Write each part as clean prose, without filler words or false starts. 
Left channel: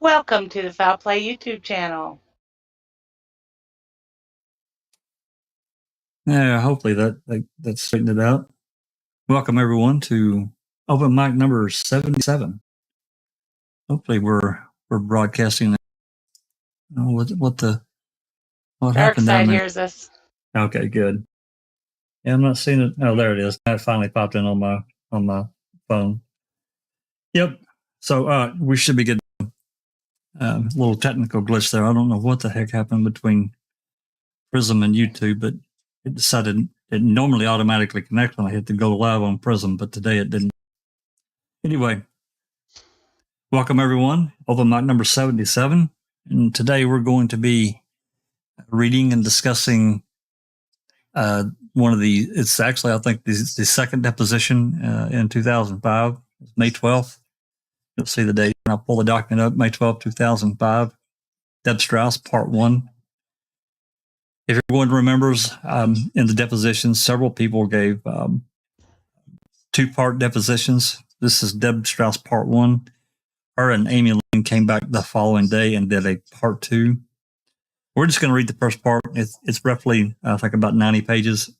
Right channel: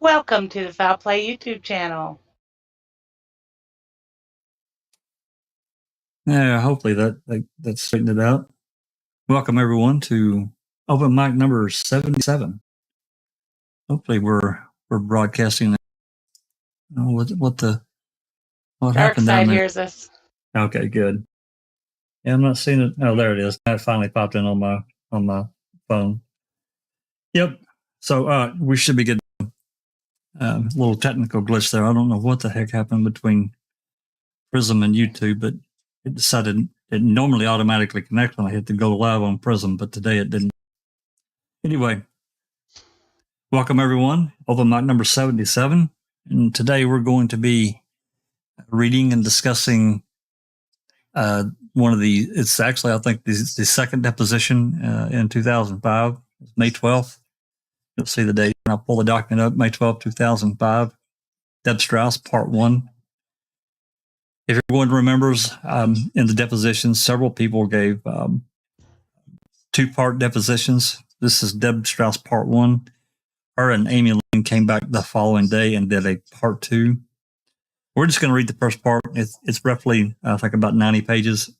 Welcome to the Foul Play YouTube channel. Yeah, hopefully that straightened it out. Welcome everyone to open mic number 77. Hopefully we're broadcasting. What Dark happened Side down there? hears us. Okay, good. Yeah, I'm not seeing it. Oh, there it is. That finally popped in on my phone. Yep. So we should be good. A little technical glitch there. I don't know what the heck happened between Prism and YouTube, but it decided it normally automatically connects when I hit the go live on Prism, but today it didn't. Anyway, welcome everyone. Open mic number 77. And today we're going to be reading and discussing one of the, it's actually, I think, the second deposition in 2005, May 12th. You'll see the date. And I'll pull the document up, May 12th, 2005. Deb Strauss, part 1. If everyone remembers, in the depositions, several people gave two-part depositions. This is Deb Strauss, part 1. Her and Amy Lynn came back the following day and did a part 2. We're just going to read the first part. It's roughly, I think, about 90 pages.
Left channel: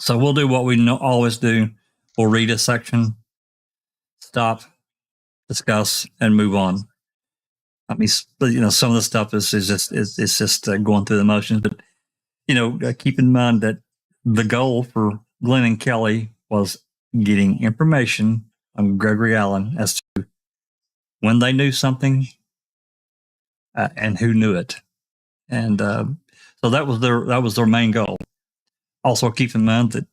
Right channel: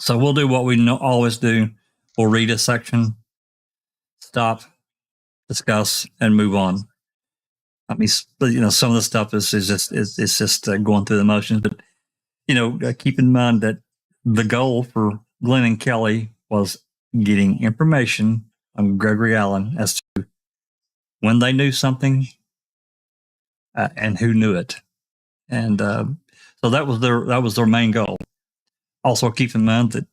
So we'll do what we always do. We'll read a section, stop, discuss, and move on. I mean, some of the stuff is just going through the motions. But keep in mind that the goal for Glenn and Kelly was getting information on Gregory Allen as to when they knew something and who knew it. And so that was their main goal. Also, keep in mind that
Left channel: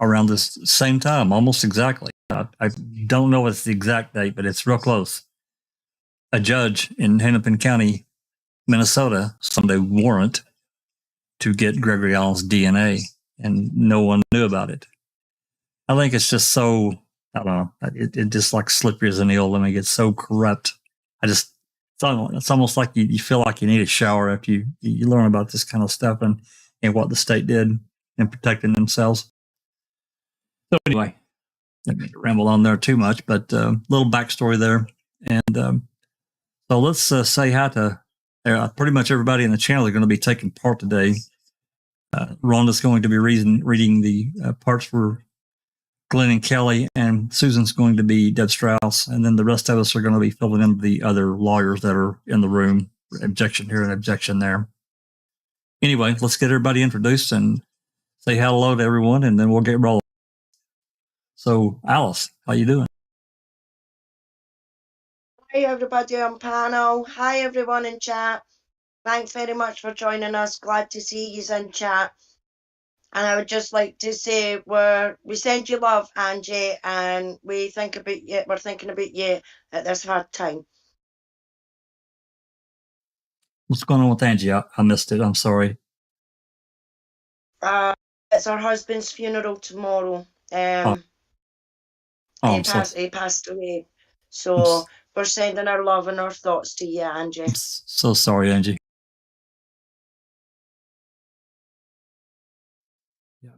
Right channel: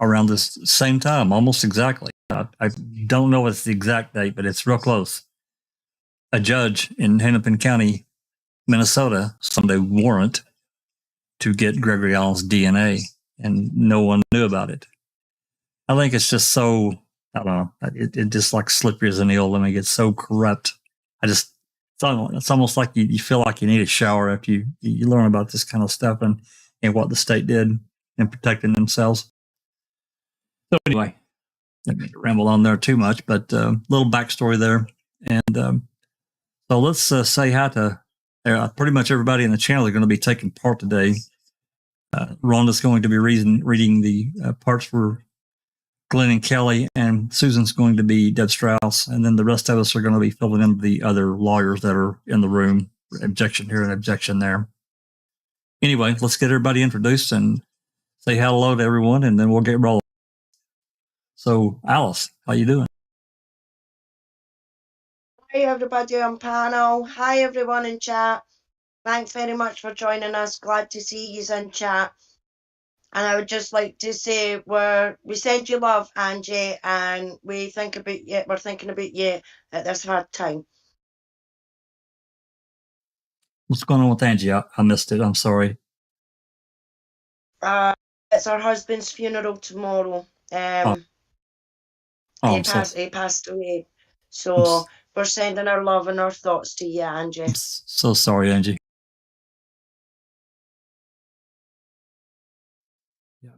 around this same time, almost exactly, I don't know what's the exact date, but it's real close. A judge in Hennepin County, Minnesota, signed a warrant to get Gregory Allen's DNA, and no one knew about it. I think it's just so, I don't know, it just like slippery as an eel. I mean, it's so corrupt. It's almost like you feel like you need a shower after you learn about this kind of stuff and what the state did in protecting themselves. So anyway, I didn't ramble on there too much, but a little backstory there. And so let's say hi to pretty much everybody in the channel. They're going to be taking part today. Rhonda's going to be reading the parts for Glenn and Kelly, and Susan's going to be Deb Strauss, and then the rest of us are going to be filling in the other lawyers that are in the room. Objection here and objection there. Anyway, let's get everybody introduced and say hello to everyone, and then we'll get rolling. So, Alice, how you doing? Hi everybody on panel. Hi everyone in chat. Thanks very much for joining us. Glad to see you in chat. And I would just like to say we send you love, Angie, and we're thinking about you at this hard time. What's going on with Angie? I missed it. I'm sorry. It's her husband's funeral tomorrow. He passed away. So we're sending our love and our thoughts to you, Angie. I'm so sorry, Angie. Yeah.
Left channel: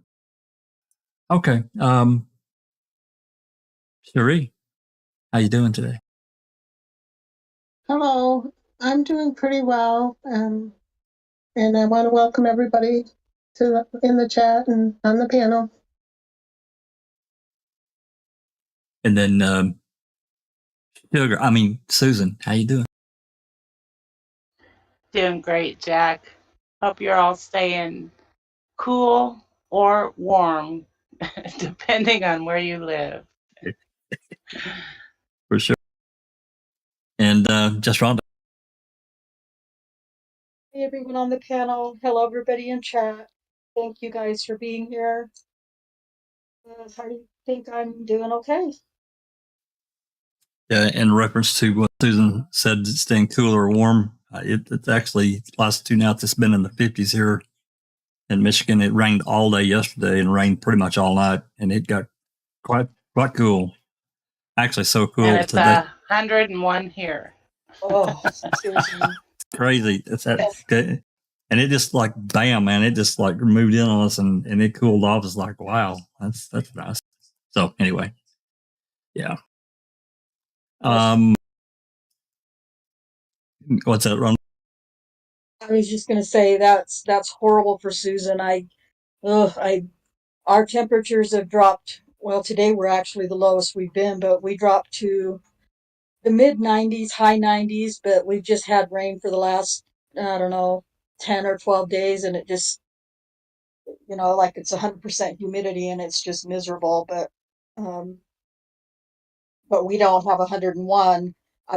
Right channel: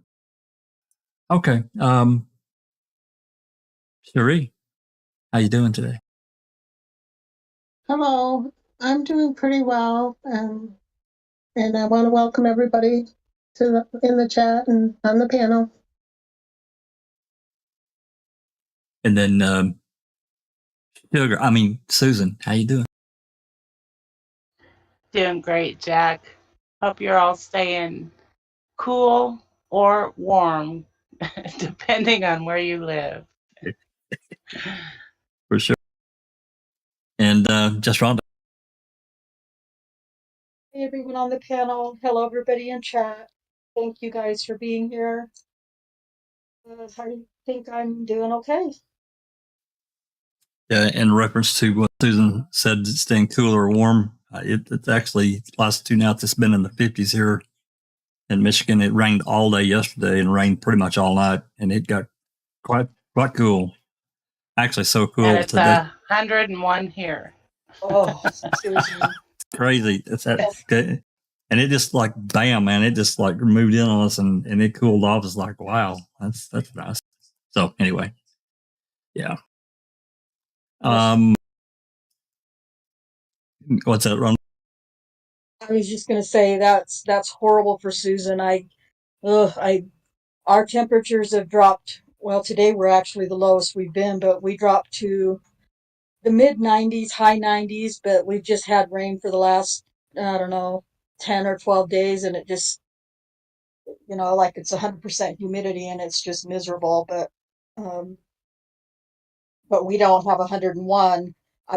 Okay. Cherie, how you doing today? Hello, I'm doing pretty well, and I want to welcome everybody in the chat and on the panel. And then Susan, how you doing? Doing great, Jack. Hope you're all staying cool or warm, depending on where you live. For sure. And just Rhonda. Hey everyone on the panel. Hello everybody in chat. Thank you guys for being here. I think I'm doing okay. Yeah, in reference to what Susan said, staying cool or warm, it's actually last 2 nights it's been in the 50s here in Michigan. It rained all day yesterday and rained pretty much all night, and it got quite cool. Actually, so cool and it's today. 101 here. Oh, Crazy. It's that, and it just like bam, man! It just like moved in on us, and it cooled off. It's like wow, that's nice. So anyway, yeah. What's that, Ron? I was just gonna say that's horrible for Susan. Our temperatures have dropped. Well, today we're actually the lowest we've been, but we dropped to the mid 90s, high 90s. But we've just had rain for the last, I don't know, 10 or 12 days, and it just, like it's 100% humidity, and it's just miserable. But we don't have 101.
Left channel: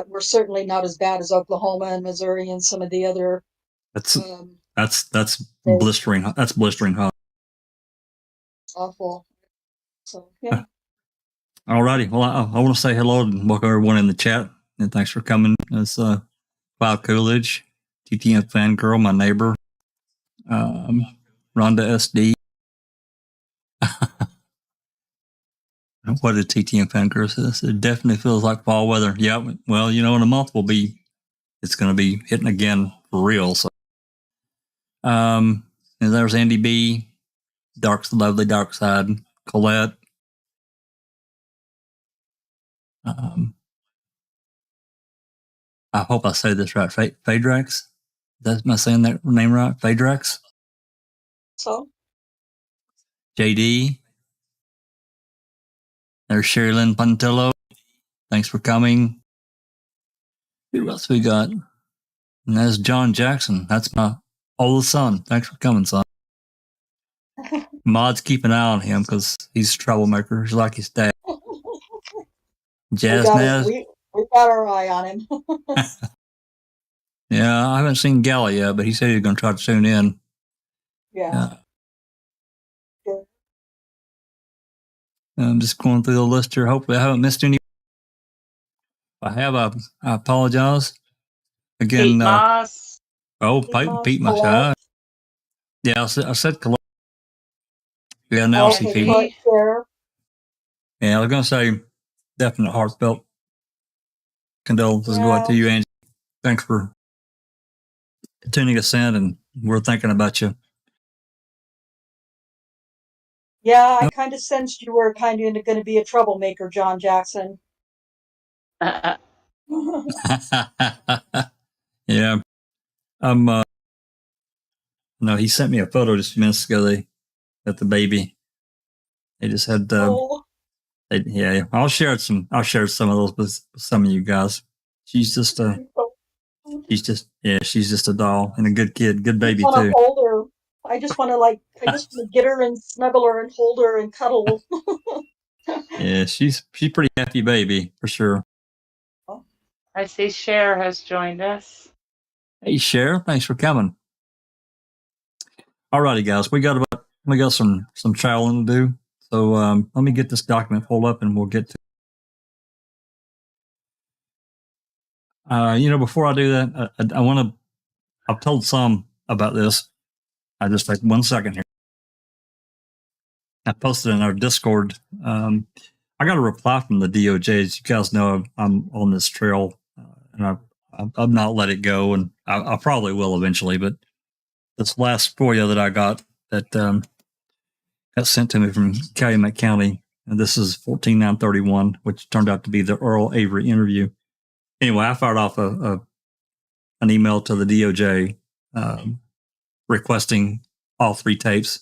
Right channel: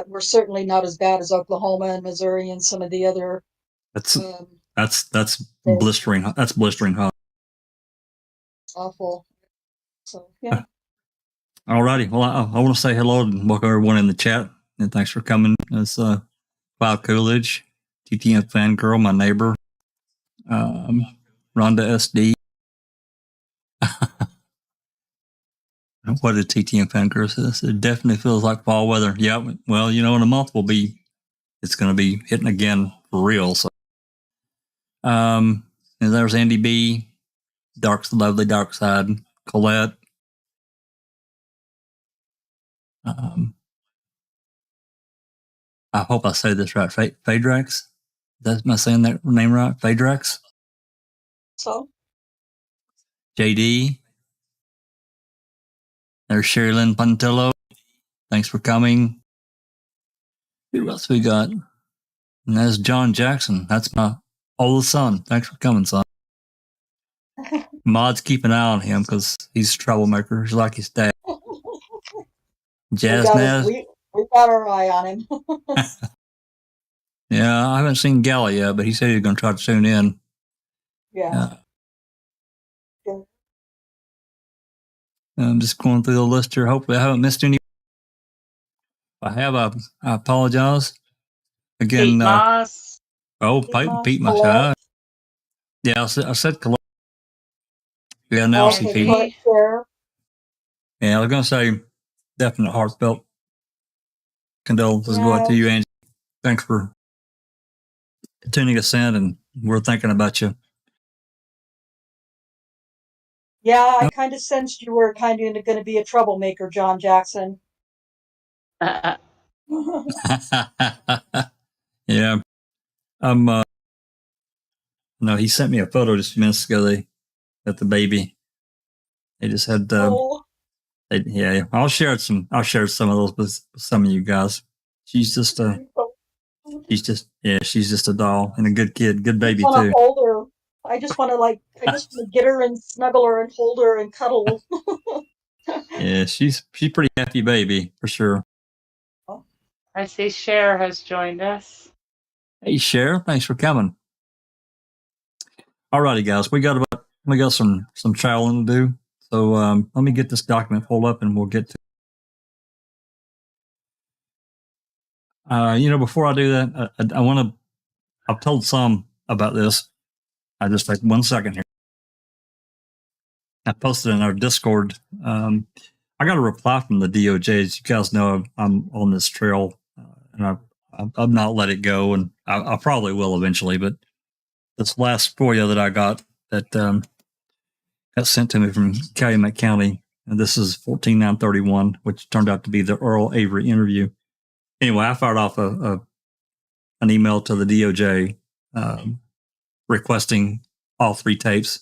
We're certainly not as bad as Oklahoma and Missouri and some of the other. That's States. blistering. That's blistering hot. Awful. So yeah. All righty. Well, I want to say hello and welcome everyone in the chat, and thanks for coming. It's Cloud Coolidge, TTM Fangirl, my neighbor, Rhonda SD. What did TTM Fangirl say? It definitely feels like fall weather. Yeah. Well, in a month it's going to be hitting again for real. So, and there's Andy B, lovely dark side, Colette. I hope I say this right. Phaedrax? Am I saying that name right? Phaedrax? So? JD. There's Sherilyn Puntillo. Thanks for coming. Who else we got? And that's John Jackson. That's my oldest son. Thanks for coming, son. Mods, keep an eye on him because he's a troublemaker. He's like his dad. Jazz Naz. We got our eye on him. Yeah, I haven't seen Gala yet, but he said he was going to try to tune in. Yeah. I'm just going through the list here. Hopefully I haven't missed any. If I have, I apologize. Again, Pete Moss. Pete Moss. Yeah, I said Colette. Yeah, now see Pete. Yeah, I was going to say definite heartfelt condolences go out to you, Angie. Thanks for tuning us in, and we're thinking about you. Yeah, I kind of sensed you were kind of going to be a troublemaker, John Jackson. Yeah. No, he sent me a photo just a few minutes ago. At the baby. They just had yeah. I'll share some of those with some of you guys. She's just a doll and a good kid, good baby too. Hold her. I just want to get her and snuggle her and hold her and cuddle. Yeah, she's pretty happy baby for sure. I see Cher has joined us. Hey Cher, thanks for coming. All righty, guys, we got some traveling to do. So let me get this document pulled up and we'll get to. Before I do that, I want to. I've told some about this. I just take 1 second here. I posted in our Discord. I got a reply from the DOJ. As you guys know, I'm on this trail, and I've not let it go, and I probably will eventually. But this last FOIA that I got that got sent to me from Calumet County, and this is 14931, which turned out to be the Earl Avery interview. Anyway, I fired off an email to the DOJ requesting all 3 tapes.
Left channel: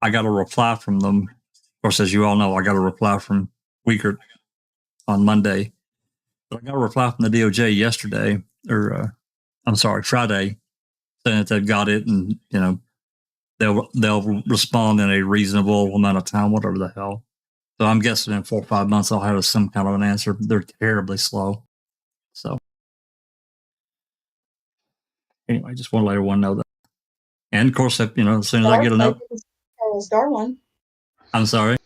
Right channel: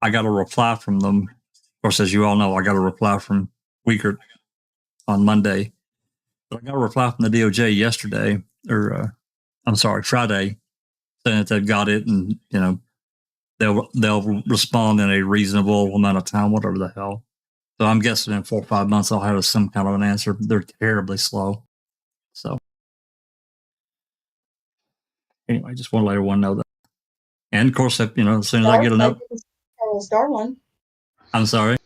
I got a reply from them. Of course, as you all know, I got a reply from Wiegert on Monday. But I got a reply from the DOJ yesterday, Friday, saying that they've got it and, they'll respond in a reasonable amount of time, whatever the hell. So I'm guessing in 4 or 5 months I'll have some kind of an answer. They're terribly slow. So anyway, just want to let everyone know that. And of course, as soon as I get enough. Charles Darwin. I'm sorry.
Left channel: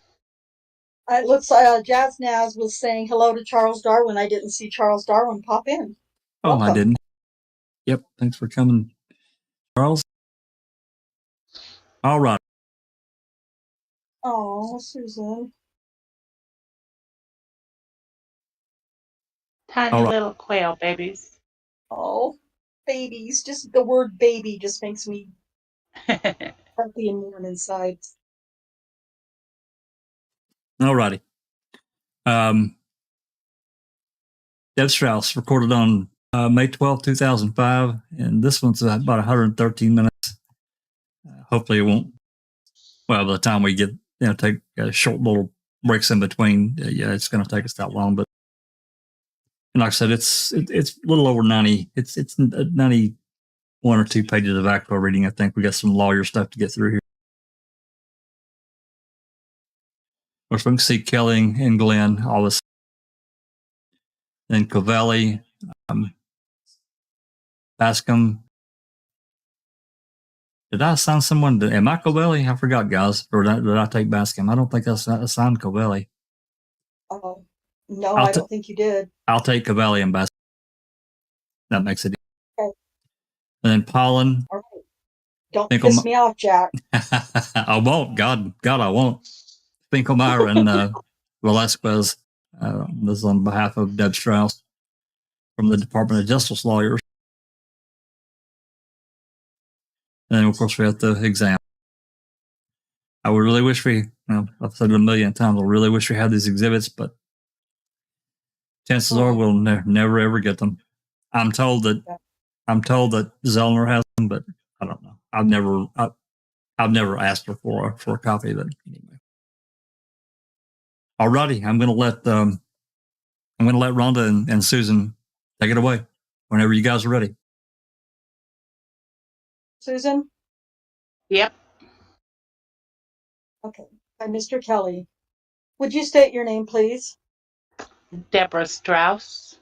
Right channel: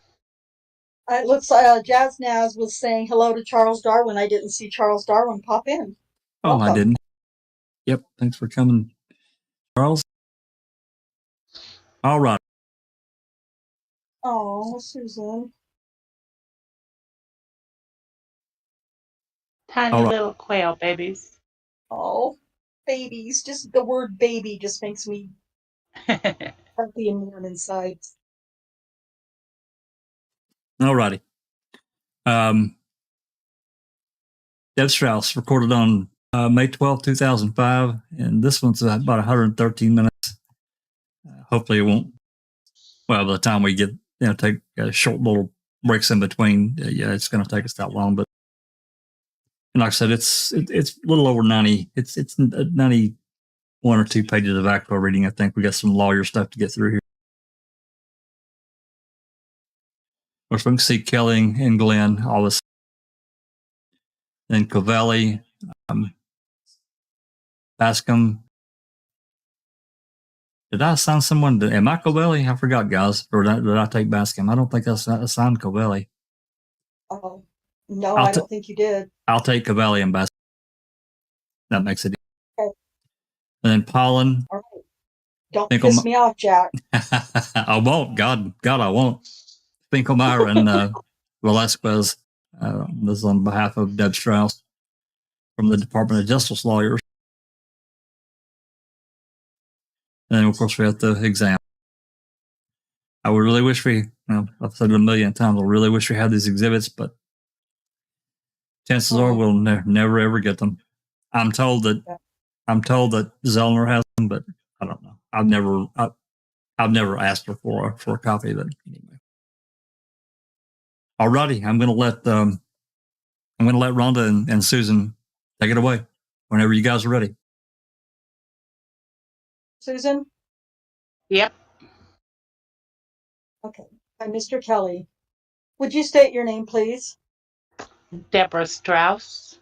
It looks like Jazz Naz was saying hello to Charles Darwin. I didn't see Charles Darwin pop in. Oh, welcome. I didn't. Yep. Thanks for coming, Charles. All right. Oh, Susan. Tiny little quail babies. Oh, babies. Just the word baby just makes me happy and warm inside. All righty. Deb Strauss recorded on May 12, 2005, and this one's about 113 minutes. Hopefully it won't, well, by the time we get, take short little breaks in between, yeah, it's going to take us that long. But like I said, it's a little over 90. It's 91 or 2 pages of actual reading. I think we got some lawyer stuff to get through here. Of course, we can see Kelly and Glenn, all this. Then Covelli, Bascom. Did I assign someone to, am I Covelli? I forgot, guys. Or did I take Bascom? I don't think I assigned Covelli. Oh, no, I don't think you did. I'll take Covelli and Bascom. That makes it easy. Okay. And then Pollen. All right. Don't piss me off, Jack. I won't. God, I won't. Finkelmeyer and Velasquez. This is on behalf of Deb Strauss from the Department of Justice lawyers. And then, of course, we have the exam. I would really wish we, I've said it a million times, I really wish we had these exhibits, but chances are we'll never ever get them. I'm told that Zellner has them, but I don't know. I've never asked her for a copy of it anyway. Alrighty, I'm going to let Rhonda and Susan take it away whenever you guys are ready. Susan? Yep. Okay. And Mr. Kelly, would you state your name, please? Debra Strauss.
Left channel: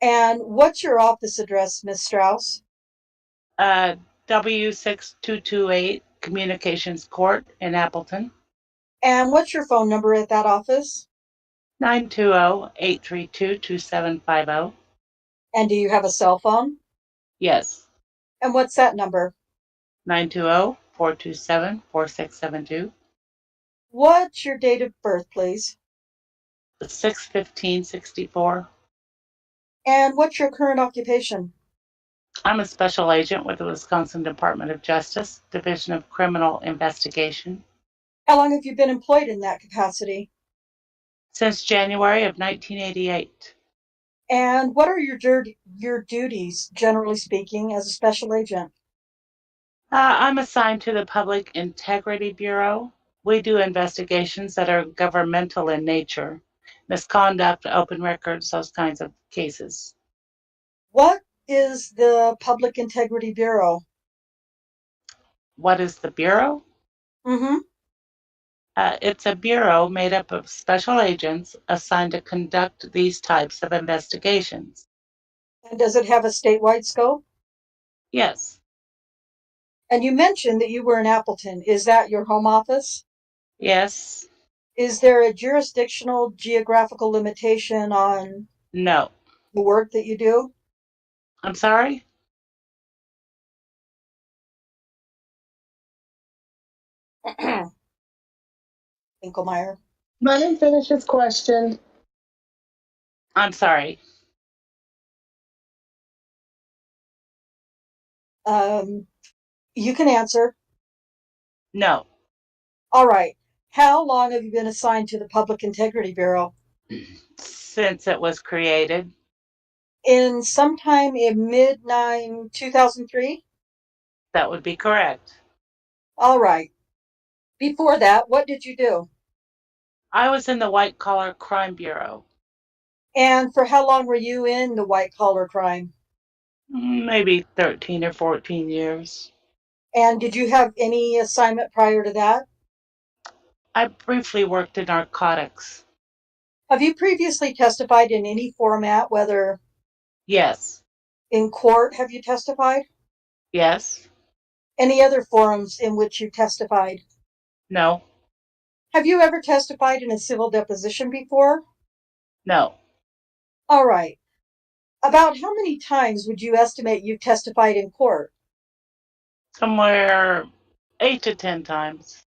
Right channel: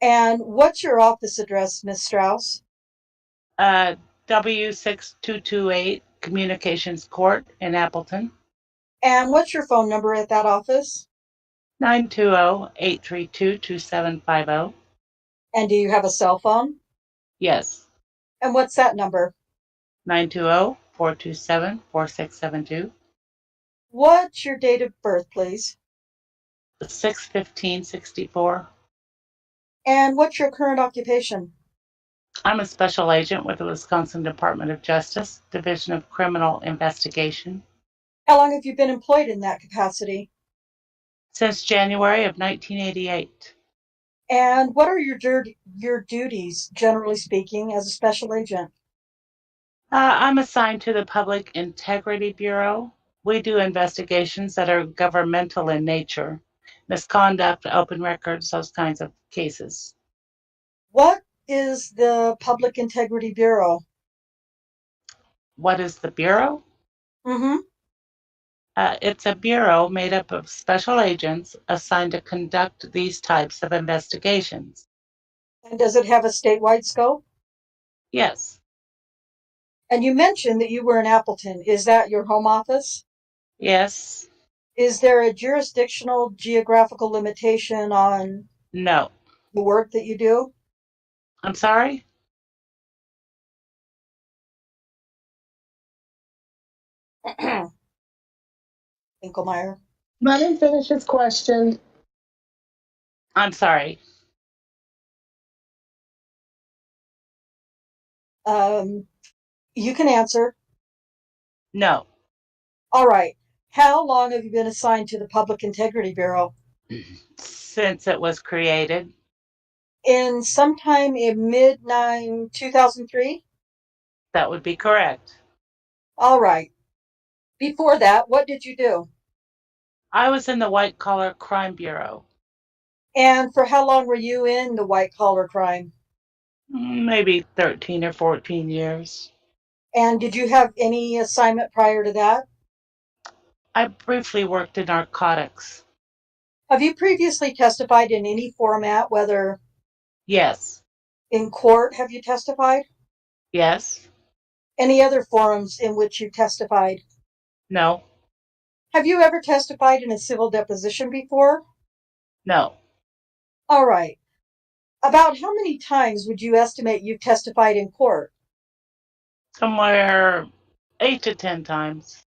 And what's your office address, Miss Strauss? W6228 Communications Court in Appleton. And what's your phone number at that office? 920-832-2750. And do you have a cell phone? Yes. And what's that number? 920-427-4672. What's your date of birth, please? 6/15/64. And what's your current occupation? I'm a special agent with the Wisconsin Department of Justice, Division of Criminal Investigation. How long have you been employed in that capacity? Since January of 1988. And what are your duties, generally speaking, as a special agent? I'm assigned to the Public Integrity Bureau. We do investigations that are governmental in nature, misconduct, open records, those kinds of cases. What is the Public Integrity Bureau? What is the Bureau? Mm-hmm. It's a bureau made up of special agents assigned to conduct these types of investigations. And does it have a statewide scope? Yes. And you mentioned that you were in Appleton. Is that your home office? Yes. Is there a jurisdictional geographical limitation on No. the work that you do? I'm sorry? Finkelmeyer. Let him finish his question. I'm sorry. You can answer. No. All right. How long have you been assigned to the Public Integrity Bureau? Since it was created. In sometime in mid-2003? That would be correct. All right. Before that, what did you do? I was in the White Collar Crime Bureau. And for how long were you in the white collar crime? Maybe 13 or 14 years. And did you have any assignment prior to that? I briefly worked in narcotics. Have you previously testified in any format, whether Yes. in court have you testified? Yes. Any other forums in which you testified? No. Have you ever testified in a civil deposition before? No. All right. About how many times would you estimate you testified in court? Somewhere 8 to 10 times.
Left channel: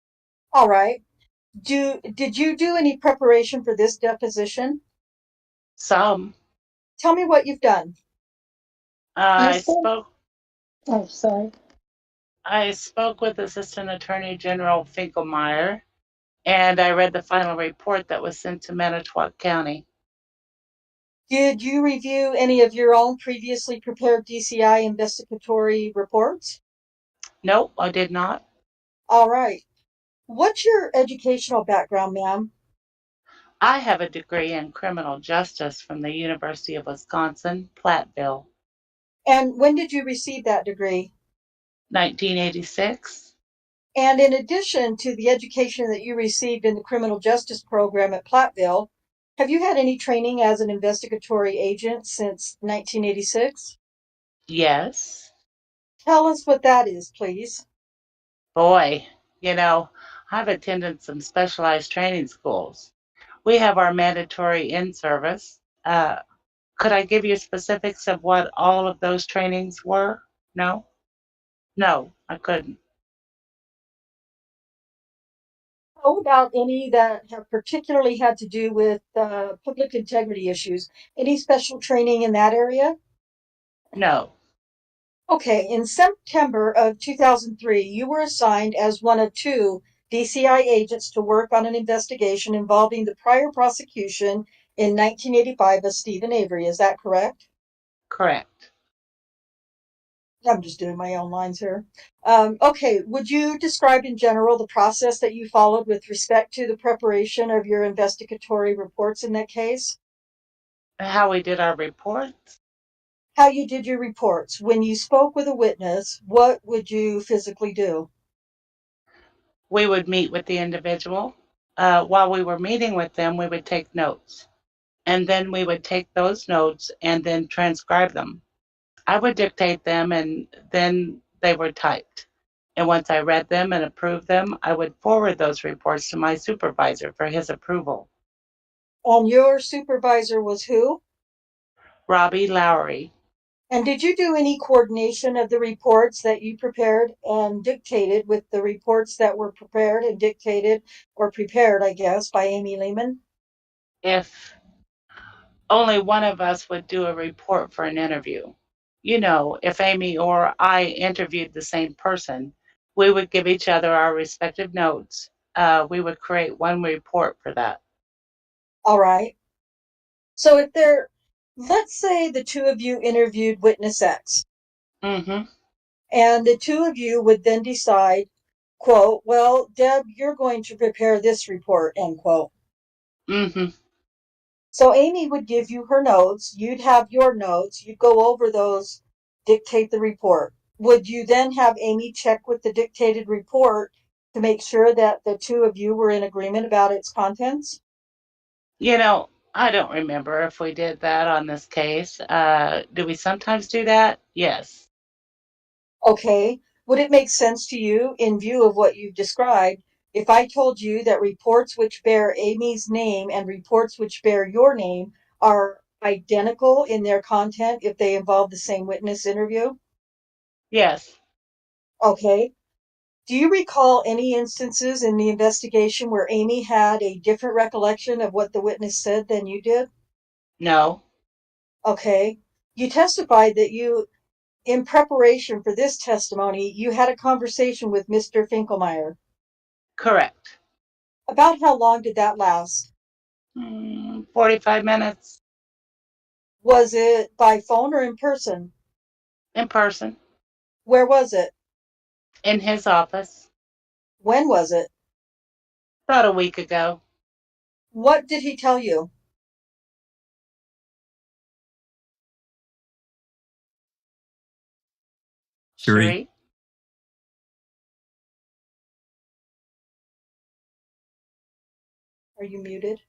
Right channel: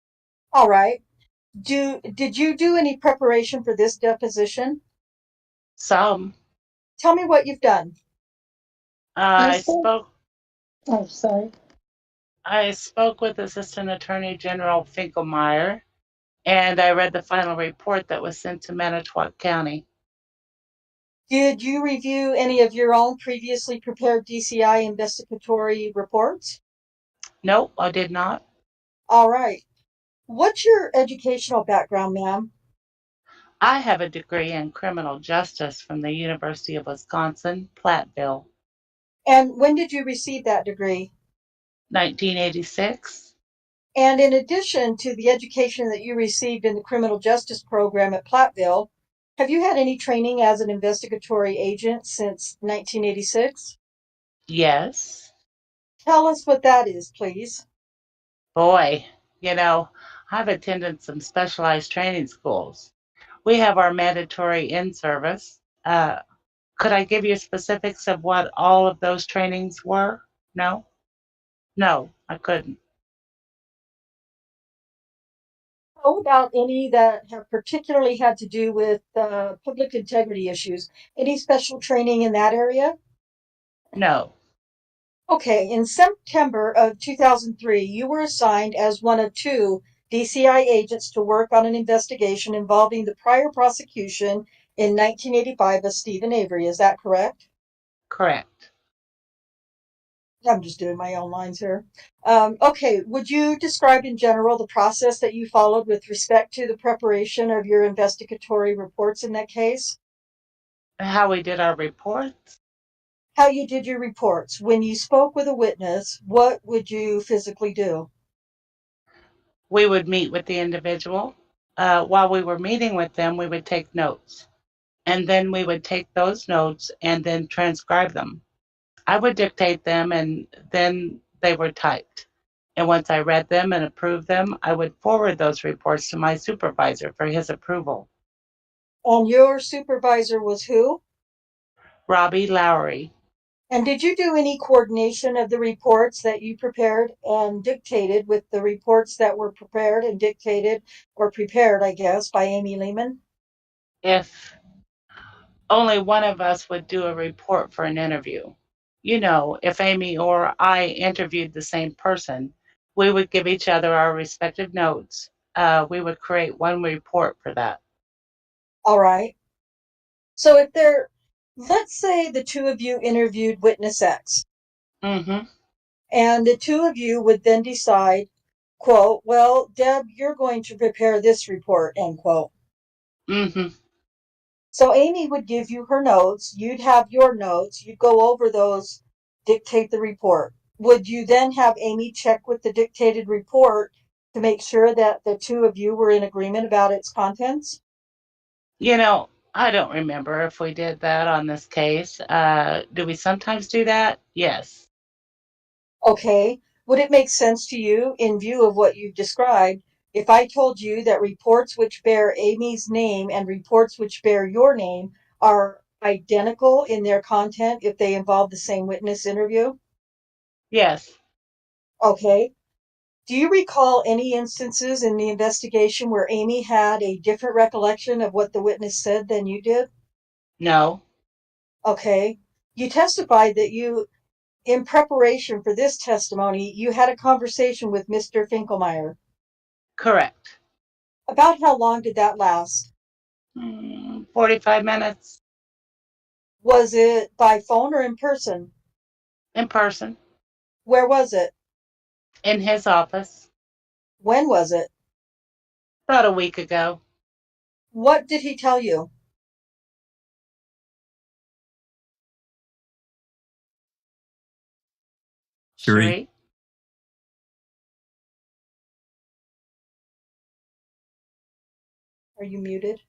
All right. Did you do any preparation for this deposition? Some. Tell me what you've done. I Yes, sir. spoke Oh, sorry. I spoke with Assistant Attorney General Finkelmeyer, and I read the final report that was sent to Manitowoc County. Did you review any of your own previously prepared DCI investigatory reports? Nope, I did not. All right. What's your educational background, ma'am? I have a degree in criminal justice from the University of Wisconsin, Platteville, And when did you receive that degree? 1986. And in addition to the education that you received in the criminal justice program at Platteville, have you had any training as an investigatory agent since 1986? Yes. Tell us what that is, please. Boy, I've attended some specialized training schools. We have our mandatory in-service. Could I give you specifics of what all of those trainings were? No? No, I couldn't. How about any that have particularly had to do with public integrity issues? Any special training in that area? No. Okay, in September of 2003, you were assigned as one of two DCI agents to work on an investigation involving the prior prosecution in 1985 of Stephen Avery. Is that correct? Correct. I'm just doing my own lines here. Okay, would you describe in general the process that you followed with respect to the preparation of your investigatory reports in that case? How we did our reports? How you did your reports. When you spoke with a witness, what would you physically do? We would meet with the individual. While we were meeting with them, we would take notes. And then we would take those notes and then transcribe them. I would dictate them and then they were typed. And once I read them and approved them, I would forward those reports to my supervisor for his approval. And your supervisor was who? Robbie Lowry. And did you do any coordination of the reports that you prepared and dictated with the reports that were prepared and dictated, or prepared, I guess, by Amy Lehman? If only one of us would do a report for an interview. If Amy or I interviewed the same person, we would give each other our respective notes. We would create one report for that. All right. So let's say the two of you interviewed witness X. Mm-hmm. And the two of you would then decide, quote, well, Deb, you're going to prepare this report, end quote. Mm-hmm. So Amy would give you her notes, you'd have your notes, you'd go over those, dictate the report. Would you then have Amy check with the dictated report to make sure that the two of you were in agreement about its contents? I don't remember if we did that on this case. Do we sometimes do that? Yes. Okay. Would it make sense to you, in view of what you've described, if I told you that reports which bear Amy's name and reports which bear your name are identical in their content if they involve the same witness interview? Yes. Okay. Do you recall any instances in the investigation where Amy had a different recollection of what the witness said than you did? No. Okay. You testified that in preparation for this testimony, you had a conversation with Mr. Finkelmeyer. Correct. About how long did that last? 45 minutes. Was it by phone or in person? In person. Where was it? In his office. When was it? About a week ago. What did he tell you? Cherie? Are you muted?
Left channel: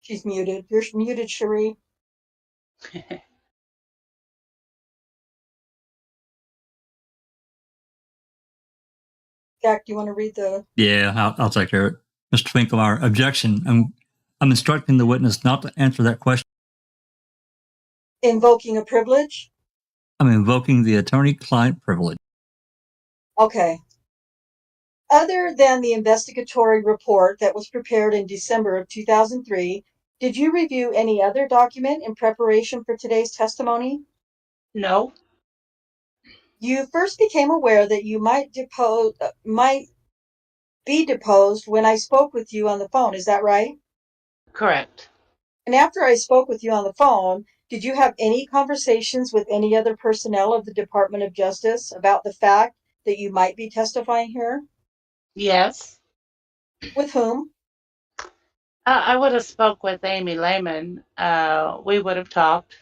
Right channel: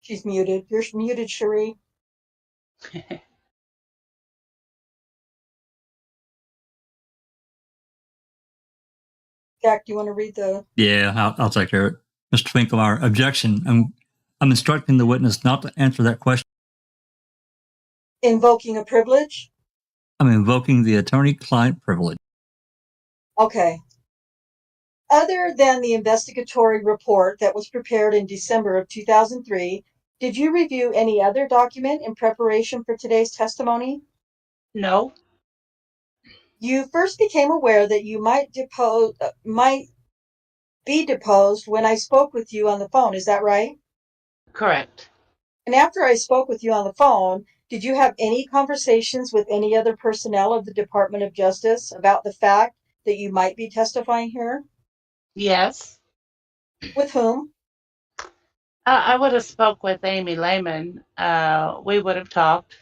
She's muted. You're muted, Cherie. Jack, do you want to read the... Yeah, I'll take care of it. Mr. Finkelmeyer, objection. I'm instructing the witness not to answer that question. Invoking a privilege? I'm invoking the attorney-client privilege. Okay. Other than the investigatory report that was prepared in December of 2003, did you review any other document in preparation for today's testimony? No. You first became aware that you might be deposed when I spoke with you on the phone. Is that right? Correct. And after I spoke with you on the phone, did you have any conversations with any other personnel of the Department of Justice about the fact that you might be testifying here? Yes. With whom? I would have spoke with Amy Lehman. We would have talked.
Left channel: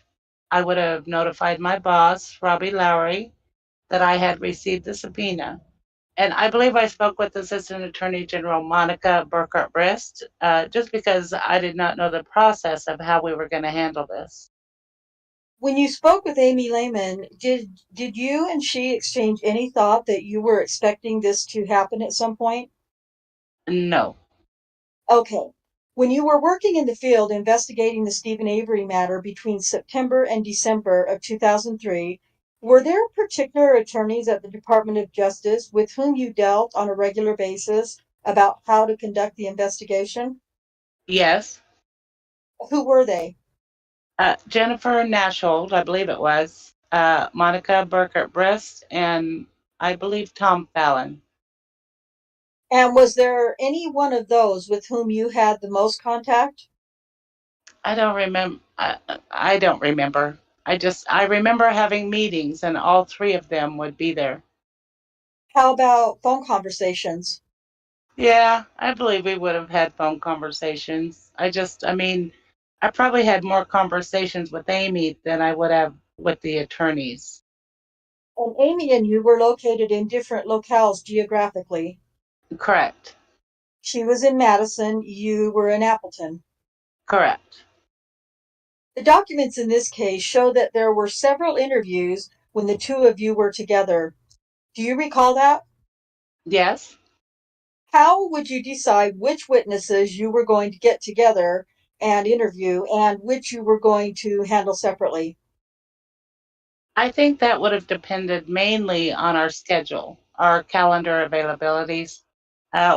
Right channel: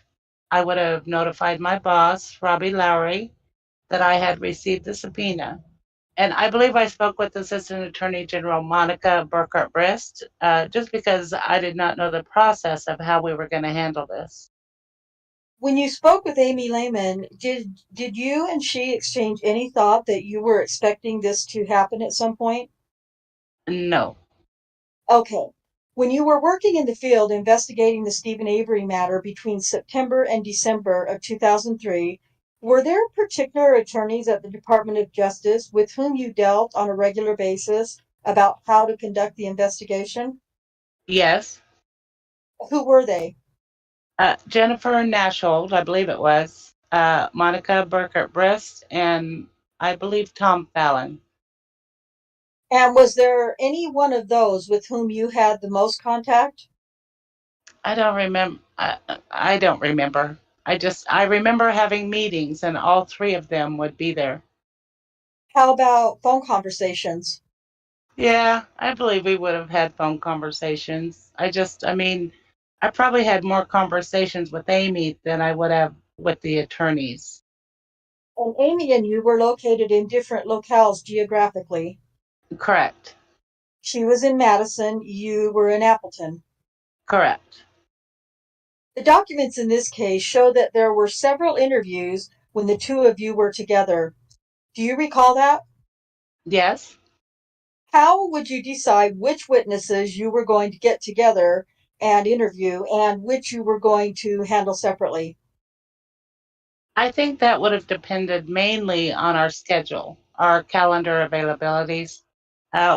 I would have notified my boss, Robbie Lowry, that I had received the subpoena. And I believe I spoke with Assistant Attorney General Monica Burkhart-Brist, just because I did not know the process of how we were going to handle this. When you spoke with Amy Lehman, did you and she exchange any thought that you were expecting this to happen at some point? No. Okay. When you were working in the field investigating the Stephen Avery matter between September and December of 2003, were there particular attorneys at the Department of Justice with whom you dealt on a regular basis about how to conduct the investigation? Yes. Who were they? Jennifer Nashold, I believe it was, Monica Burkhart-Brist, and I believe Tom Fallon. And was there any one of those with whom you had the most contact? I don't remember. I don't remember. I remember having meetings, and all three of them would be there. How about phone conversations? Yeah, I believe we would have had phone conversations. I probably had more conversations with Amy than I would have with the attorneys. And Amy and you were located in different locales geographically. Correct. She was in Madison, you were in Appleton. Correct. The documents in this case show that there were several interviews when the two of you were together. Do you recall that? Yes. How would you decide which witnesses you were going to get together and interview and which you were going to handle separately? I think that would have depended mainly on our schedule, our calendar availabilities.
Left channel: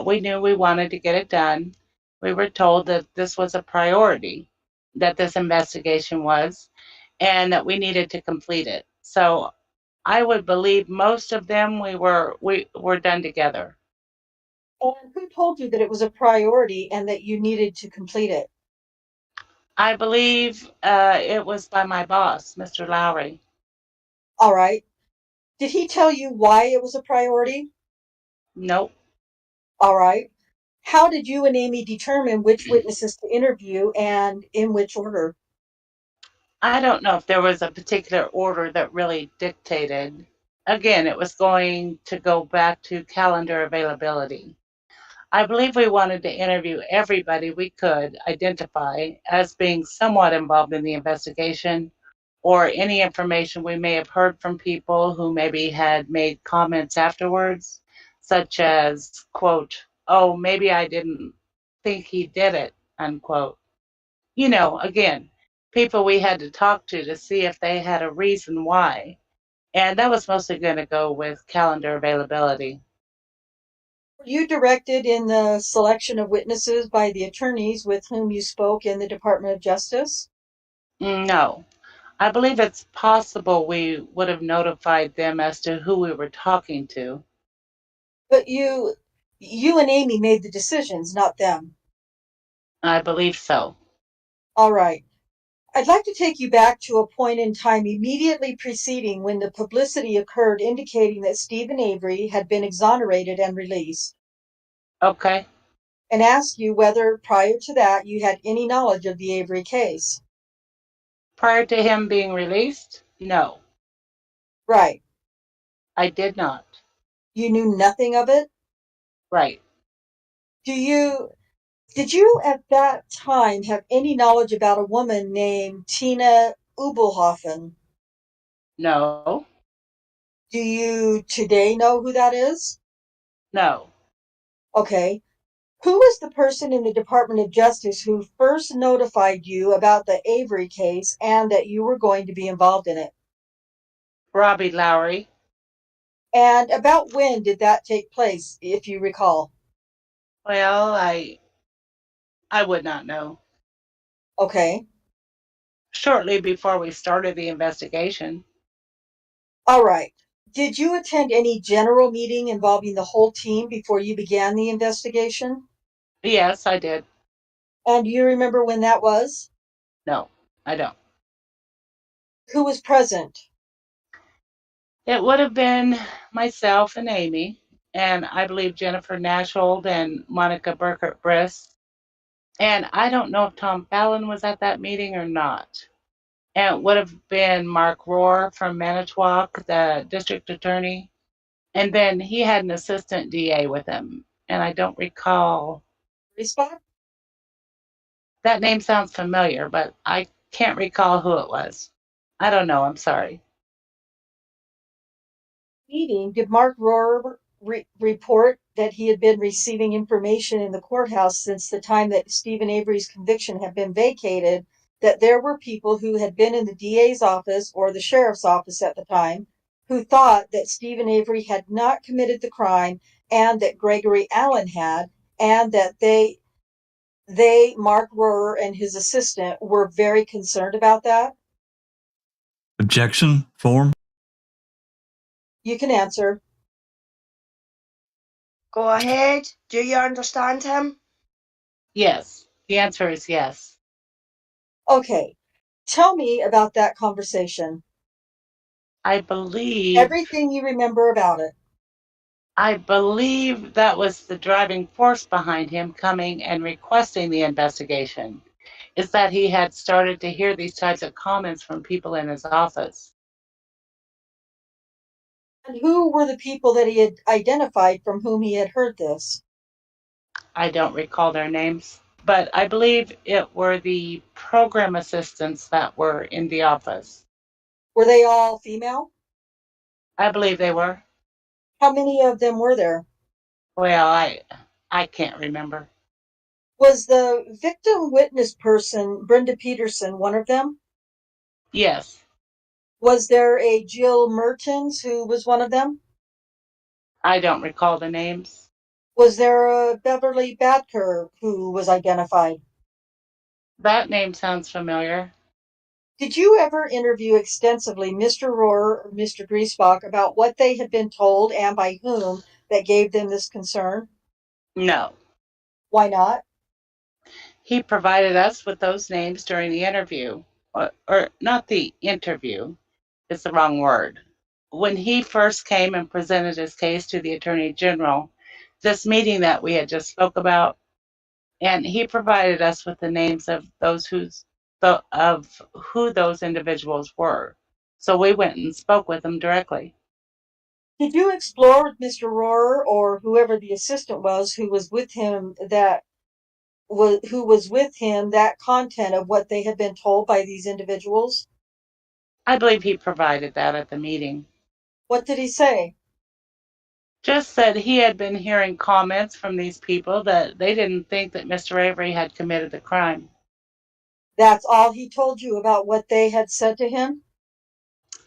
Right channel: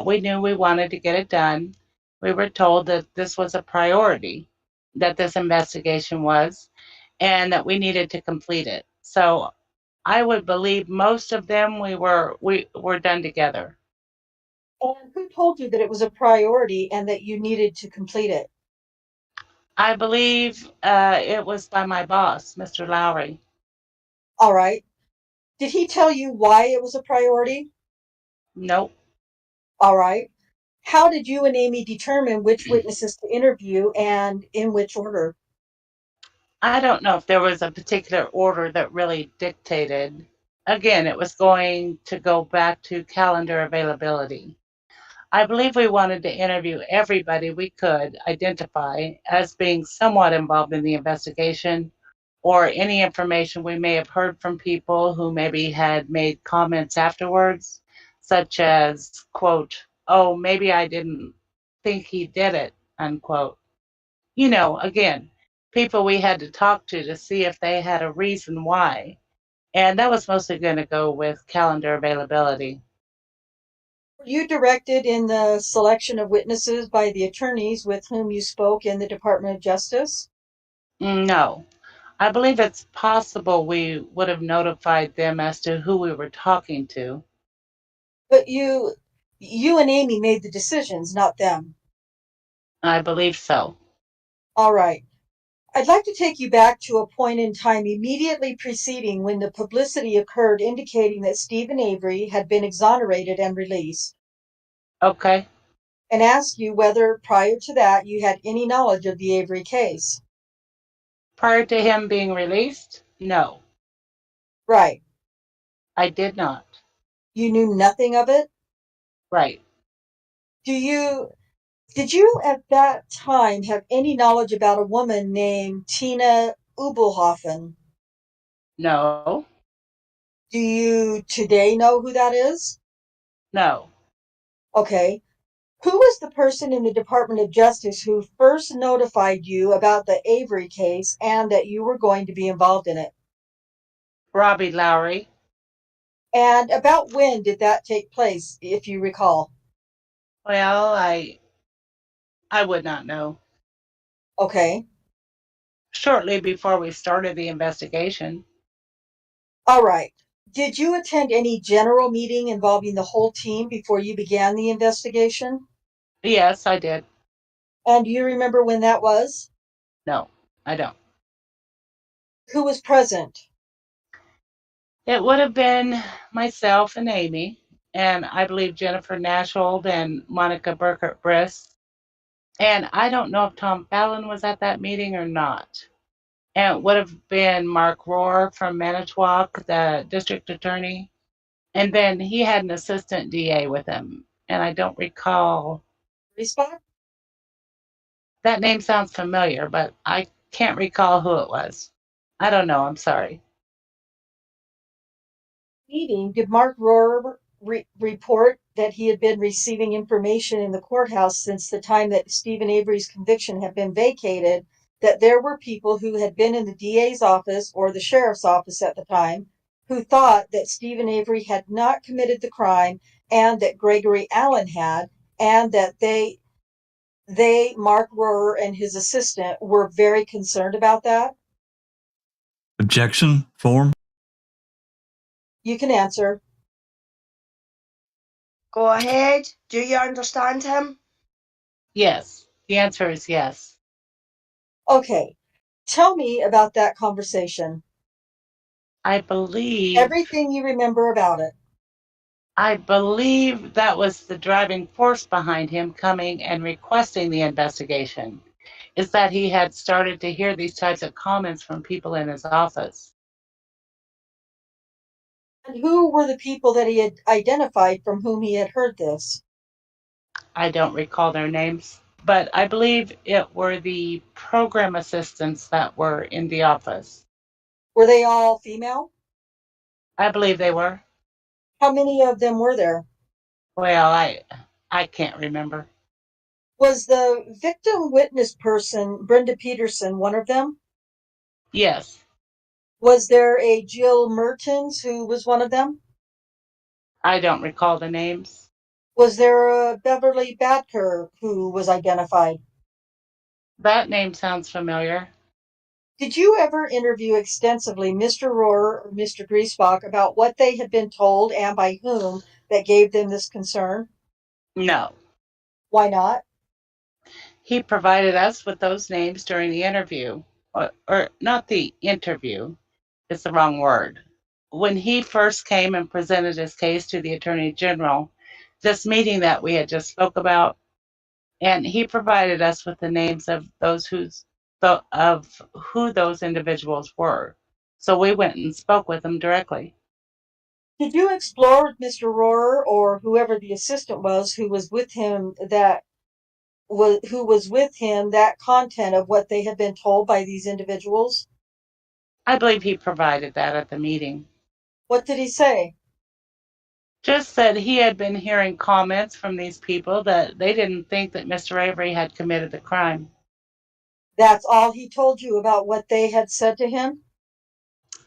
We knew we wanted to get it done. We were told that this was a priority, that this investigation was, and that we needed to complete it. So I would believe most of them we were done together. And who told you that it was a priority and that you needed to complete it? I believe it was by my boss, Mr. Lowry. All right. Did he tell you why it was a priority? Nope. All right. How did you and Amy determine which witnesses to interview and in which order? I don't know if there was a particular order that really dictated. Again, it was going to go back to calendar availability. I believe we wanted to interview everybody we could identify as being somewhat involved in the investigation, or any information we may have heard from people who maybe had made comments afterwards, such as, quote, "Oh, maybe I didn't think he did it," unquote. Again, people we had to talk to see if they had a reason why. And that was mostly going to go with calendar availability. Were you directed in the selection of witnesses by the attorneys with whom you spoke in the Department of Justice? No. I believe it's possible we would have notified them as to who we were talking to. But you and Amy made the decisions, not them. I believe so. All right. I'd like to take you back to a point in time immediately preceding when the publicity occurred indicating that Stephen Avery had been exonerated and released, Okay. and ask you whether prior to that you had any knowledge of the Avery case. Prior to him being released? No, Right. I did not. You knew nothing of it? Right. Did you at that time have any knowledge about a woman named Tina Ubelhoffen? No, Do you today know who that is? no. Okay. Who was the person in the Department of Justice who first notified you about the Avery case and that you were going to be involved in it? Robbie Lowry. And about when did that take place, if you recall? Well, I would not know. Okay. Shortly before we started the investigation. All right. Did you attend any general meeting involving the whole team before you began the investigation? Yes, I did. And do you remember when that was? No, I don't. Who was present? It would have been myself and Amy, and I believe Jennifer Nashold and Monica Burkert Briss. And I don't know if Tom Fallon was at that meeting or not. And it would have been Mark Rohr from Manitowoc, the district attorney. And then he had an assistant DA with him. And I don't recall. Respond. That name sounds familiar, but I can't recall who it was. I don't know. I'm sorry. Meeting, did Mark Rohr report that he had been receiving information in the courthouse since the time that Stephen Avery's conviction had been vacated, that there were people who had been in the DA's office or the sheriff's office at the time who thought that Stephen Avery had not committed the crime and that Gregory Allen had, and that they, Mark Rohr and his assistant, were very concerned about that? Objection, form. You can answer. Go ahead. Do you understand him? Yes. The answer is yes. Okay. Tell me about that conversation. I believe Everything you remember about it. that was the driving force behind him coming and requesting the investigation, is that he had started to hear these types of comments from people in his office. And who were the people that he had identified from whom he had heard this? I don't recall their names, but I believe it were the program assistants that were in the office. Were they all female? I believe they were. How many of them were there? Well, I can't remember. Was the victim witness person, Brenda Peterson, one of them? Yes. Was there a Jill Mertens who was one of them? I don't recall the names. Was there a Beverly Badker who was identified? That name sounds familiar. Did you ever interview extensively Mr. Rohr or Mr. Griesbach about what they had been told and by whom that gave them this concern? No. Why not? He provided us with those names during the interview, or not the interview, it's the wrong word. When he first came and presented his case to the Attorney General, this meeting that we had just spoke about, and he provided us with the names of who those individuals were. So we went and spoke with them directly. Did you explore with Mr. Rohr or whoever the assistant was who was with him that content of what they had been told by these individuals? I believe he provided that at the meeting. What did he say? Just that he had been hearing comments from these people that they didn't think that Mr. Avery had committed the crime. That's all he told you about what they had said to him?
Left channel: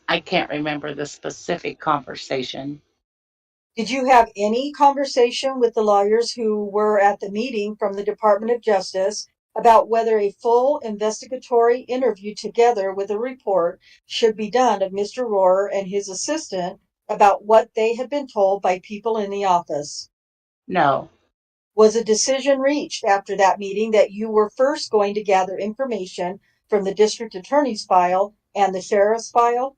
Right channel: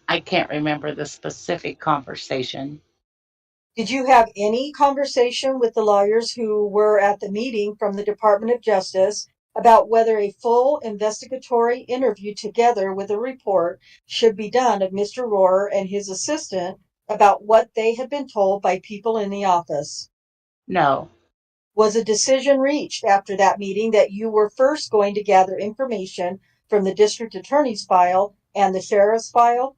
I can't remember the specific conversation. Did you have any conversation with the lawyers who were at the meeting from the Department of Justice about whether a full investigatory interview together with a report should be done of Mr. Rohr and his assistant about what they had been told by people in the office? No. Was a decision reached after that meeting that you were first going to gather information from the district attorney's file and the sheriff's file?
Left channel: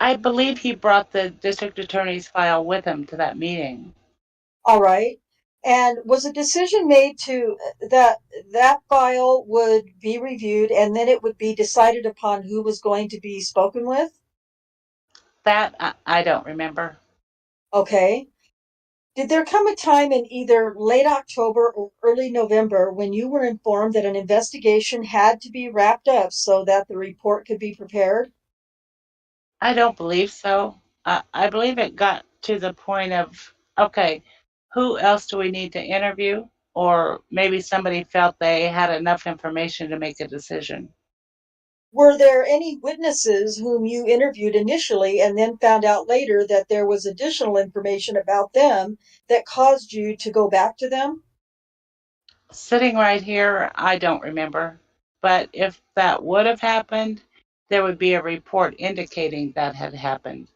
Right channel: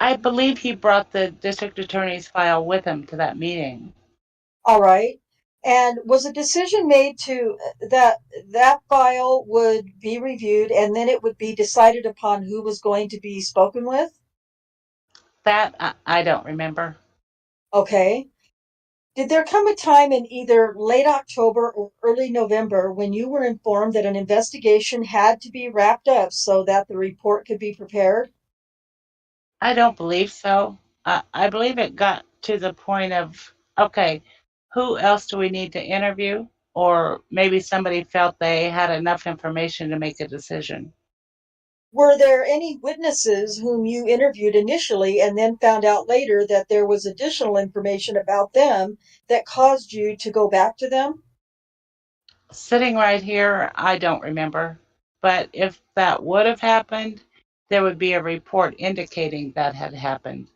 I believe he brought the district attorney's file with him to that meeting. All right. And was a decision made to that file would be reviewed and then it would be decided upon who was going to be spoken with? That I don't remember. Okay. Did there come a time in either late October or early November when you were informed that an investigation had to be wrapped up so that the report could be prepared? I don't believe so. I believe it got to the point of, okay, who else do we need to interview? Or maybe somebody felt they had enough information to make a decision. Were there any witnesses whom you interviewed initially and then found out later that there was additional information about them that caused you to go back to them? Sitting right here, I don't remember. But if that would have happened, there would be a report indicating that had happened.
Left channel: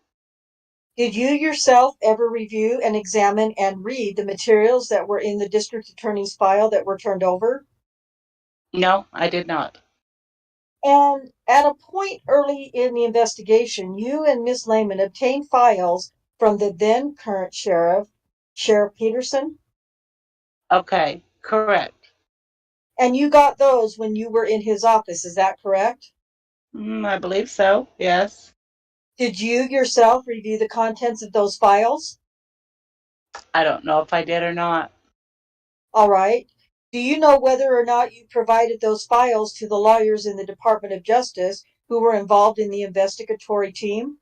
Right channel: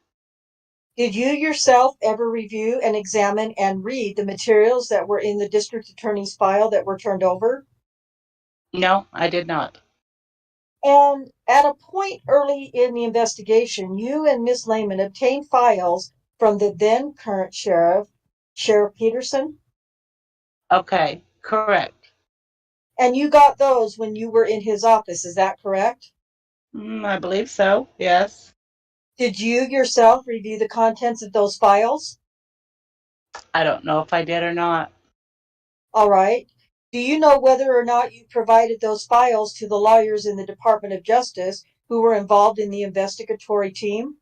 Did you yourself ever review and examine and read the materials that were in the district attorney's file that were turned over? No, I did not. And at a point early in the investigation, you and Miss Lehman obtained files from the then current sheriff, Sheriff Peterson, Okay, correct. and you got those when you were in his office. Is that correct? I believe so, yes. Did you yourself review the contents of those files? I don't know if I did or not. All right. Do you know whether or not you provided those files to the lawyers in the Department of Justice who were involved in the investigatory team?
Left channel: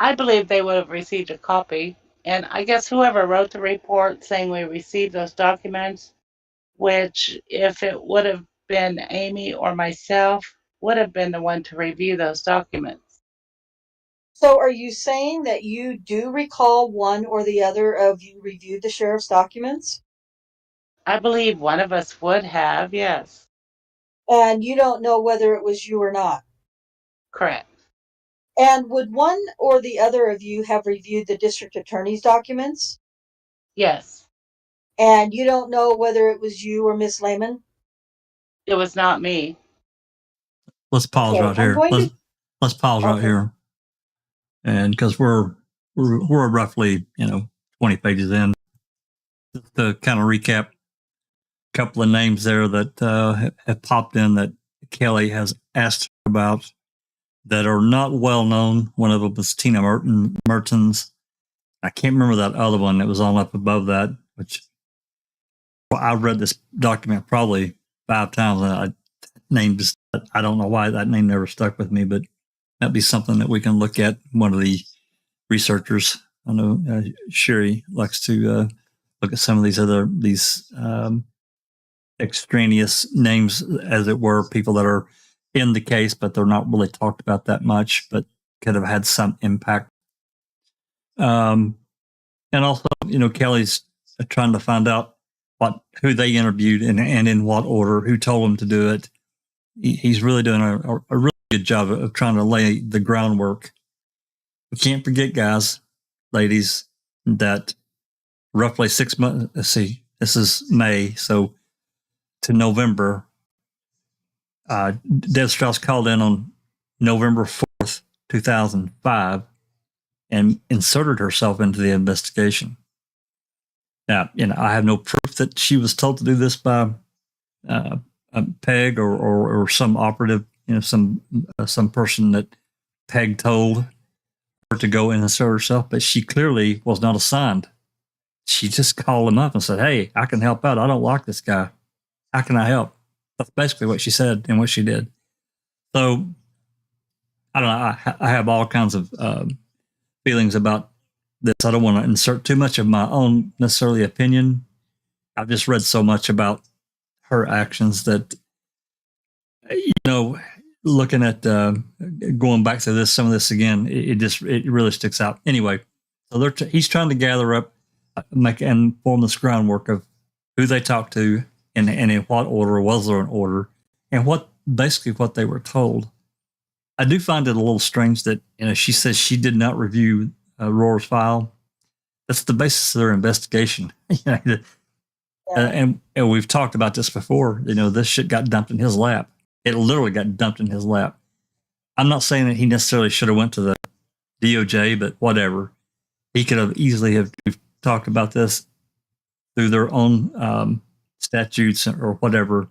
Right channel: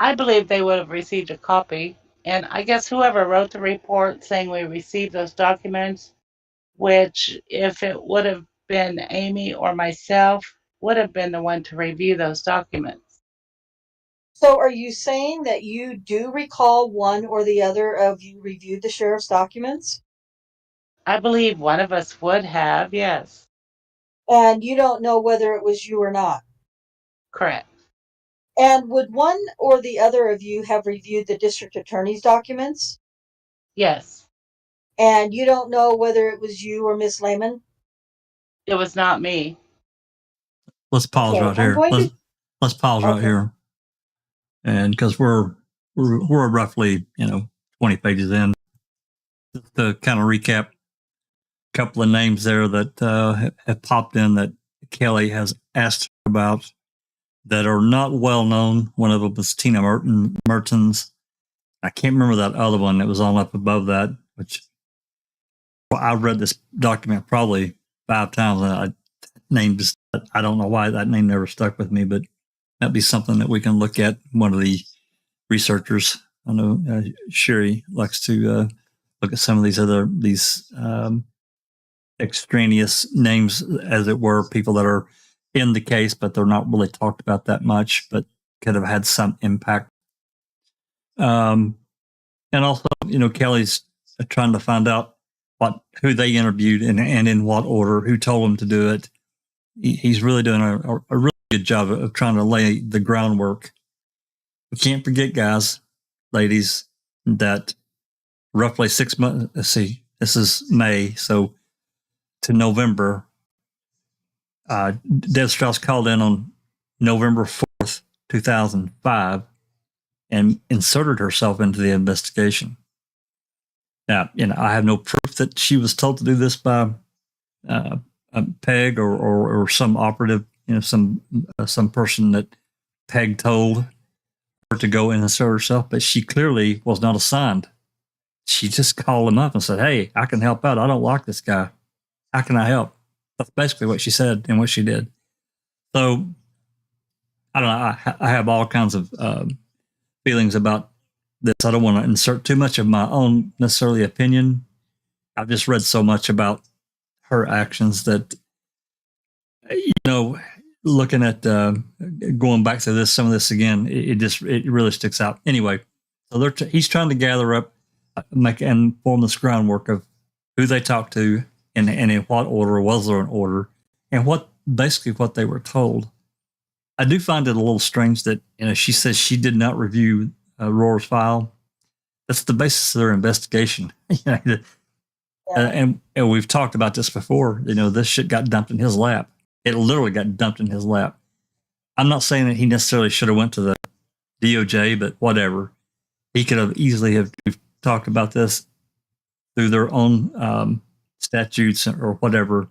I believe they would have received a copy. And I guess whoever wrote the report saying we received those documents, which if it would have been Amy or myself, would have been the one to review those documents. So are you saying that you do recall one or the other of you reviewed the sheriff's documents? I believe one of us would have, yes. And you don't know whether it was you or not? Correct. And would one or the other of you have reviewed the district attorney's documents? Yes. And you don't know whether it was you or Miss Lehman? It was not me. Let's pause Okay, right here. Let's pause right Okay. here, and because we're roughly 20 pages in, just to kind of recap a couple of names there that have popped in that Kelly has asked about that are not well known. One of them was Tina Mertens. I can't remember that other one that was on up above that, which I've read this document probably 5 times, and I don't know why that name never stuck with me, but that'd be something that we can look at. One of the researchers, I know Sherry likes to look at some of these extraneous names, as it were, people that are in the case, but they're not really talked about that much, but could have had some impact. And also, Kelly's trying to find out who they interviewed and in what order, who told them to do it. He's really doing a really good job of trying to lay the groundwork. We can't forget, guys, ladies, that roughly 6 months, let's see, this is May, so to November, Deb Strauss called in on November 4th, 2005, and inserted herself into the investigation. Now, I have no proof that she was told to do this by a Peg or some operative, some person that Peg told her to go and insert herself, but she clearly was not assigned. She just called him up and said, "Hey, I can help out. I don't like this guy. How can I help?" That's basically what she said and what she did. So, I don't know. I have all kinds of feelings about this. I don't want to insert too much of my own necessarily opinion. I've just read so much about her actions that, looking at going back to some of this again, it really sticks out. Anyway, so he's trying to gather up, make and form this groundwork of who they talked to and in what order, was there an order, and what they were told. I do find it a little strange that she says she did not review Rohr's file. That's the basis of their investigation. And we've talked about this before. This shit got dumped in his lap. It literally got dumped in his lap. I'm not saying that he necessarily should have went to the DOJ, but whatever. He could have easily we've talked about this through their own statutes or whatever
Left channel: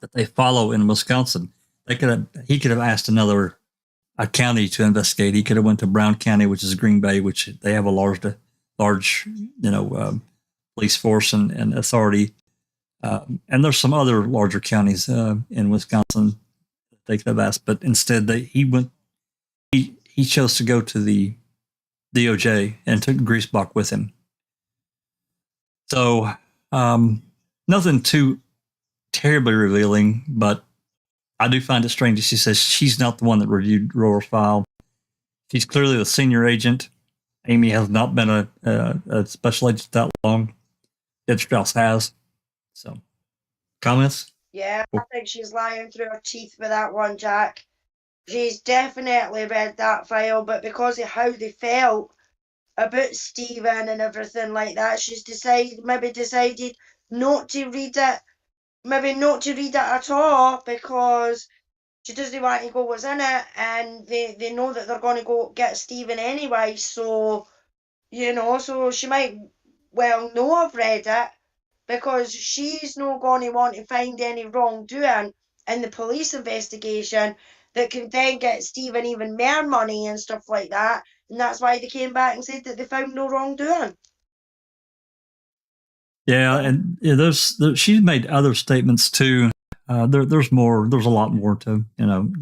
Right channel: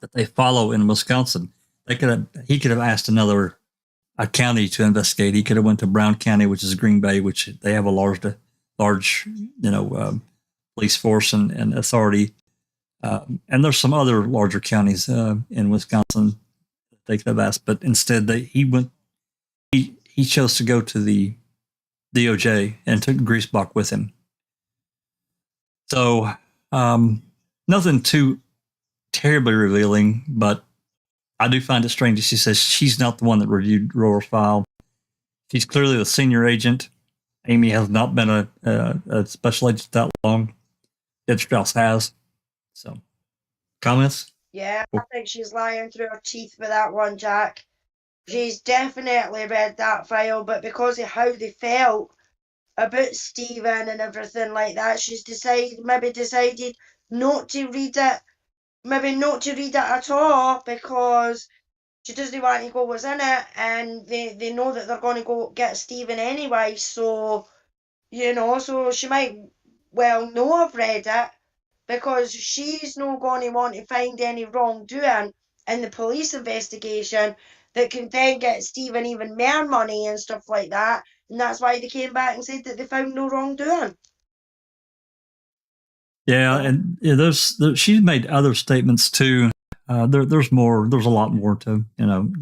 that they follow in Wisconsin. He could have asked a county to investigate. He could have went to Brown County, which is Green Bay, which they have a large police force and authority. And there's some other larger counties in Wisconsin that they could have asked, but instead he chose to go to the DOJ and took Griesbach with him. So nothing too terribly revealing, but I do find it strange that she says she's not the one that reviewed Rohr's file. She's clearly the senior agent. Amy has not been a special agent that long. Deb Strauss has. So, comments? Yeah, I think she's lying through her teeth with that one, Jack. She's definitely read that file, but because of how they felt about Stephen and everything like that, she's decided not to read it. maybe not to read it at all because she doesn't want to go what's in it, and they know that they're going to go get Stephen anyway, so, you know, so she might well know I've read it, because she's not going to want to find any wrongdoing in the police investigation that can then get Stephen even more money and stuff like that, and that's why they came back and said that they found no wrongdoing. Yeah, and she's made other statements too. There's more. There's a lot more to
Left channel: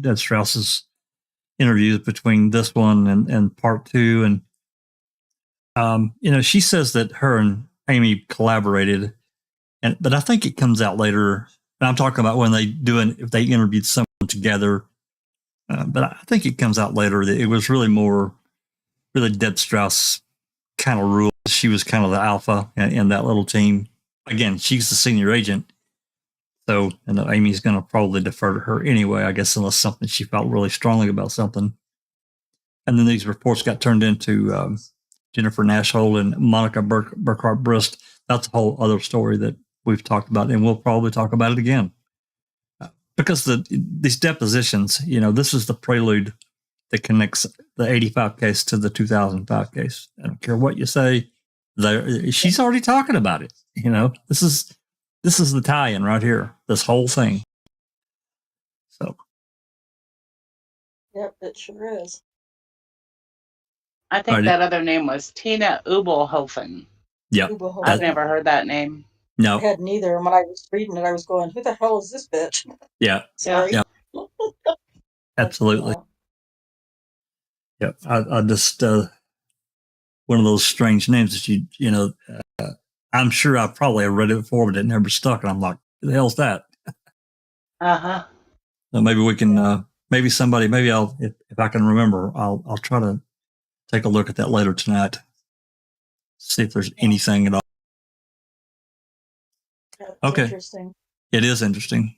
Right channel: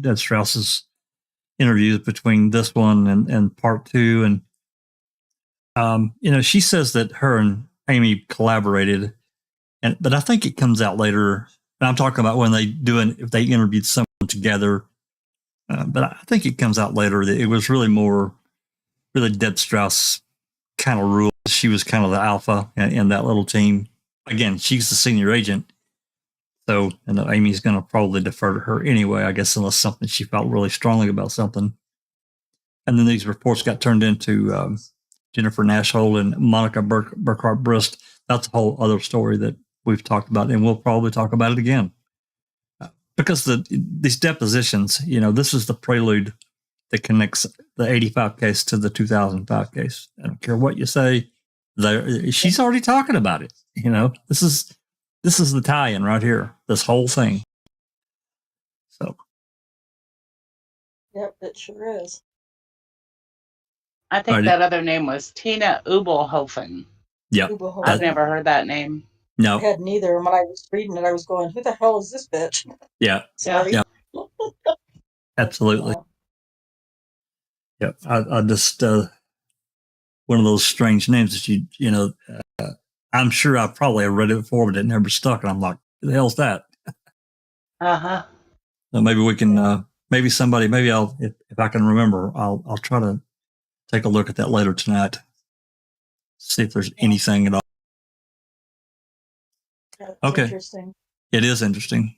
Deb Strauss's interviews between this one and part two, and she says that her and Amy collaborated, but I think it comes out later. And I'm talking about when if they interviewed someone together, but I think it comes out later that it was really Deb Strauss kind of ruled. She was kind of the alpha in that little team. Again, she's the senior agent. So, Amy's going to probably defer to her anyway, I guess, unless something she felt really strongly about something. And then these reports got turned into Jennifer Nashhold and Monica Burkhart Brist. That's a whole other story that we've talked about, and we'll probably talk about it again. Because these depositions, this is the prelude that connects the 85 case to the 2005 case. I don't care what you say. She's already talking about it. This is the tie-in right here. This whole thing. So. Yep, it sure is. I think that other name was Tina Ubelhofen. Yeah. I've never heard that name. No. I hadn't either. And when I was reading it, I was going, who the hell is this bitch? Yeah. Sorry. Yeah. Absolutely. Yep. I just, one of those strange names that I'm sure I probably have read it before, but it never stuck. And I'm like, who the hell's that? Uh-huh. So maybe we can, maybe I'll, if I can remember, I'll try to take a look at that later tonight. See if there's anything at all. That's okay. Interesting. It is interesting.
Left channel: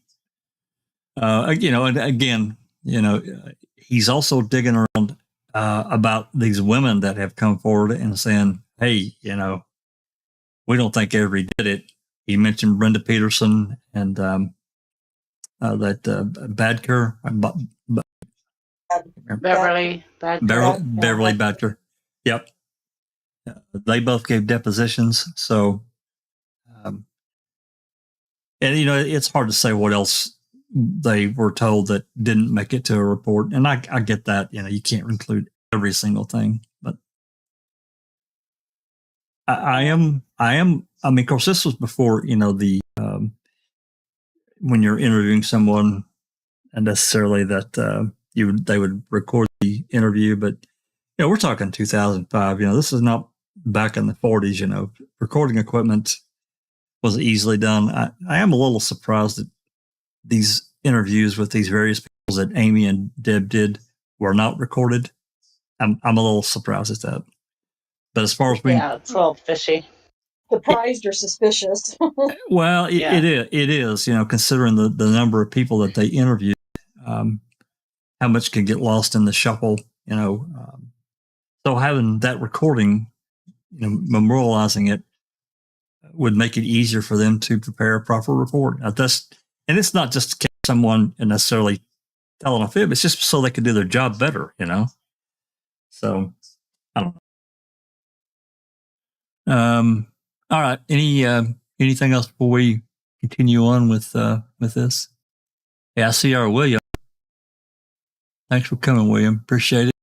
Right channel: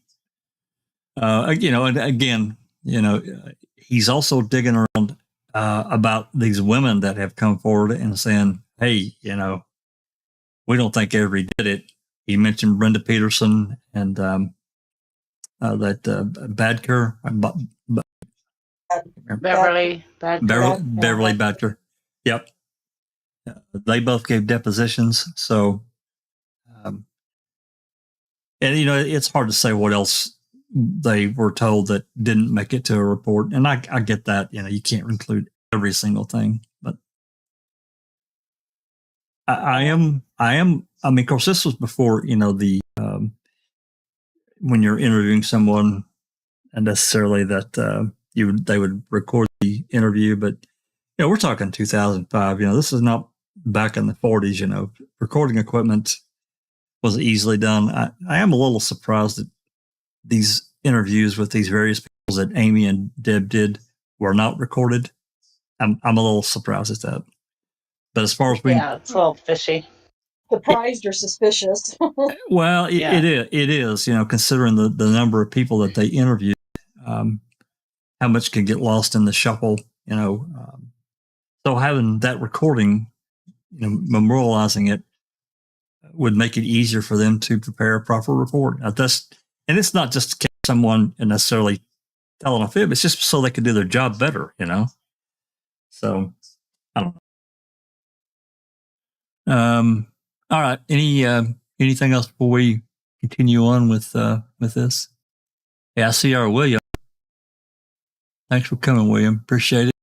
And again, he's also digging around about these women that have come forward and saying, hey, we don't think Avery did it. He mentioned Brenda Peterson and that Badker. Beverly Badker. Yep. They both gave depositions. So, and it's hard to say what else they were told that didn't make it to a report. And I get that, you can't include every single thing, but I mean, of course, this was before, when you're interviewing someone and necessarily that they would record the interview, but we're talking 2005, this is not back in the 40s, recording equipment was easily done. I am a little surprised that these interviews with these various people that Amy and Deb did were not recorded. I'm a little surprised at that. But as far as being, it's a little fishy. Surprised or suspicious. Well, it is, considering the number of people that they interviewed, how much can get lost in the shuffle, so having that recording, memorializing it would make it easier for them to prepare a proper report. And it's not just to catch someone and necessarily telling a fib. It's just so they can do their job better, So, I don't know. All right. Anything else before we continue on with this? Yeah, I see our William. Thanks for coming, William. Appreciate it.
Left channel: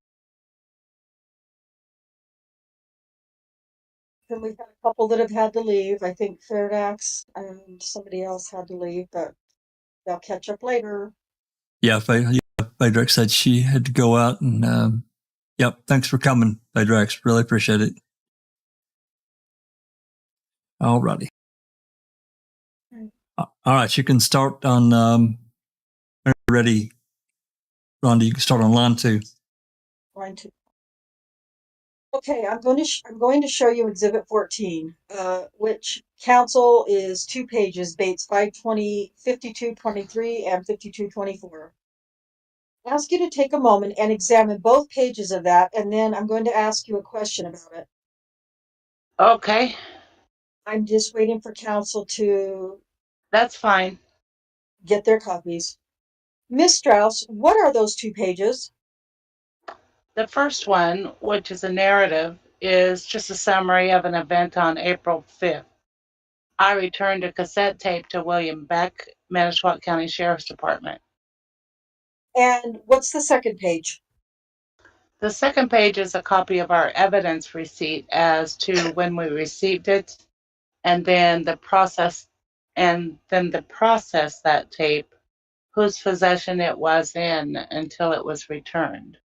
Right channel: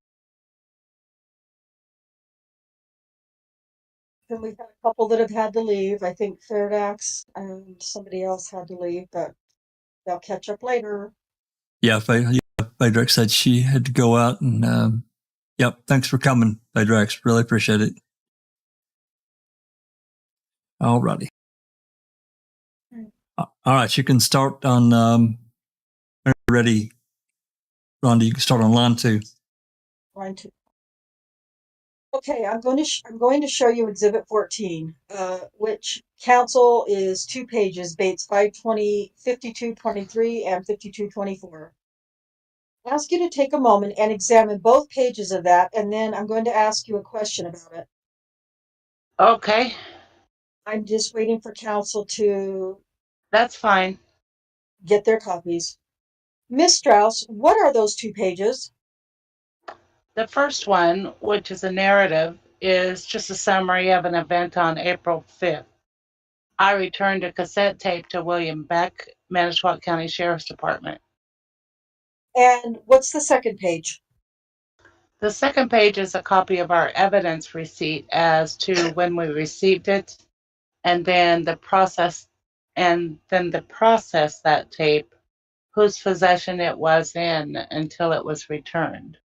Then we've got a couple that have had to leave. I think Fairdax and somebody else had to leave, but they'll catch up later. Yeah, Phaedrex said she had to go out, and yep. Thanks for coming, Phaedrex. Really appreciate it. All righty. All right, you can start on when you're ready. Rhonda, you can start on line 2. Line 2. Okay, I'm going to show you Exhibit 14, which counsel is 2 pages, Bates 520, 5223 and 5224. I ask you to take a moment and examine both pages of that, and then I'm going to ask you a question about it. Okay. I'm just waiting for counsel to... That's fine. get their copies. Miss Strauss, what are those 2 pages? The first one, which is a narrative, is just a summary of an event on April 5th. I returned a cassette tape to William Beck, Manitowoc County Sheriff's Department. And what's the second page? The second page is a copy of our evidence receipt as to when we received it, and then the process that tape, whose possession it was in until it was returned.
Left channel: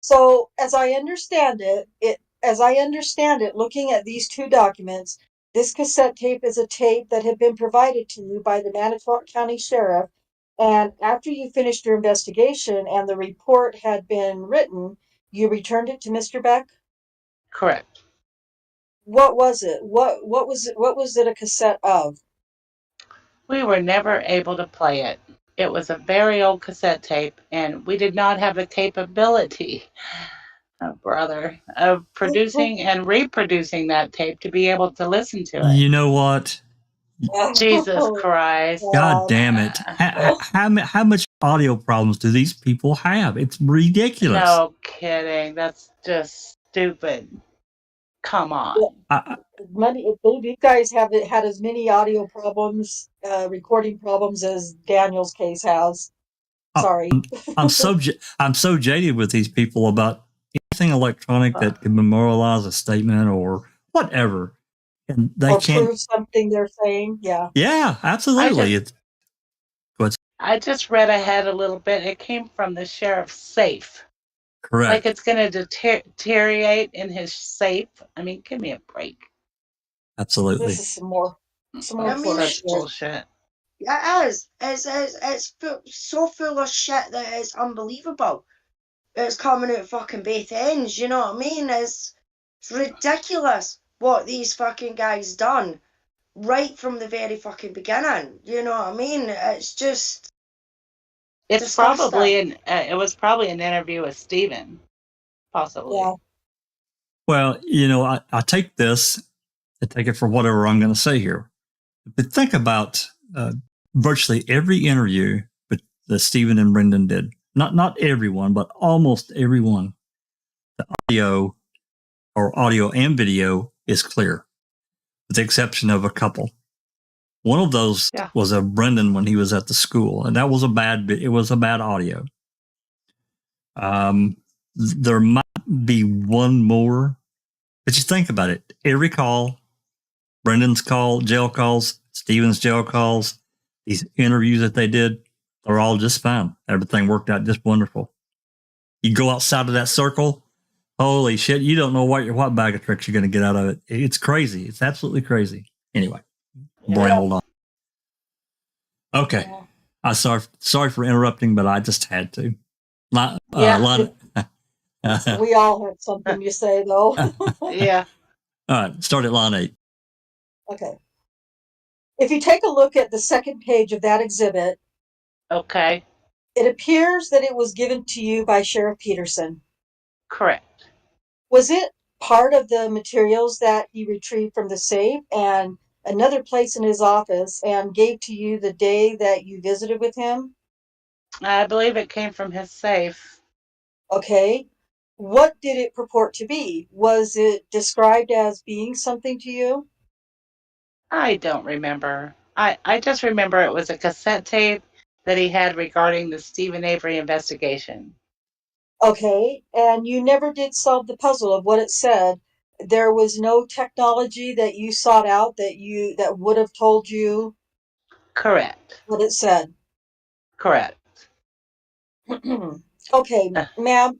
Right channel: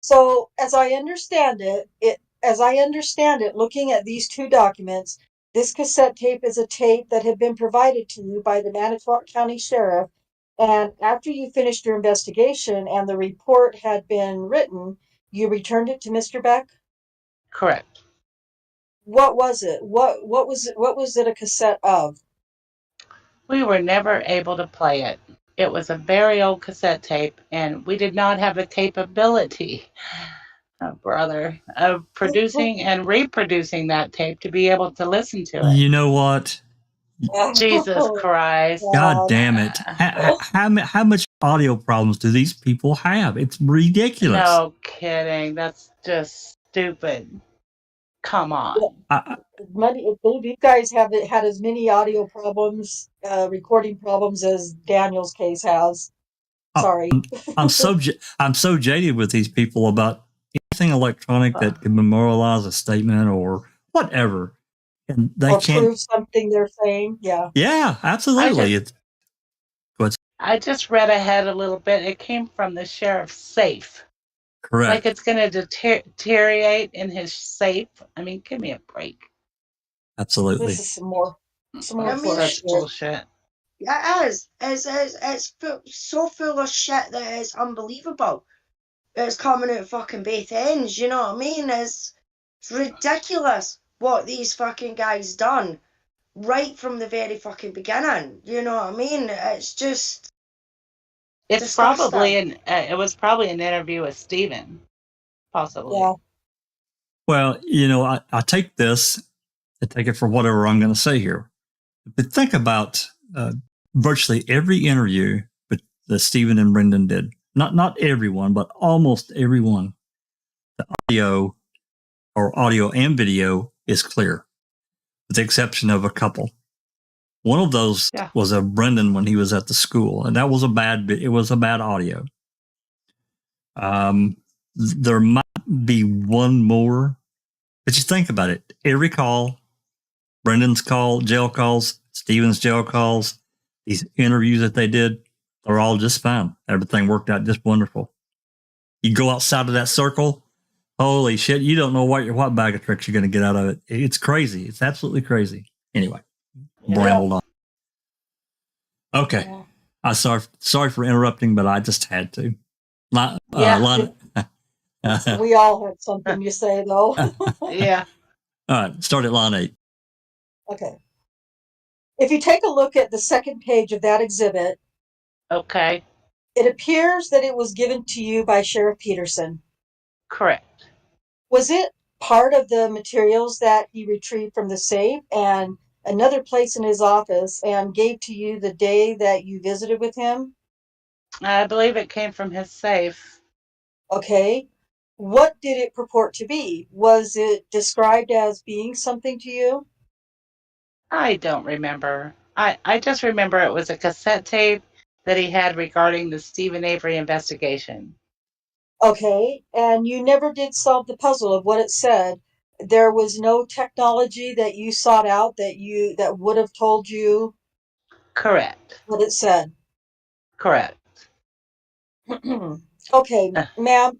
So, as I understand it, looking at these 2 documents, this cassette tape is a tape that had been provided to you by the Manitowoc County Sheriff, and after you finished your investigation and the report had been written, you returned it to Mr. Beck? Correct. What was it? What was it a cassette of? We were never able to play it. It was a very old cassette tape, and we did not have the capability, brother, of producing and reproducing that tape to be able to listen to it. You know what? Jesus Christ. God damn it. How much audio problems do these people have? It's ridiculous. No kidding. That's just stupid. Come on. You guys have had as many audio problems, recording problems as Daniel's case has. Sorry. I'm so jaded with these people about anything electronic that can memorialize a statement or whatever. And they or can't prove something they're saying. Yeah. Yeah, absolutely. I just read ahead a little bit. It came from the sheriff's safe. Correct. Like it's going to deteriorate in his safe. I mean, give me a break. Absolutely. This is some more Such bullshit. It is. It's so full of shit that it's unbelievable. It's coming out fucking both ends, you know what I mean? It's ridiculous what these fucking guys done right from the very fucking beginning. You know what I mean? It's just It's disgusting. probably it was probably an interview with Stephen, possibly. Yeah. Well, I take this and take it for whatever I'm going to say here. But think about virtually every interview that Stephen and Brendan did. Not everyone, but almost everyone. The audio and video is clear, with the exception of a couple. One of those was of Brendan when he was at the school, and that was it was a bad audio. There might be one more, but you think about it. Every call, Brendan's call, jail calls, Stephen's jail calls, these interviews that they did, they're all just fine. Everything worked out just wonderful. You go outside of that circle, holy shit, you don't know what bag of tricks you're going to get out of it. It's crazy. It's absolutely crazy. Anyway, rambled on. Okay. I'm sorry for interrupting, but I just had to. We all had something to say, though. Yeah. All right. Start at line 8. Okay. If you take a look at the second page of that exhibit, okay, it appears that it was given to you by Sheriff Peterson. Correct. Was it part of the materials that he retrieved from the safe and another place in his office and gave to you the day that you visited with him? I believe it came from his safe. Okay. What did it purport to be? Was it described as being something to you? I don't remember. I just remember it was a cassette tape that he had regarding the Stephen Avery investigation. Okay, and you never did solve the puzzle of what it said. There was no technology that you sought out that would have told you. Correct. What it said. Correct. Okay, ma'am.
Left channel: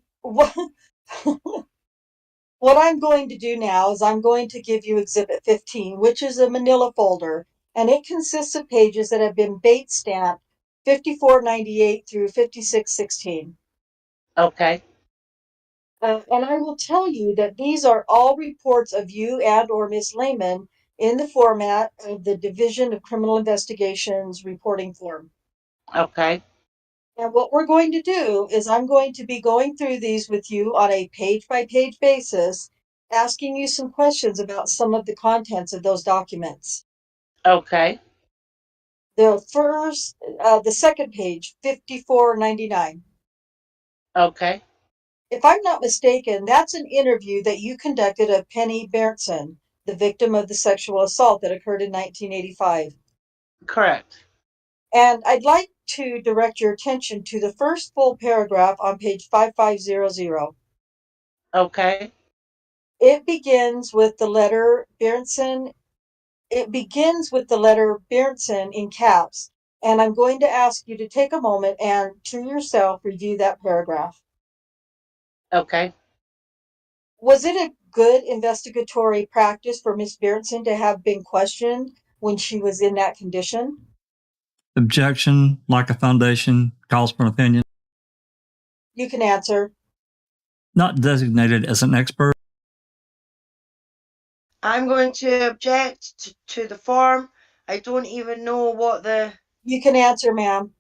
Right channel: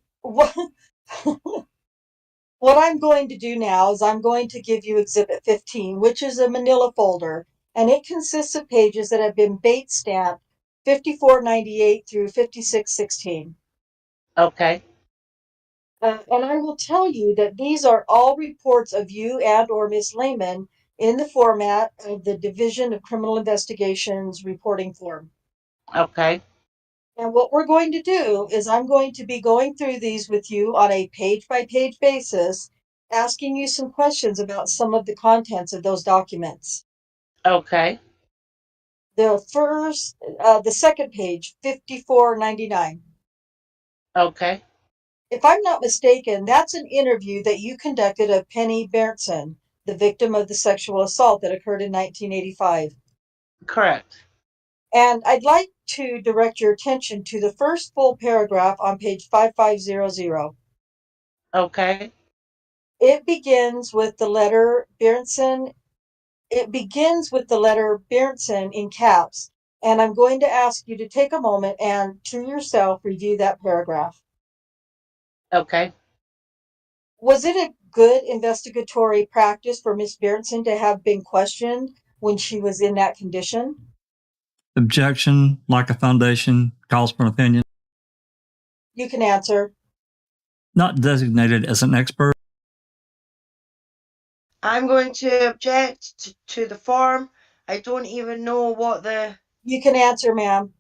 What I'm going to do now is I'm going to give you Exhibit 15, which is a manila folder, and it consists of pages that have been bait stamped 5498 through 5616. Okay. And I will tell you that these are all reports of you and or Miss Lehman in the format of the Division of Criminal Investigations reporting form. Okay. And what we're going to do is I'm going to be going through these with you on a page-by-page basis, asking you some questions about some of the contents of those documents. Okay. The second page, 5499. Okay, If I'm not mistaken, that's an interview that you conducted of Penny Berntsen, the victim of the sexual assault that occurred in 1985. correct. And I'd like to direct your attention to the first full paragraph on page 5500. Okay, It begins with the letter Berntsen. It begins with the letter Berntsen in caps. And I'm going to ask you to take a moment and to yourself review that paragraph. okay. Was it a good investigatory practice for Miss Berntsen to have been questioned when she was in that condition? Objection, lack of foundation, calls for an opinion. You can answer. Not designated as an expert. I'm going to object to the form. I don't even know what the You can answer, ma'am.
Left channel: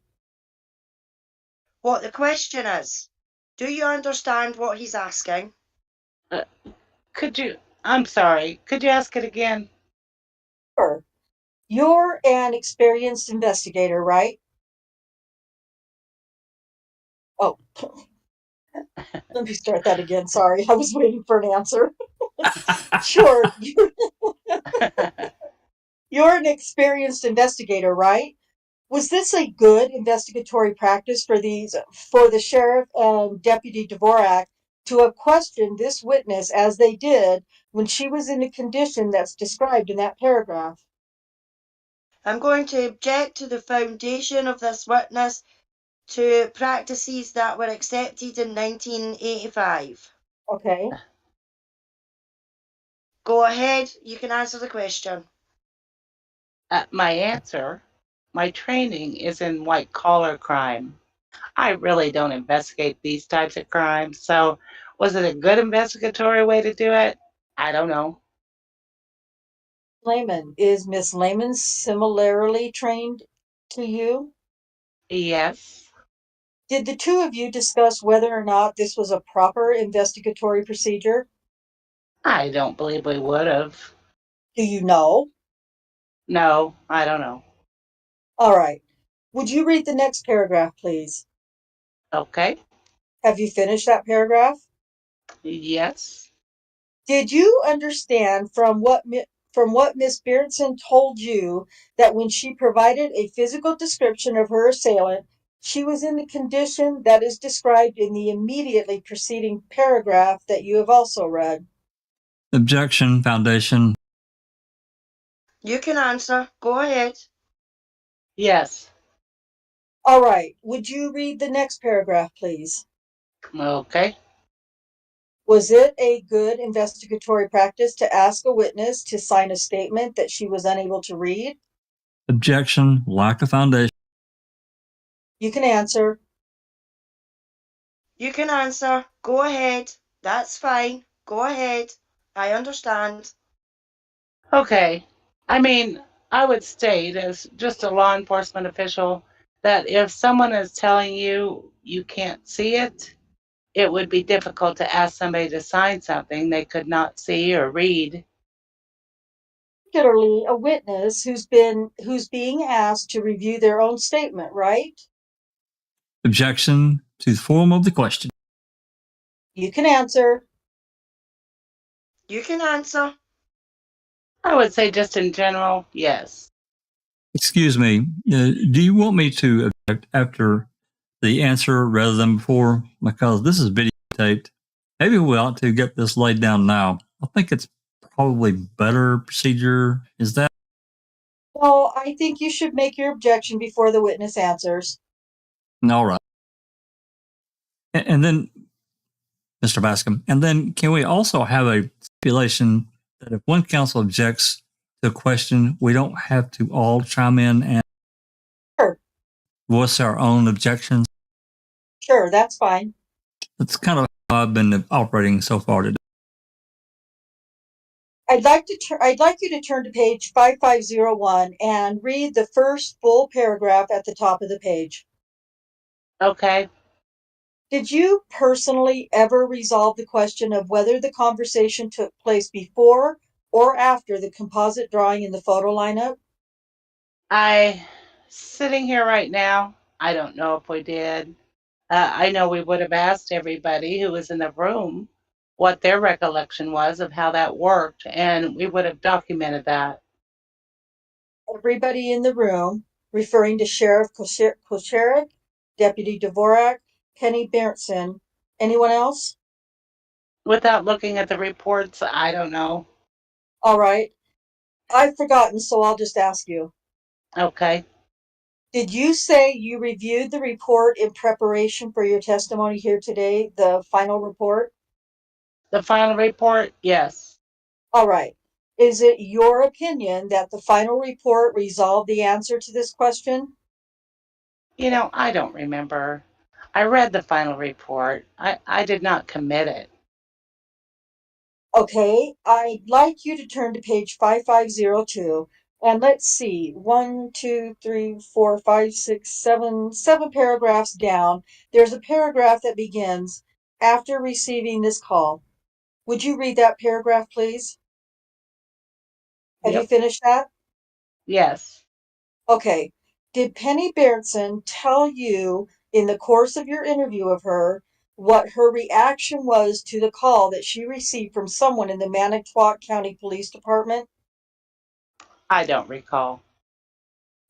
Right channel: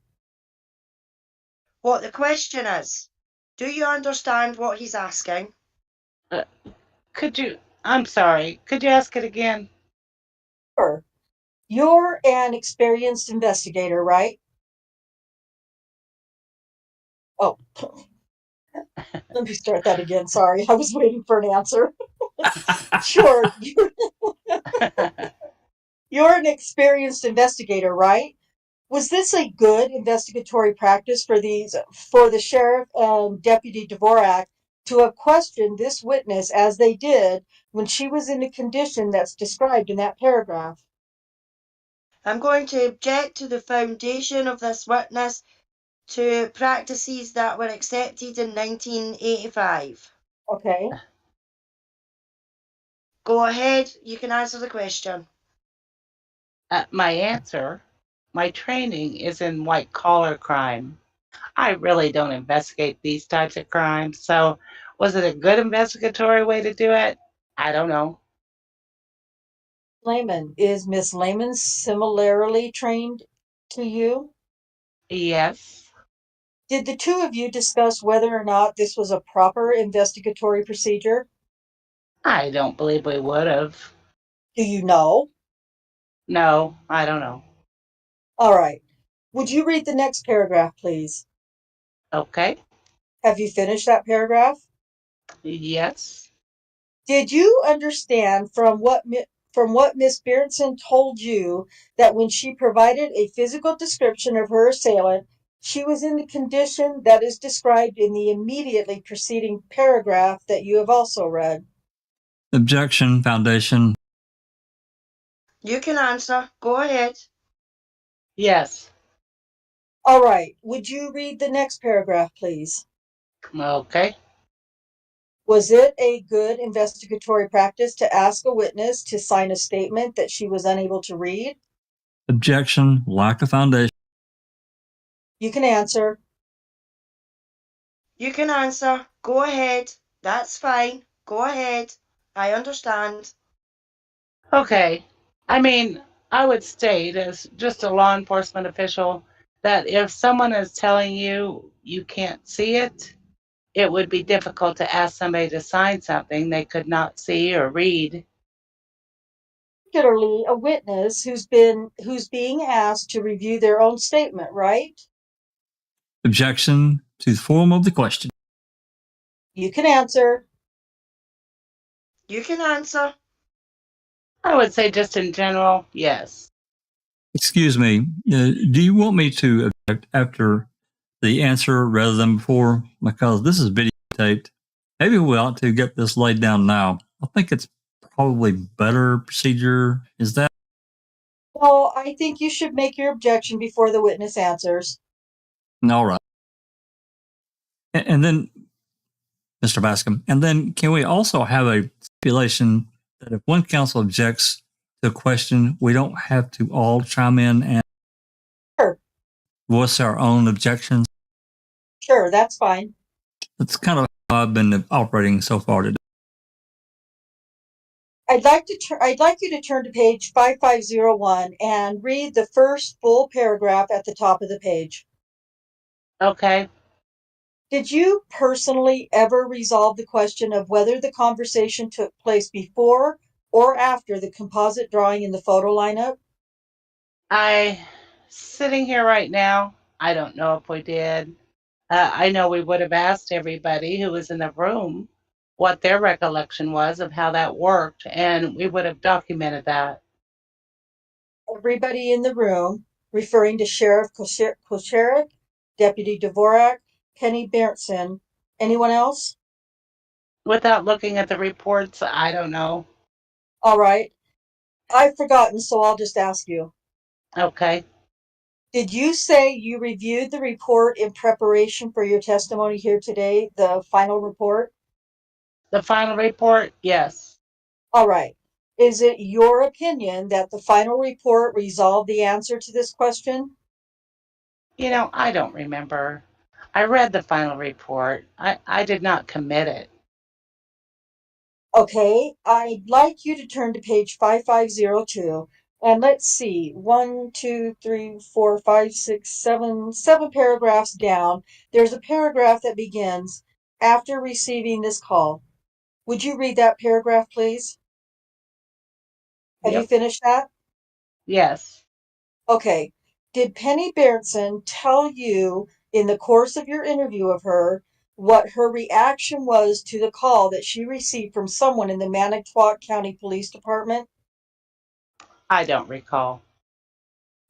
question is. Do you understand what he's asking? I'm sorry, could you ask it again? Sure. You're an experienced investigator, right? Oh, let me start that again. Sorry, I was waiting for an answer. Sure. You're an experienced investigator, right? Was this a good investigatory practice for the sheriff and Deputy Dvorak to have questioned this witness as they did when she was in the condition that's described in that paragraph? I'm going to object to the foundation of this witness to practices that were accepted in 1985. Okay. Go ahead, you can answer the question. My answer, my training is in white collar crime. I really don't investigate these types of crimes. So, was it a good investigatory way to do it? I don't know. Lehman. Is Miss Lehman similarly trained to you? Yes, Did the two of you discuss whether or not this was a proper investigatory procedure? I don't believe we would have. Do you know? No, I don't know. All right. Would you read the next paragraph, please? Okay, Have you finished that paragraph? yes, Did you understand from what Miss Berenson told you that when she provided a physical description of her assailant, she was in the condition that is described in the immediately preceding paragraph that you have also read? Objection, foundation. You can answer. Go ahead. yes. All right. Would you read the next paragraph, please? Okay. Was it a good investigatory practice to ask a witness to sign a statement that she was unable to read? Objection, lack of foundation. You can answer. You can answer. Go ahead. That's fine. Go ahead. I understand. Okay. I mean, I would state as just a law enforcement official that if someone is telling you you can't see it, it would be difficult to ask somebody to sign something they could not see or read. Particularly a witness who's being asked to review their own statement, right? Objection to the form of the question. You can answer. You can answer. I would say just in general, yes. Excuse me, do you want me to object after the answer rather than before? Because this is videotaped. Maybe we ought to get this laid down now. I think it's probably better procedure. Is that? Well, I think you should make your objection before the witness answers. All right. And then, Mr. Bascom, and then can we also have a stipulation that if one counsel objects to a question, we don't have to all chime in and Sure. voice our own objections? Sure, that's fine. That's kind of how I've been operating so far today. I'd like you to turn to page 5501 and read the first full paragraph at the top of the page. Okay. Did you personally ever resolve the question of whether the conversation took place before or after the composite drawing in the photo lineup? I Sitting here right now, I don't know if we did. I know we would have asked everybody who was in the room what their recollection was of how that worked, and we would have documented that. Everybody in the room, referring to Sheriff Koscherik, Deputy Dvorak, Penny Berntsen. Anyone else? Without looking at the reports, I don't know. All right. I've forgotten, so I'll just ask you. Okay. Did you say you reviewed the report in preparation for your testimony here today, the final report? The final report, yes. All right. Is it your opinion that the final report resolved the answer to this question? You know, I don't remember. I read the final report. I did not commit it. Okay, I'd like you to turn to page 5502, and let's see, 1, 2, 3, 4, 5, 6, 7, 7 paragraphs down. There's a paragraph that begins, after receiving this call. Would you read that paragraph, please? Have you Yep. finished that? Yes. Okay. Did Penny Berntsen tell you in the course of your interview of her what her reaction was to the call that she received from someone in the Manitowoc County Police Department? I don't recall.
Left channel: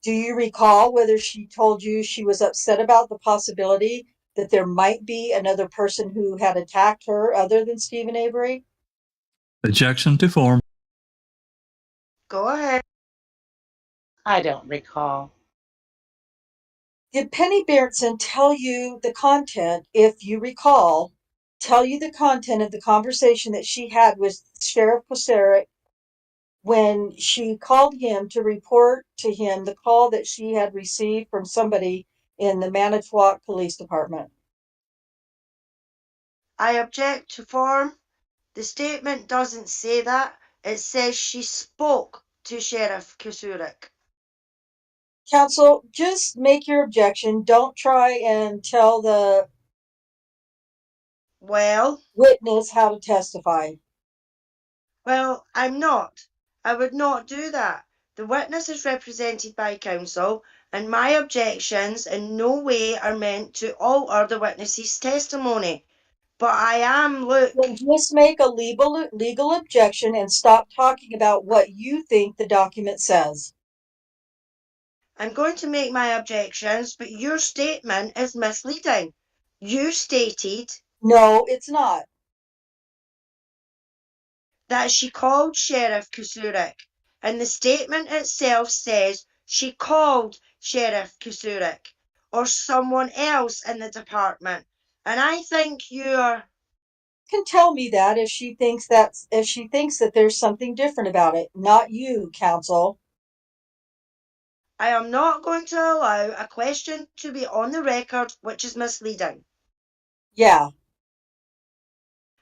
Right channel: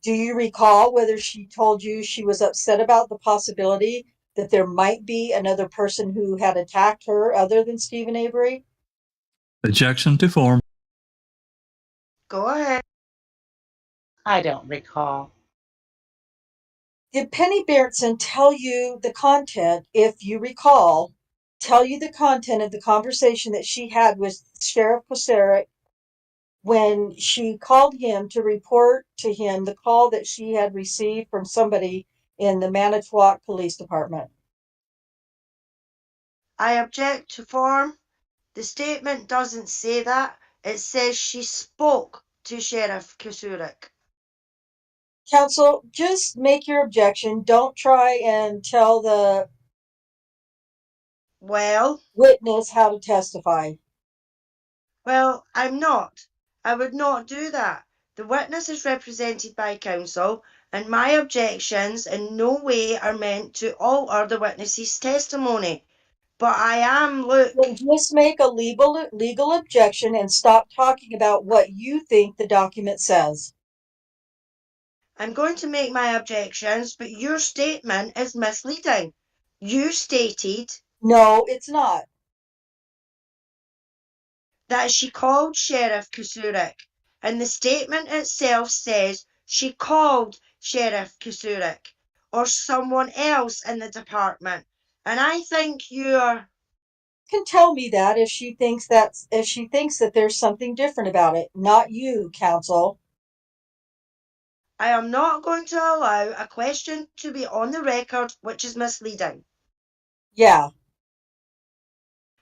Do you recall whether she told you she was upset about the possibility that there might be another person who had attacked her other than Stephen Avery? Objection to form. Go ahead. I don't recall. Did Penny Berntsen tell you the content, if you recall, tell you the content of the conversation that she had with Sheriff Koscherik when she called him to report to him the call that she had received from somebody in the Manitowoc Police Department? I object to form. The statement doesn't say that. It says she spoke to Sheriff Koscherik. Counsel, just make your objection. Don't try and tell the Well, witness how to testify. well, I'm not. I would not do that. The witness is represented by counsel, and my objections in no way are meant to alter the witness's testimony. But I am, look, Then just make a legal objection and stop talking about what you think the document says. I'm going to make my objections, but your statement is misleading. You stated No, it's not. that she called Sheriff Koscherik, and the statement itself says she called Sheriff Koscherik or someone else in the department. And I think you're Can tell me that if she thinks that there's something different about it. Not you, counsel. I am not going to allow a question to be on the record which is misleading. Yeah.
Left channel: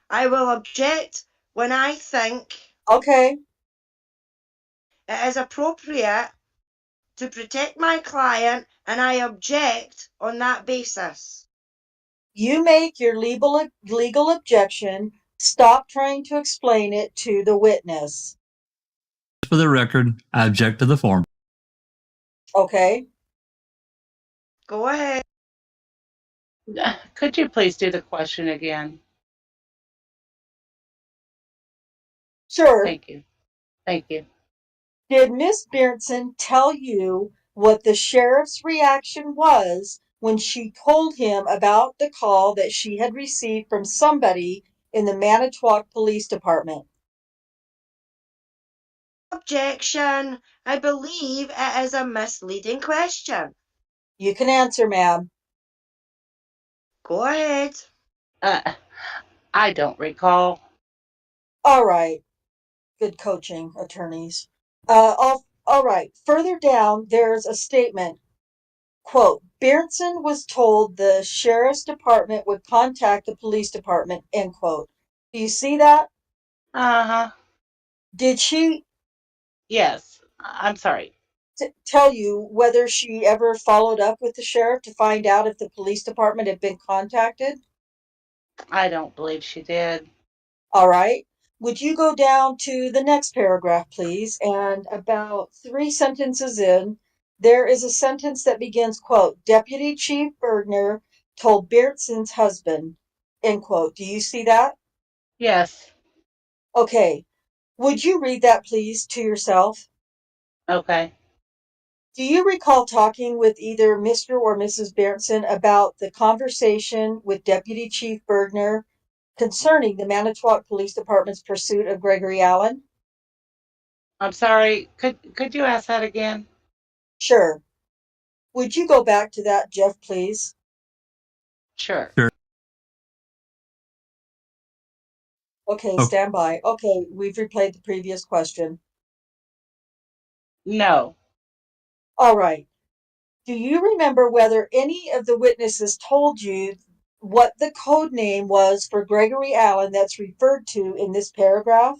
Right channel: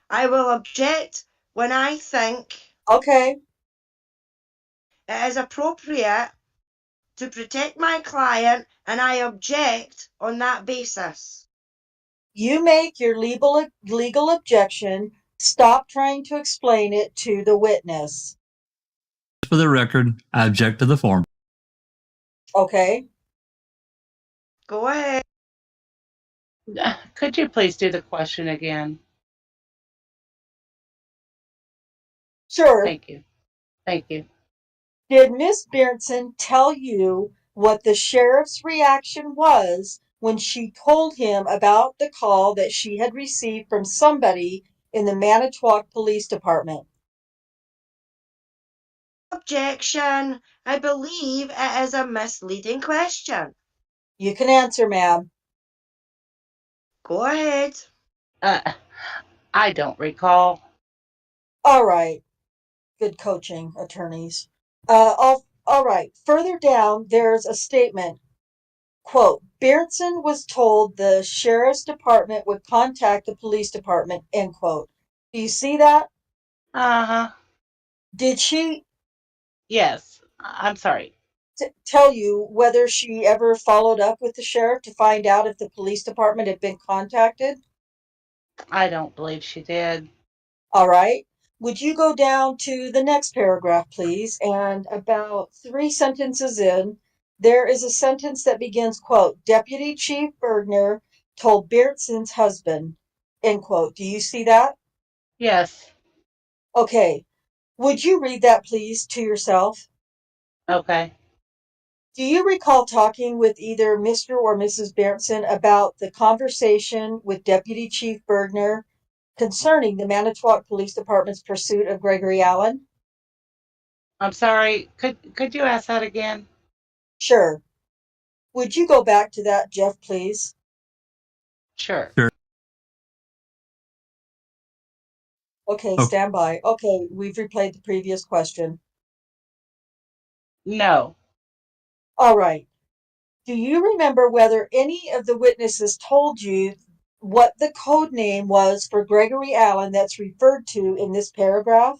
I will object when I think Okay. it is appropriate to protect my client, and I object on that basis. You make your legal objection. Stop trying to explain it to the witness. For the record, I object to the form. Okay. Go ahead. Could you please do the question again? Sure. Thank you. Thank you. Did Miss Berntsen tell you what the sheriff's reaction was when she told him about the call that she had received from somebody in the Manitowoc Police Department? Objection. I believe it is a misleading question. You can answer, ma'am. Go ahead. I don't recall. All right. Good coaching, attorneys. All right. Further down, there's a statement. Quote, Berntsen was told the sheriff's department would contact the police department, end quote. Do you see that? Uh-huh. Did she Yes. I'm sorry. tell you whether she ever followed up with the sheriff to find out if the police department had been contacted? I don't believe she did. All right. Would you go down to the next paragraph, please? And about 3 sentences in, there is a sentence that begins, quote, Deputy Chief Bergner told Beardson's husband, end quote. Do you see that? Yes. Okay. Would you read that, please, to yourself? Okay. Do you recall talking with either Mr. or Mrs. Beardson about the conversation with Deputy Chief Bergner concerning the Manitowoc Police Department's pursuit of Gregory Allen? I'm sorry. Could you ask that again? Sure. Would you go back to that, Jeff, please? Sure. Sure. Okay, Okay. stand by. Okay, we've replayed the previous question. No. All right. Do you remember whether any of the witnesses told you what the code name was for Gregory Allen that's referred to in this paragraph?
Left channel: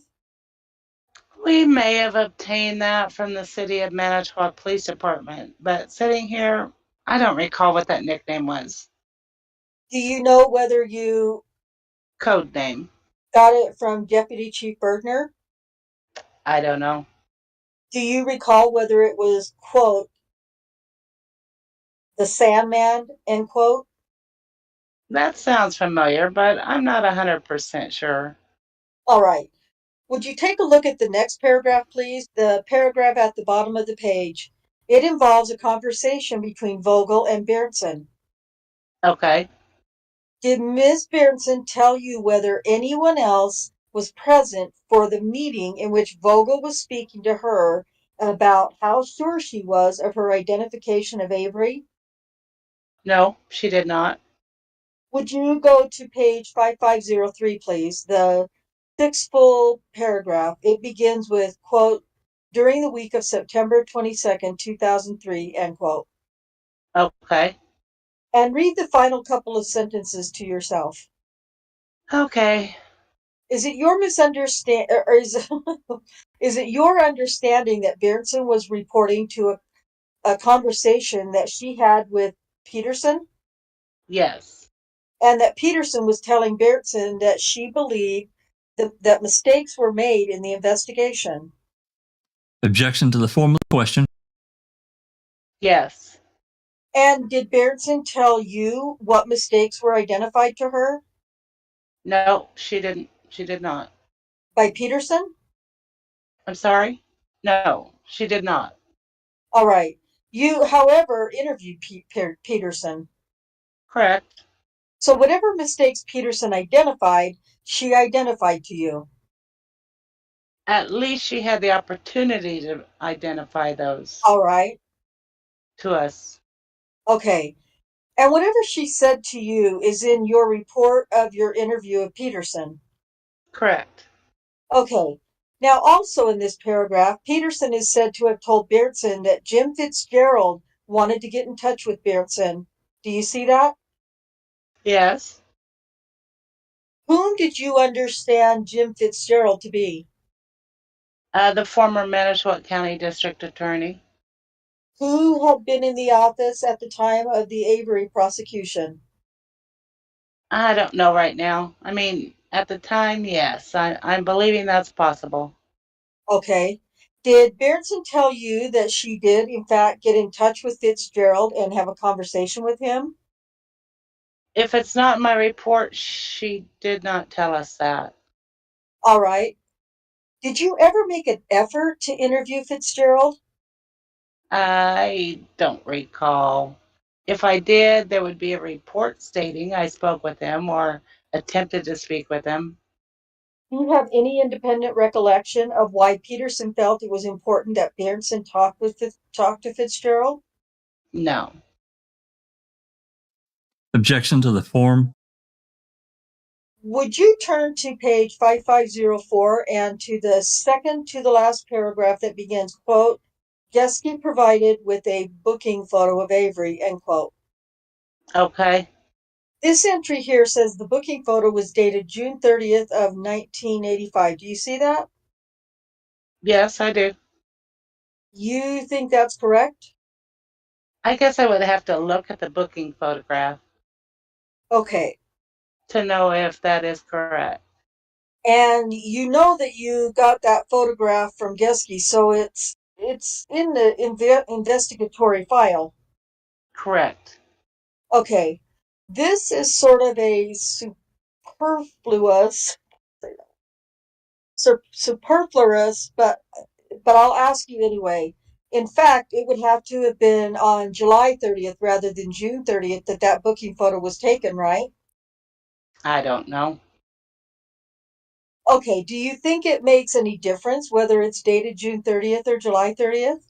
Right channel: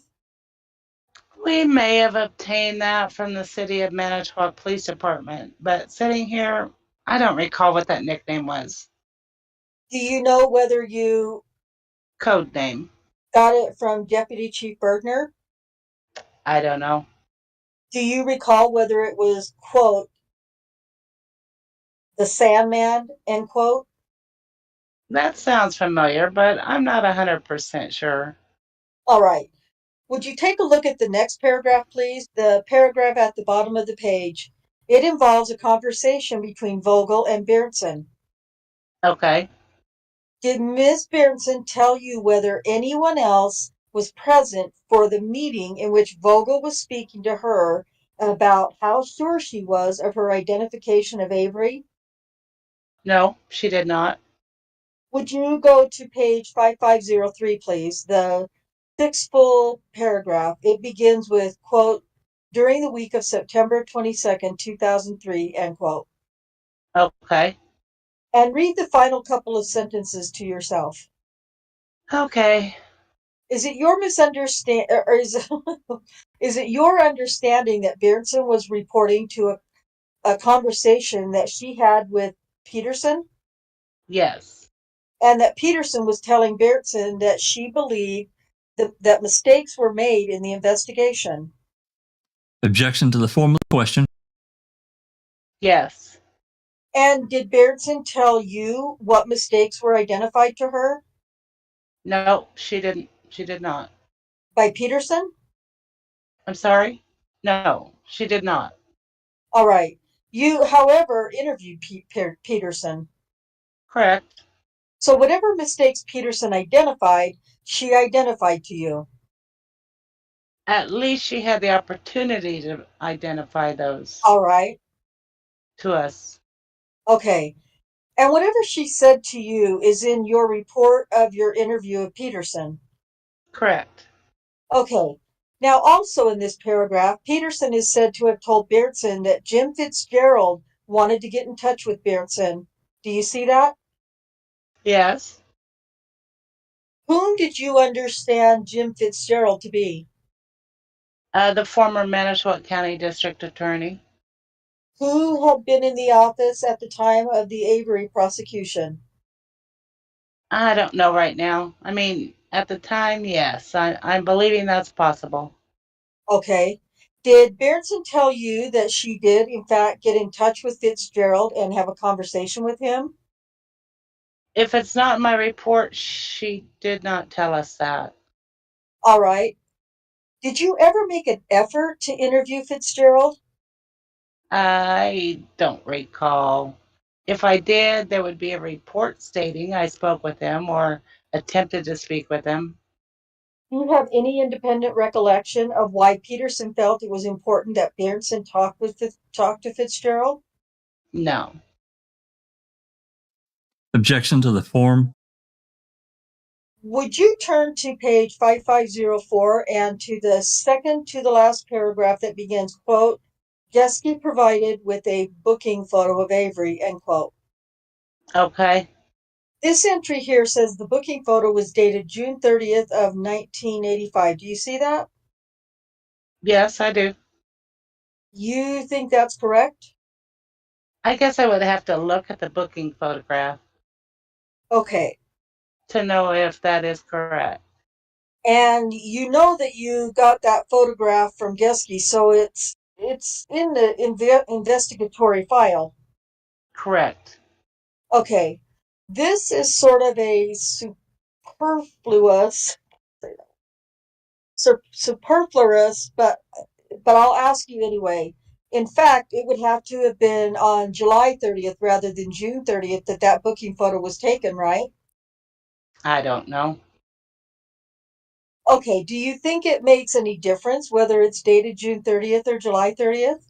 We may have obtained that from the City of Manitowoc Police Department, but sitting here, I don't recall what that nickname was. Do you know whether you Code name. got it from Deputy Chief Bergner? I don't know. Do you recall whether it was, quote, the Sandman, end quote? That sounds familiar, but I'm not 100% sure. All right. Would you take a look at the next paragraph, please? The paragraph at the bottom of the page. It involves a conversation between Vogel and Beardson. Okay. Did Ms. Beardson tell you whether anyone else was present for the meeting in which Vogel was speaking to her about how sure she was of her identification of Avery? No, she did not. Would you go to page 5503, please? The sixth full paragraph. It begins with, quote, during the week of September 22nd, 2003, end quote. Okay. And read the final couple of sentences to yourself. Okay. Is it your misunderstanding, or is it your understanding that Beardson was reporting to a conversation that she had with Peterson? Yes. And that Peterson was telling Beardson that she believed that mistakes were made in the investigation? Objection to the form of the question. Yes. And did Beardson tell you what mistakes were identified to her No, she didn't. She did not. by Peterson? I'm sorry? No, she did not. All right. You, however, interviewed Peterson. Correct. So whatever mistakes Peterson identified, she identified to you. At least she had the opportunity to identify those All right. to us. Okay. And whatever she said to you is in your report of your interview of Peterson. Correct. Okay. Now, also in this paragraph, Peterson is said to have told Beardson that Jim Fitzgerald wanted to get in touch with Beardson. Do you see that? Yes. Whom did you understand Jim Fitzgerald to be? The former Manitowoc County District Attorney. Who had been in the office at the time of the Avery prosecution? I don't know right now. I mean, at the time, yes. I'm believing that's possible. Okay. Did Beardson tell you that she did, in fact, get in touch with Fitzgerald and have a conversation with him? If it's not in my report, she did not tell us that. All right. Did you ever make an effort to interview Fitzgerald? I don't recall. If I did, there would be a report stating I spoke with him or attempted to speak with him. Do you have any independent recollection of why Peterson felt it was important that Beardson talk to Fitzgerald? No. Objection to the form. Would you turn to page 5504 and to the second to the last paragraph that begins, quote, Geske provided with a booking photo of Avery, end quote. Okay. This entry here says the booking photo was dated June 30th of 1985. Do you see that? Yes, I do. You think that's correct? I guess I would have to look at the booking photograph Okay. to know if that is correct. And you know that you got that photograph from Geske, so it's It's in the investigatory file. Correct. Okay, this is sort of a superfluous, but I'll ask you anyway. In fact, it would have to have been on July 30th rather than June 30th that booking photo was taken, right? I don't know. Okay, do you think it makes any difference whether it's dated June 30th or July 30th?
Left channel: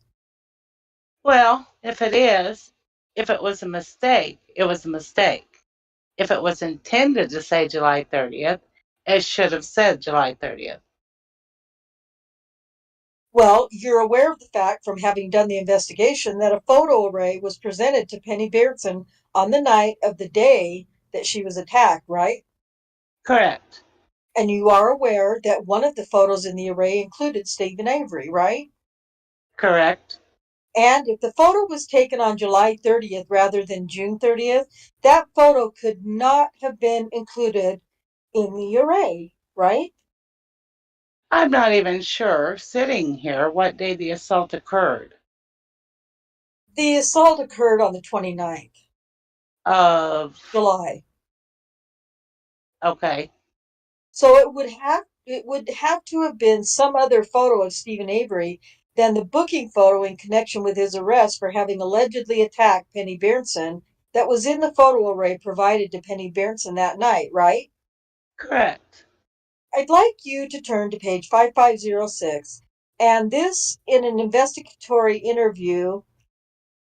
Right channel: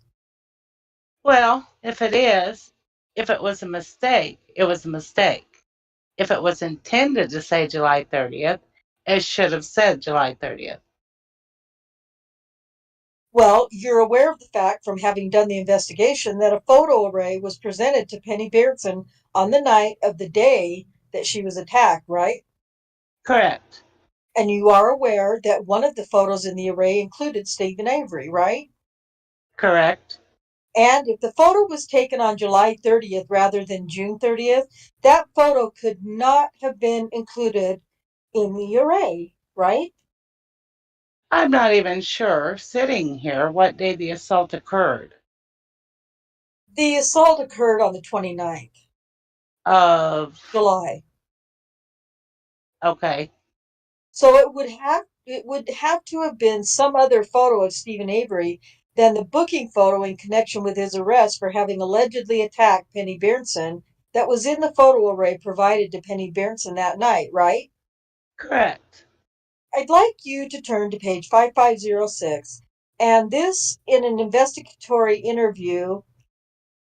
Well, if it was a mistake, it was a mistake. If it was intended to say July 30th, it should have said July 30th. Well, you're aware of the fact from having done the investigation that a photo array was presented to Penny Beardson on the night of the day that she was attacked, right? Correct. And you are aware that one of the photos in the array included Stephen Avery, right? Correct. And if the photo was taken on July 30th rather than June 30th, that photo could not have been included in the array, right? I'm not even sure, sitting here, what day the assault occurred. The assault occurred on the 29th Of, July. okay. So it would have to have been some other photo of Stephen Avery than the booking photo in connection with his arrest for having allegedly attacked Penny Beardson that was in the photo array provided to Penny Beardson that night, right? Correct. I'd like you to turn to page 5506, and this in an investigatory interview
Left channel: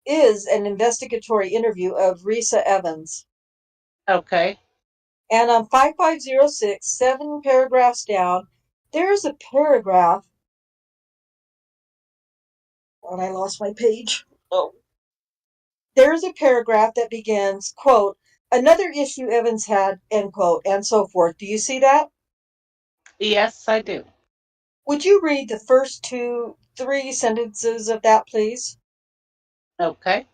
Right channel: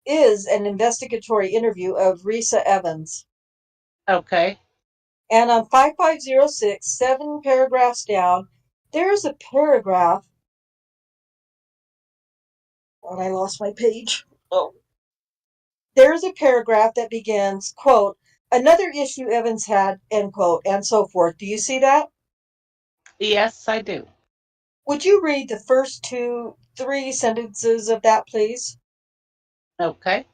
is an investigatory interview of Risa Evans. Okay. And on 5506, 7 paragraphs down, there's a paragraph. Oh, I lost my page. Oh. There's a paragraph that begins, quote, another issue Evans had, end quote, and so forth. Do you see that? Yes, I do. Would you read the first 3 sentences of that, please? Okay.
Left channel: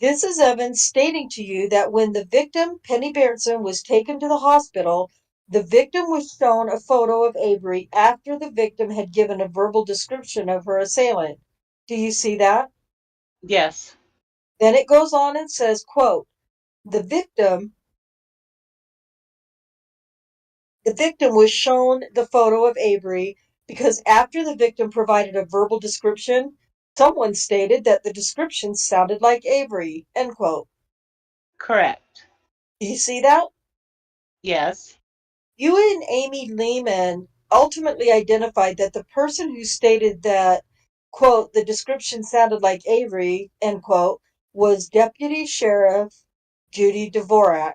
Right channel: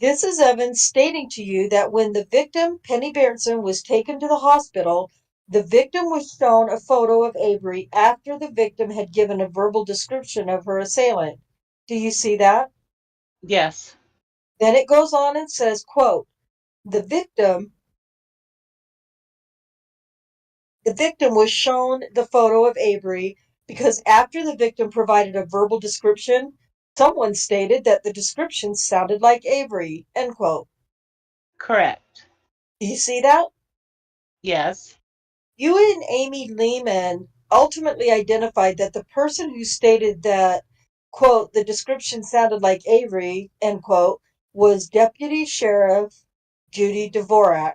This is Evans stating to you that when the victim, Penny Beardson, was taken to the hospital, the victim was shown a photo of Avery after the victim had given a verbal description of her assailant. Do you see that? Yes. Then it goes on and says, quote, the victim was shown the photo of Avery because after the victim provided a verbal description, someone stated that the description sounded like Avery, end quote. Correct. Do you see that? Yes. You and Amy Lehman ultimately identified that the person who stated that, quote, the description sounded like Avery, end quote, was Deputy Sheriff Judy Dvorak.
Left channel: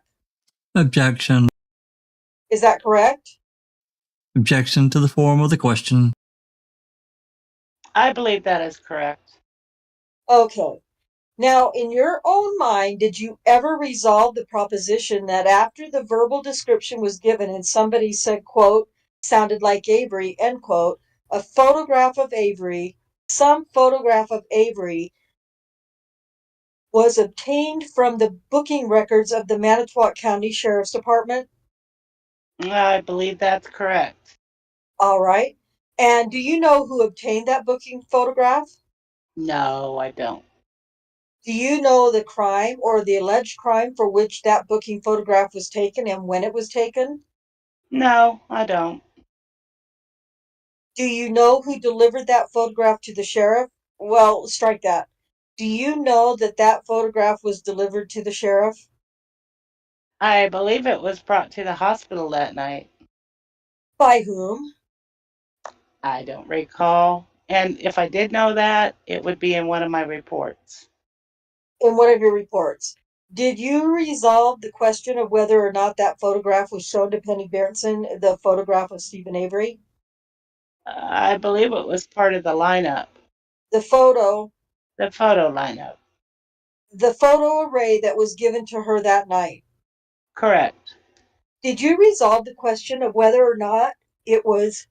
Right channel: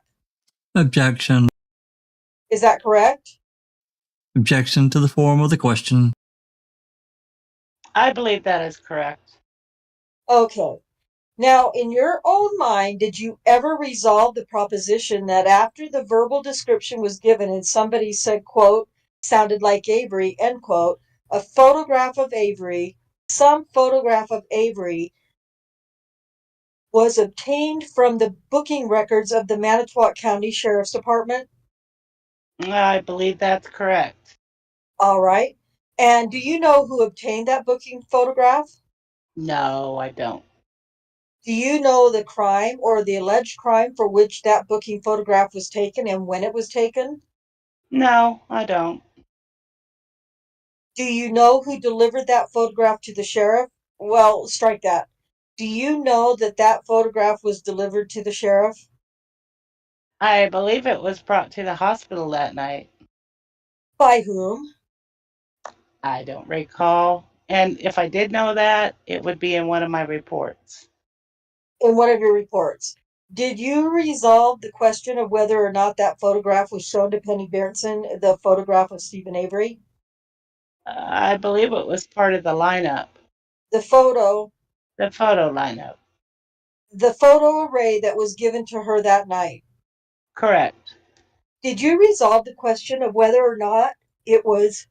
Objection. Is that correct? Objection to the form of the question. I believe that is correct. Okay. Now, in your own mind, did you ever resolve the proposition that after the verbal description was given and somebody said, quote, sounded like Avery, end quote, a photograph of Avery, some photograph of Avery was obtained from the booking records of the Manitowoc County Sheriff's Department? I believe that's correct. All right. And do you know who obtained that booking photograph? No, I don't. Do you know the crime or the alleged crime for which that booking photograph was taken and when it was taken? No, I don't. Do you know who delivered that photograph to the sheriff? Well, strike that. Do you know that photograph was delivered to the sheriff? I believe it was brought to the hospital that night. By whom? I don't recall. And if I did know that, it would be in one of my reports. In one of your reports. Did you resolve the question of whether or not that photograph was shown to Penny Beardson, the photograph of Stephen Avery? I believe it was part of the lineup, The photo lineup. the photo array that was given to her that night. Correct. Did you resolve the question of whether or not it was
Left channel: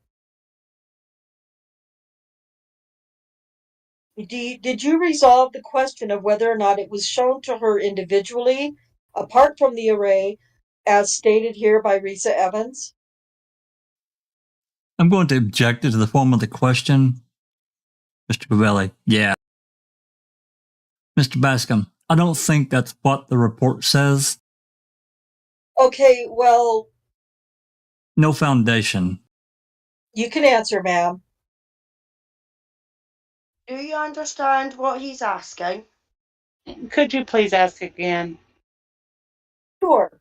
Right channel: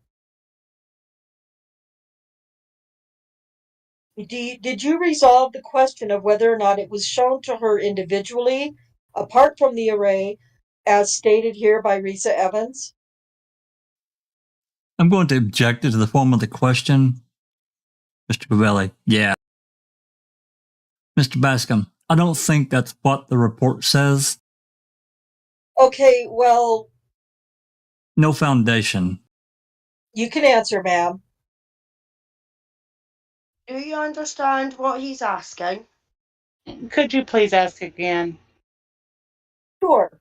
did you resolve the question of whether or not it was shown to her individually, apart from the array, as stated here by Risa Evans? I'm going to object to the form of the question. Mr. Pavelli, yeah. Mr. Bascom, I don't think that's what the report says. Okay, well, No foundation. you can answer, ma'am. Do you understand what he's asking? Could you please ask again? Sure.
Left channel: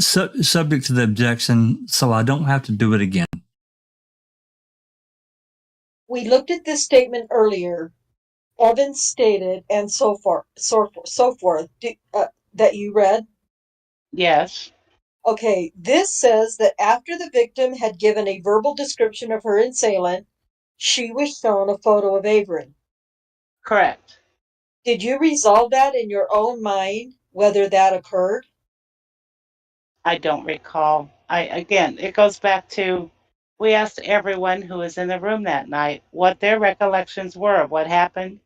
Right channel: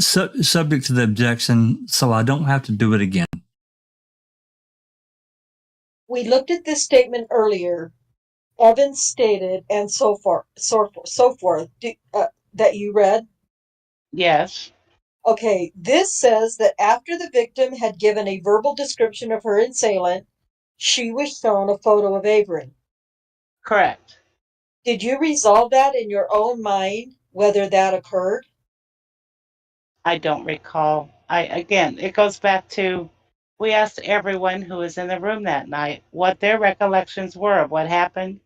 Subject to the objection, so I don't have to do it again. We looked at this statement earlier. Evans stated, and so forth, that you read. Yes. Okay, this says that after the victim had given a verbal description of her assailant, she was shown a photo of Avery. Correct. Did you resolve that in your own mind, whether that occurred? I don't recall. Again, it goes back to, we asked everyone who was in the room that night what their recollections were of what happened.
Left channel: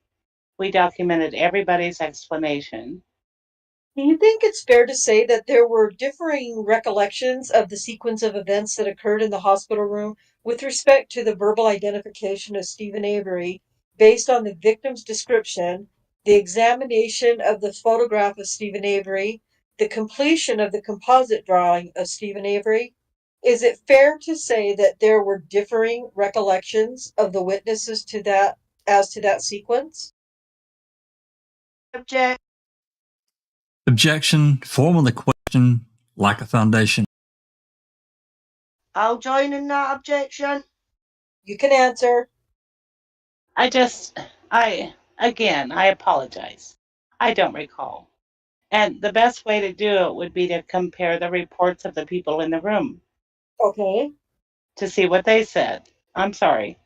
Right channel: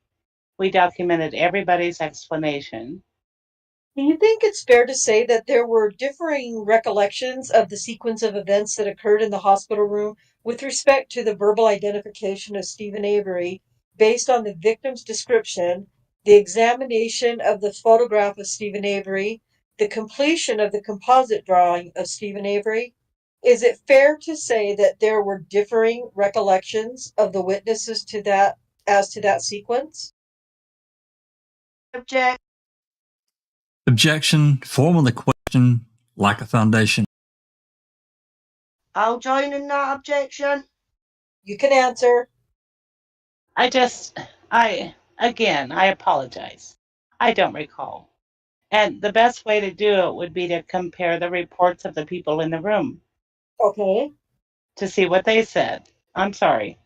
We documented everybody's explanation. Do you think it's fair to say that there were differing recollections of the sequence of events that occurred in the hospital room with respect to the verbal identification of Stephen Avery based on the victim's description, the examination of the photograph of Stephen Avery, the completion of the composite drawing of Stephen Avery? Is it fair to say that there were differing recollections of the witnesses to that as to that sequence? Object. Objection, form of the question, lack of foundation. I'll join in that objection. You can answer. I apologize. I don't recall. And the best way to do it would be to compare the reports of the people in the room Okay. to see what they said. I'm sorry.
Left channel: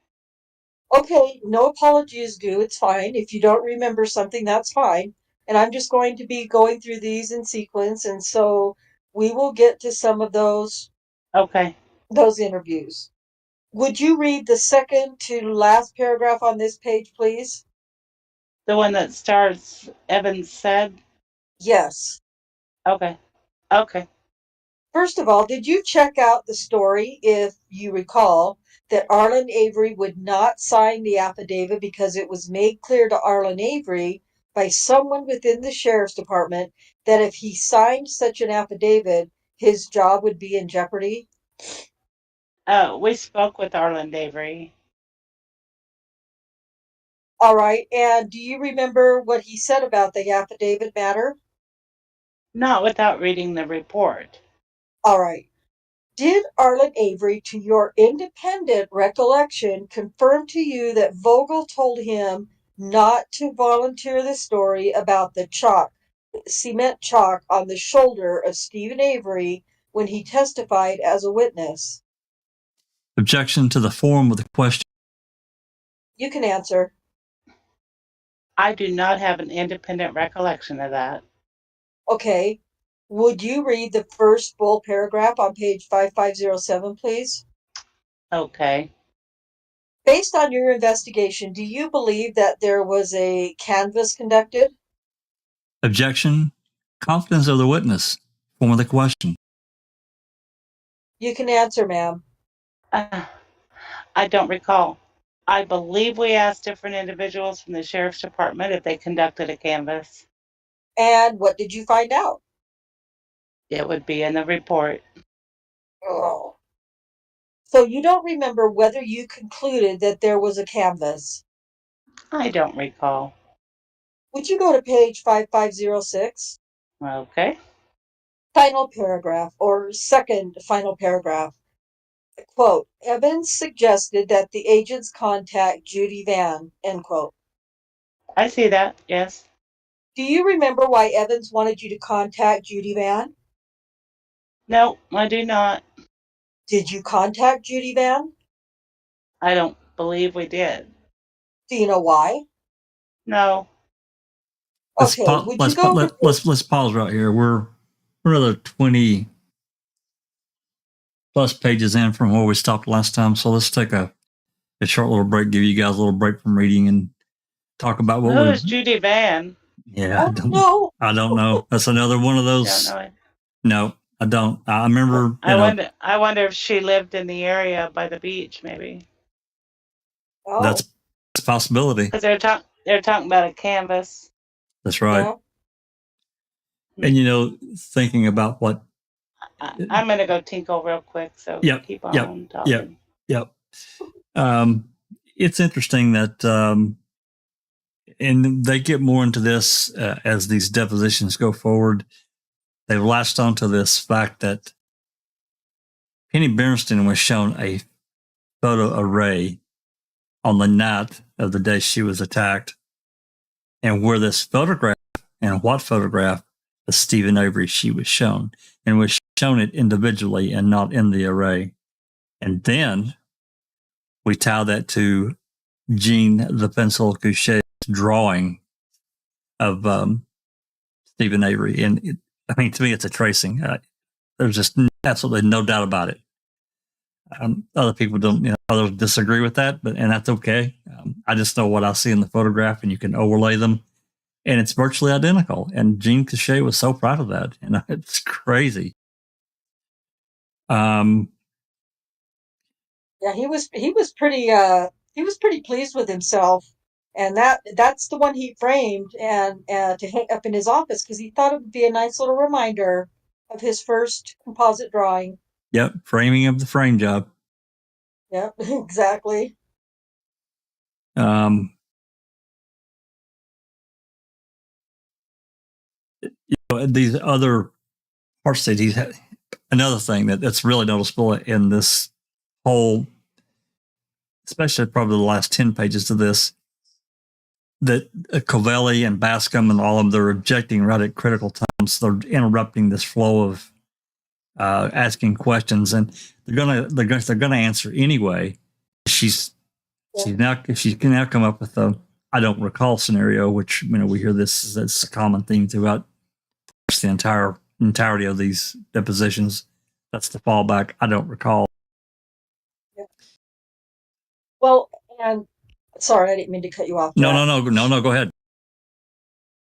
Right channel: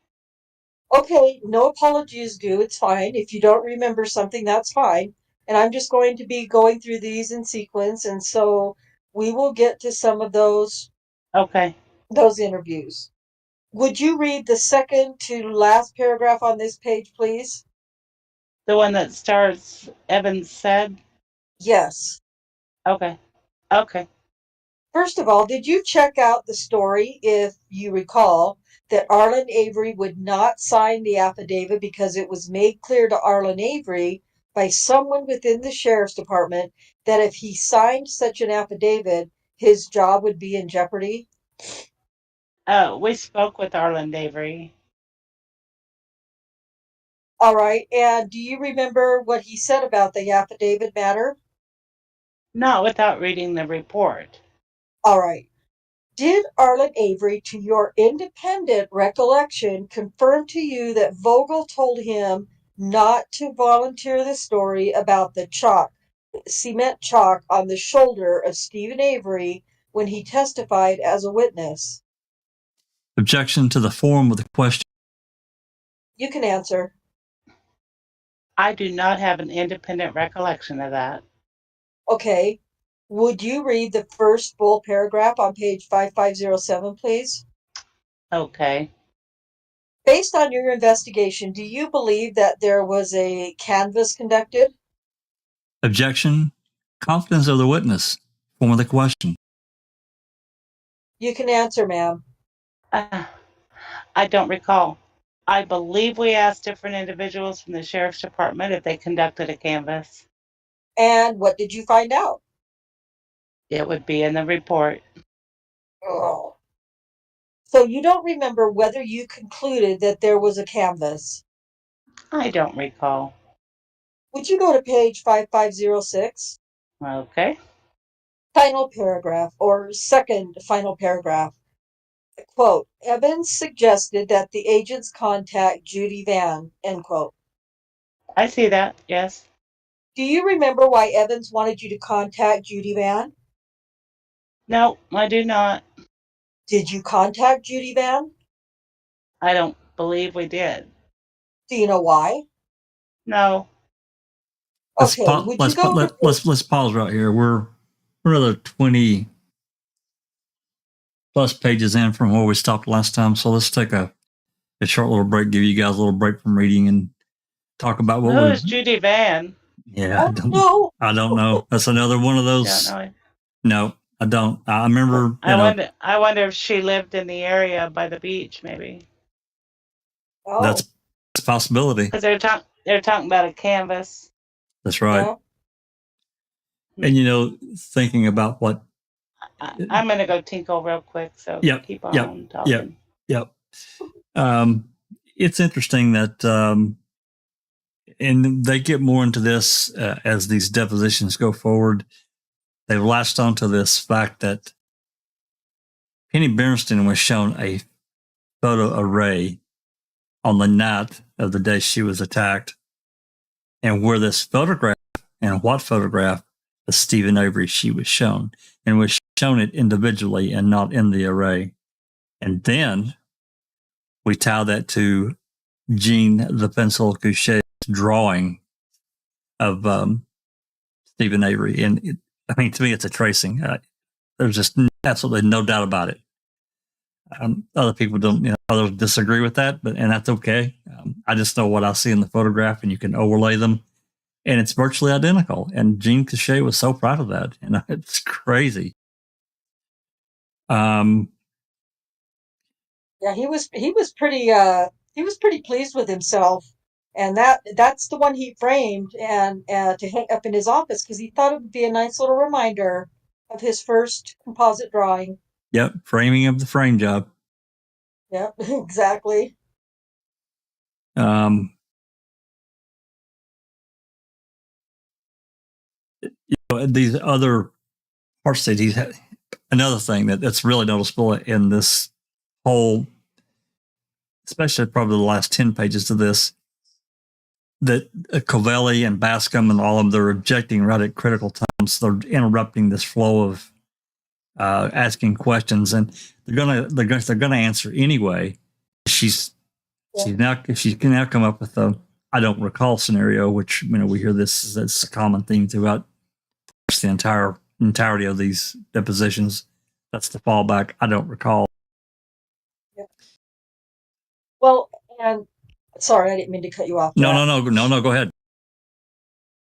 Okay, no apology is due. It's fine. If you don't remember something, that's fine. And I'm just going to be going through these in sequence, and so we will get to some of those Okay. interviews. Would you read the second to last paragraph on this page, please? The one that starts, Evans said? Yes. Okay. Okay. First of all, did you check out the story, if you recall, that Arlen Avery would not sign the affidavit because it was made clear to Arlen Avery by someone within the sheriff's department that if he signed such an affidavit, his job would be in jeopardy? We spoke with Arlen Avery. All right, and do you remember what he said about the affidavit matter? Not without reading the report. All right. Did Arlen Avery, to your independent recollection, confirm to you that Vogel told him not to volunteer the story about the cement chalk on the shoulder of Stephen Avery when he testified as a witness? Objection to the form of the question. You can answer. I do not have an independent recollection of that. Okay. Would you read the first full paragraph on page 5507, please? Okay. Based on your investigation, do you believe that there was a canvass conducted? Objection, confidence of the witness. Form of the question. You can answer, ma'am. I don't recall. I believe we asked different individuals from the sheriff's department if they conducted a canvass. And what did you find out? It would be in the report. Oh. So you don't remember whether you concluded that there was a canvass? I don't recall. Would you go to page 5506? Okay. Final paragraph, or second final paragraph. Quote, Evans suggested that the agents contact Judy Van, end quote. I see that, yes. Do you remember why Evans wanted you to contact Judy Van? No, I do not. Did you contact Judy Van? I don't believe we did. Do you know why? No. Okay, would you go let's pause right here. We're another 20 plus pages in from where we stopped last time, so let's take a short little break, give you guys a little break from reading and talk about what Who is Judy Van? Yeah, no. I don't know. That's another one of those. Don't know. No, I don't. I remember. I wonder if she lived in the area by the beach, maybe. Oh. It's a possibility. Because they're talking about a canvas. That's right. Yeah. And thinking about what. I'm gonna go tinkle real quick. So Yep. keep on talking. Yep. It's interesting that, and they get more into this as these depositions go forward. They've latched onto this fact that Penny Bernstein was shown a photo array on the night of the day she was attacked, and where this photograph and what photograph of Stephen Avery she was shown, and was shown it individually and not in the array. And then we tie that to Jean the Pencil Couchet's drawing of Stephen Avery. And to me, it's a tracing. There's just absolutely no doubt about it. Other people don't, others disagree with that, and that's okay. I just know what I see in the photograph, and you can overlay them, and it's virtually identical. And Jean Couchet was so proud of that, and it's crazy. Yeah, he was pretty pleased with himself, and that's the one he framed and to hang up in his office because he thought it would be a nice little reminder of his first composite drawing. Yep, framing of the frame job. Yep, exactly. These other parts that he's had. Another thing that's really noticeable in this whole, especially probably the last 10 pages of this, that Covelli and Bascom and all of them, they're objecting right at critical times. They're interrupting this flow of asking questions, and they're gonna answer anyway. She can now come up with a I don't recall scenario, which we hear this as a common theme throughout the entirety of these depositions. That's the fallback. I don't recall. Yeah. Well, and sorry, I didn't mean to cut you off. No, go ahead.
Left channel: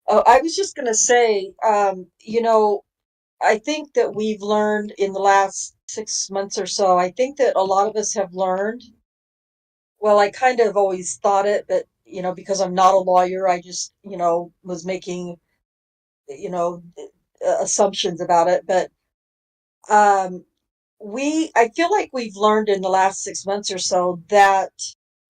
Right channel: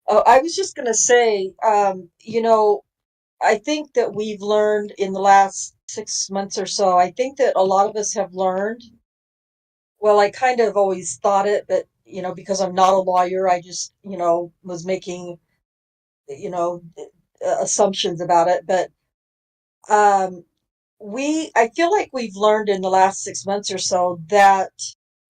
Oh, I was just going to say, I think that we've learned in the last 6 months or so, I think that a lot of us have learned. Well, I kind of always thought it, but, because I'm not a lawyer, I just, was making, assumptions about it. But I feel like we've learned in the last 6 months or so that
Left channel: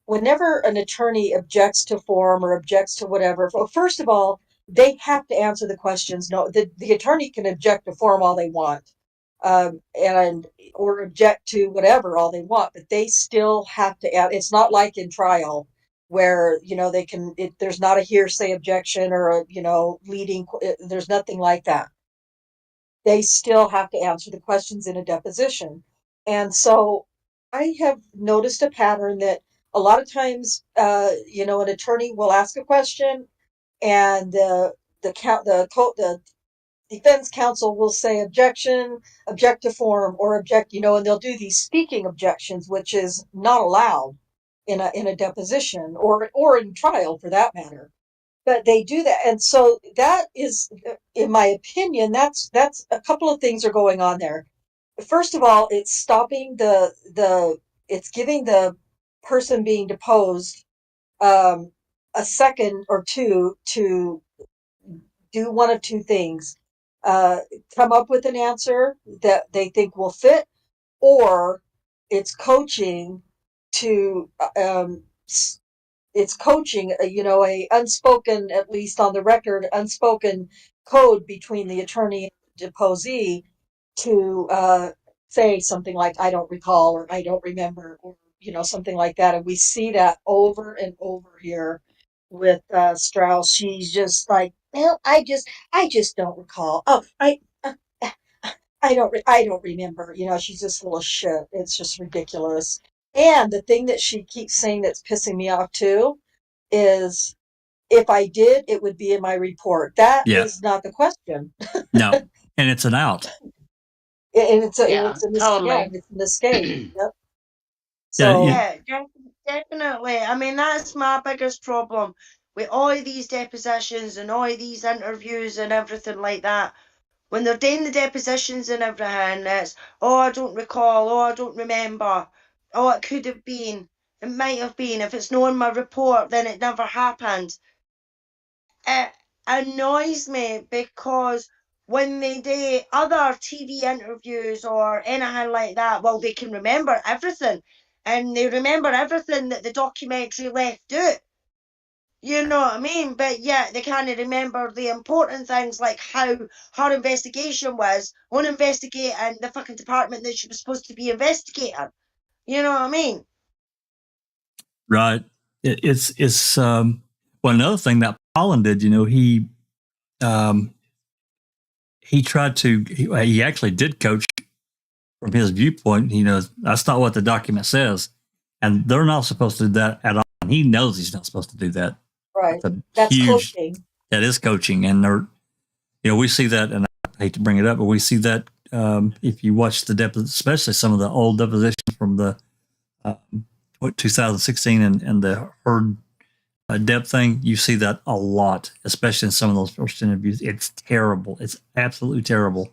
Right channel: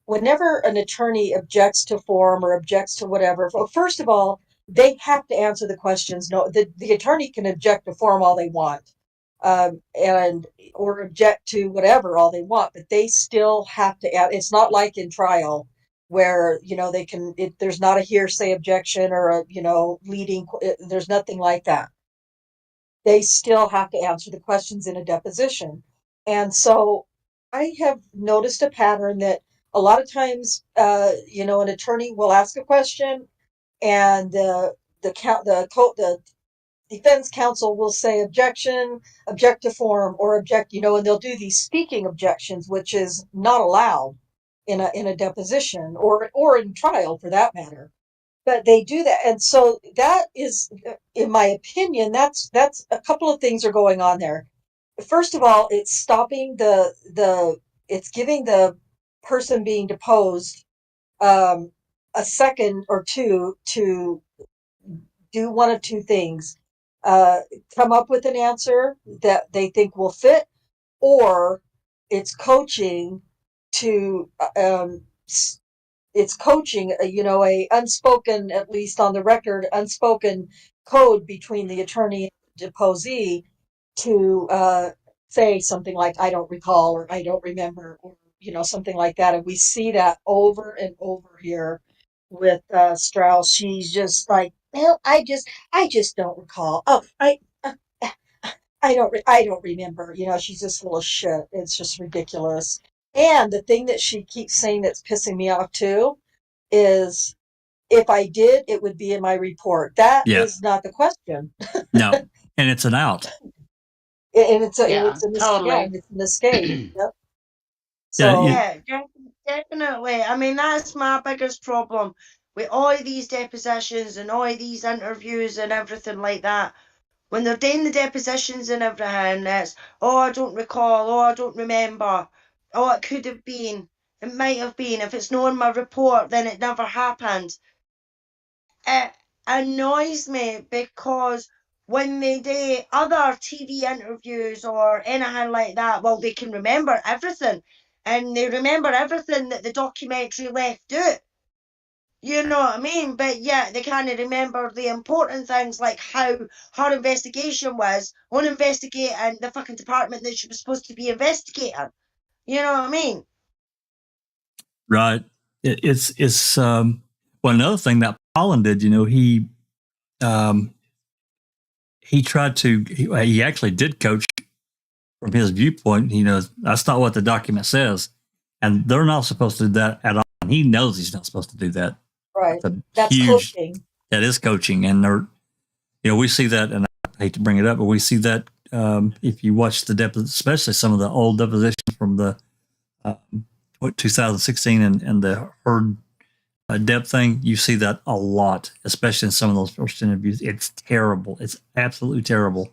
whenever an attorney objects to form or objects to whatever, first of all, they have to answer the questions. No, the attorney can object to form all they want, or object to whatever all they want, but they still have to. It's not like in trial where they can. There's not a hearsay objection or a leading. There's nothing like that. They still have to answer the questions in a deposition, and so I have noticed a pattern that a lot of times, an attorney will ask a question, and the defense counsel will say objection, object to form, or object, and they'll do these speaking objections, which is not allowed in a deposition or in trial for that matter. But they do that, and so that is, in my opinion, that's a couple of things are going on there. First of all, it's stopping it's giving the person being deposed a second or two to do one of two things: come up with an answer that they think will fit, or it's coaching to a unspoken, at least on the record, unspoken code between the attorney and the deposee to say something like "I don't recall" or "I don't remember," or something like that. And we see that over and over here with Strauss. She's just like, "Well, I just don't recall. Oh, I don't remember." She's just full of shit. It's just ridiculous. And the thing that she keeps saying that's pissing me off too is, if I did, it would be in my report. That is not the question. No, and it's an out. And it's a totally. it's an escape. Yep. So yeah, definitely. I mean, that's my biggest problem with all these depositions and all these interviews and everything like that. When they're doing the depositions and everything, it's, oh, I don't recall, oh, I don't remember, oh, it could have been. It might have been. If it's not in my report, then it never happened. It annoys me because when they do other TV interviews or anything like that, well, they can remember everything. And they remember everything that the documentary left out. You know what I mean? But yeah, they can't remember the important things like how her investigation was on investigating the fucking department that she was supposed to be investigating. You know what I mean? Right. It's well, another thing that Pollen did, he tried to, he actually did coach from his viewpoint. That's not what the document says. And they're not supposed to do that at all. And he knows he's not supposed to do that. Right. That's coaching. That is coaching. And we see that, and I hate to bring it up, but we see that if you watch especially some of the old depositions from the 2016 and the Heard Deb thing, you see that a lot, especially in some of those first interviews. It's terrible. It's absolutely terrible.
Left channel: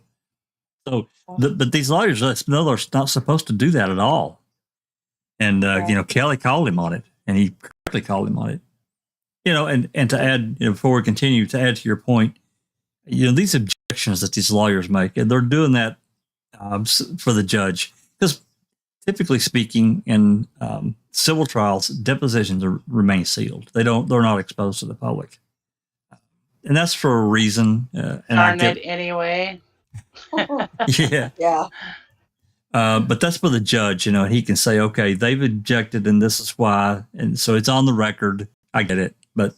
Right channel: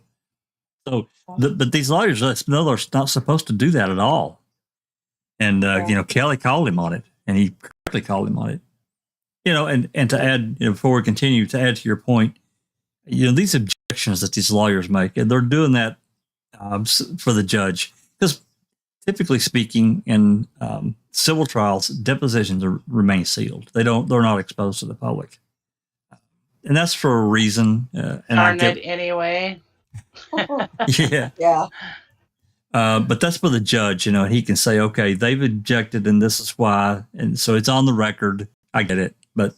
So, but these lawyers, they're not supposed to do that at all. And, Kelly called him on it, and he correctly called him on it. And to add, before we continue, to add to your point, these objections that these lawyers make, and they're doing that for the judge. Because typically speaking, in civil trials, depositions remain sealed. They're not exposed to the public. And that's for a reason. And Darn it anyway. Yeah. Yeah. But that's for the judge, and he can say, okay, they've objected and this is why. And so it's on the record. I get it. But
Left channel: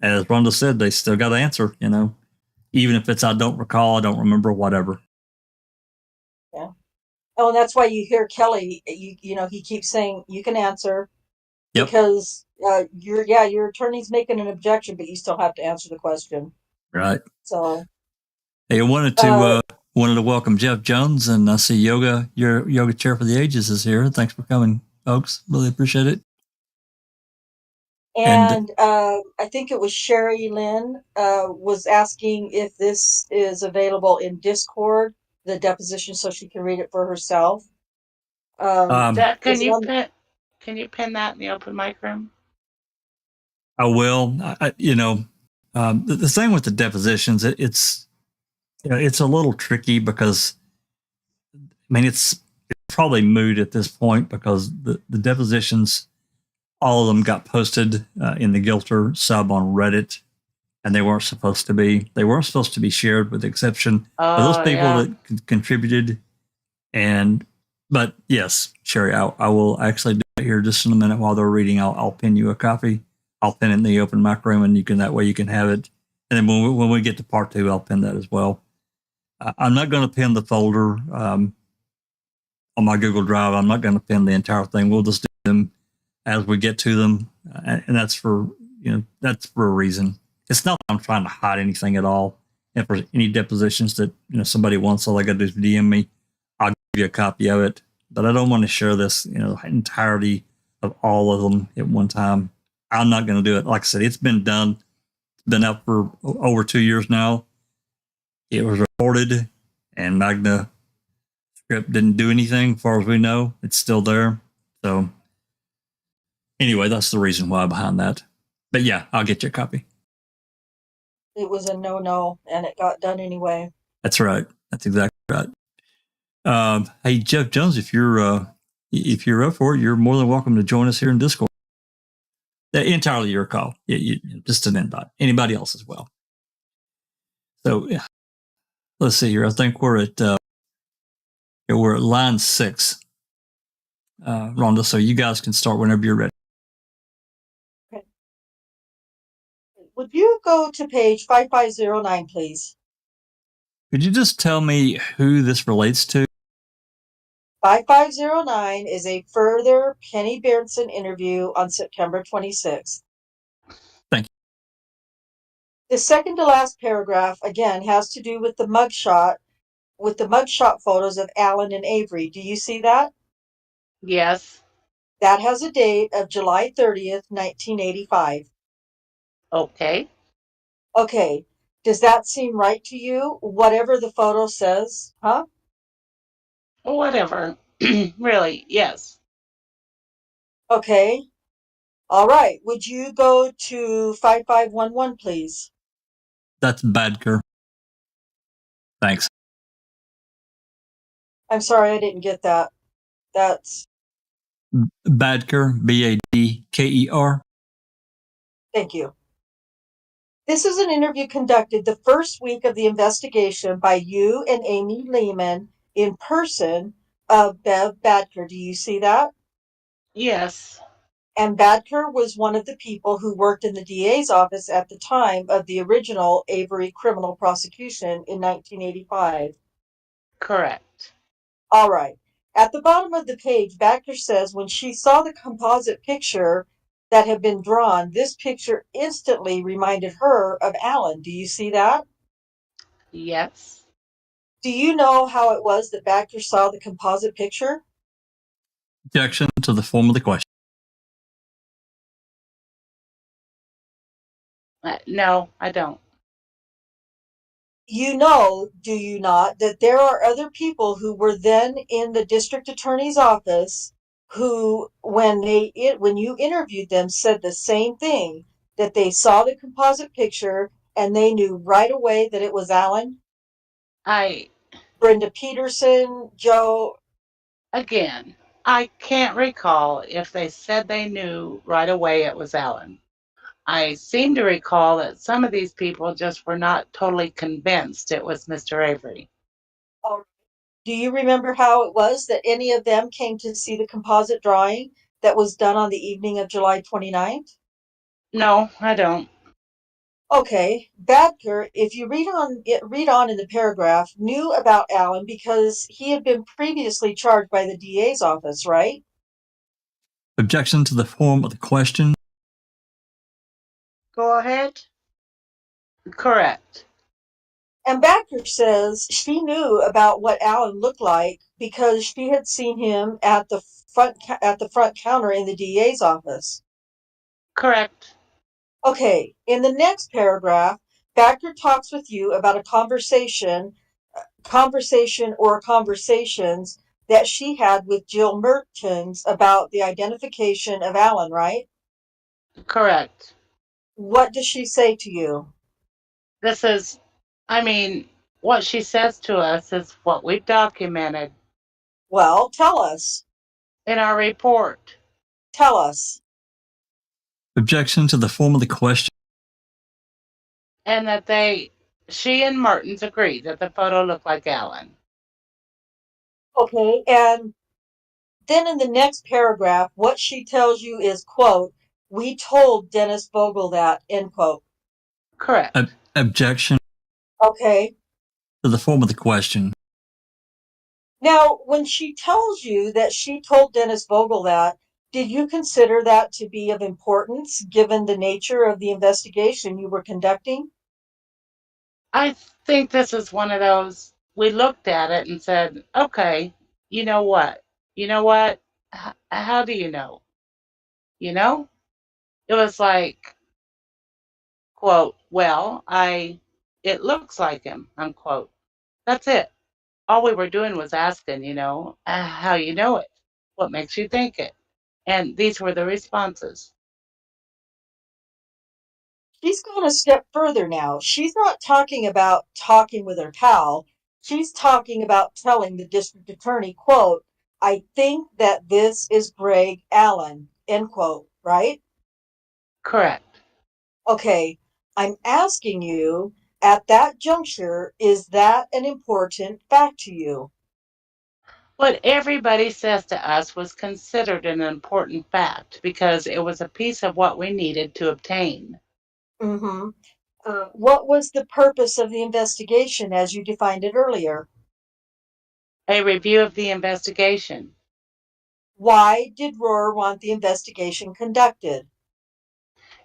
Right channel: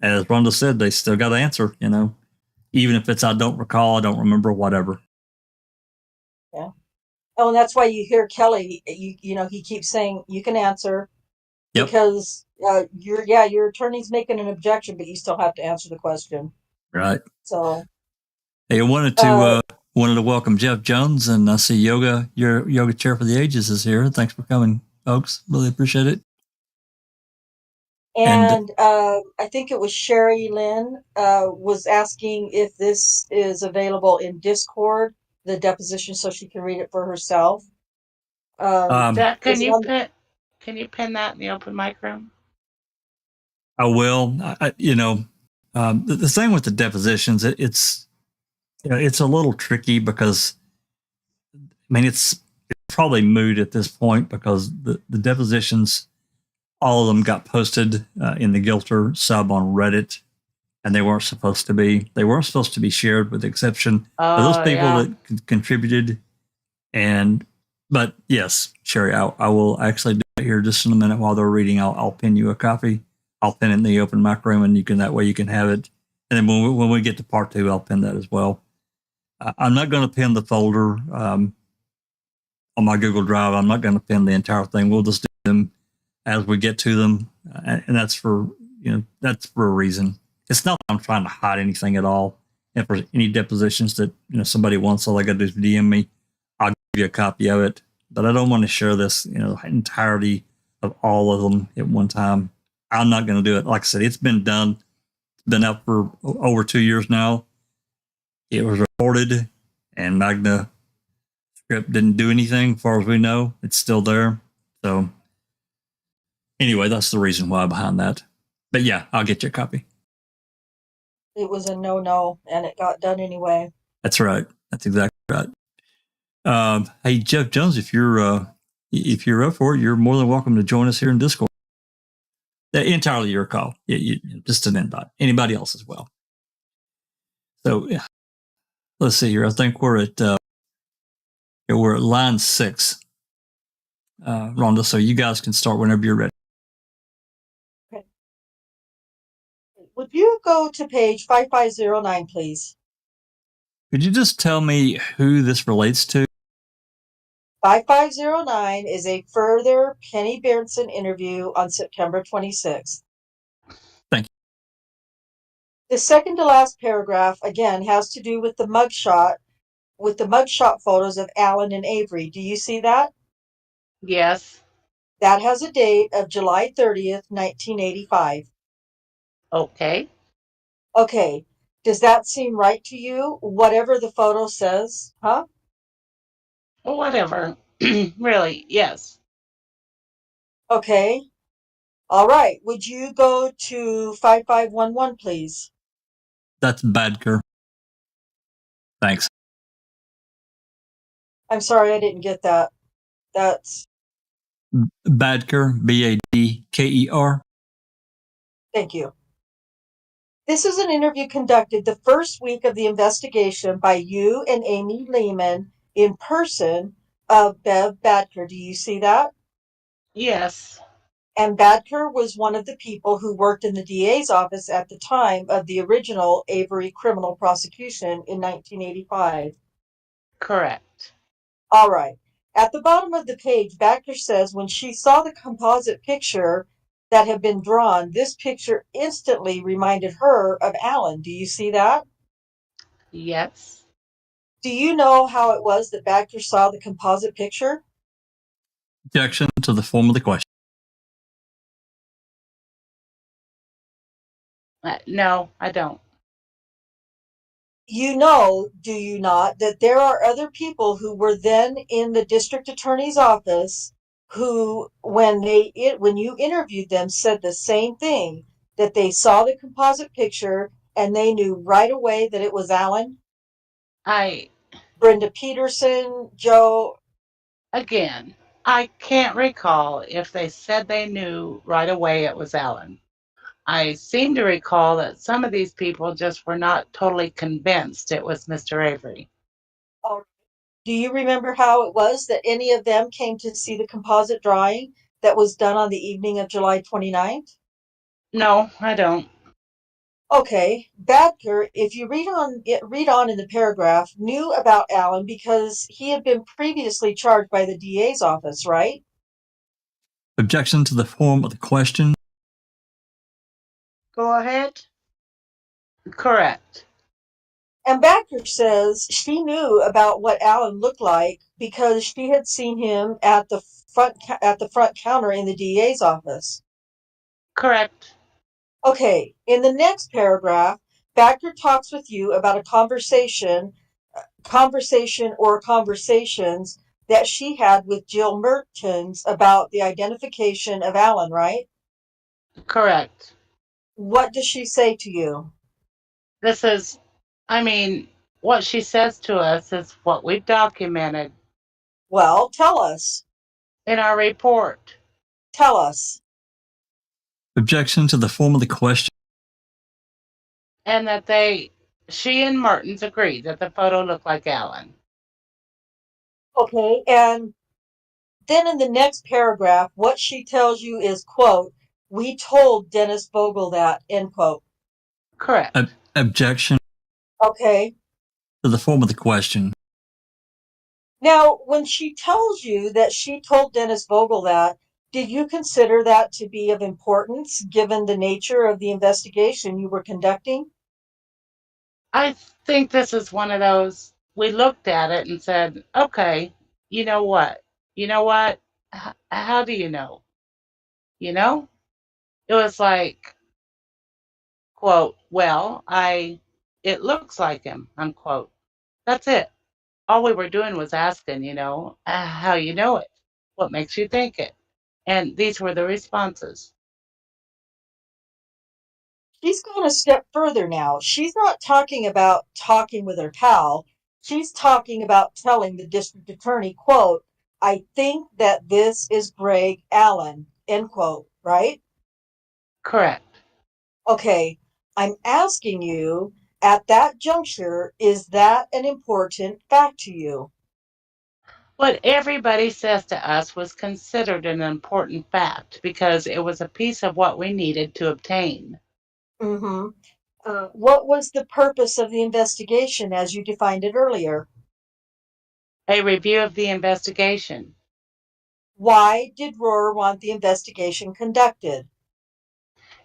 as Rhonda said, they still got to answer, even if it's, I don't recall, I don't remember, whatever. Yeah. Oh, and that's why you hear Kelly, he keeps saying you can answer. Yep. Because your attorney's making an objection, but you still have to answer the question. Right. So. Hey, I wanted to welcome Jeff Jones, and I see your yoga chair for the ages is here. Thanks for coming, folks. Really appreciate it. And I think it was Sherry Lynn was asking if this is available in Discord, the deposition, so she can read it for herself. Can you pin that in the open mic room? I will. The thing with the depositions, it's a little tricky because, it's probably moot at this point because the depositions, all of them got posted in the Gilter sub on Reddit, and they weren't supposed to be. They weren't supposed to be shared, with the exception of those people that contributed. But yes, Sherry, I will actually do it here just in a minute while they're reading. I'll pin you a copy. I'll pin it in the open mic room, and that way you can have it. And then when we get to part 2, I'll pin that as well. I'm not going to pin the folder on my Google Drive. I'm not going to pin the entire thing. We'll just do them as we get to them, and that's for a reason. It's not that I'm trying to hide anything at all. If there's any depositions that somebody wants, all I got to do is DM me. I'll give you a copy of it. But I don't want to share this entirety of all of them at one time. I'm not going to do it. Like I said, it's been done. It's been up for over 2 years now. It was recorded, and Magna script didn't do anything, as far as we know. It's still there. So anyway, that's the reason why behind that. But yeah, I'll get you a copy. It was a no, and it got done anyway. That's right. That's exactly right. Hey, Jeff Jones, if you're up for it, you're more than welcome to join us here in Discord. Entirely your call. Just an invite. Anybody else as well. So yeah. Let's see here. I think we're at line 6, Rhonda. So you guys can start whenever you're ready. Okay. Would you go to page 5509, please? Could you just tell me who this relates to? 5509 is a further Penny Berenson interview on September 26th. Thank you. The second to last paragraph, again, has to do with the mugshot photos of Alan and Avery. Do you see that? Yes. That has a date of July 30th, 1985. Okay. Okay. Does that seem right to you? Whatever the photo says, huh? Whatever. Really, yes. Okay. All right. Would you go to 5511, please? That's Badker. Thanks. I'm sorry, I didn't get that. That's, Badker, Badker. thank you. This is an interview conducted the first week of the investigation by you and Amy Lehman in person of Bev Badker. Do you see that? Yes, And Badker was one of the people who worked in the DA's office at the time of the original Avery criminal prosecution in 1985. correct. All right. At the bottom of the page, Badker says when she saw the composite picture that had been drawn, this picture instantly reminded her of Alan. Do you see that? Yes. Do you know how it was that Badger saw the composite picture? Objection to the form of the question. No, I don't. You know, do you not, that there are other people who were then in the district attorney's office who, when you interviewed them, said the same thing, that they saw the composite picture and they knew right away that it was Alan? I, Brenda Peterson, Joe. again, I can't recall if they said they knew right away it was Alan. I seem to recall that some of these people just were not totally convinced it was Mr. Avery. Oh, do you remember how it was that any of them came to see the composite drawing that was done on the evening of July 29th? No, I don't. Okay, Badker, if you read on in the paragraph, knew about Allen because he had been previously charged by the DA's office, right? Objection to the form of the question. Go ahead. Correct. And Badker says she knew about what Allen looked like because she had seen him at the front counter in the DA's office. Correct. Okay, in the next paragraph, Badker talks with you about a conversation or conversations that she had with Jill Mertens about the identification of Alan, right? Correct. What does she say to you? This is, I mean, what she says to us is what we've documented Well, tell us. in our report. Tell us. Objection to the form of the question. And that she and Mertens agreed that the photo looked like Alan. Okay, and then in the next paragraph, what she tells you is, quote, we told Dennis Vogel that, end quote. Correct. Objection Okay. to the form of the question. Now, when she tells you that she told Dennis Vogel that, did you consider that to be of importance given the nature of the investigation you were conducting? I think this is one of those, we looked at it and said, okay, you know what? You know what? How do you know? You know? It was like, quote, well, it looks like him, unquote. That's it. All we were doing was asking, how you know it, what makes you think it. And these were the responses. She's gone a step further now. She's not talking about talking with her pal. She's talking about telling the district attorney, quote, I think that this is Greg Allen, end quote, right? Correct. Okay, I'm asking you, at that juncture, is that an important fact to you? What everybody says to us was considered an important fact because it was a piece of what we needed to obtain. Mm-hmm. What was the purpose of the investigation as you defined it earlier? A review of the investigation Why did Rohr want the investigation conducted?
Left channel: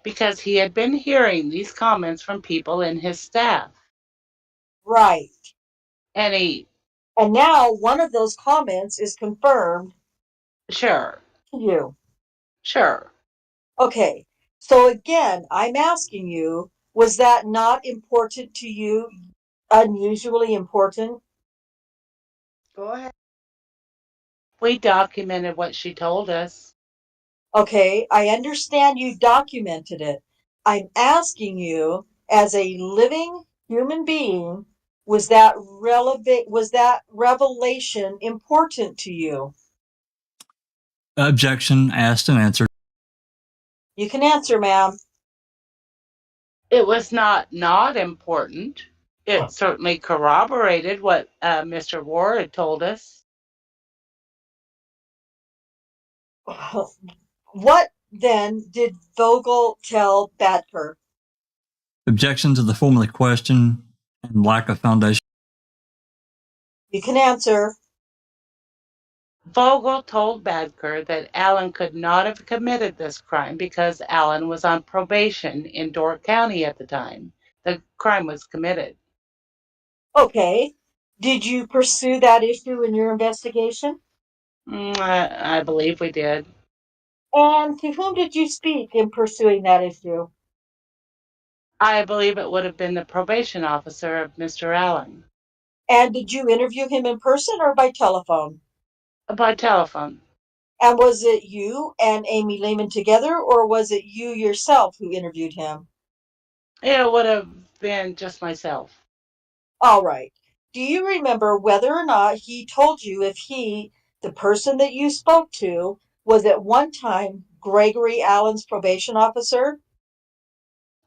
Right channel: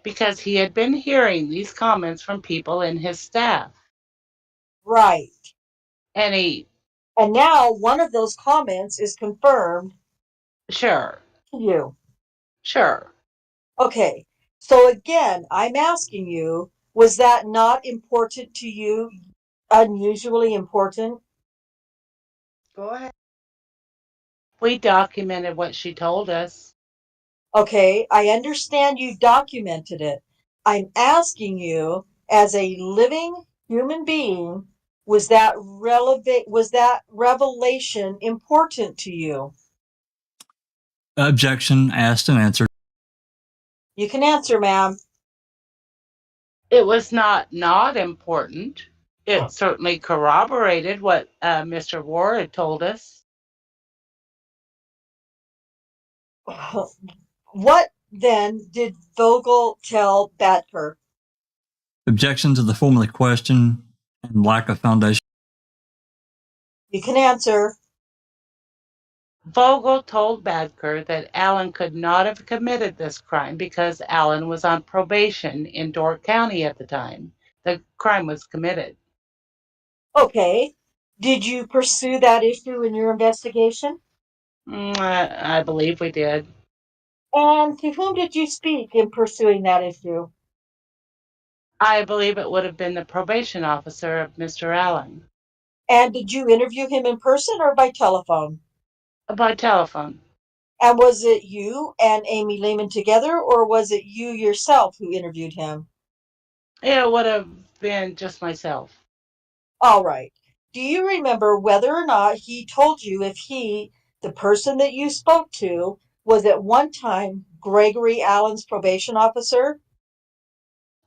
because he had been hearing these comments from people in his staff. Right. And And now one of those comments is confirmed sure, to you. sure. Okay. So again, I'm asking you, was that not important to you? Unusually important? Go ahead. We documented what she told us. Okay, I understand you documented it. I'm asking you, as a living human being, was that revelation important to you? Objection asked and answered. You can answer, ma'am. It was not important. It certainly corroborated what Mr. Ward had told us. What then did Vogel tell Badker? Objection to the form of the question and lack of foundation. You can answer. Vogel told Badker that Allen could not have committed this crime because Allen was on probation in Door County at the time the crime was committed. Okay. Did you pursue that issue in your investigation? I believe we did. And to whom did you speak in pursuing that issue? I believe it would have been the probation officer of Mr. Allen. And did you interview him in person or by telephone? By telephone. And was it you and Amy Lehman together, or was it you yourself who interviewed him? It would have been just myself. All right. Do you remember whether or not he told you if he, the person that you spoke to, was at one time Gregory Allen's probation officer?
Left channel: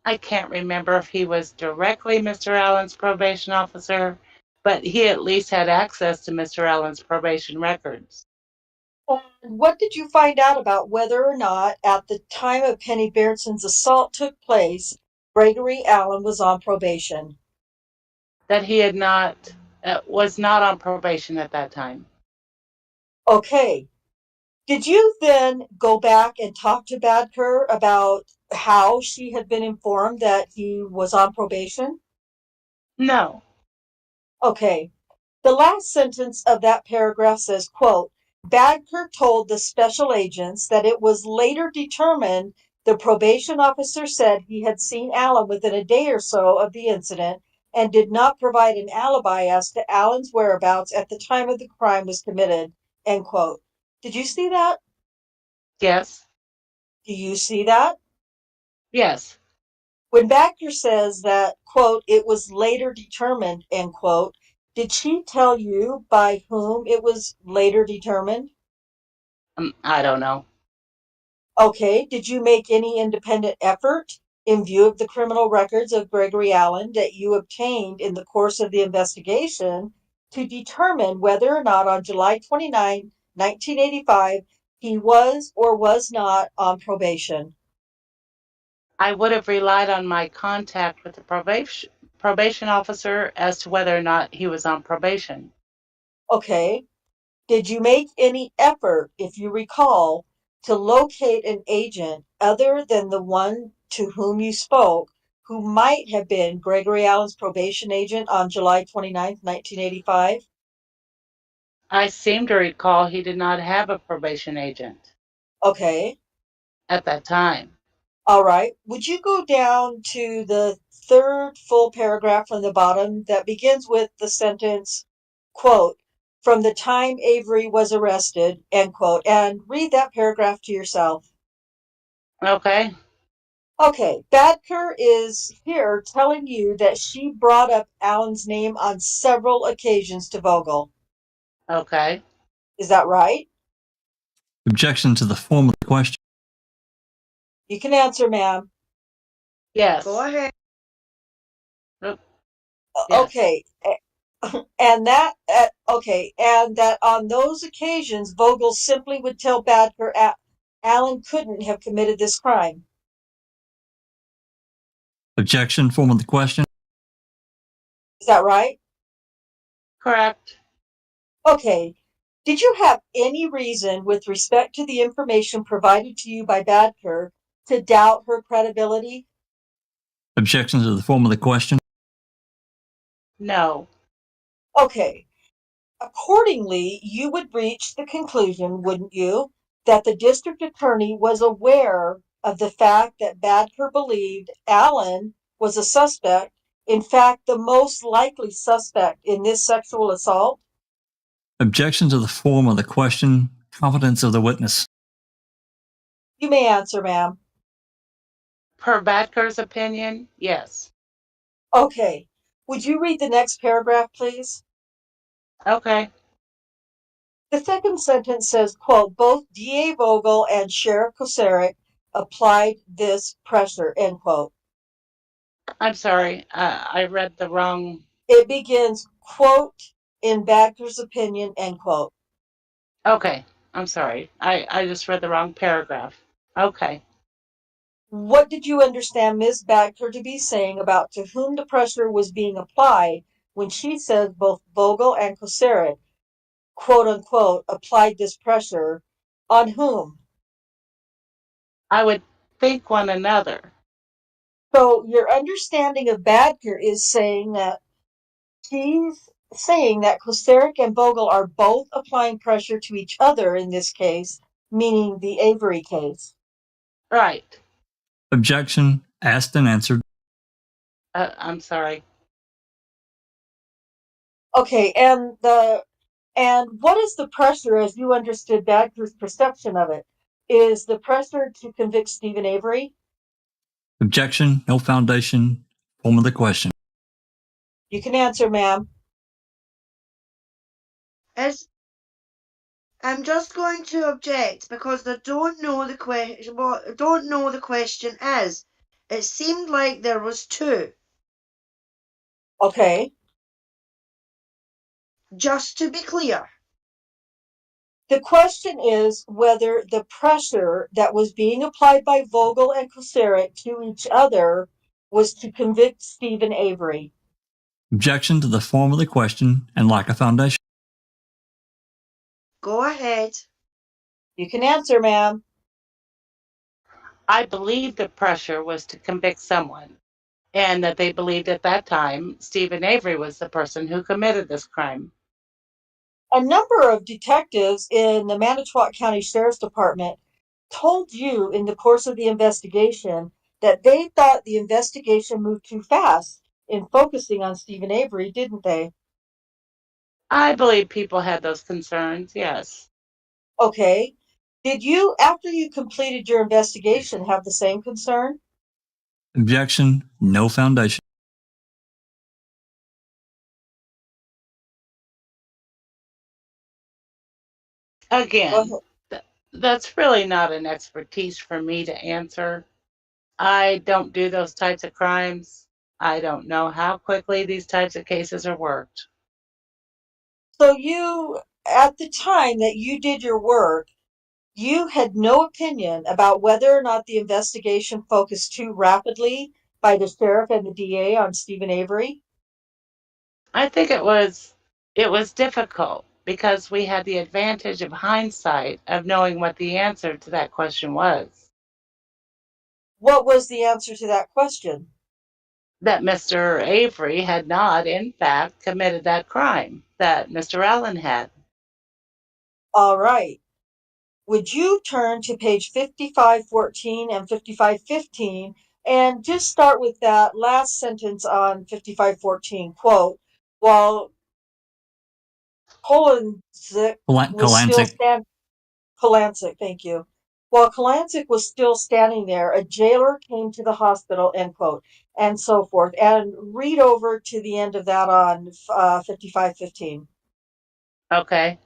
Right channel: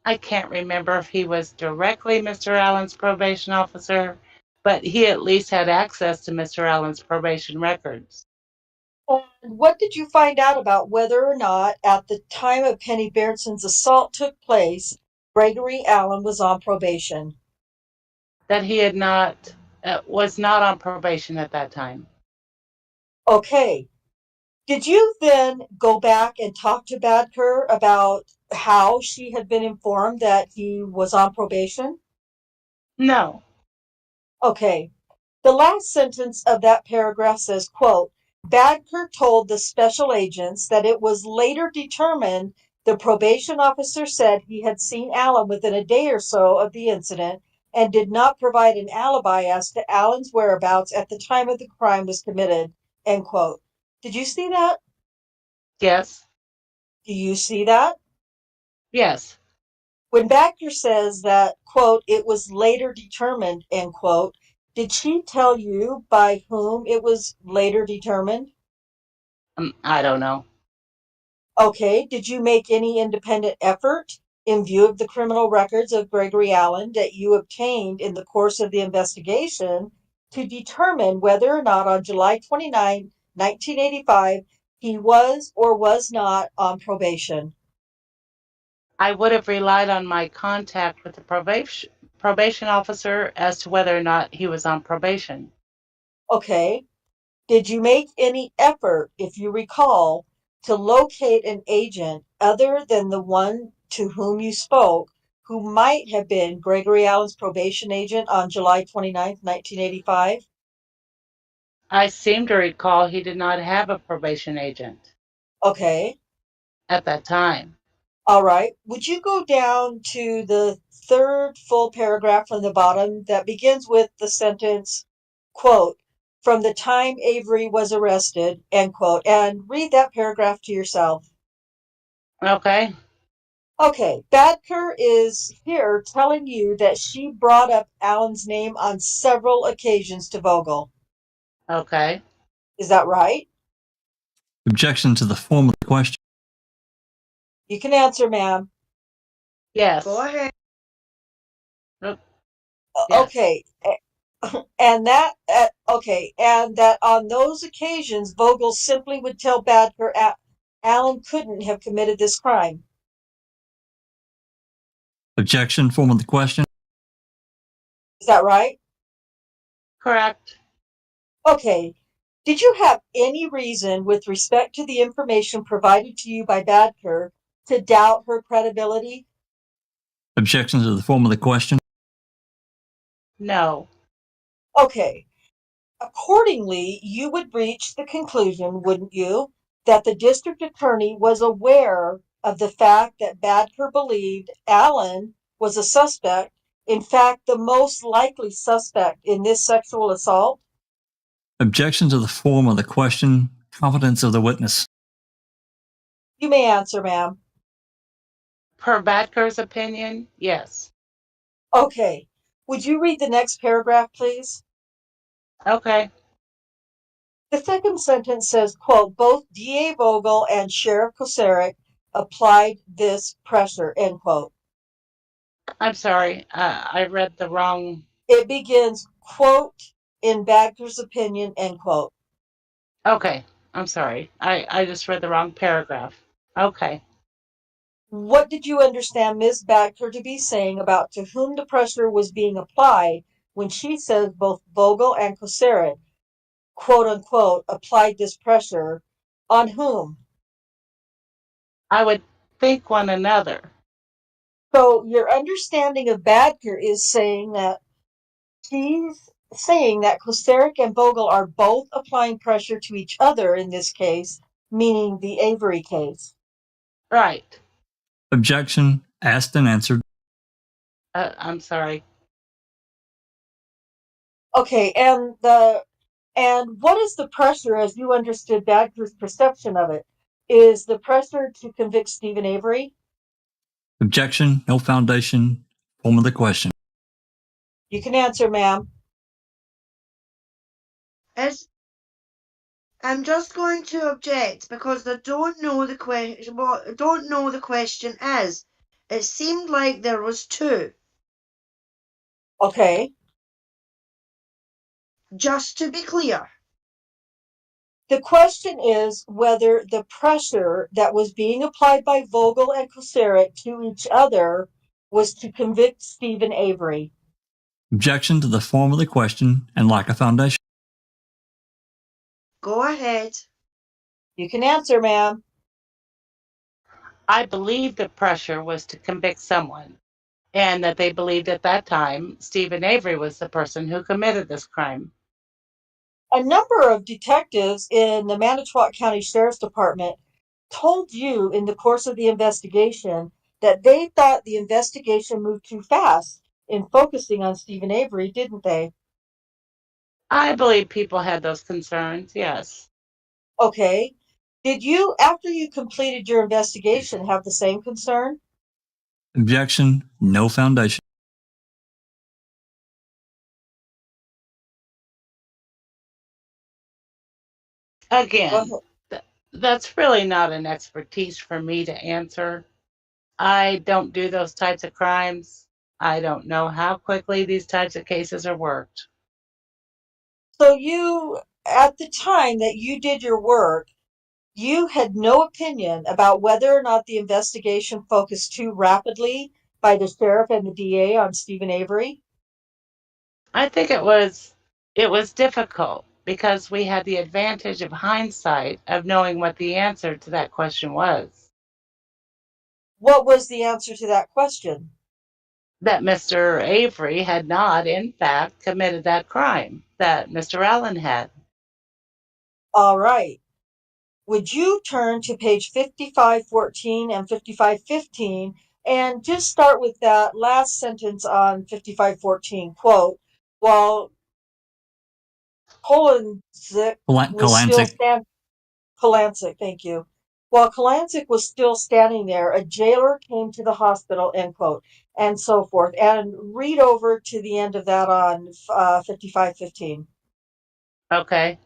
I can't remember if he was directly Mr. Allen's probation officer, but he at least had access to Mr. Allen's probation records. And what did you find out about whether or not at the time of Penny Beardson's assault took place, Gregory Allen was on probation? That he had not, was not on probation at that time. Okay. Did you then go back and talk to Badker about how she had been informed that he was on probation? No. Okay. The last sentence of that paragraph says, quote, Badker told the special agents that it was later determined the probation officer said he had seen Allen within a day or so of the incident and did not provide an alibi as to Allen's whereabouts at the time of the crime was committed, end quote. Did you see that? Yes. Do you see that? Yes. When Badker says that, quote, it was later determined, end quote, did she tell you by whom it was later determined? I don't know. Okay, did you make any independent effort in view of the criminal records of Gregory Allen that you obtained in the course of the investigation to determine whether or not on July 29, 1985, he was or was not on probation? I would have relied on my contact with the probation officer as to whether or not he was on probation. Okay. Did you make any effort, if you recall, to locate an agent other than the one to whom you spoke, who might have been Gregory Allen's probation agent on July 29th, 1985? I seem to recall he did not have a probation agent Okay. at that time. All right. Would you go down to the third full paragraph from the bottom that begins with the sentence, quote, from the time Avery was arrested, end quote, and read that paragraph to yourself. Okay. Okay, Badker is here telling you that she brought up Allen's name on several occasions to Vogel. Okay. Is that right? Objection to the form of the question. You can answer, ma'am. Yes. Go ahead. Yes. Okay. And that on those occasions Vogel simply would tell Badker Allen couldn't have committed this crime. Objection, form of the question. Is that right? Correct. Okay. Did you have any reason with respect to the information provided to you by Badker to doubt her credibility? Objection to the form of the question. No. Okay. Accordingly, you would reach the conclusion, wouldn't you, that the district attorney was aware of the fact that Badker believed Allen was a suspect, in fact, the most likely suspect in this sexual assault? Objection to the form of the question. Competence of the witness. You may answer, ma'am. Per Badker's opinion, yes. Okay. Would you read the next paragraph, please? Okay. The second sentence says, quote, both DA Vogel and Sheriff Koceric applied this pressure, end quote. I'm sorry. I read the wrong. It begins, quote, in Badker's opinion, end quote. Okay. I'm sorry. I just read the wrong paragraph. Okay. What did you understand Ms. Badker to be saying about to whom the pressure was being applied when she says both Vogel and Koceric, quote unquote, applied this pressure? On whom? I would think one another. So your understanding of Badker is saying that she's saying that Koceric and Vogel are both applying pressure to each other in this case, meaning the Avery case. Right. Objection. Asked and answered. I'm sorry. Okay, and what is the pressure as you understood Badger's perception of it? Is the pressure to convict Stephen Avery? Objection. No foundation. Form of the question. You can answer, ma'am. I'm just going to object because I don't know the question. What don't know the question is. It seemed like there was two. Okay. Just to be clear. The question is whether the pressure that was being applied by Vogel and Koceric to each other was to convict Stephen Avery. Objection to the form of the question and lack of foundation. Go ahead. You can answer, ma'am. I believe the pressure was to convict someone, and that they believed at that time Stephen Avery was the person who committed this crime. A number of detectives in the Manitowoc County Sheriff's Department told you in the course of the investigation that they thought the investigation moved too fast in focusing on Stephen Avery, didn't they? I believe people had those concerns, yes. Okay. Did you, after you completed your investigation, have the same concern? Objection. No foundation. Again, that's really not an expertise for me to answer. I don't do those types of crimes. I don't know how quickly these types of cases are worked. So you, at the time that you did your work, you had no opinion about whether or not the investigation focused too rapidly by the sheriff and the DA on Stephen Avery? I think it was difficult because we had the advantage of hindsight of knowing what the answer to that question was. What was the answer to that question? That Mr. Avery had not, in fact, committed that crime that Mr. Allen had. All right. Would you turn to page 5514 and 5515 and just start with that last sentence on 5514, quote, while Kolancic was still standing, Kolancic, thank you. While Kolancic was still standing there, a jailer came to the hospital, end quote, and so forth. And read over to the end of that on 5515. Okay.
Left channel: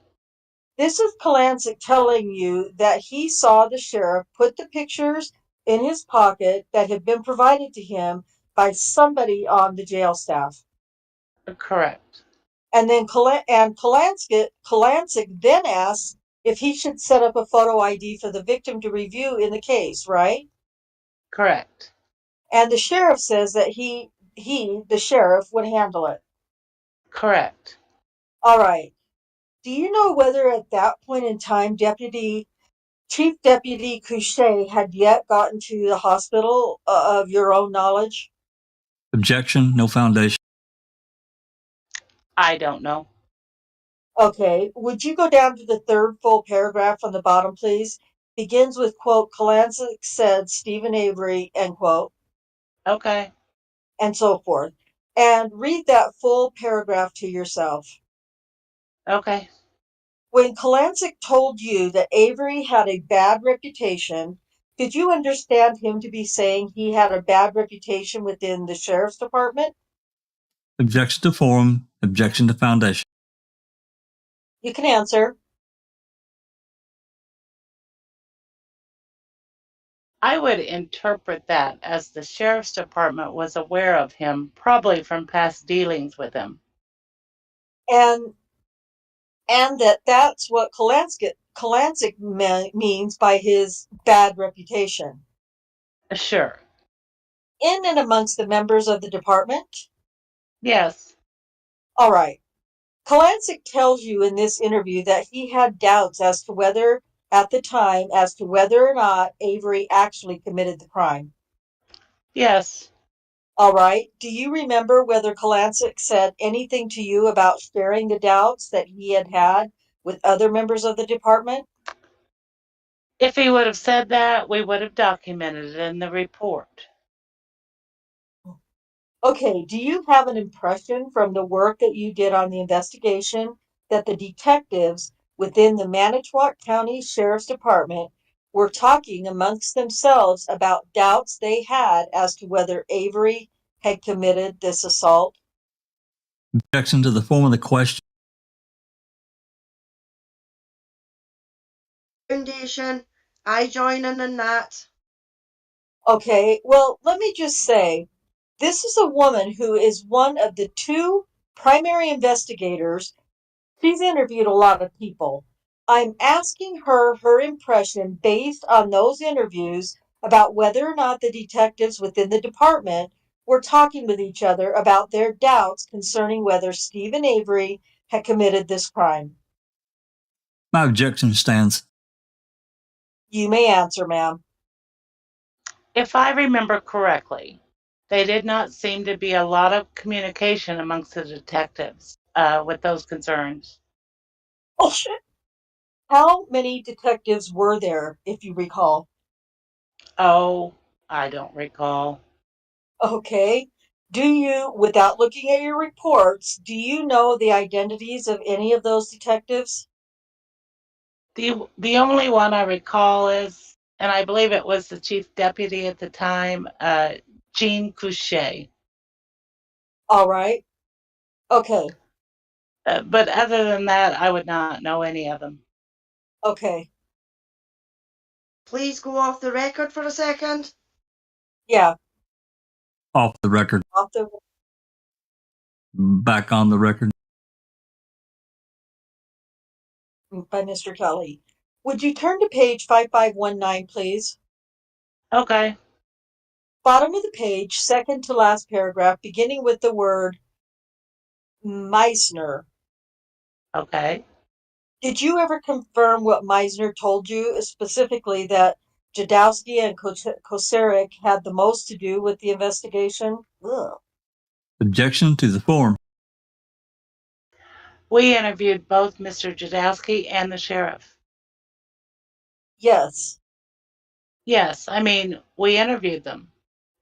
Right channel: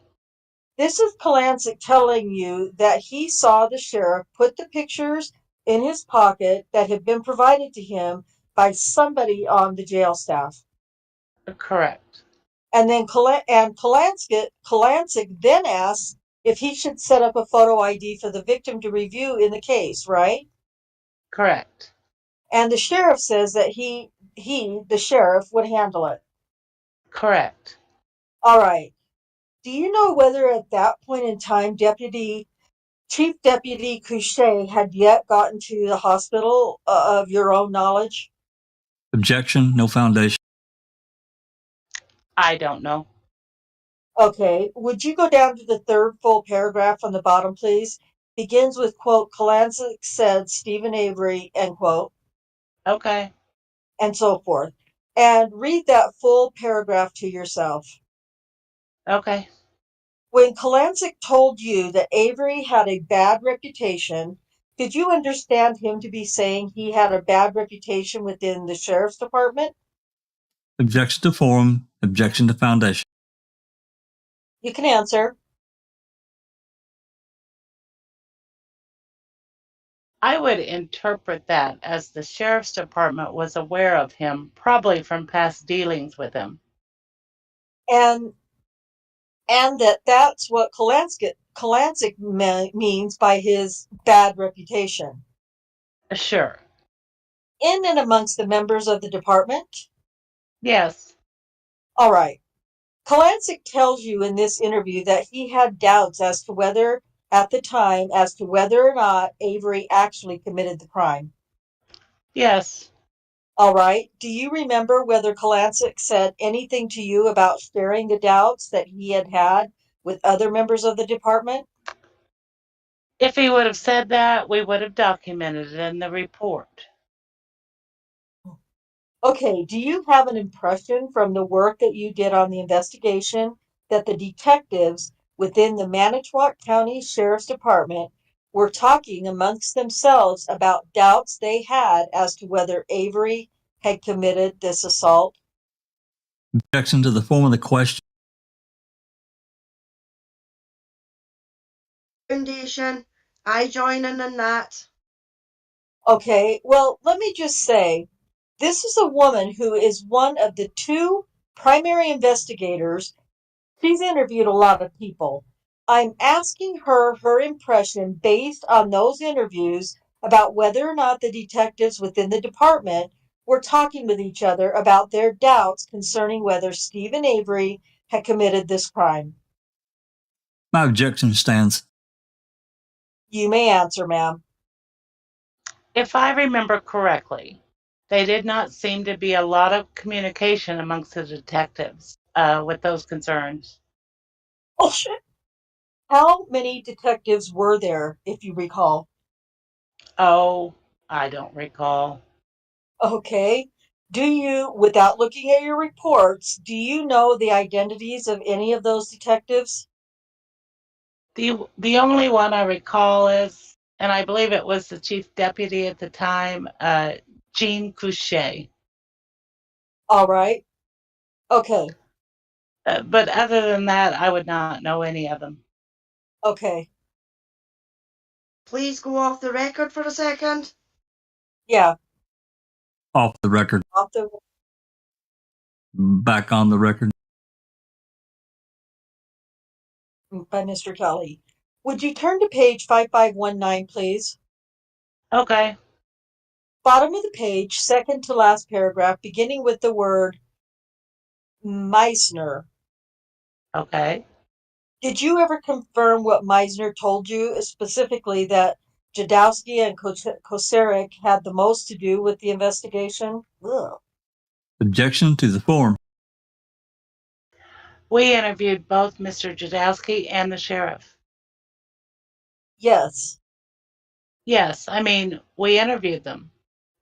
This is Kolancic telling you that he saw the sheriff put the pictures in his pocket that had been provided to him by somebody on the jail staff. Correct. And then Kolancic then asks if he should set up a photo ID for the victim to review in the case, right? Correct. And the sheriff says that the sheriff, would handle it. Correct. All right. Do you know whether at that point in time Chief Deputy Couchet had yet gotten to the hospital of your own knowledge? Objection. No foundation. I don't know. Okay. Would you go down to the third full paragraph on the bottom, please? Begins with, quote, Kolancic said Stephen Avery, end quote, Okay. and so forth. And read that full paragraph to yourself. Okay. When Kolancic told you that Avery had a bad reputation Did you understand him to be saying he had a bad reputation within the sheriff's department? Objection to forum. Objection to foundation. You can answer. I would interpret that as the sheriff's department was aware of him, probably from past dealings with him. And that's what Kalancic means by his bad reputation. Sure. In and amongst the members of the department? Yes. All right. Kalancic tells you in this interview that he had doubts at the time, as to whether or not Avery actually committed the crime. Yes. All right. Do you remember whether Kalancic said anything to you about sharing the doubts that he had with other members of the department? If he would have said that, we would have documented it in the report. Okay, do you have an impression from the work that you did on the investigation that the detectives within the Manitowoc County Sheriff's Department were talking amongst themselves about doubts they had as to whether Avery had committed this assault? Objection to the form of the question. Foundation, I join in that. Okay, well, let me just say, this is a woman who is one of the two primary investigators. She's interviewed a lot of people. I'm asking her impression based on those interviews about whether or not the detectives within the department were talking with each other about their doubts concerning whether Stephen Avery had committed this crime. My objection stands. You may answer, ma'am. If I remember correctly, there did not seem to be a lot of communication amongst the detectives with those concerns. Oh, shit. How many detectives were there, if you recall? Oh, I don't recall. Okay. Do you, without looking at your reports, do you know the identities of any of those detectives? The only one I recall is, and I believe it was the chief deputy at the time, Jean Couchet. All right. Okay. But other than that, I would not know any of them. Okay. Please go off the record for a second. Yeah. Off the record. Off the Back on the record. by Mr. Kelly. Would you turn to page 5519, please? Okay. Bottom of the page, second to last paragraph, beginning with the word Meisner. Okay. Did you ever confirm what Meisner told you, specifically that Jadowski and Kosarek had the most to do with the investigation? Ugh. Objection to the form. We interviewed both Mr. Jadowski and the sheriff. Yes. Yes, I mean, we interviewed them.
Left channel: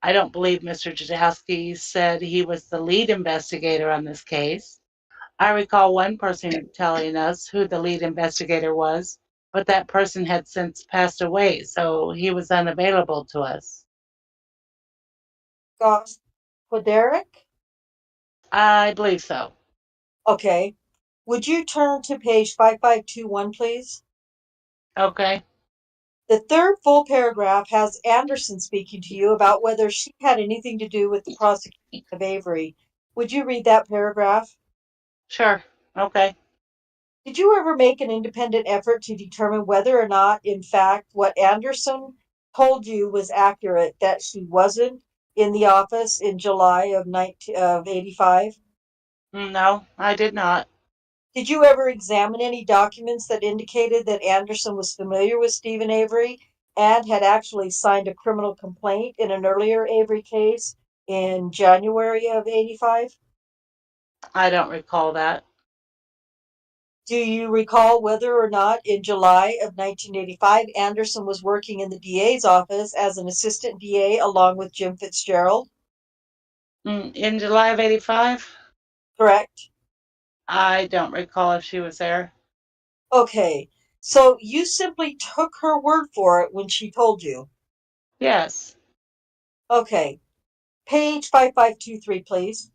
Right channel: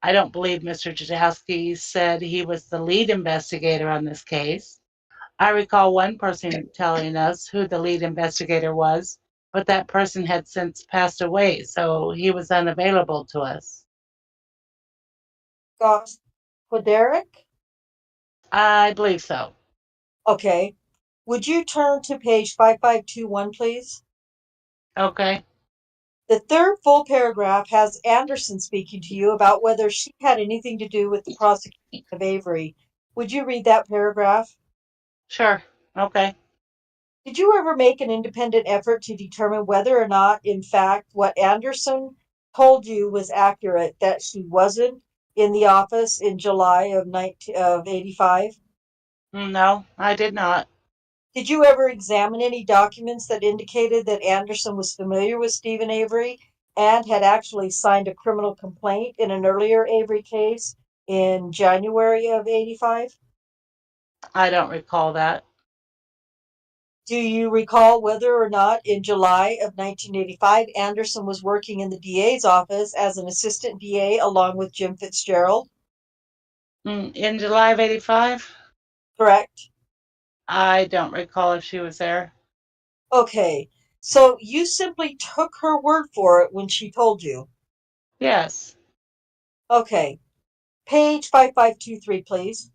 I don't believe Mr. Jadowski said he was the lead investigator on this case. I recall one person telling us who the lead investigator was, but that person had since passed away, so he was unavailable to us. Koderek? I believe so. Okay. Would you turn to page 5521, please? Okay. The third full paragraph has Anderson speaking to you about whether she had anything to do with the prosecution of Avery. Would you read that paragraph? Sure. Okay. Did you ever make an independent effort to determine whether or not, in fact, what Anderson told you was accurate, that she wasn't in the office in July of 85? No, I did not. Did you ever examine any documents that indicated that Anderson was familiar with Stephen Avery and had actually signed a criminal complaint in an earlier Avery case in January of 85? I don't recall that. Do you recall whether or not in July of 1985 Anderson was working in the DA's office as an assistant DA along with Jim Fitzgerald? In July of 85? Correct. I don't recall if she was there. Okay, so you simply took her word for it when she told you. Yes. Okay. Page 5523, please.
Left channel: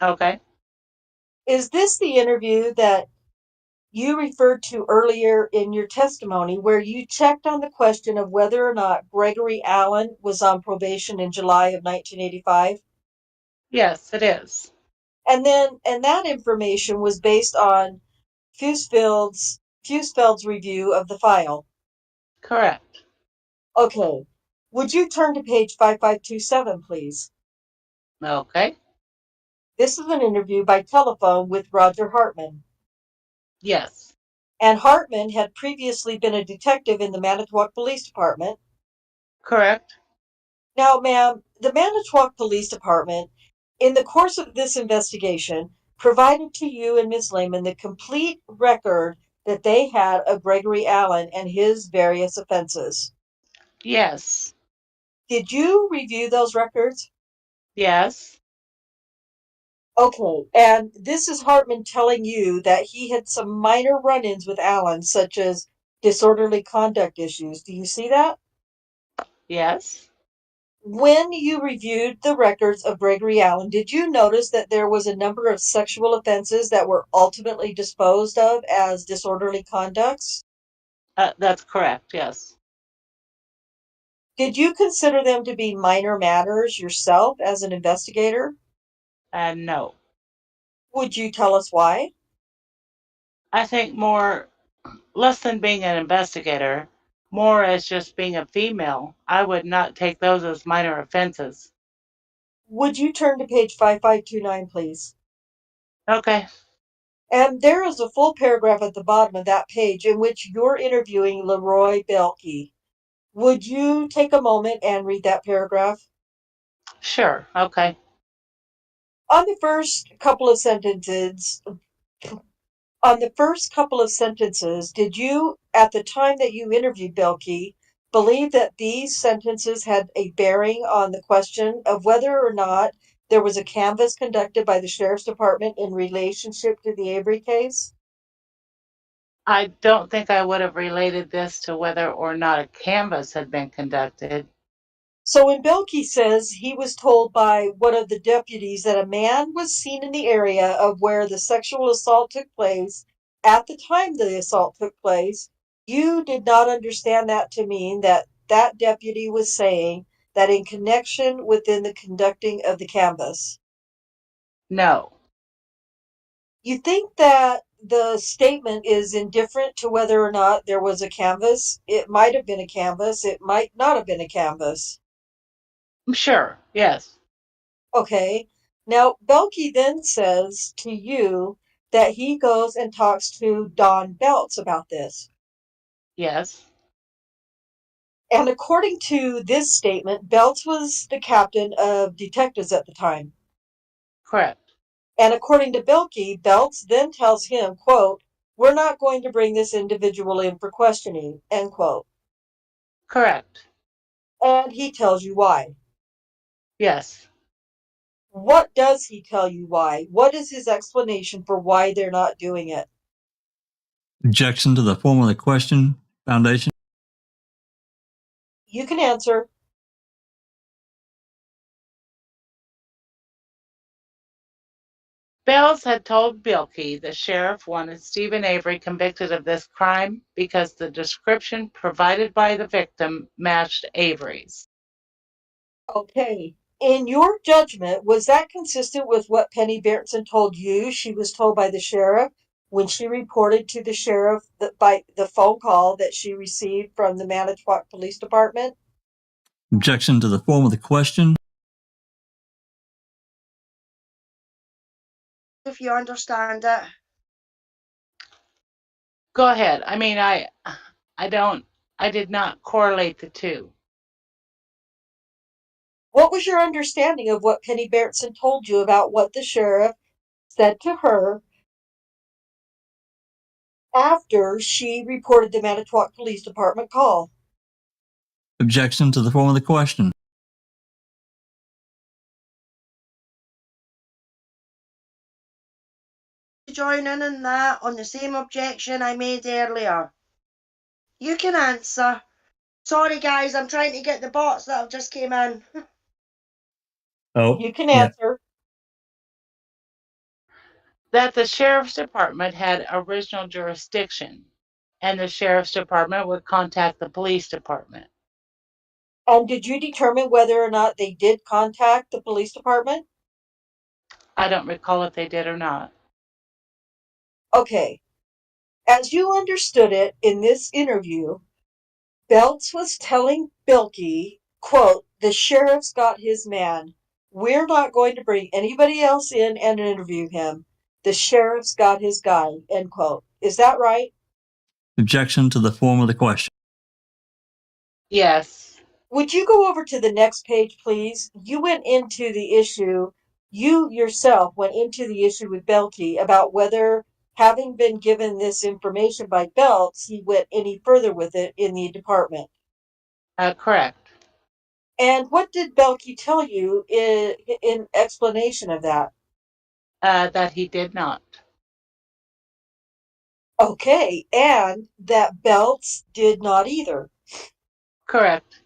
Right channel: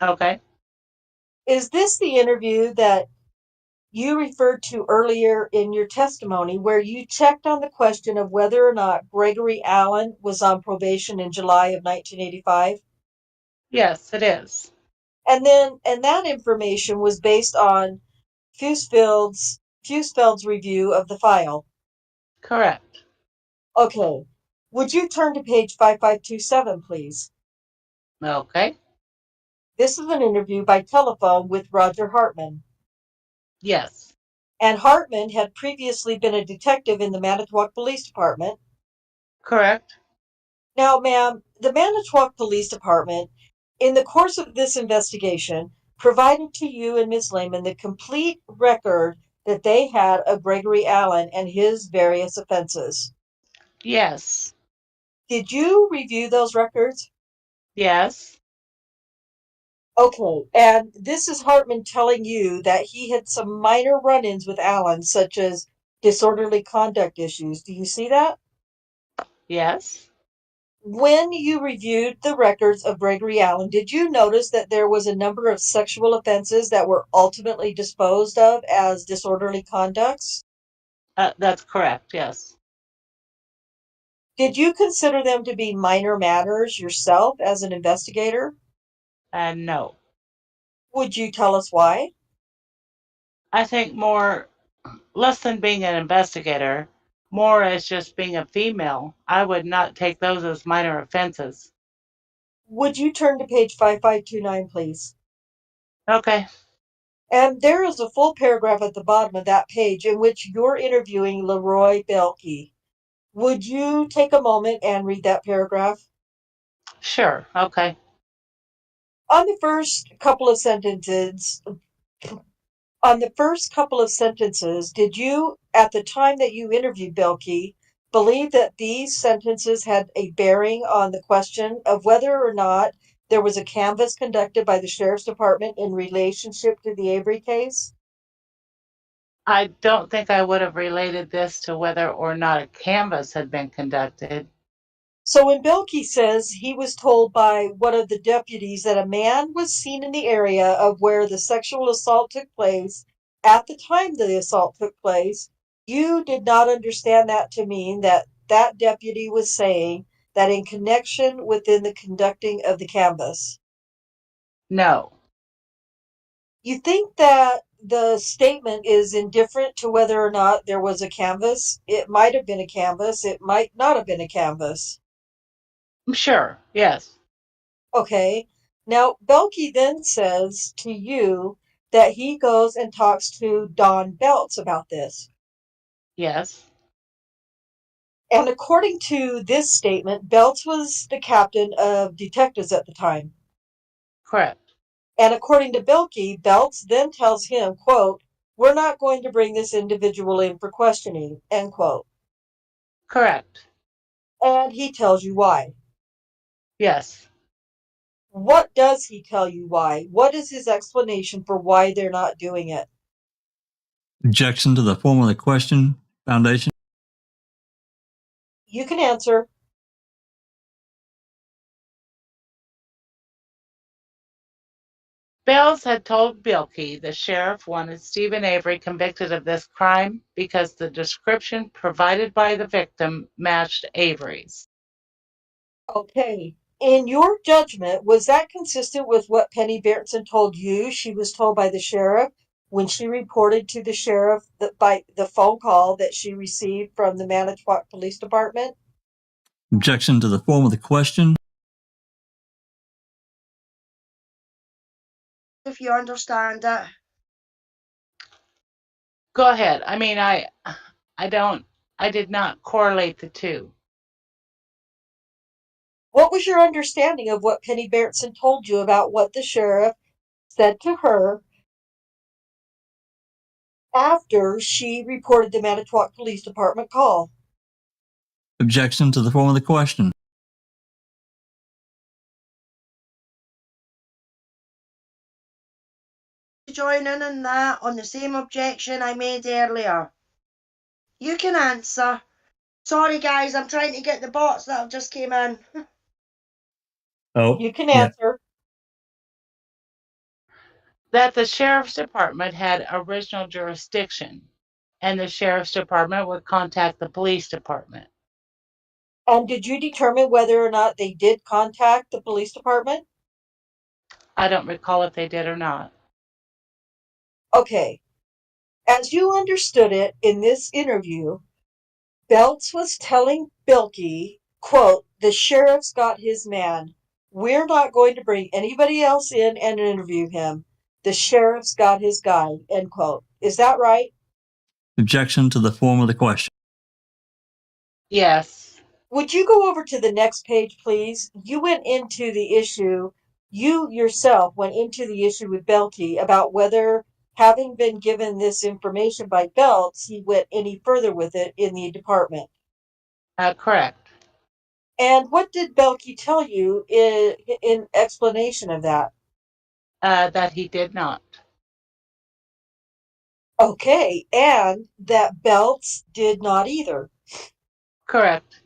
Okay. Is this the interview that you referred to earlier in your testimony where you checked on the question of whether or not Gregory Allen was on probation in July of 1985? Yes, it is. And that information was based on Fusfeld's review of the file. Correct. Okay. Would you turn to page 5527, please? Okay. This is an interview by telephone with Roger Hartman. Yes. And Hartman had previously been a detective in the Manitowoc Police Department. Correct. Now, ma'am, the Manitowoc Police Department, in the course of this investigation, provided to you and Ms. Lehman the complete record that they had of Gregory Allen and his various offenses. Yes. Did you review those records? Yes. Okay, and this is Hartman telling you that he had some minor run-ins with Allen, such as disorderly conduct issues. Do you see that? Yes. When you reviewed the records of Gregory Allen, did you notice that there was a number of sexual offenses that were ultimately disposed of as disorderly conducts? That's correct. Yes. Did you consider them to be minor matters yourself as an investigator? And no. Would you tell us why? I think less than being an investigator, more as just being a female. I would not take those as minor offenses. Would you turn to page 5529, please? Okay. And there is a full paragraph at the bottom of that page in which you're interviewing Leroy Belke. Would you take a moment and read that paragraph? Sure. Okay. On the first couple of sentences, did you, at the time that you interviewed Belke, believe that these sentences had a bearing on the question of whether or not there was a canvass conducted by the Sheriff's Department in relationship to the Avery case? I don't think I would have related this to whether or not a canvass had been conducted. So when Belke says he was told by one of the deputies that a man was seen in the area of where the sexual assault took place at the time the assault took place, you did not understand that to mean that that deputy was saying that in connection within the conducting of the canvass. No. You think that the statement is indifferent to whether or not there was a canvass? It might have been a canvass. It might not have been a canvass. Sure. Yes. Okay. Now, Belke then says to you that he goes and talks to Don Belts about this. Yes. And according to this statement, Belts was the captain of detectives at the time. Correct. And according to Belke, Belts then tells him, quote, "We're not going to bring this individual in for questioning," end quote. Correct. And he tells you why. Yes. What does he tell you why? What is his explanation for why they're not doing it? Objection to the form of the question, Foundation. You can answer. Bells had told Bilkey the sheriff wanted Stephen Avery convicted of this crime because the description provided by the victim matched Avery's. Okay. In your judgment, was that consistent with what Penny Berenson told you she was told by the sheriff when she reported to the sheriff that by the phone call that she received from the Manitowoc Police Department? Objection to the form of the question. If you understand it. Go ahead. I mean, I did not correlate the two. What was your understanding of what Penny Berenson told you about what the sheriff said to her after she reported the Manitowoc Police Department call? Objection to the form of the question. Join in on that on the same objection I made earlier. You can answer. Sorry, guys, I'm trying to get the bots that have just came in. Oh, You can yeah. answer. That the sheriff's department had original jurisdiction, and the sheriff's department would contact the police department. And did you determine whether or not they did contact the police department? I don't recall if they did or not. Okay. As you understood it in this interview, Belts was telling Bilkey, quote, the sheriff's got his man. We're not going to bring anybody else in and interview him. The sheriff's got his guy, end quote. Is that right? Objection to the form of the question. Yes. Would you go over to the next page, please? You went into the issue, you yourself went into the issue with Belkey about whether, having been given this information by Belts, he went any further with it in the department. Correct. And what did Belkey tell you in explanation of that? That he did not. Okay, and that Belts did not either. Correct.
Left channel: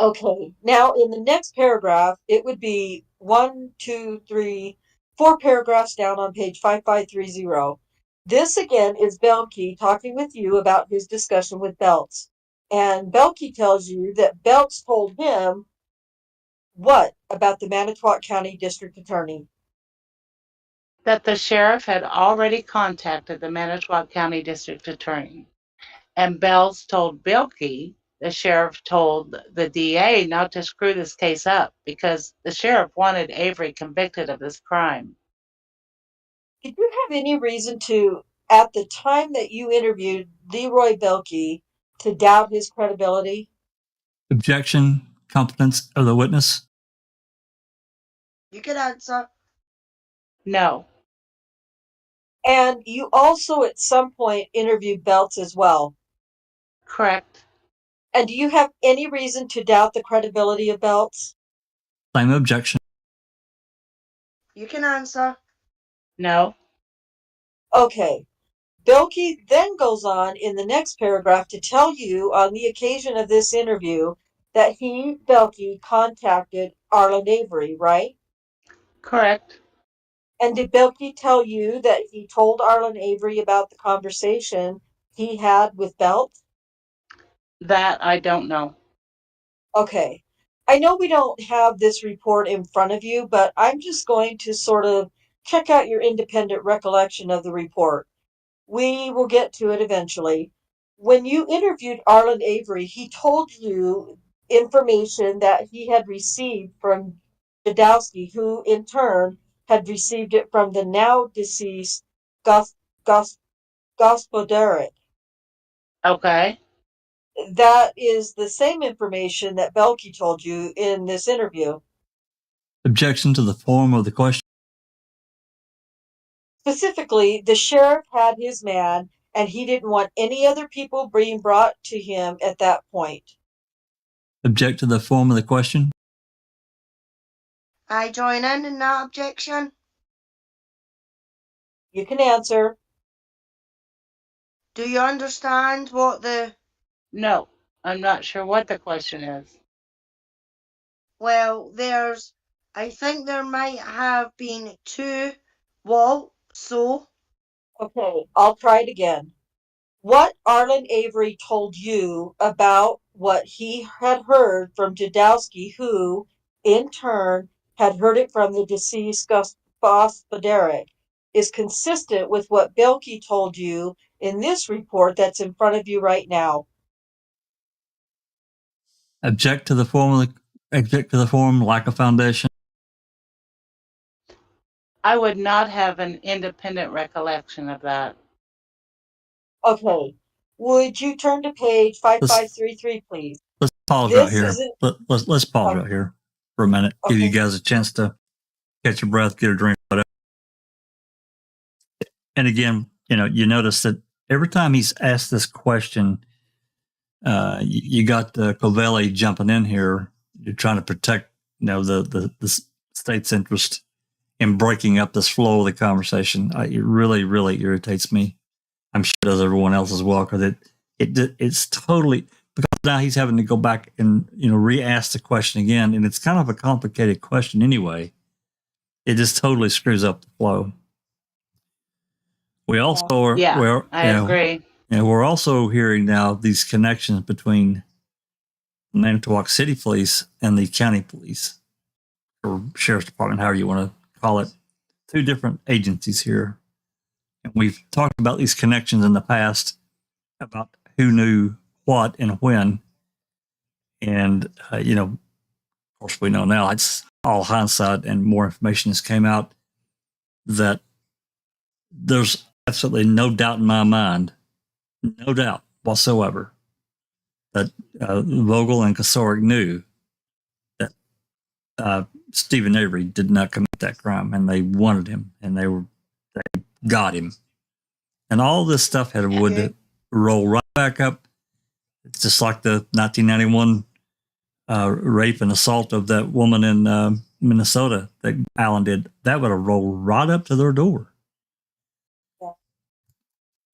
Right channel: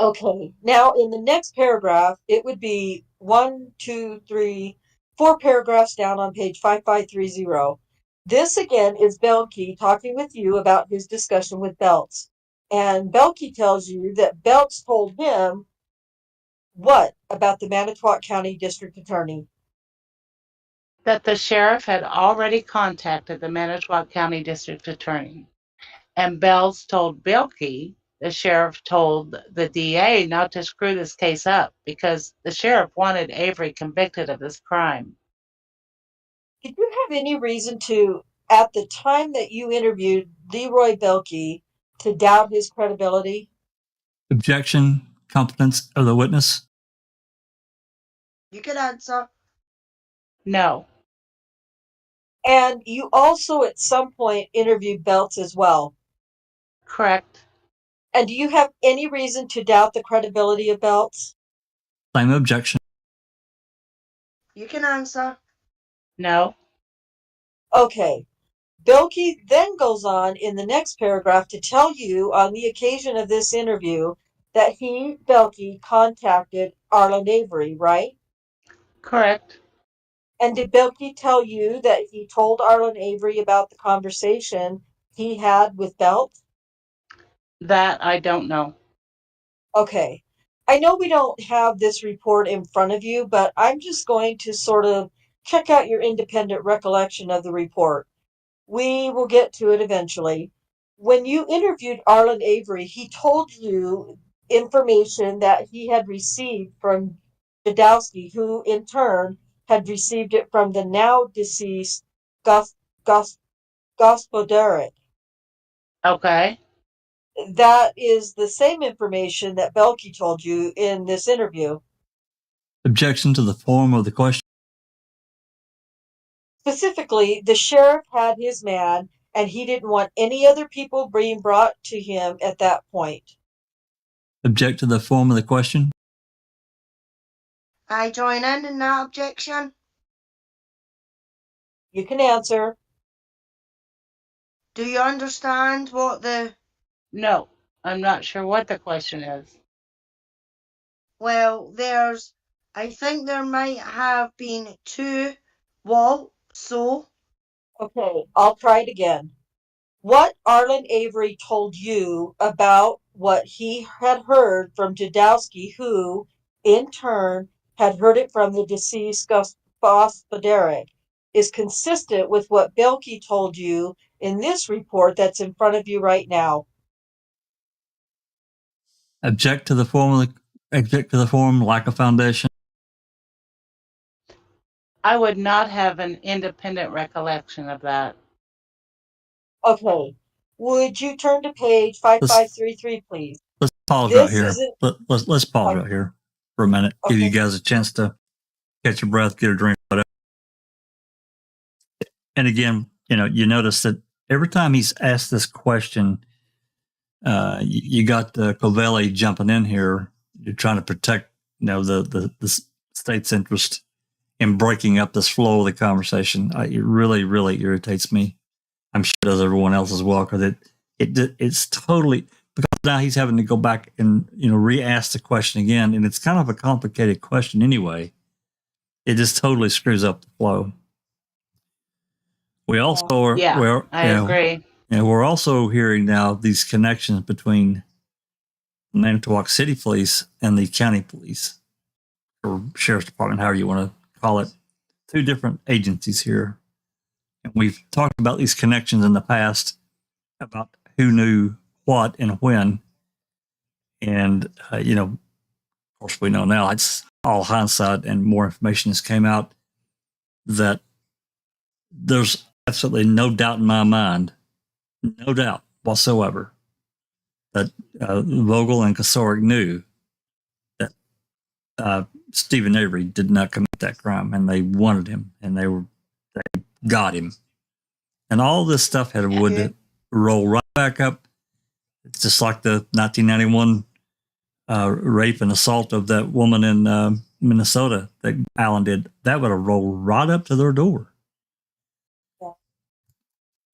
Okay, now in the next paragraph, it would be 1, 2, 3, 4 paragraphs down on page 5530. This again is Belkey talking with you about his discussion with Belts. And Belkey tells you that Belts told him what about the Manitowoc County District Attorney? That the sheriff had already contacted the Manitowoc County District Attorney, and Bells told Bilkey the sheriff told the DA not to screw this case up because the sheriff wanted Avery convicted of this crime. Did you have any reason to, at the time that you interviewed Leroy Belkey, to doubt his credibility? Objection, competence of the witness. You can answer. No. And you also at some point interviewed Belts as well. Correct. And do you have any reason to doubt the credibility of Belts? Same objection. You can answer. No. Okay. Belkey then goes on in the next paragraph to tell you on the occasion of this interview that he, Belkey, contacted Arlen Avery, right? Correct. And did Belkey tell you that he told Arlen Avery about the conversation he had with Belt? That I don't know. Okay. I know we don't have this report in front of you, but I'm just going to sort of check out your independent recollection of the report. We will get to it eventually. When you interviewed Arlen Avery, he told you information that he had received from Jadowski, who in turn had received it from the now deceased Gospodarek. Okay. That is the same information that Belkey told you in this interview. Objection to the form of the question. Specifically, the sheriff had his man, and he didn't want any other people being brought to him at that point. Object to the form of the question. I join in that objection. You can answer. Do you understand what the... No. I'm not sure what the question is. Well, I think there might have been two. Walt, so... Okay, I'll try it again. What Arlen Avery told you about what he had heard from Jadowski, who, in turn, had heard it from the deceased Gospodarek, is consistent with what Belkey told you in this report that's in front of you right now. Object to the form, lack of foundation. I would not have an independent recollection of that. Okay, would you turn to page 5533, please? Let's pause This right here. isn't- Let's pause Okay. right here for a minute. Give you Okay. guys a chance to catch your breath, get a drink, whatever. And again, you notice that every time he's asked this question, you got Covelli jumping in here. You're trying to protect, the state's interest in breaking up this flow of the conversation. It really, really irritates me. I'm sure it does everyone else as well, because it's totally because now he's having to go back and, re-ask the question again. And it's kind of a complicated question anyway. It just totally screws up the flow. We also are, Yeah, I agree. And we're also hearing now these connections between Manitowoc City Police and the county police or sheriff's department, however you want to call it. Two different agencies here. And we've talked about these connections in the past about who knew what and when. And, of course, we know now it's all hindsight and more information has came out that there's absolutely no doubt in my mind, no doubt whatsoever, that Vogel and Kasoric knew that Stephen Avery did not commit that crime, and they wanted him, and they got him. And all this stuff would roll right back up. It's just like the 1991 rape and assault of that woman in Minnesota that Allen did. That would have rolled right up to their door.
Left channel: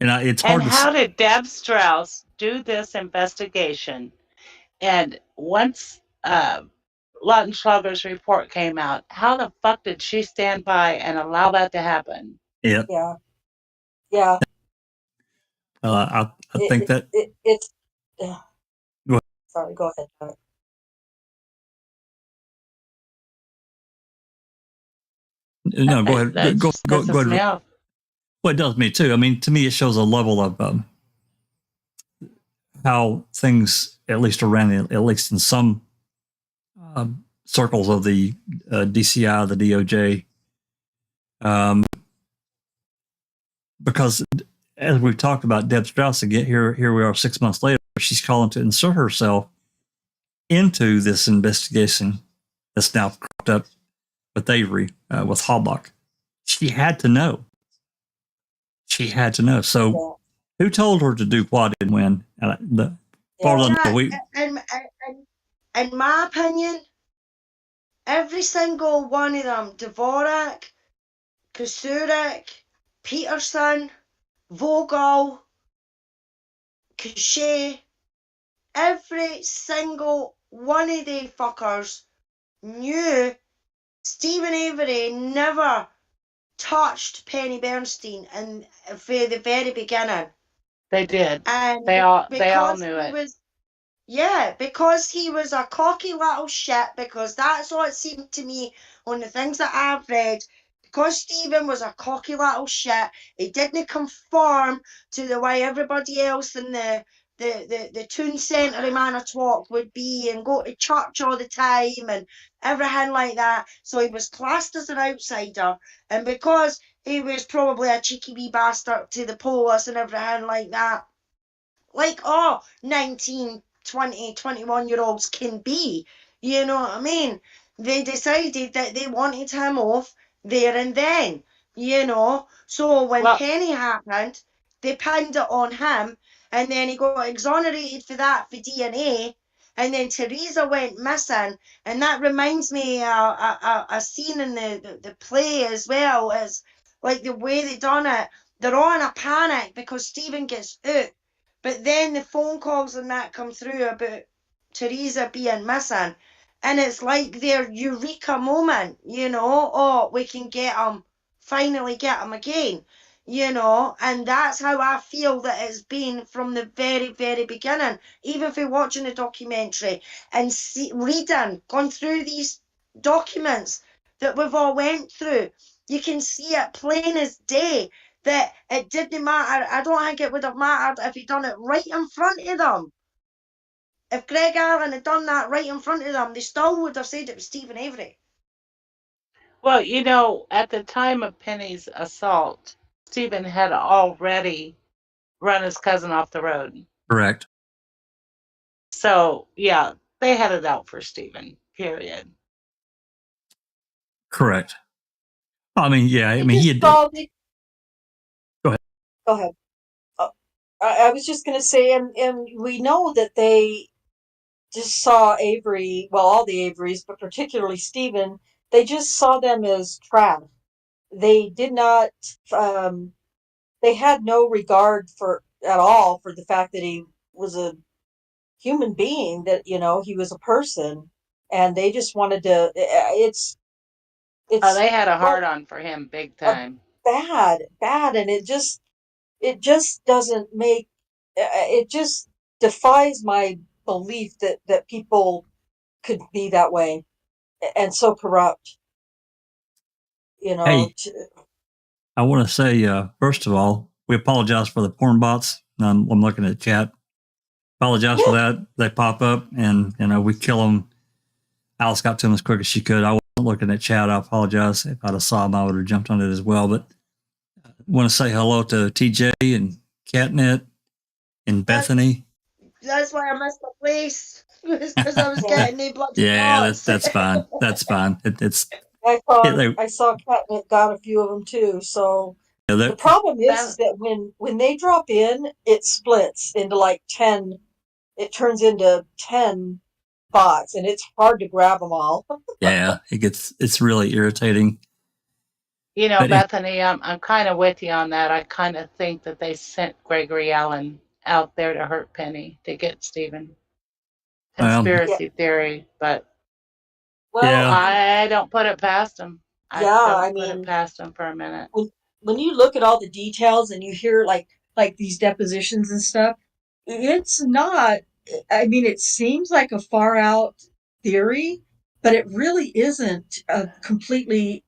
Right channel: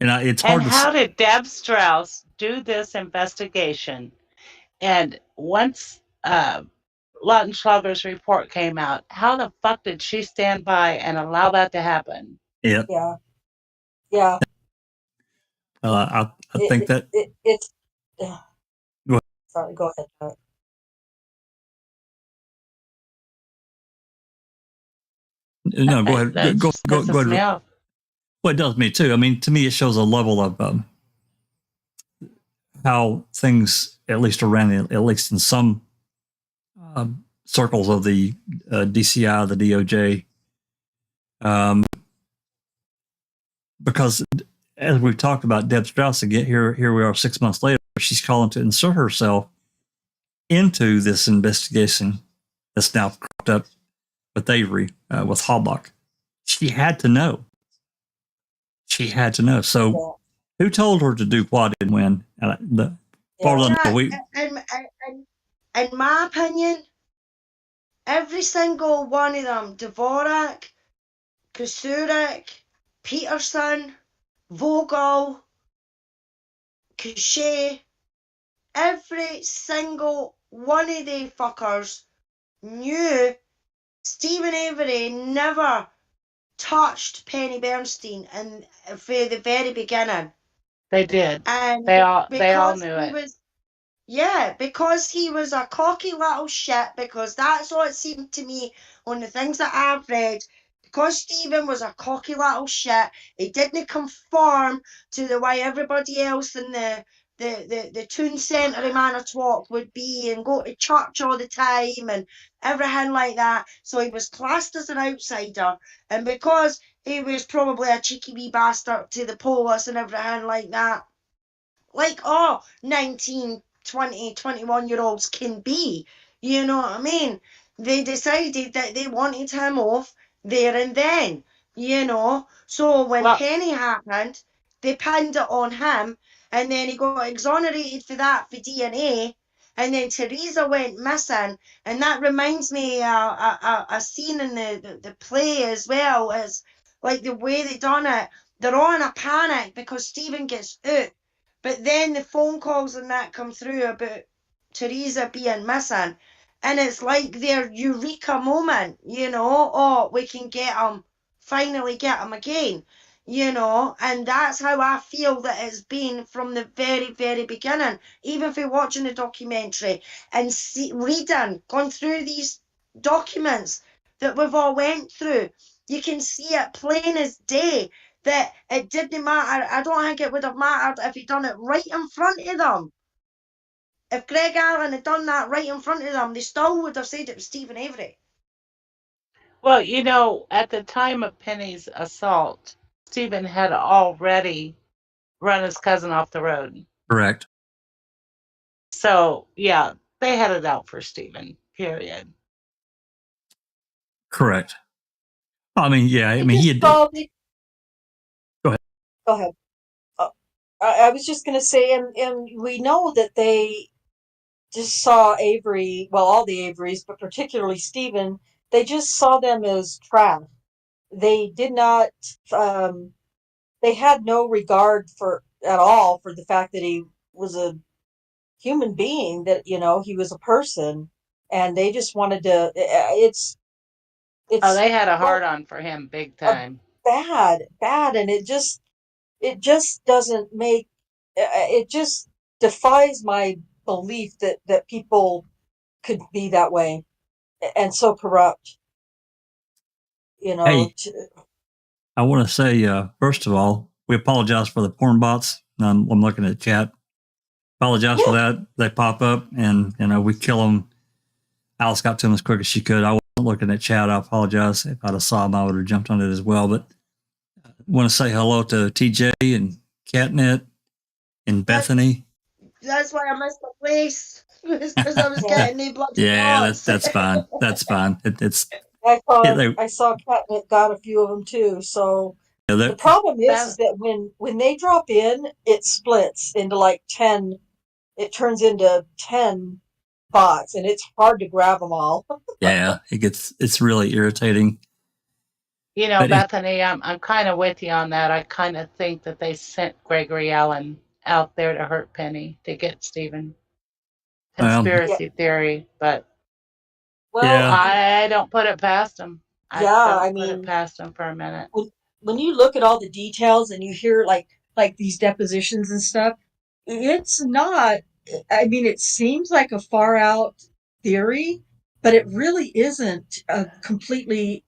And it's hard And to how did Deb Strauss do this investigation? And once Lautenschlager's report came out, how the fuck did she stand by and allow that to happen? Yeah. I think that it's. Go ahead. Sorry, go ahead. No, go ahead. Go ahead. Well, it does me too. I mean, to me, it shows a level of how things, at least in some circles of the DCI, the DOJ, because as we've talked about Deb Strauss again, here we are 6 months later, she's calling to insert herself into this investigation that's now cropped up with Avery, with Halbach. She had to know. So who told her to do what and when? In my opinion, every single one of them, Dvorak, Kasuric, Peterson, Vogel, Cachet, every single one of the fuckers knew Stephen Avery never touched Penny Bernstein and for the very beginning. They did. And they all knew it. Because he was a cocky little shit, because that's what it seemed to me on the things that I've read. Because Stephen was a cocky little shit, he didn't conform to the way everybody else in the town centre of Manitowoc would be and go to church all the time and everything like that. So he was classed as an outsider. And because he was probably a cheeky wee bastard to the police and everything like that, like 19, 20, 21-year-olds can be, you know what I mean? They decided that they wanted him off there and then, you know? So when Penny happened, they pinned it on him, and then he got exonerated for that for DNA, and then Teresa went missing, and that reminds me a scene in the play as well, as like the way they done it. They're all in a panic because Stephen gets out. But then the phone calls and that come through about Teresa being missing. And it's like their eureka moment, you know, we can finally get him again, you know. And that's how I feel that it's been from the very, very beginning. Even if you're watching the documentary and gone through these documents that we've all went through, you can see it plain as day that it didn't matter. I don't think it would have mattered if he'd done it right in front of them. If Greg Allen had done that right in front of them, they still would have said it was Stephen Avery. Well, you know, at the time of Penny's assault, Stephen had already run his cousin off the road. Correct. So, yeah, they had it out for Stephen, period. Correct. I mean, yeah, I mean, he had... Go ahead. I was just going to say, and we know that they just saw Avery, well, all the Averys, but particularly Stephen, they just saw them as trash. They did not, they had no regard at all for the fact that he was a human being, that, you know, he was a person, and they just wanted to, it's Oh, they had a well, hard on for him big a time. bad, and it just doesn't make, it just defies my belief that people could be that way and so corrupt, you know. Hey, I want to say, first of all, we apologize for the porn bots. I'm looking at the chat. Apologize for that. They pop up, and we kill them. Alice got to them as quick as she could. I wasn't looking at chat. I apologize. If I'd have saw them, I would have jumped on it as well. But I want to say hello to TJ and Catnet and Bethany. That's why I missed the place. Because I was getting the bloody Yeah, thoughts. that's fine. That's fine. It's I saw Catnip got a few of them too. So the problem is that when they drop in, it splits into like 10. It turns into 10 bots, and it's hard to grab them all. yeah, it's really irritating. You know, Bethany, I'm kind of with you on that. I kind of think that they sent Gregory Allen out there to hurt Penny to get Stephen. Conspiracy theory, but I don't put it past him. I mean, put it past him for a minute. When you look at all the details and you hear like these depositions and stuff, it's not. I mean, it seems like a far out theory, but it really isn't a completely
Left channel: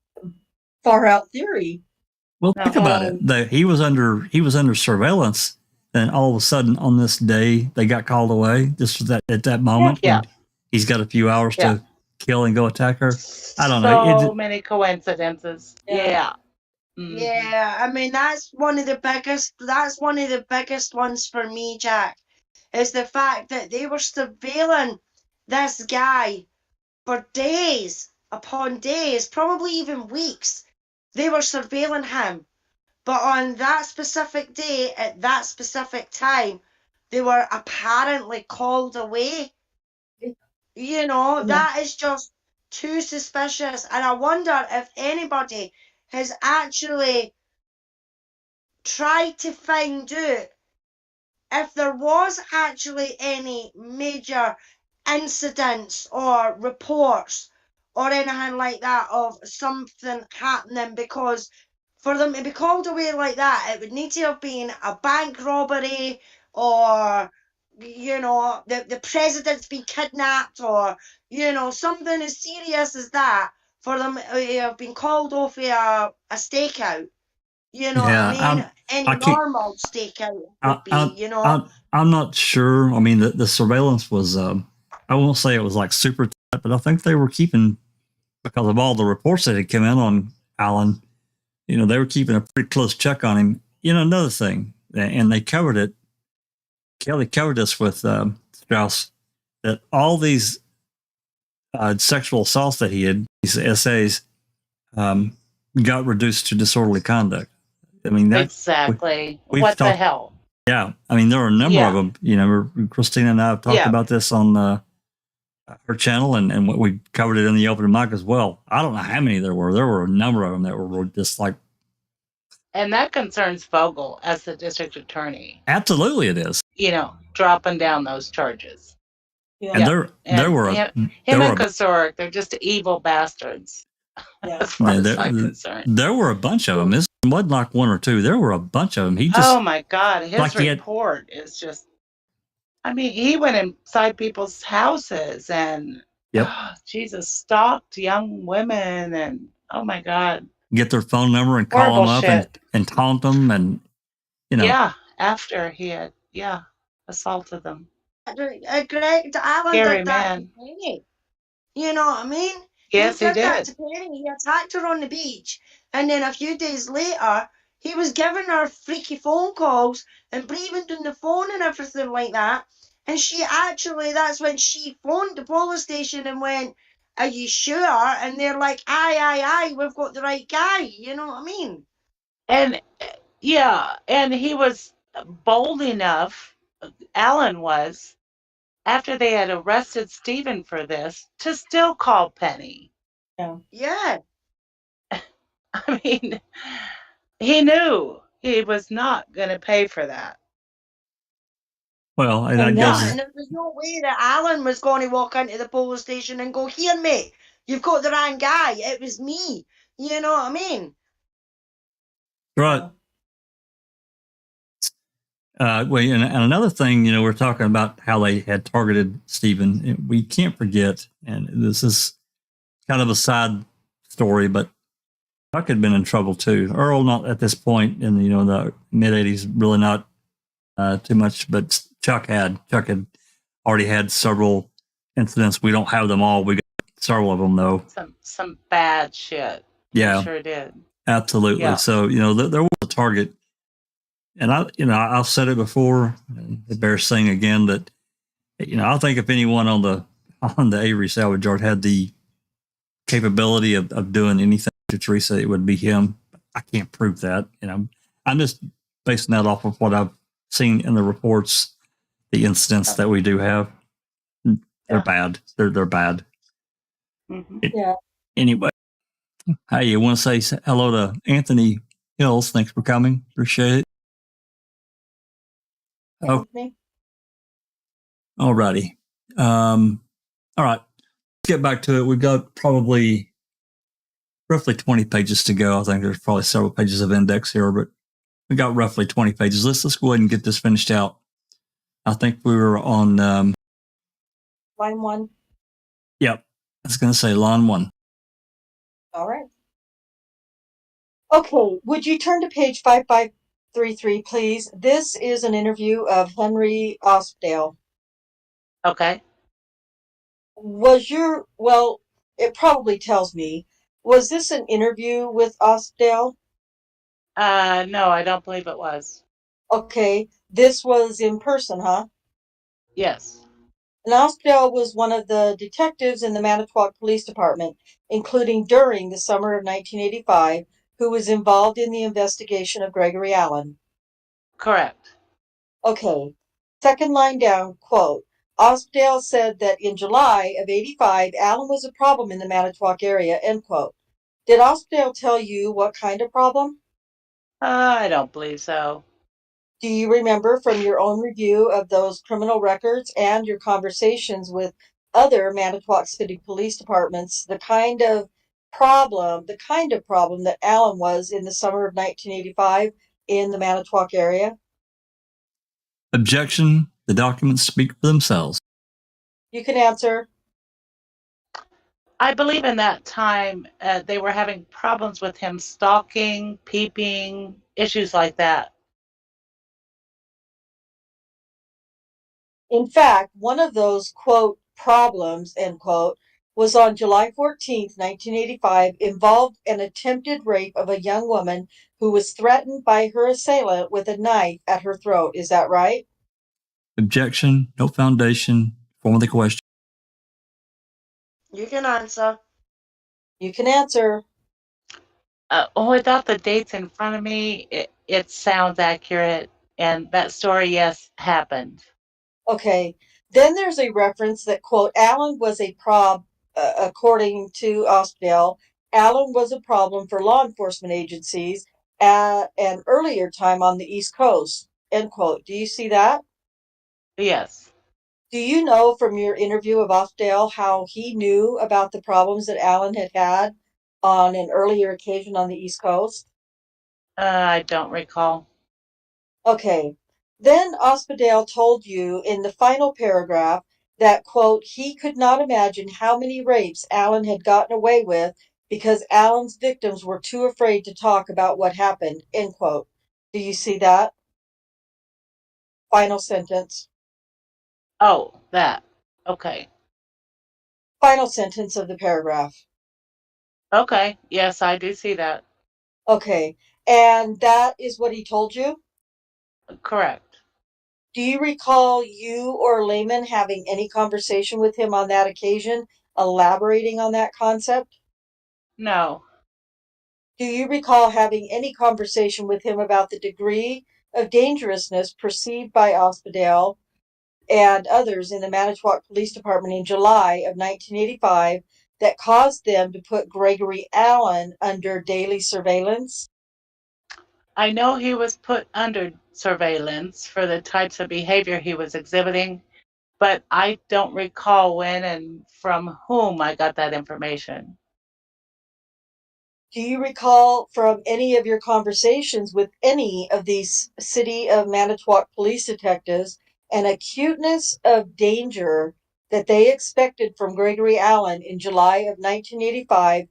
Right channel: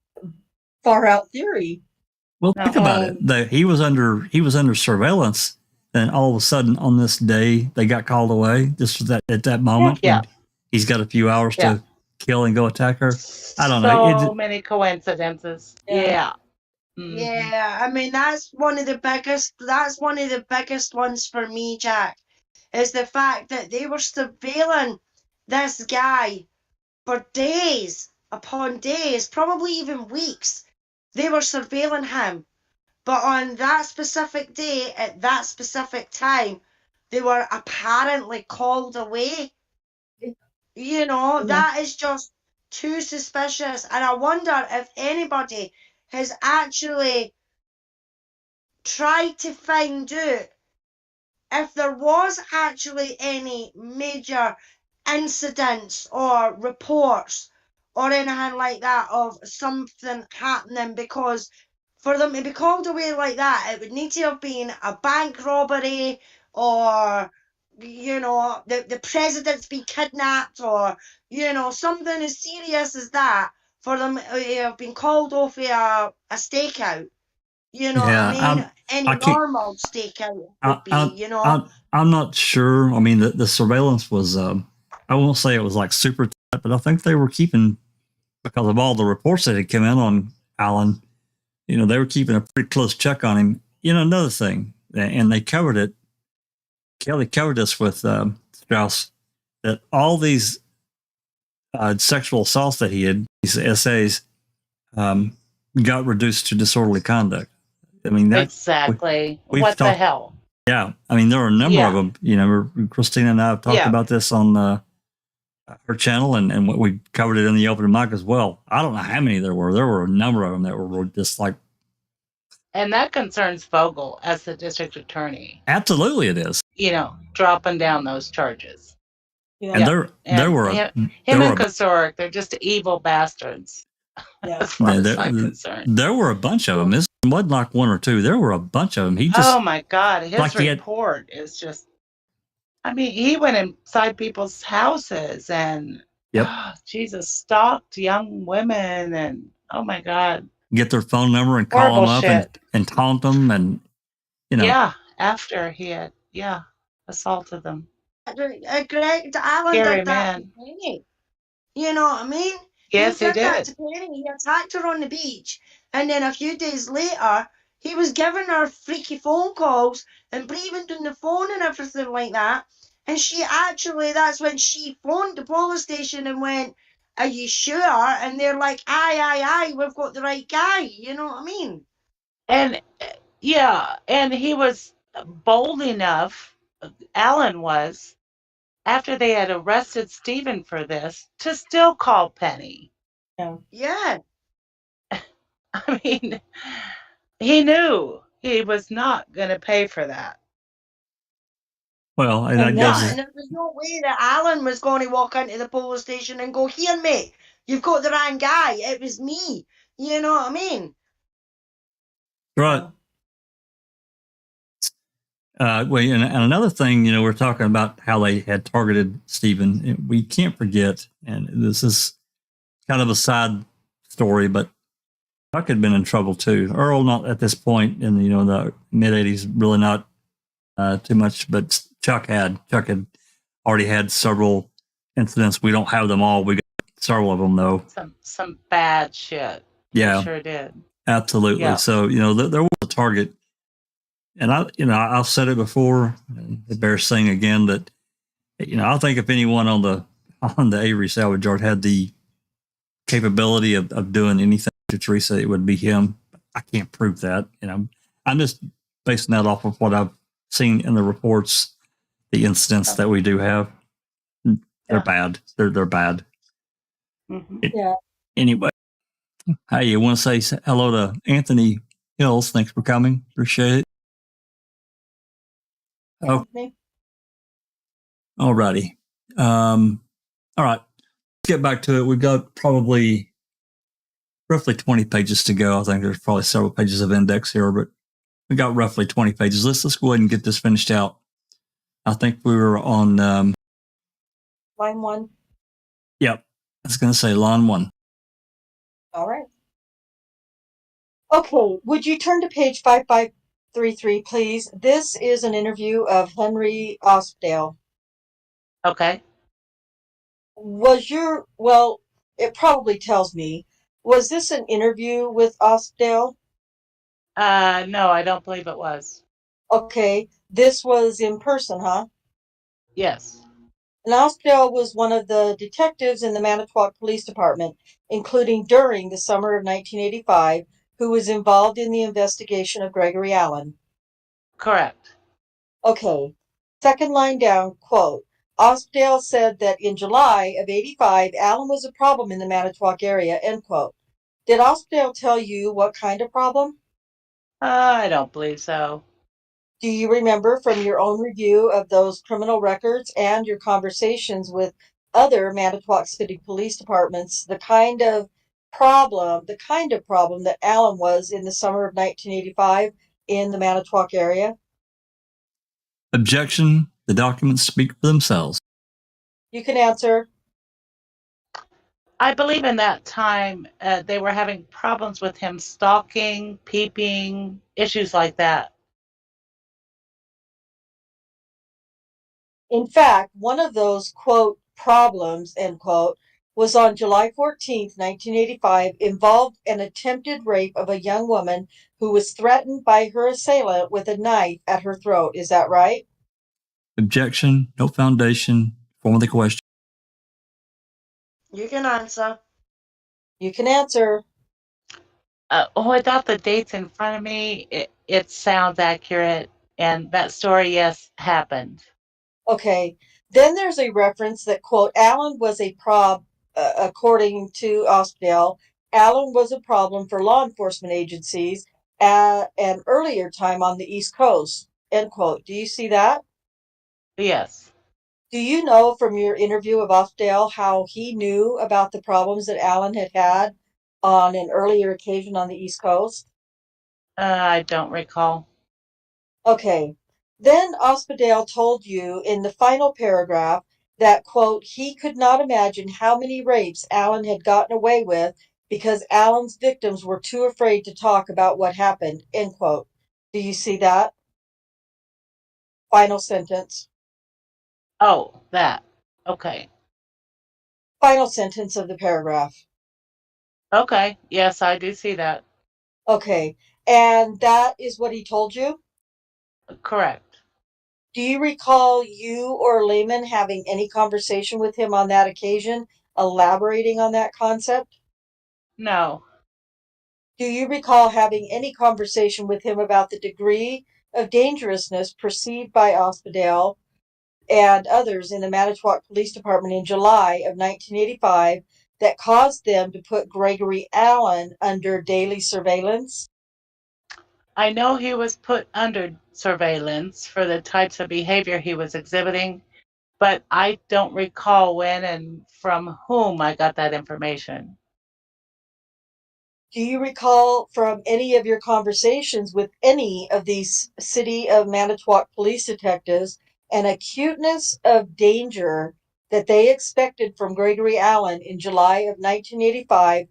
far out theory. Well, think about it. He was under surveillance, and all of a sudden on this day they got called away. Just at that moment when he's got a few hours to kill and go attack her. I don't know. So many coincidences. Yeah. Mm-hmm. Yeah, I mean that's one of the biggest ones for me, Jack, is the fact that they were surveilling this guy for days upon days, probably even weeks. They were surveilling him. But on that specific day, at that specific time, they were apparently called away. You know, that is just too suspicious. And I wonder if anybody has actually tried to find out if there was actually any major incidents or reports or anything like that of something happening, because for them to be called away like that, it would need to have been a bank robbery, or, you know, the president's been kidnapped, or, you know, something as serious as that for them to have been called off a stakeout. You know what I mean? Any normal stakeout would be, you know. I'm not sure. I mean, the surveillance was, I won't say it was like super tight, but I think they were keeping, because of all the reports that had come in on Allen, you know, they were keeping a pretty close check on him. You know, another thing, and they covered it. Kelly covered this with Strauss, that all these sexual assaults that he had, these essays, got reduced to disorderly conduct. I mean, that, exactly. What the hell? Yeah, I mean, there are a number of them. You know, Christina and I have talked about this on her channel, and what we covered it in the open mic as well. I don't know how many there were. There were a number of them that were just like. And that concerns Vogel as the district attorney. Absolutely, it is. You know, dropping down those charges. Yeah. And there were him and Kosoric, they're just evil bastards. Yeah. As far as I'm concerned. There were a bunch of them. This wasn't like one or two. There were a bunch of them. He just. Oh my God, his report is just. I mean, he went inside people's houses and. Jesus, stalked young women, and oh my God. Get their phone number and call them up and taunt them, and you know. Yeah, after he had assaulted them. Greg Allen did that to Penny. You know what I mean? Yes, he did. That to Penny. He attacked her on the beach, and then a few days later, he was giving her freaky phone calls and breathing down the phone and everything like that. And she actually, that's when she phoned the police station and went, "Are you sure?" And they're like, aye, we've got the right guy. You know what I mean? And and he was bold enough, Allen was, after they had arrested Stephen for this, to still call Penny. Yeah. I mean, he knew he was not going to pay for that. Well, and that And goes. And there was no way that Alan was going to walk into the police station and go, "Here, mate, you've got the wrong guy. It was me." You know what I mean? Right. Well, and another thing, we're talking about how they had targeted Stephen. We can't forget, and this is kind of a side story, but Chuck had been in trouble too. Earl, not at this point in the mid '80s, really not too much, but Chuck had already had several incidents. We don't have them all. We got several of them though. Some bad shit. Yeah, We sure did. Absolutely. Yeah. So there was a target, and I've said it before. And it bears saying again that I think if anyone on the Avery salvage yard had the capability of doing anything to Teresa, it would be him. I can't prove that. I'm just basing that off of what I've seen in the reports, the incidents that we do have. They're bad. They're bad. Mm-hmm. Yeah. Anyway, hey, you want to say hello to Anthony Hills? Thanks for coming. Appreciate it. Oh, Anthony? all righty. All right. Let's get back to it. We've got probably roughly 20 pages to go. I think there's probably several pages of index here, but we got roughly 20 pages. Let's go ahead and get this finished out. I think we were on Line 1. Yep. I was going to say line 1. All right. Okay, would you turn to page 5533, please? This is an interview of Henry Ospdale. Okay. It probably tells me, was this an interview with Ospdale? No, I don't believe it was. Okay, this was in person, huh? Yes. And Ospdale was one of the detectives in the Manitowoc Police Department, including during the summer of 1985, who was involved in the investigation of Gregory Allen. Correct. Okay, second line down, quote, Ospdale said that in July of 85, Allen was a problem in the Manitowoc area, end quote. Did Ospdale tell you what kind of problem? I don't believe so. Do you remember from your own review of those criminal records and your conversations with other Manitowoc City Police Departments the kind of problem that Allen was in the summer of 1985 in the Manitowoc area? Objection. The documents speak for themselves. You can answer. I believe in that time they were having problems with him stalking, peeping, issues like that. In fact, one of those, quote, problems, end quote, was on July 14th, 1985, involved an attempted rape of a young woman who was threatened by her assailant with a knife at her throat. Is that right? Objection. No foundation. Form of the question. You can answer. You can answer. Without the dates in front of me, it sounds accurate. And that story, yes, happened. Okay. Then there's a reference that, quote, Allen was a according to Ospdale, Allen was a problem for law enforcement agencies at an earlier time on the East Coast, end quote. Do you see that? Yes. Do you know from your interview of Ospdale how he knew about the problems that Allen had on an earlier occasion on the East Coast? I don't recall. Okay. Then Ospdale told you in the final paragraph that, quote, he could not imagine how many rapes Allen had gotten away with because Allen's victims were too afraid to talk about what happened, end quote. Do you see that? Final sentence. Oh, that. Okay. Final sentence of the paragraph. Okay. Yes, I do see that. Okay. And that is what he told you? Correct. Do you recall you or Lehman having any conversation with him on that occasion, elaborating on that concept? No. Do you recall having any conversation with him about the degree of dangerousness perceived by Ospdale and others in the Manitowoc Police Department in July of 1985 that caused them to put Gregory Allen under daily surveillance? I know he was put under surveillance for the types of behavior he was exhibiting, but I don't recall when and from whom I got that information. Do you recall from any of your conversations with any of these City of Manitowoc police detectives an acuteness of danger that they expected from Gregory Allen in July of 1985,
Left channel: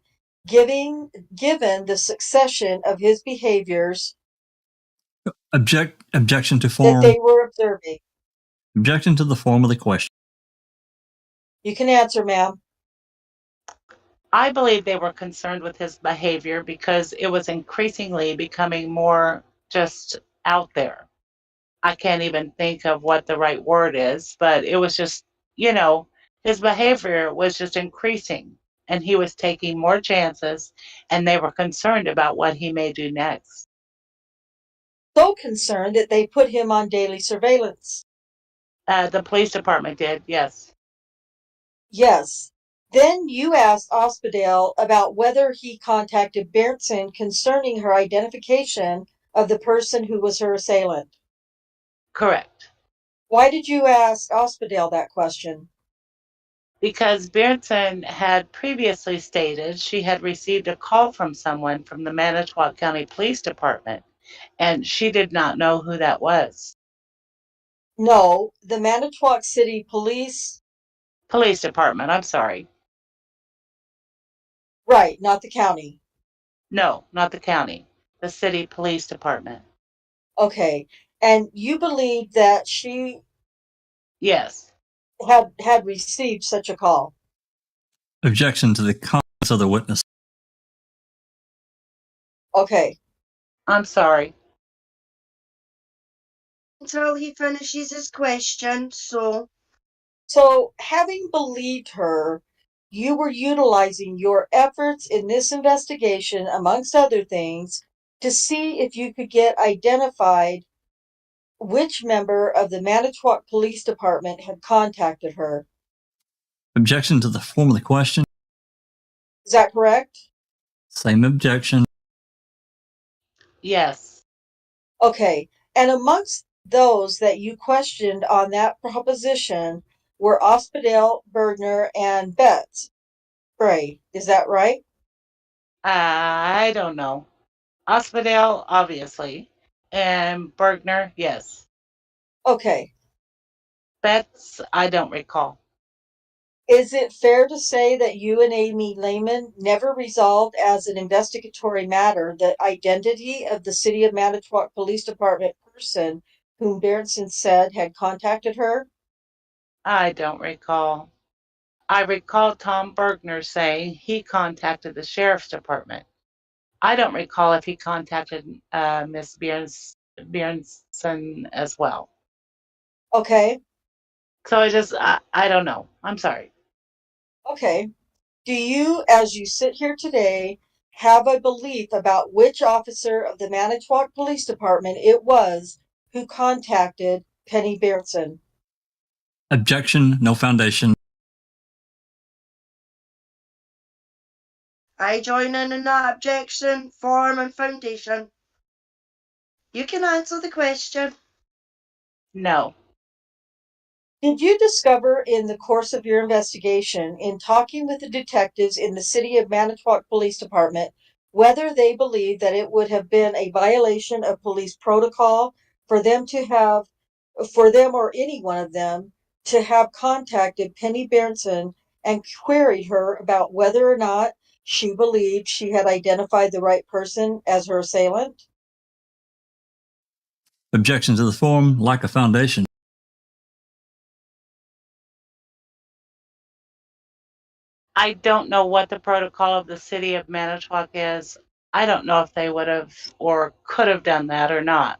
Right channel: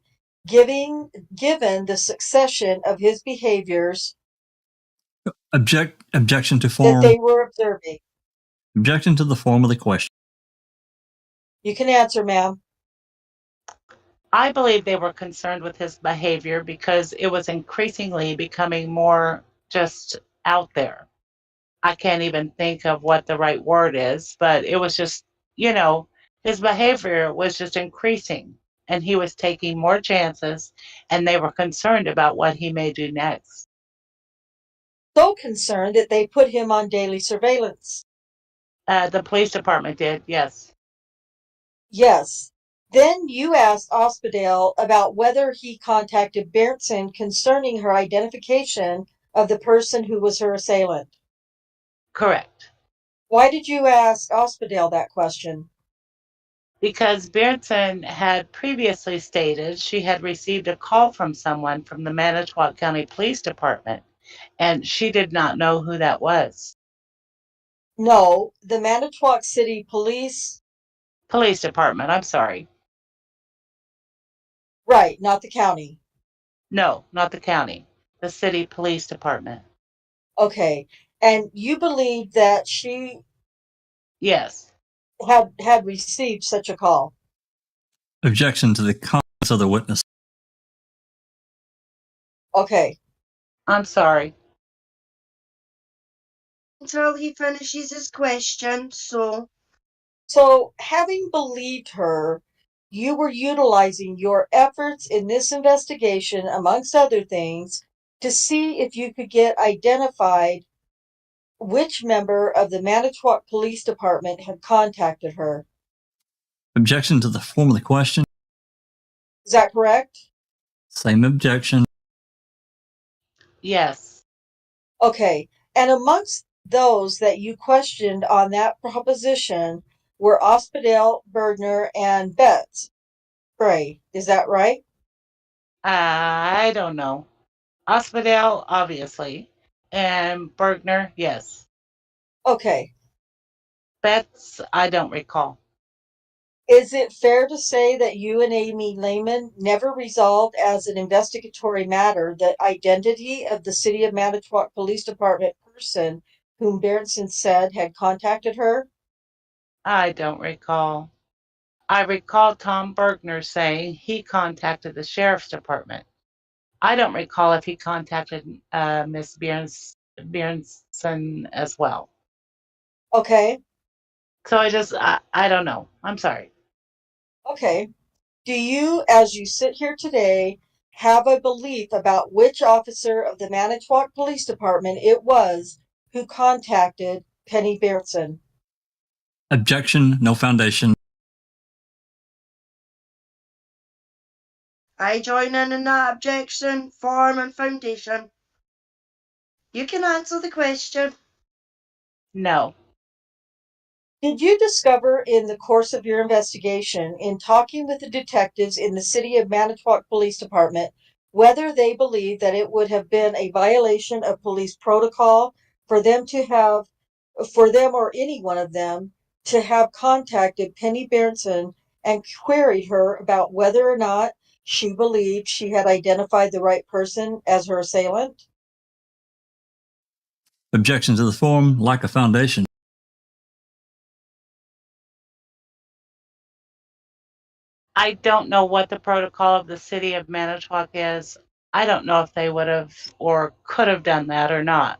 given the succession of his behaviors Objection to that form. they were observing? Objection to the form of the question. You can answer, ma'am. I believe they were concerned with his behavior because it was increasingly becoming more just out there. I can't even think of what the right word is, but it was just, his behavior was just increasing and he was taking more chances and they were concerned about what he may do next. So concerned that they put him on daily surveillance. The police department did, yes. Yes. Then you asked Ospdale about whether he contacted Berntsen concerning her identification of the person who was her assailant. Correct. Why did you ask Ospdale that question? Because Berntsen had previously stated she had received a call from someone from the Manitowoc County Police Department, and she did not know who that was. No, the Manitowoc City Police. Police Department, I'm sorry. Right, not the county. No, not the county. The city police department. Okay. And you believe that she Yes. had received such a call? Objection to the comments of the witness. Okay. I'm sorry. Until he finishes his question, so Having believed her, you were utilizing your efforts in this investigation, amongst other things, to see if you could get identified which member of the Manitowoc Police Department had contacted her. Objection to the form of the question. Is that correct? Same objection. Yes. Okay. And amongst those that you questioned on that proposition were Ospdale, Bergner, and Betts. Bray. Is that right? I don't know. Ospdale, obviously. And Bergner, yes. Okay. Betts, I don't recall. Is it fair to say that you and Amy Lehman never resolved as an investigatory matter the identity of the City of Manitowoc Police Department person whom Berntsen said had contacted her? I don't recall. I recall Tom Bergner saying he contacted the sheriff's department. I don't recall if he contacted Miss Bjornson as well. Okay. So I don't know. I'm sorry. Okay. Do you, as you sit here today, have a belief about which officer of the Manitowoc Police Department it was who contacted Penny Berntsen? Objection, no foundation. I join in that objection, form and foundation. You can answer the question. No. Did you discover in the course of your investigation, in talking with the detectives in the City of Manitowoc Police Department, whether they believed that it would have been a violation of police protocol for them or any one of them to have contacted Penny Berntsen and queried her about whether or not she believed she had identified the right person as her assailant? Objection to the form, lack of foundation. I don't know what the protocol of the city of Manitowoc is. I don't know if they would have or could have done that or not.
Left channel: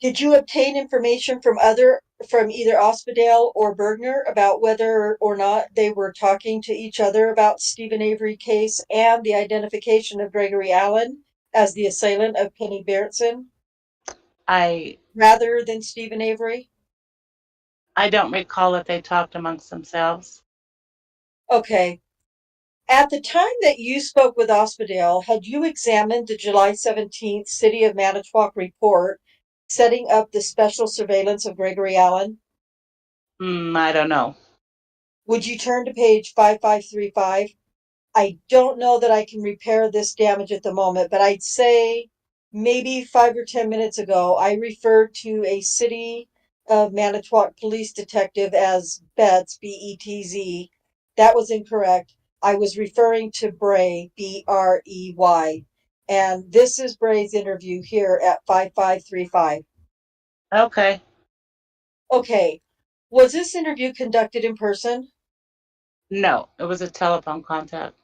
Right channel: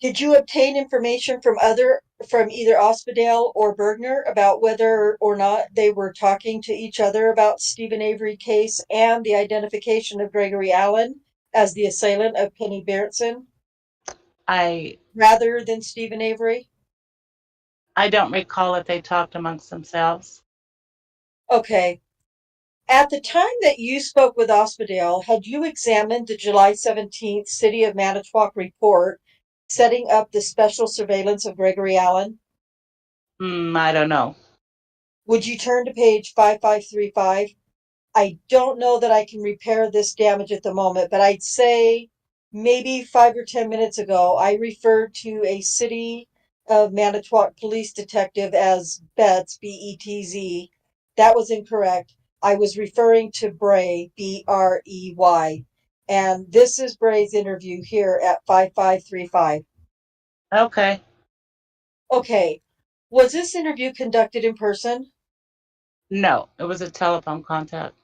Did you obtain information from either Ospdale or Bergner about whether or not they were talking to each other about Stephen Avery case and the identification of Gregory Allen as the assailant of Penny Berntsen I rather than Stephen Avery? don't recall if they talked amongst themselves. Okay. At the time that you spoke with Ospdale, had you examined the July 17th City of Manitowoc report setting up the special surveillance of Gregory Allen? I don't know. Would you turn to page 5535? I don't know that I can repair this damage at the moment, but I'd say maybe 5 or 10 minutes ago, I referred to a City of Manitowoc police detective as Betz, B-E-T-Z. That was incorrect. I was referring to Bray, B-R-E-Y. And this is Bray's interview here at 5535. Okay. Okay. Was this interview conducted in person? No, it was a telephone contact.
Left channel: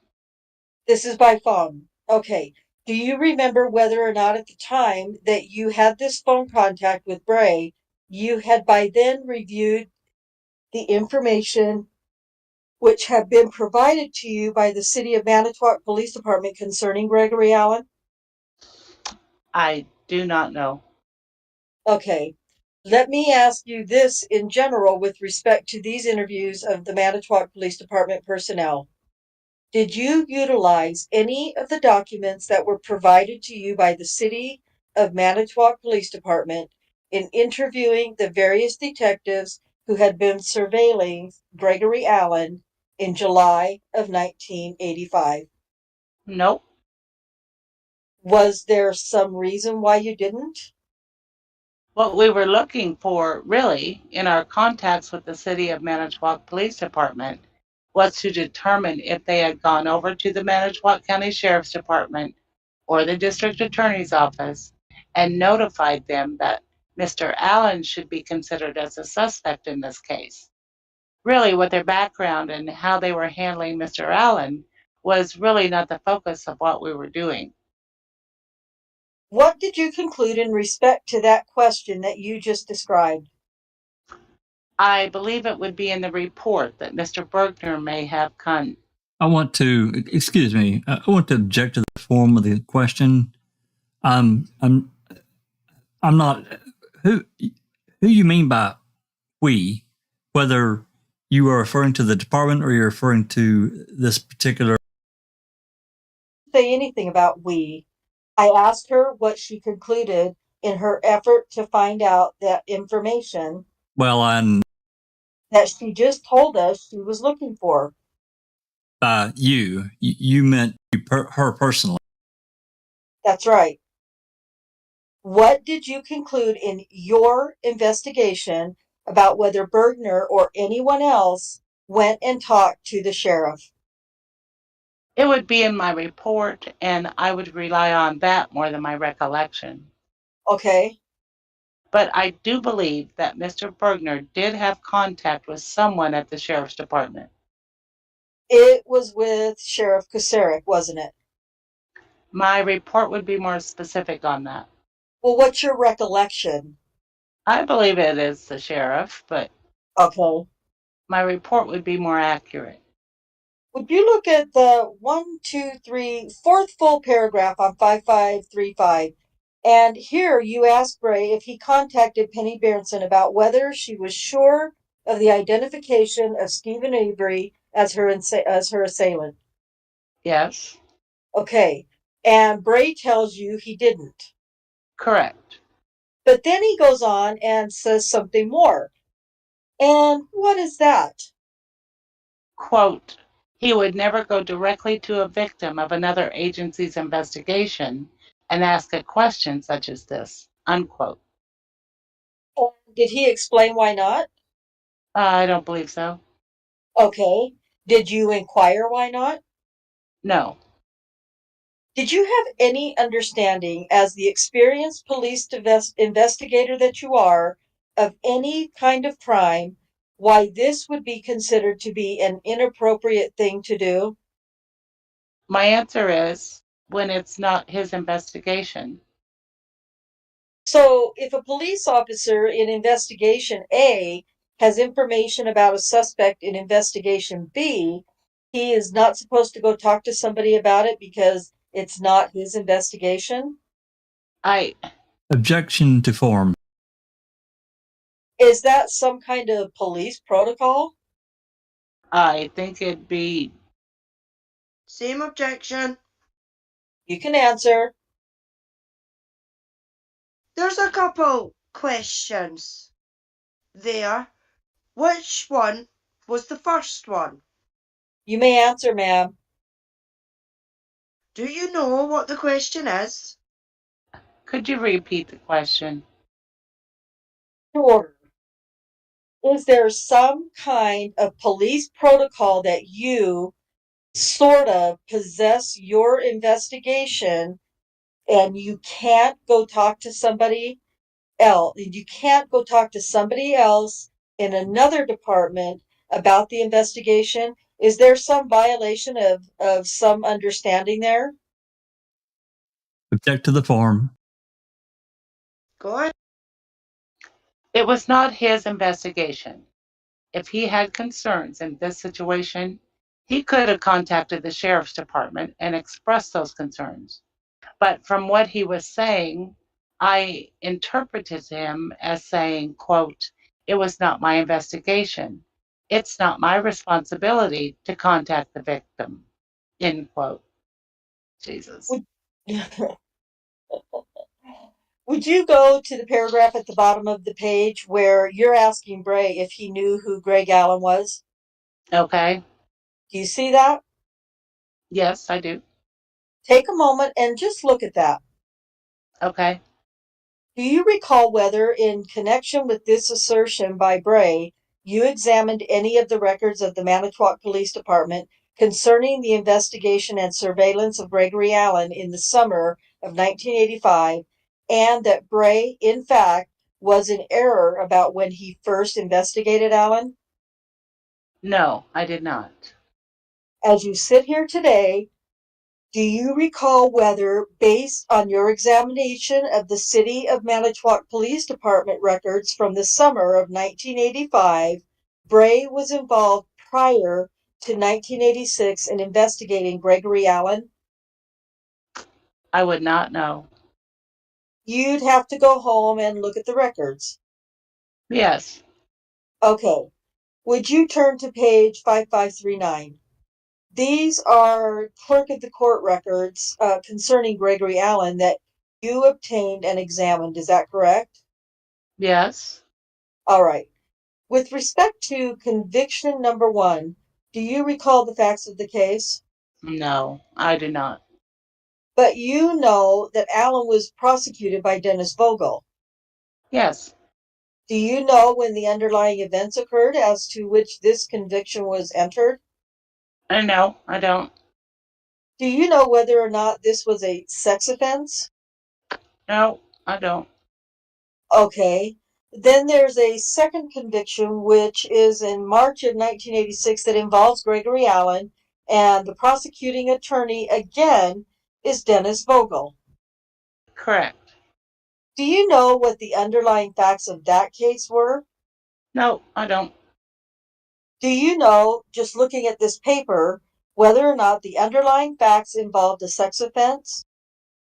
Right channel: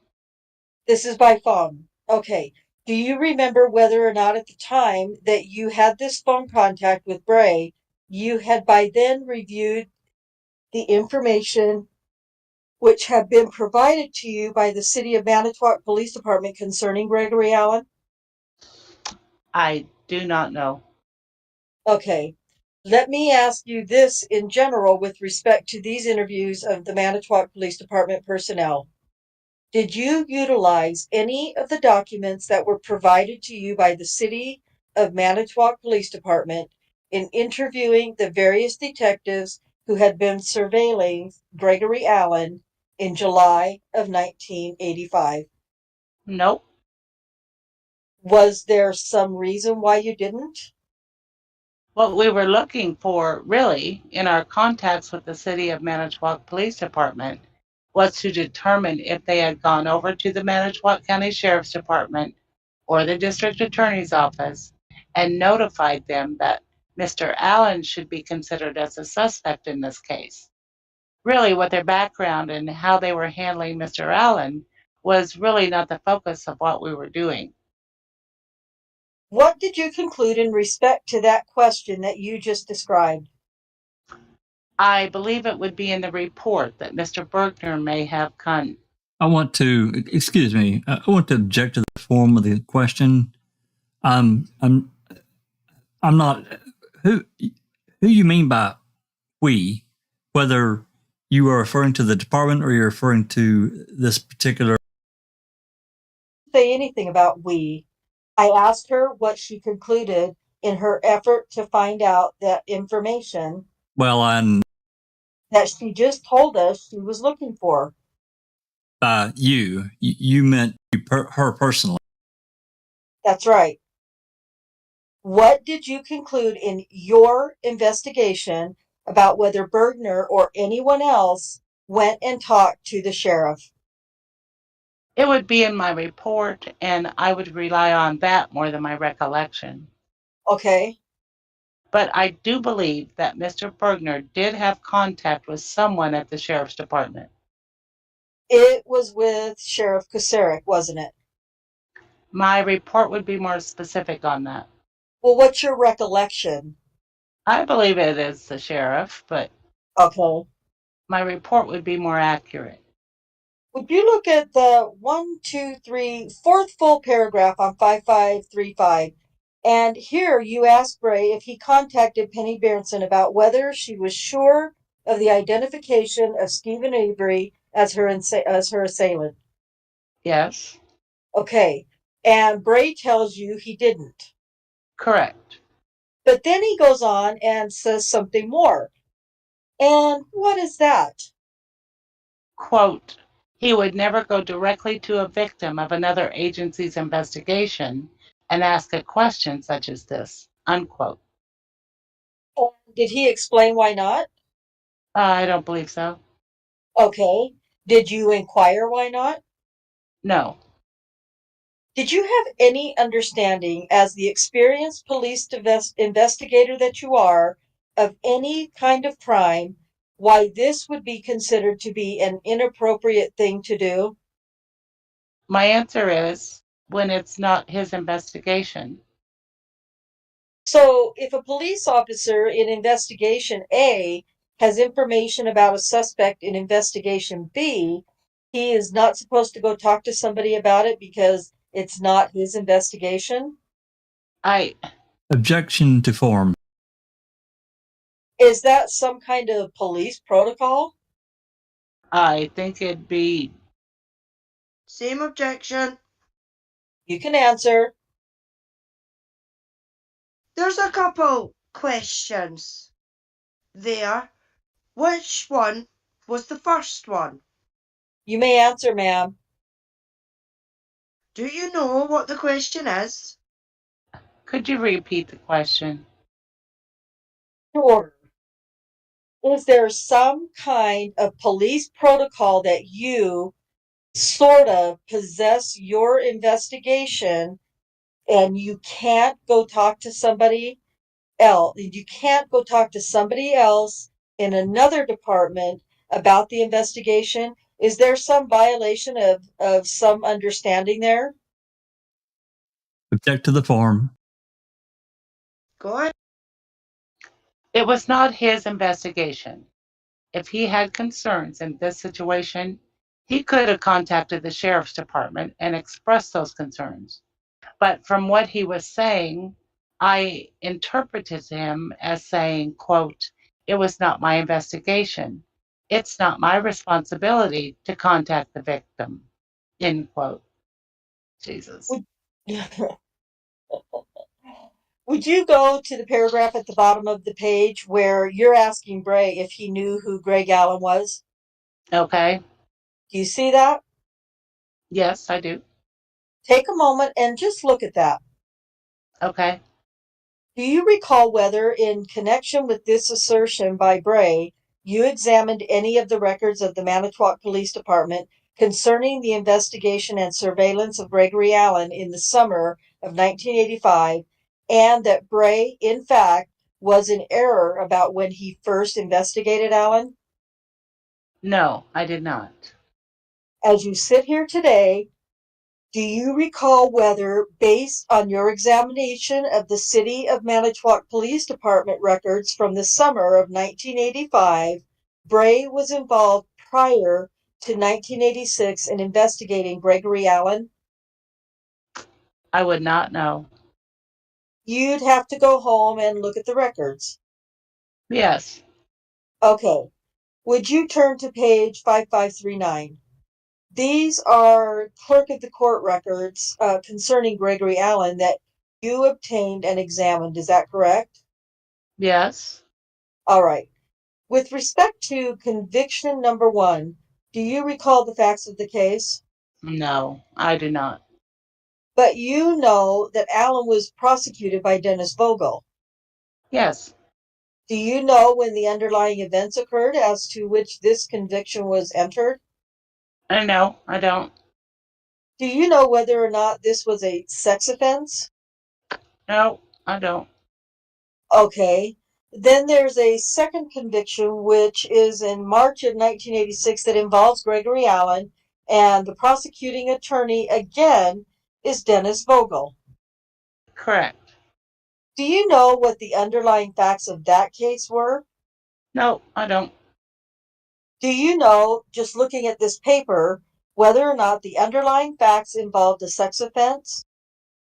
This is by phone. Okay. Do you remember whether or not at the time that you had this phone contact with Bray, you had by then reviewed the information which had been provided to you by the City of Manitowoc Police Department concerning Gregory Allen? I do not know. Okay. Let me ask you this in general with respect to these interviews of the Manitowoc Police Department personnel. Did you utilize any of the documents that were provided to you by the City of Manitowoc Police Department in interviewing the various detectives who had been surveilling Gregory Allen in July of 1985? Nope. Was there some reason why you didn't? What we were looking for, really, in our contacts with the City of Manitowoc Police Department was to determine if they had gone over to the Manitowoc County Sheriff's Department or the District Attorney's Office and notified them that Mr. Allen should be considered as a suspect in this case. Really, what their background and how they were handling Mr. Allen was really not the focus of what we were doing. What did you conclude in respect to that question that you just described? I believe it would be in the report that Mr. Bergner may have come. I want to, excuse me, I want to object to the form of the question. I'm not, who you mean by we, whether you are referring to the department or you're referring to this particular. Say anything about we. I asked her what she concluded in her effort to find out that information Well, that she just told us she was looking for. You meant her personally. That's right. What did you conclude in your investigation about whether Bergner or anyone else went and talked to the sheriff? It would be in my report, and I would rely on that more than my recollection. Okay. But I do believe that Mr. Bergner did have contact with someone at the Sheriff's Department. It was with Sheriff Kucerik, wasn't it? My report would be more specific on that. Well, what's your recollection? I believe it is the sheriff, but Okay. my report would be more accurate. Would you look at the fourth full paragraph on 5535? And here you ask Bray if he contacted Penny Berenson about whether she was sure of the identification of Stephen Avery as her assailant. Yes, Okay. And Bray tells you he didn't. correct. But then he goes on and says something more. And what is that? Quote, he would never go directly to a victim of another agency's investigation and ask a question such as this, unquote. Did he explain why not? I don't believe so. Okay. Did you inquire why not? No. Did you have any understanding, as the experienced police investigator that you are, of any kind of crime, why this would be considered to be an inappropriate thing to do? My answer is when it's not his investigation. So, if a police officer in investigation A has information about a suspect in investigation B, he is not supposed to go talk to somebody about it because it's not his investigation? Objection to form. Is that some kind of police protocol? I think it'd be Same objection. You can answer. There's a couple questions there. Which one was the first one? You may answer, ma'am. Do you know what the question is? Could you repeat the question? Sure. Is there some kind of police protocol that you sort of possess your investigation and you can't go talk to somebody else? You can't go talk to somebody else in another department about the investigation? Is there some violation of some understanding there? Object to the form. Go ahead. It was not his investigation. If he had concerns in this situation, he could have contacted the sheriff's department and expressed those concerns. But from what he was saying, I interpreted him as saying, quote, "It was not my investigation. It's not my responsibility to contact the victim," end quote. Jesus. Would, would you go to the paragraph at the bottom of the page where you're asking Bray if he knew who Greg Allen was? Okay. Do you see that? Yes, I do. Take a moment and just look at that. Okay. Do you recall whether, in connection with this assertion by Bray, you examined any of the records of the Manitowoc Police Department concerning the investigation and surveillance of Gregory Allen in the summer of 1985, and that Bray, in fact, was in error about when he first investigated Allen? No, I did not. As you sit here today, do you recall whether, based on your examination of the City of Manitowoc Police Department records from the summer of 1985, Bray was involved prior to 1986 in investigating Gregory Allen? I would not know. You'd have to go home and look at the records. Yes. Okay. Would you turn to page 5539? These are clerk of the court records concerning Gregory Allen that you obtained and examined. Is that correct? Yes. All right. With respect to conviction number 1, do you recall the facts of the case? No, I do not. But you know that Allen was prosecuted by Dennis Vogel. Yes. Do you know when the underlying events occurred as to which this conviction was entered? No, I don't. Do you know whether or not this was a sex offense? No, I don't. Okay. Then there's a second conviction, which is in March of 1986 that involves Gregory Allen, and the prosecuting attorney again is Dennis Vogel. Correct. Do you know what the underlying facts of that case were? No, I don't. Do you know, just looking at this paper, whether or not the underlying facts involved a sex offense?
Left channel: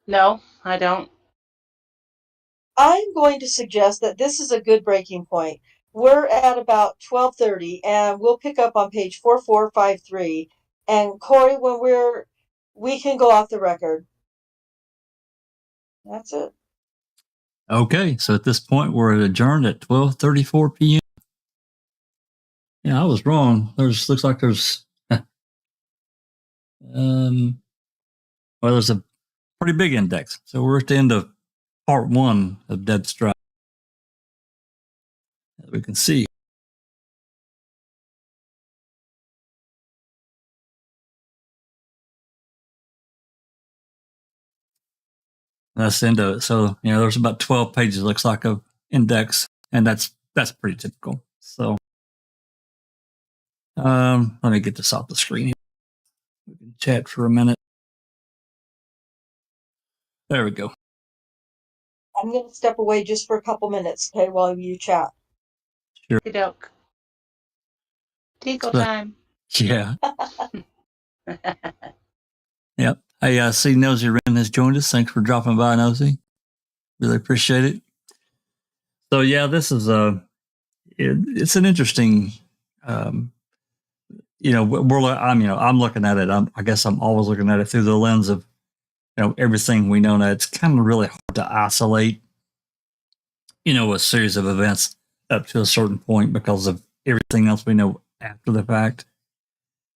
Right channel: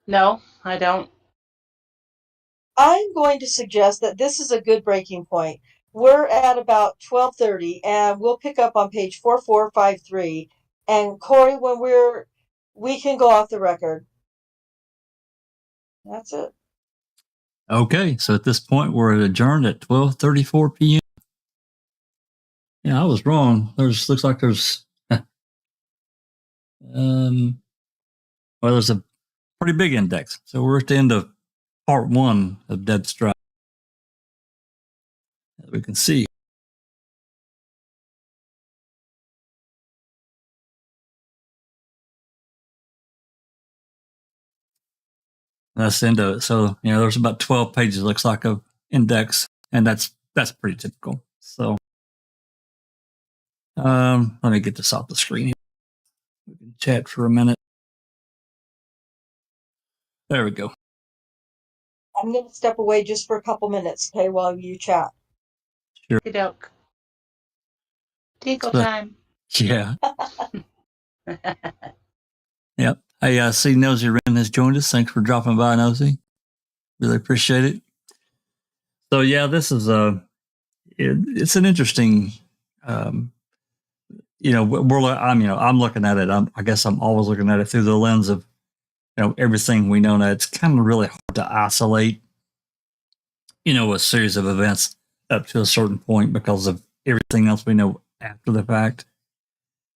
No, I don't. I'm going to suggest that this is a good breaking point. We're at about 12:30 and we'll pick up on page 4453. And Corey, when we can go off the record. That's it. Okay, so at this point, we're adjourned at 12:34 p.m. Yeah, I was wrong. Looks like there's there's a pretty big index. So we're at the end of part 1 of Deb Strauss. As we can see. That's the end of it. So, there's about 12 pages, looks like, of index, and that's pretty typical. So, let me get this off the screen. We can chat for a minute. There we go. I'm going to step away just for a couple minutes, okay, while you chat. Sure. Doke. Tinkle So, time. Yeah. Yep. Hey, I see Nosy Wren has joined us. Thanks for dropping by, Nosy. Really appreciate it. So, yeah, this is it's an interesting I'm looking at it. I guess I'm always looking at it through the lens of, everything we know now. It's kind of really hard to isolate, a series of events up to a certain point because of everything else we know after the fact.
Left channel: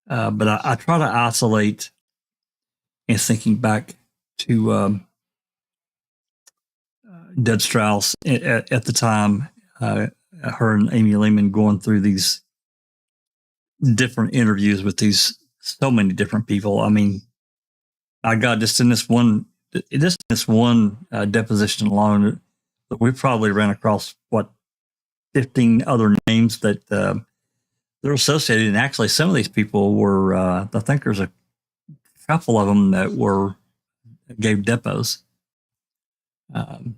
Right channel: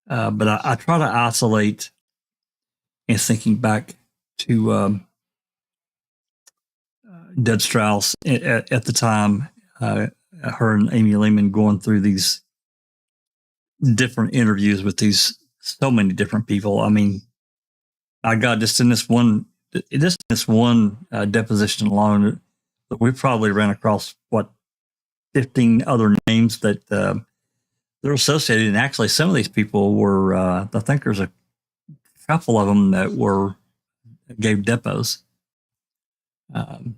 But I try to isolate and thinking back to Deb Strauss at the time, her and Amy Lehman going through these different interviews with so many different people. I mean, I got just in this one deposition alone, we probably ran across 15 other names that they're associated. And actually, some of these people were, I think there's a couple of them that gave depots. Of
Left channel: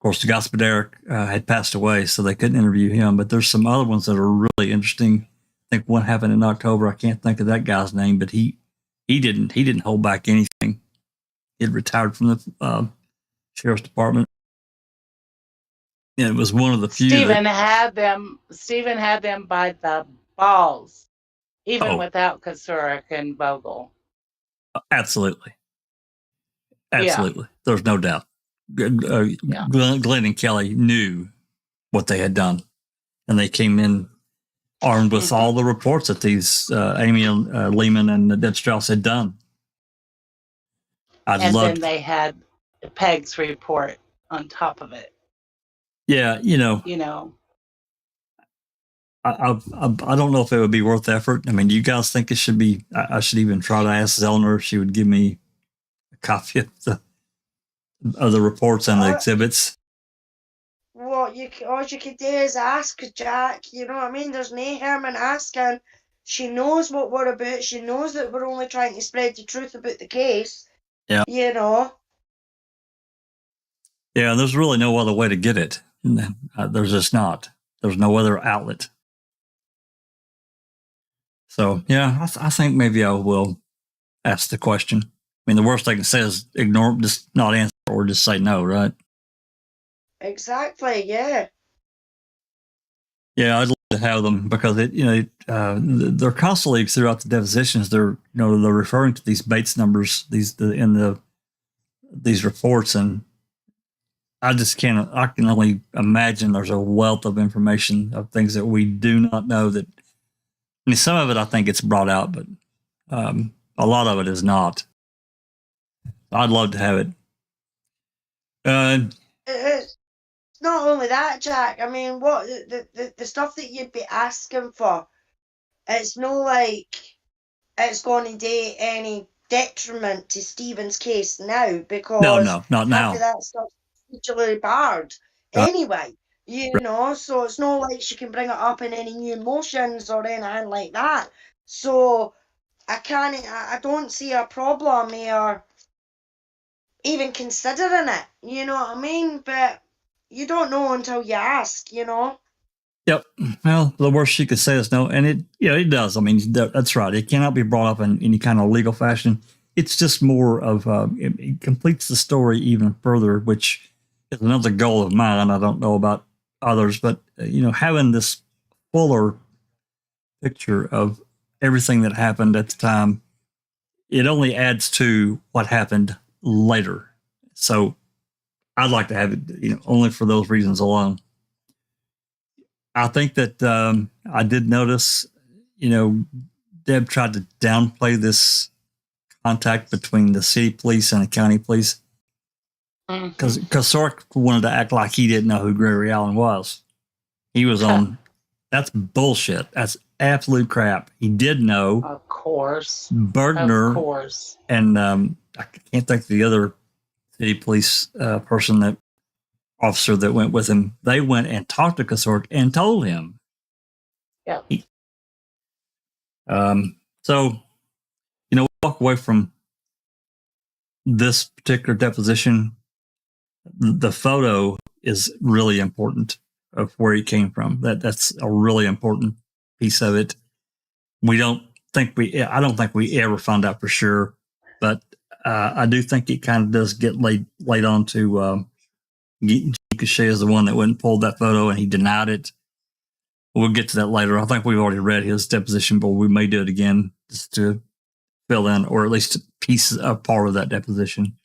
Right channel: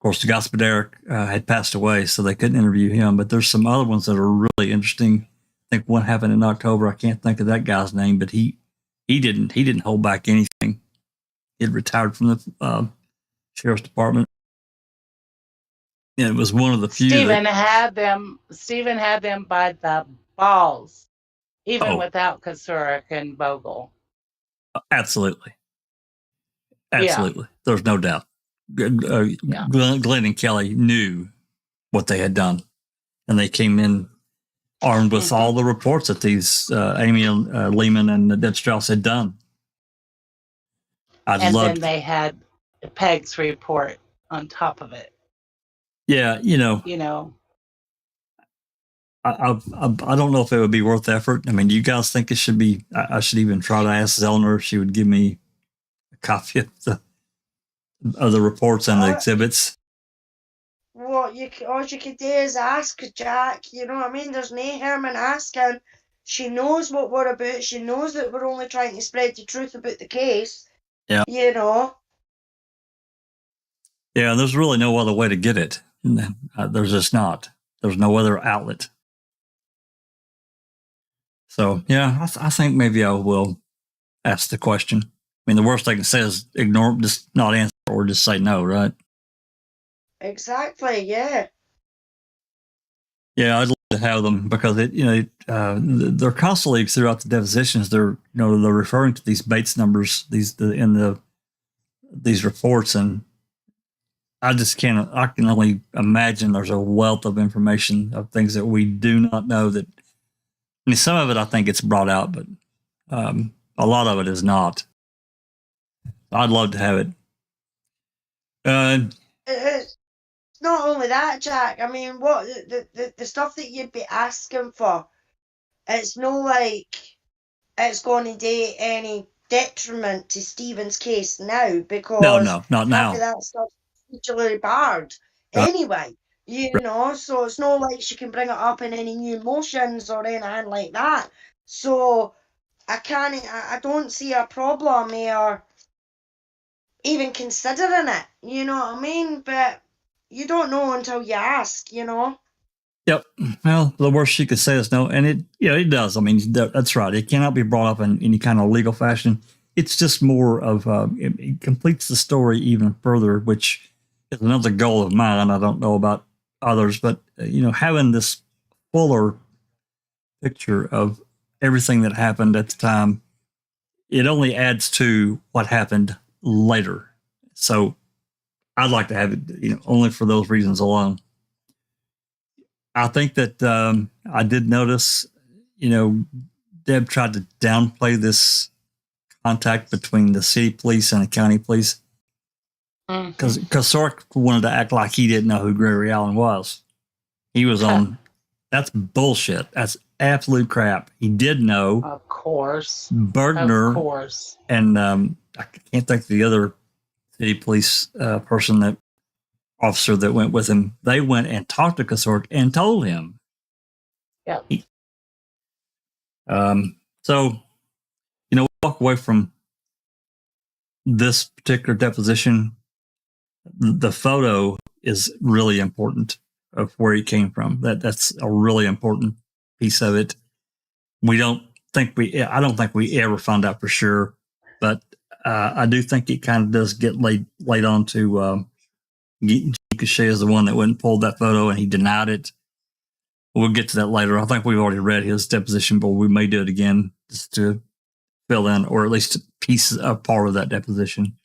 course, Ospdale had passed away, so they couldn't interview him. But there's some other ones that are really interesting. I think one happened in October. I can't think of that guy's name, but he didn't hold back anything. He had retired from the sheriff's department. And it was one of the few. Stephen had them by the balls, even without Kasurek and Vogel. Absolutely. Yeah. There's no doubt. Glenn and Kelly knew what they had done, and they came in armed with all the reports that these Amy Lehman and Deb Strauss had done. Then they had Peg's report on top of it. Yeah, I don't know if it would be worth the effort. I mean, do you guys think it should be? I should even try to ask Zellner if she would give me a copy of the reports and the exhibits. All you could do is ask Jack. You know what I mean? There's no harm in asking. She knows what we're about. She knows that we're only trying to spread the truth about the case. Yeah. Yeah, there's really no other way to get it. There's just not. There's no other outlet. So, yeah, I think maybe I will ask the question. I mean, the worst I can say is ignore, just not answer, or just say no, right? Exactly, yeah. Yeah, I'd love to have them because they're constantly throughout the depositions. They're referring to these Bates numbers, these reports, and I can only imagine there's a wealth of information of things that we do not know. That, I mean, some of it I think it's brought out, but a lot of it is not. I'd love to have it. It's not only that, Jack. I mean, what the stuff that you'd be asking for, it's no like it's going to do any detriment to Stephen's case now, because no, not now. That stuff's particularly barred anyway. So it's not like she can bring it up in any new motions or anything like that. So I don't see a problem here even considering it, you know what I mean? But you don't know until you ask, Yep. Well, the worst she could say is no, and it does. I mean, that's right. It cannot be brought up in any kind of legal fashion. It's just more of it completes the story even further, which is another goal of mine. I don't know about others, but having this fuller picture of everything that happened at the time, it only adds to what happened later. So I'd like to have it, only for those reasons alone. I think that I did notice, Deb tried to downplay this contact between the city police and the county police, because Sork wanted to act like he didn't know who Gregory Allen was. He was on. That's bullshit. That's absolute crap. He did know. Of course. Bergner. Of course. And I can't think of the other city police officer that went with him. They went and talked to Kasork and told him. Yeah. So, walk away from this particular deposition. The photo is really important of where he came from. That's a really important piece of it. I don't think we ever found out for sure, but I do think it kind of does get laid on to Cachet is the one that went and pulled that photo, and he denied it we'll get to that later. I think we've already read his deposition, but we may do it again just to fill in, or at least piece a part of that deposition.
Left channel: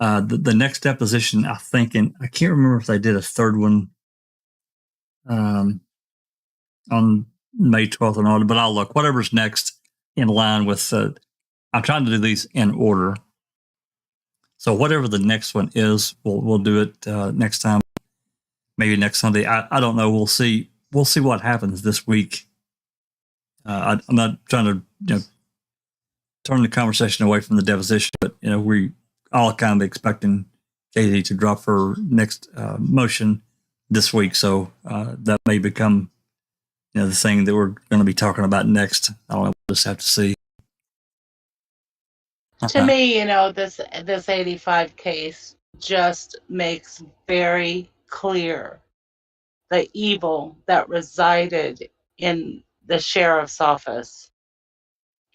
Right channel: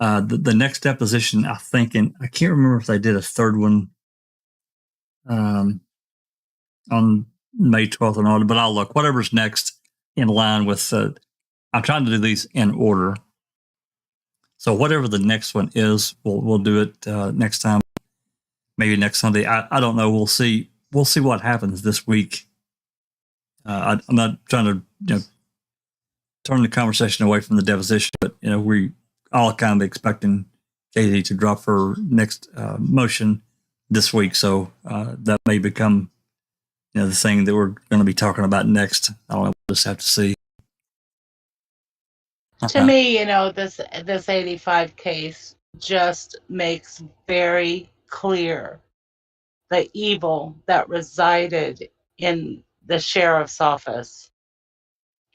The next deposition, I think, and I can't remember if they did a third one on May 12th or not, but I'll look. Whatever's next in line with, I'm trying to do these in order. So whatever the next one is, we'll do it next time, maybe next Sunday. I don't know. We'll see. We'll see what happens this week. I'm not trying to turn the conversation away from the deposition, but we all kind of expecting Katie to drop her next motion this week, so that may become the thing that we're going to be talking about next. I don't know. We'll just have to see. To me, this 85 case just makes very clear the evil that resided in the sheriff's office,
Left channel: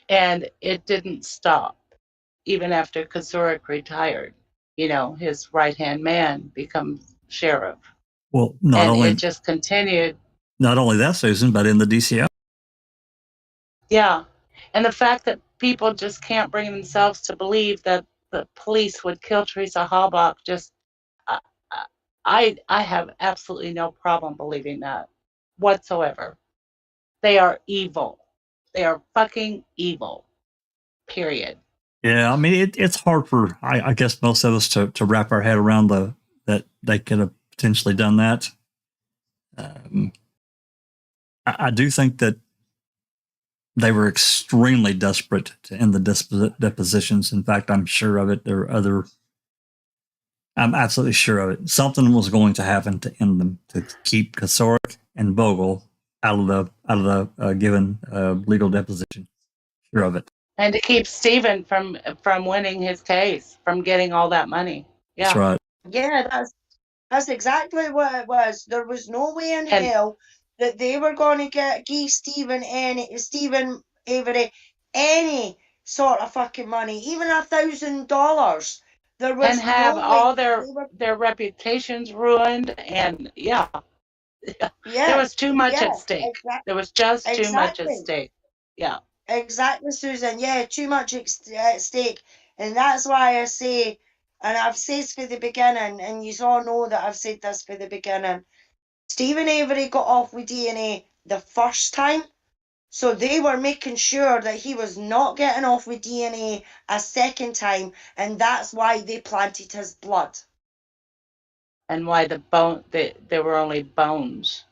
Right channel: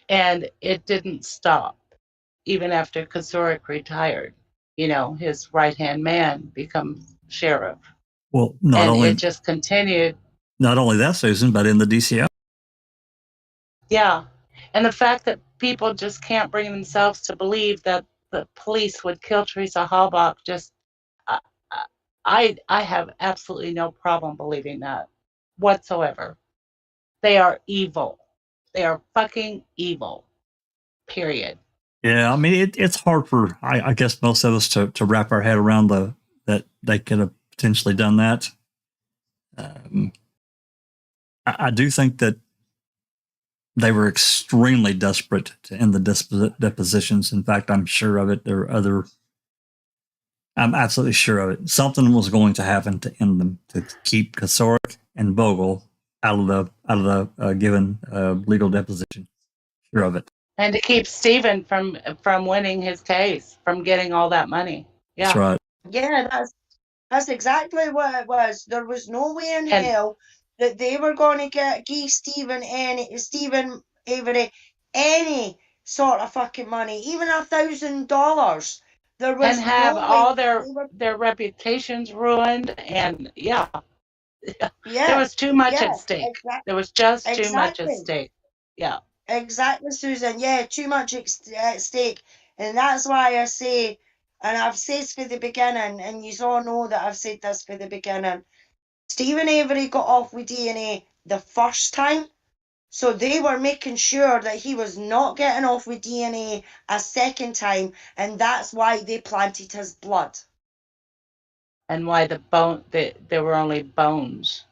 and it didn't stop even after Kazurik retired. His right-hand man becomes sheriff. Well, it just continued. Not only that, Susan, but in the DCI. Yeah, and the fact that people just can't bring themselves to believe that the police would kill Teresa Halbach, just I have absolutely no problem believing that whatsoever. They are evil. They are fucking evil. Period. Yeah, I mean, it's hard for, I guess, most of us to wrap our head around that they could have potentially done that. I do think that they were extremely desperate to end the depositions. In fact, I'm sure of it. I'm absolutely sure of it. Something was going to happen to end them, to keep Kazurik and Vogel out of the given legal deposition. Sure of it. And to keep Stephen from winning his case, from getting all that money. Yeah. That's right. Yeah, that's exactly what it was. There was no way in hell that they were going to give Stephen Avery any sort of fucking money, even $1,000. There was and have no all their reputations ruined, and there was too much at stake. Exactly. There was just too much at stake. Yeah. Exactly, Susan. Yeah, too much at stake. And that's why I say, and I've said for the beginning, and you all know that I've said this for the beginning, Stephen Avery got off with DNA the first time, so they were making sure that he was not getting off with DNA a second time, and that's why they planted his blood. And why there were only bones.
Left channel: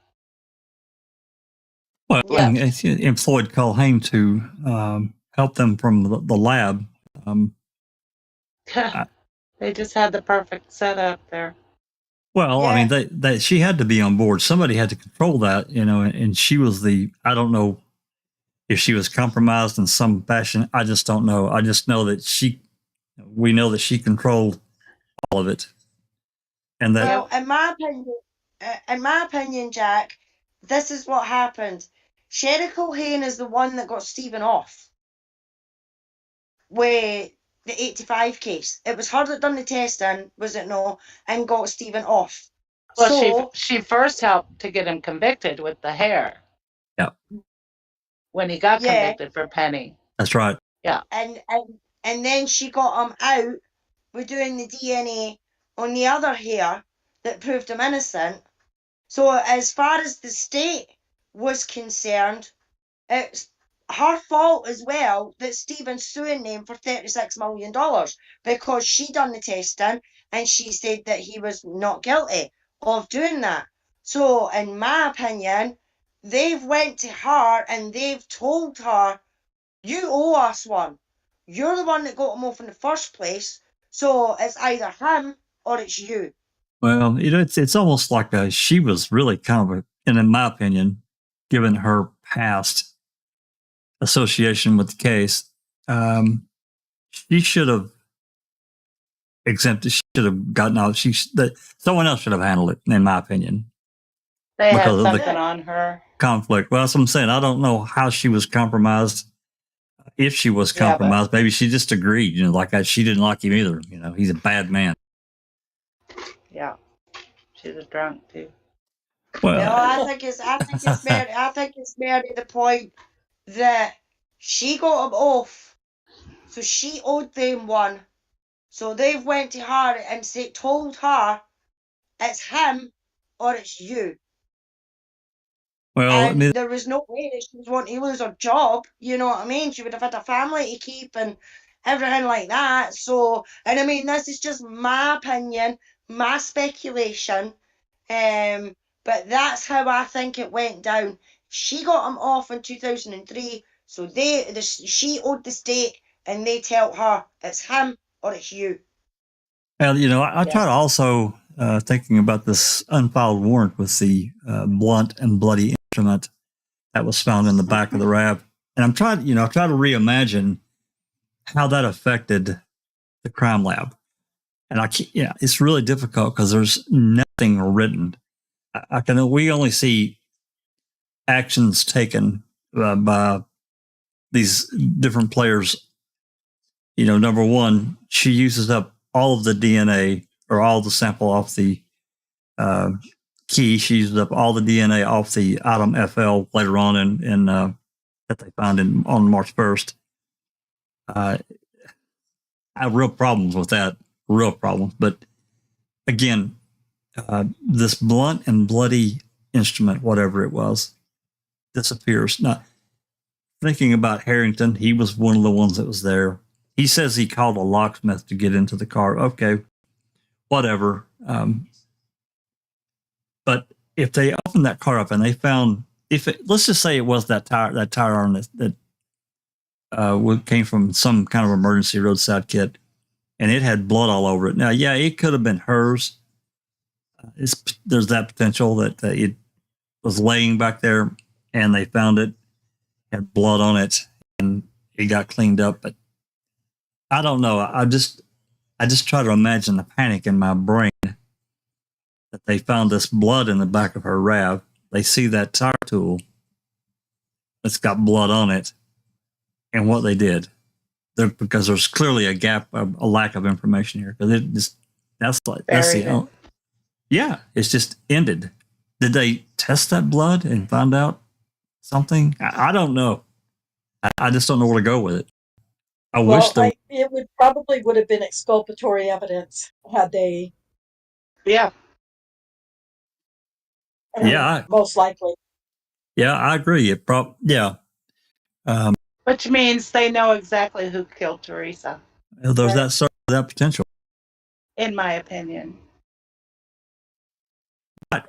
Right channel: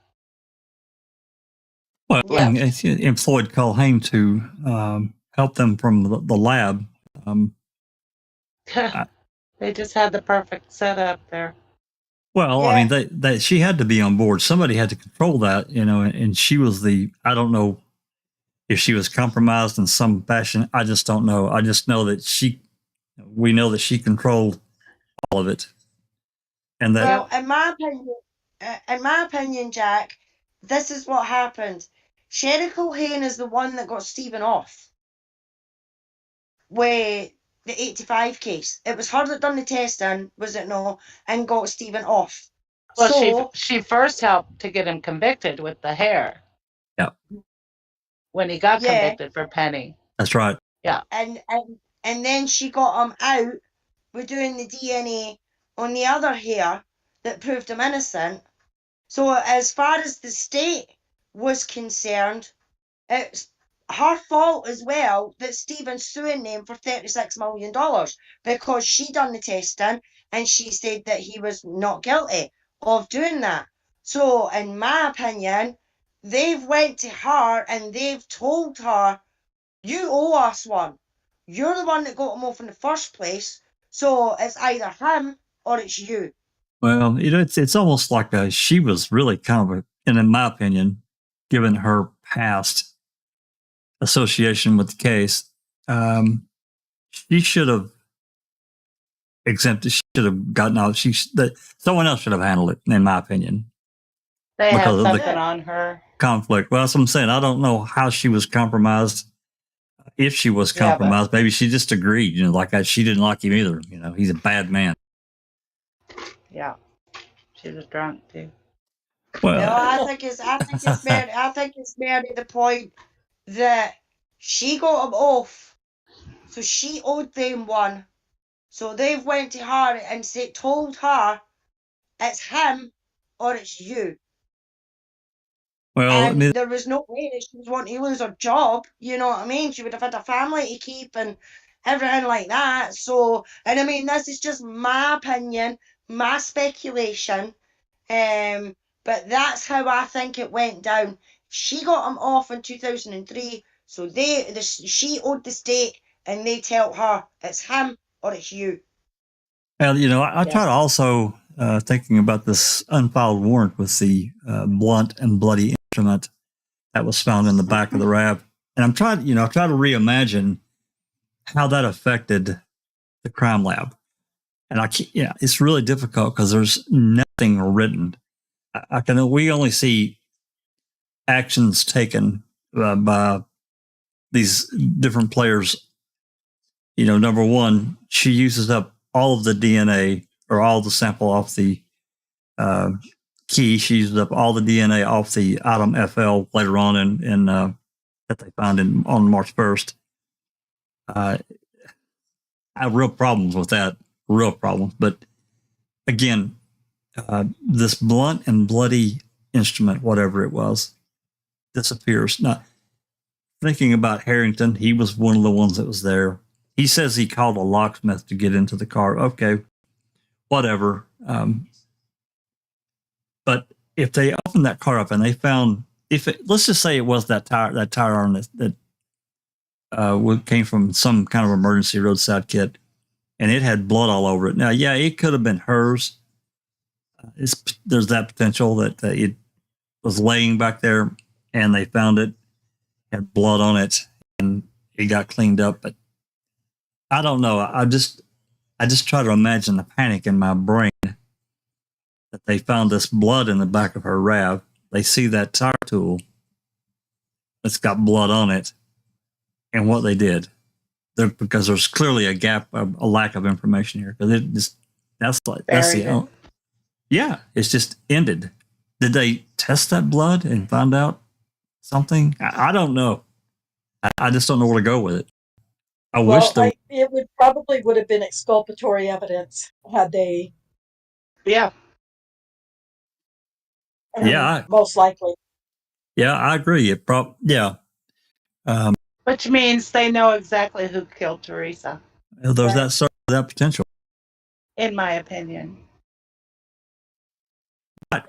Well, and employed Culhane to help them from the lab. They just had the perfect setup there. Well, I mean, she had to be on board. Somebody had to control that, and she was I don't know if she was compromised in some fashion. I just don't know. I just know that we know that she controlled all of it. And that. Well, in my opinion, Jack, this is what happened. Sherry Culhane is the one that got Stephen off with the 85 case. It was her that done the testing, was it no, and got Stephen off. Well, so, she first helped to get him convicted with the hair. Yeah. When he got convicted for Penny. That's right. Yeah. And then she got him out with doing the DNA on the other hair that proved him innocent. So as far as the state was concerned, it's her fault as well that Stephen's suing them for $36 million because she done the testing and she said that he was not guilty of doing that. So in my opinion, they've went to her and they've told her, you owe us one. You're the one that got him off in the first place. So it's either him or it's you. Well, it's almost like she was really kind of, and in my opinion, given her past association with the case, she should have exempted. She should have gotten out. Someone else should have handled it, in my opinion. They had something on her. Conflict. Well, that's what I'm saying. I don't know how she was compromised. If she was compromised, maybe she just agreed. She didn't like him either. He's a bad man. Yeah, she's a drunk too. No, Well, I think it's more to the point that she got him off, so she owed them one. So they've went to her and told her it's him or it's you. well, I And mean, there was no way that she was wanting to lose her job. You know what I mean? She would have had a family to keep and everything like that. So, and I mean, this is just my opinion, my speculation. But that's how I think it went down. She got him off in 2003, so she owed the state, and they tell her it's him or it's you. well, I try to also thinking about this unfiled warrant with the blunt and bloody instrument that was found in the back of the RAV, and I try to reimagine how that affected the crime lab, and it's really difficult because there's nothing written. We only see actions taken by these different players. Number one, she uses up all of the DNA or all the sample off the key. She uses up all the DNA off the item FL later on in that they found on March 1st. I have real problems with that, real problems. But again, this blunt and bloody instrument, whatever it was, disappears. Now, thinking about Harrington, he was one of the ones that was there. He says he called a locksmith to get into the car. Okay, whatever. But if they opened that car up and they found, let's just say it was that tire iron that came from some kind of emergency roadside kit, and it had blood all over it. Now, yeah, it could have been hers. There's that potential that it was laying back there and they found it, had blood on it, and it got cleaned up. But I don't know. I just try to imagine the panic in my brain that they found this blood in the back of her RAV. They see that tire tool that's got blood on it, and what they did. Because there's clearly a gap, a lack of information here. Because it's just ended. Did they test that blood and find out something? I don't know. I just don't know where to go with it. It would have been exculpatory evidence had they. Yeah. Most likely. Yeah, I agree. Which means they know exactly who killed Teresa. There's that potential. In my opinion.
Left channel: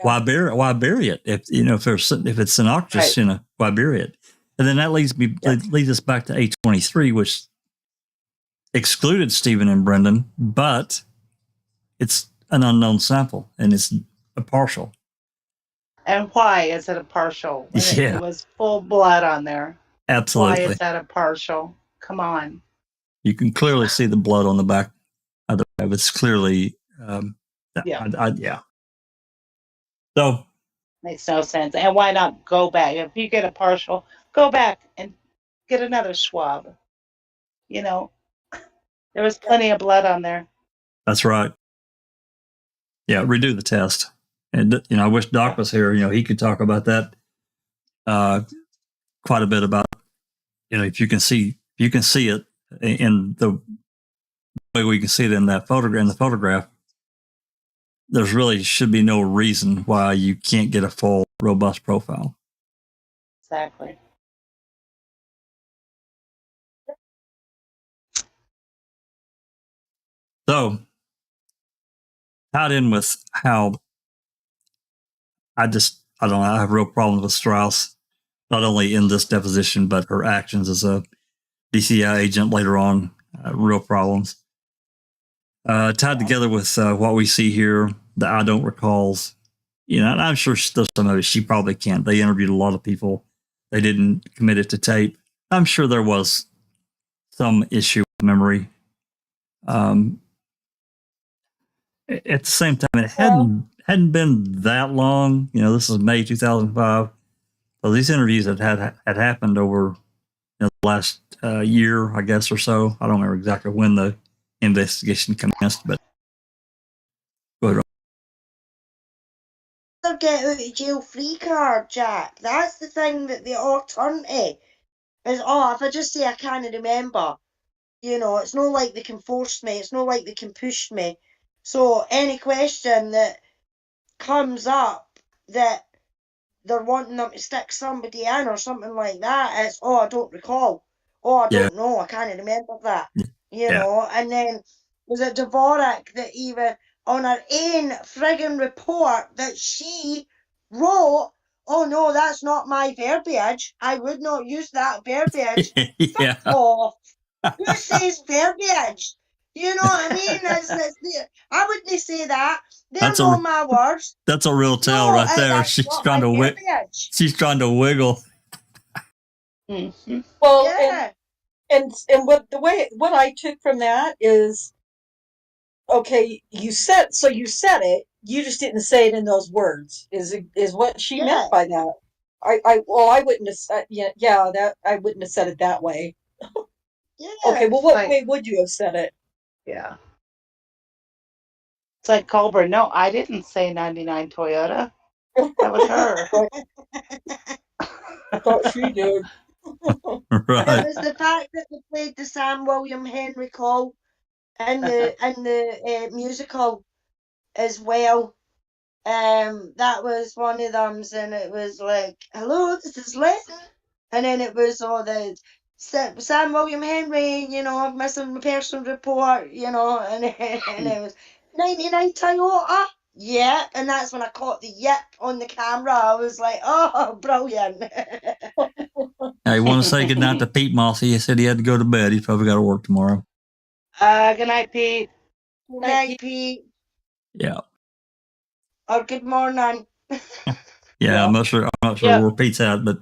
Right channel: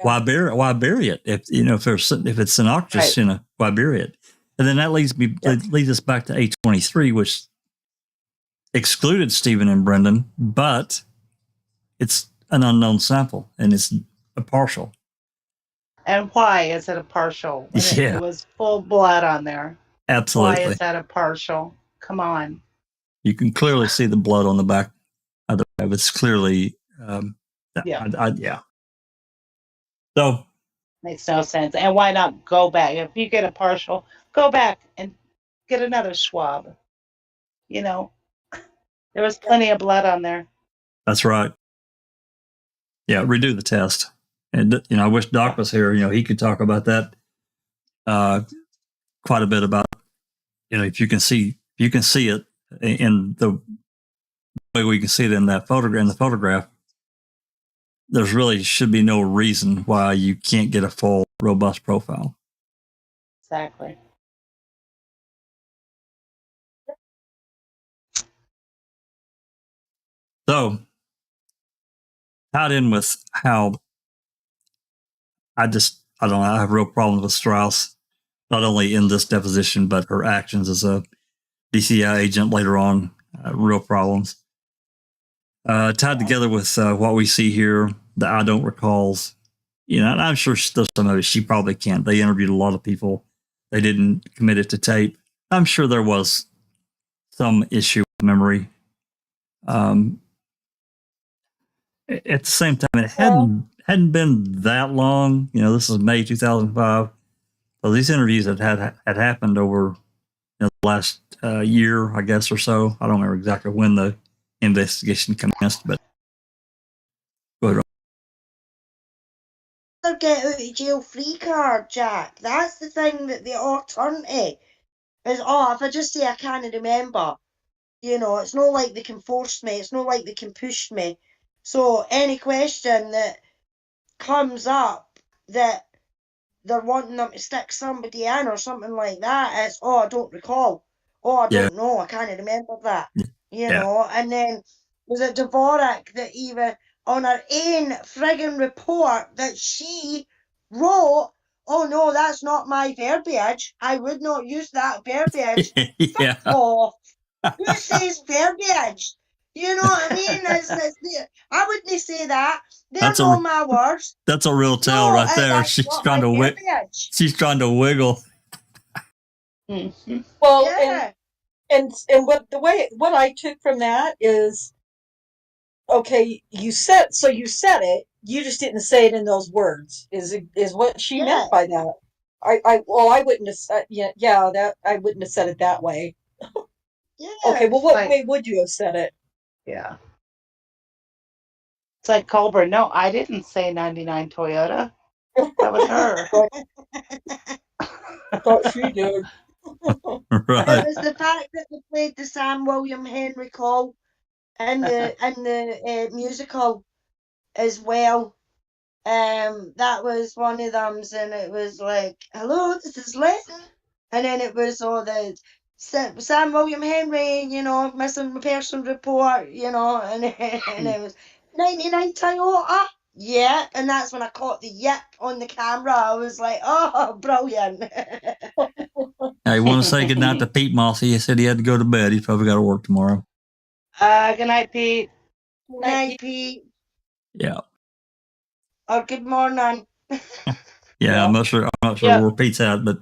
Why bury it? If it's innocuous, right. Why bury it? And then that leads us back to A23, which excluded Stephen and Brendan, but it's an unknown sample and it's a partial. And why is it a partial? Yeah. It was full blood on there. Absolutely. Why is that a partial? Come on. You can clearly see the blood on the back of the RAV. It's clearly, So. Makes no sense. And why not go back? If you get a partial, go back and get another swab. There was plenty of blood on there. That's right. Yeah, redo the test. And, I wish Doc was here. He could talk about that quite a bit about, if you can see it in the way we can see it in that photograph, there's really should be no reason why you can't get a full, robust profile. Exactly. So, tied in with how I don't know, I have real problems with Strauss, not only in this deposition, but her actions as a DCI agent later on, real problems. Tied together with what we see here, the I don't recalls, and I'm sure there's some of it she probably can't. They interviewed a lot of people. They didn't commit it to tape. I'm sure there was some issue with memory. At the same time, it hadn't been that long. This is May 2005. So these interviews had happened over the last year, I guess, or so. I don't remember exactly when the investigation commenced, but go ahead. their get out of jail free card, Jack. That's the thing that they all turn to. Is, oh, if I just say I can't remember, you know, it's not like they can force me, it's not like they can push me. So any question that comes up that they're wanting them to stick somebody in or something like that, it's, oh, I don't recall. Oh, I don't know, I can't remember that. You know, and then was it Dvorak that even on her own friggin' report that she wrote, oh no, that's not my verbiage. I would not use that verbiage. Yeah. Fuck off. Who says verbiage? You know what I mean? I wouldn't say that. They're not my words. That's a real tell right there. She's trying to She's trying to wiggle. Mm-hmm. Well, Yeah. and what I took from that is, okay, you said it, you just didn't say it in those words. Is what she meant by that. I wouldn't have said, that I wouldn't have said it that way. Yeah. Okay, well, what way would you have said it? Yeah. It's like Colbert. No, I didn't say 99 Toyota. That was her. I thought she did. Right. It was the fact that they played the Sam William Henry call in the musical as well. That was one of them, and it was like, hello, this is Linton. And then it was all the Sam William Henry, you know, missing person report, you know, and it was 99 Toyota. Yeah, and that's when I caught the yip on the camera. I was like, oh, brilliant. I want to say goodnight to Pete Mossy. He said he had to go to bed. He's probably got to work tomorrow. Good night, Pete. Good night, Pete. Yeah. Or good morning. Yeah, I'm not sure where Pete's at, but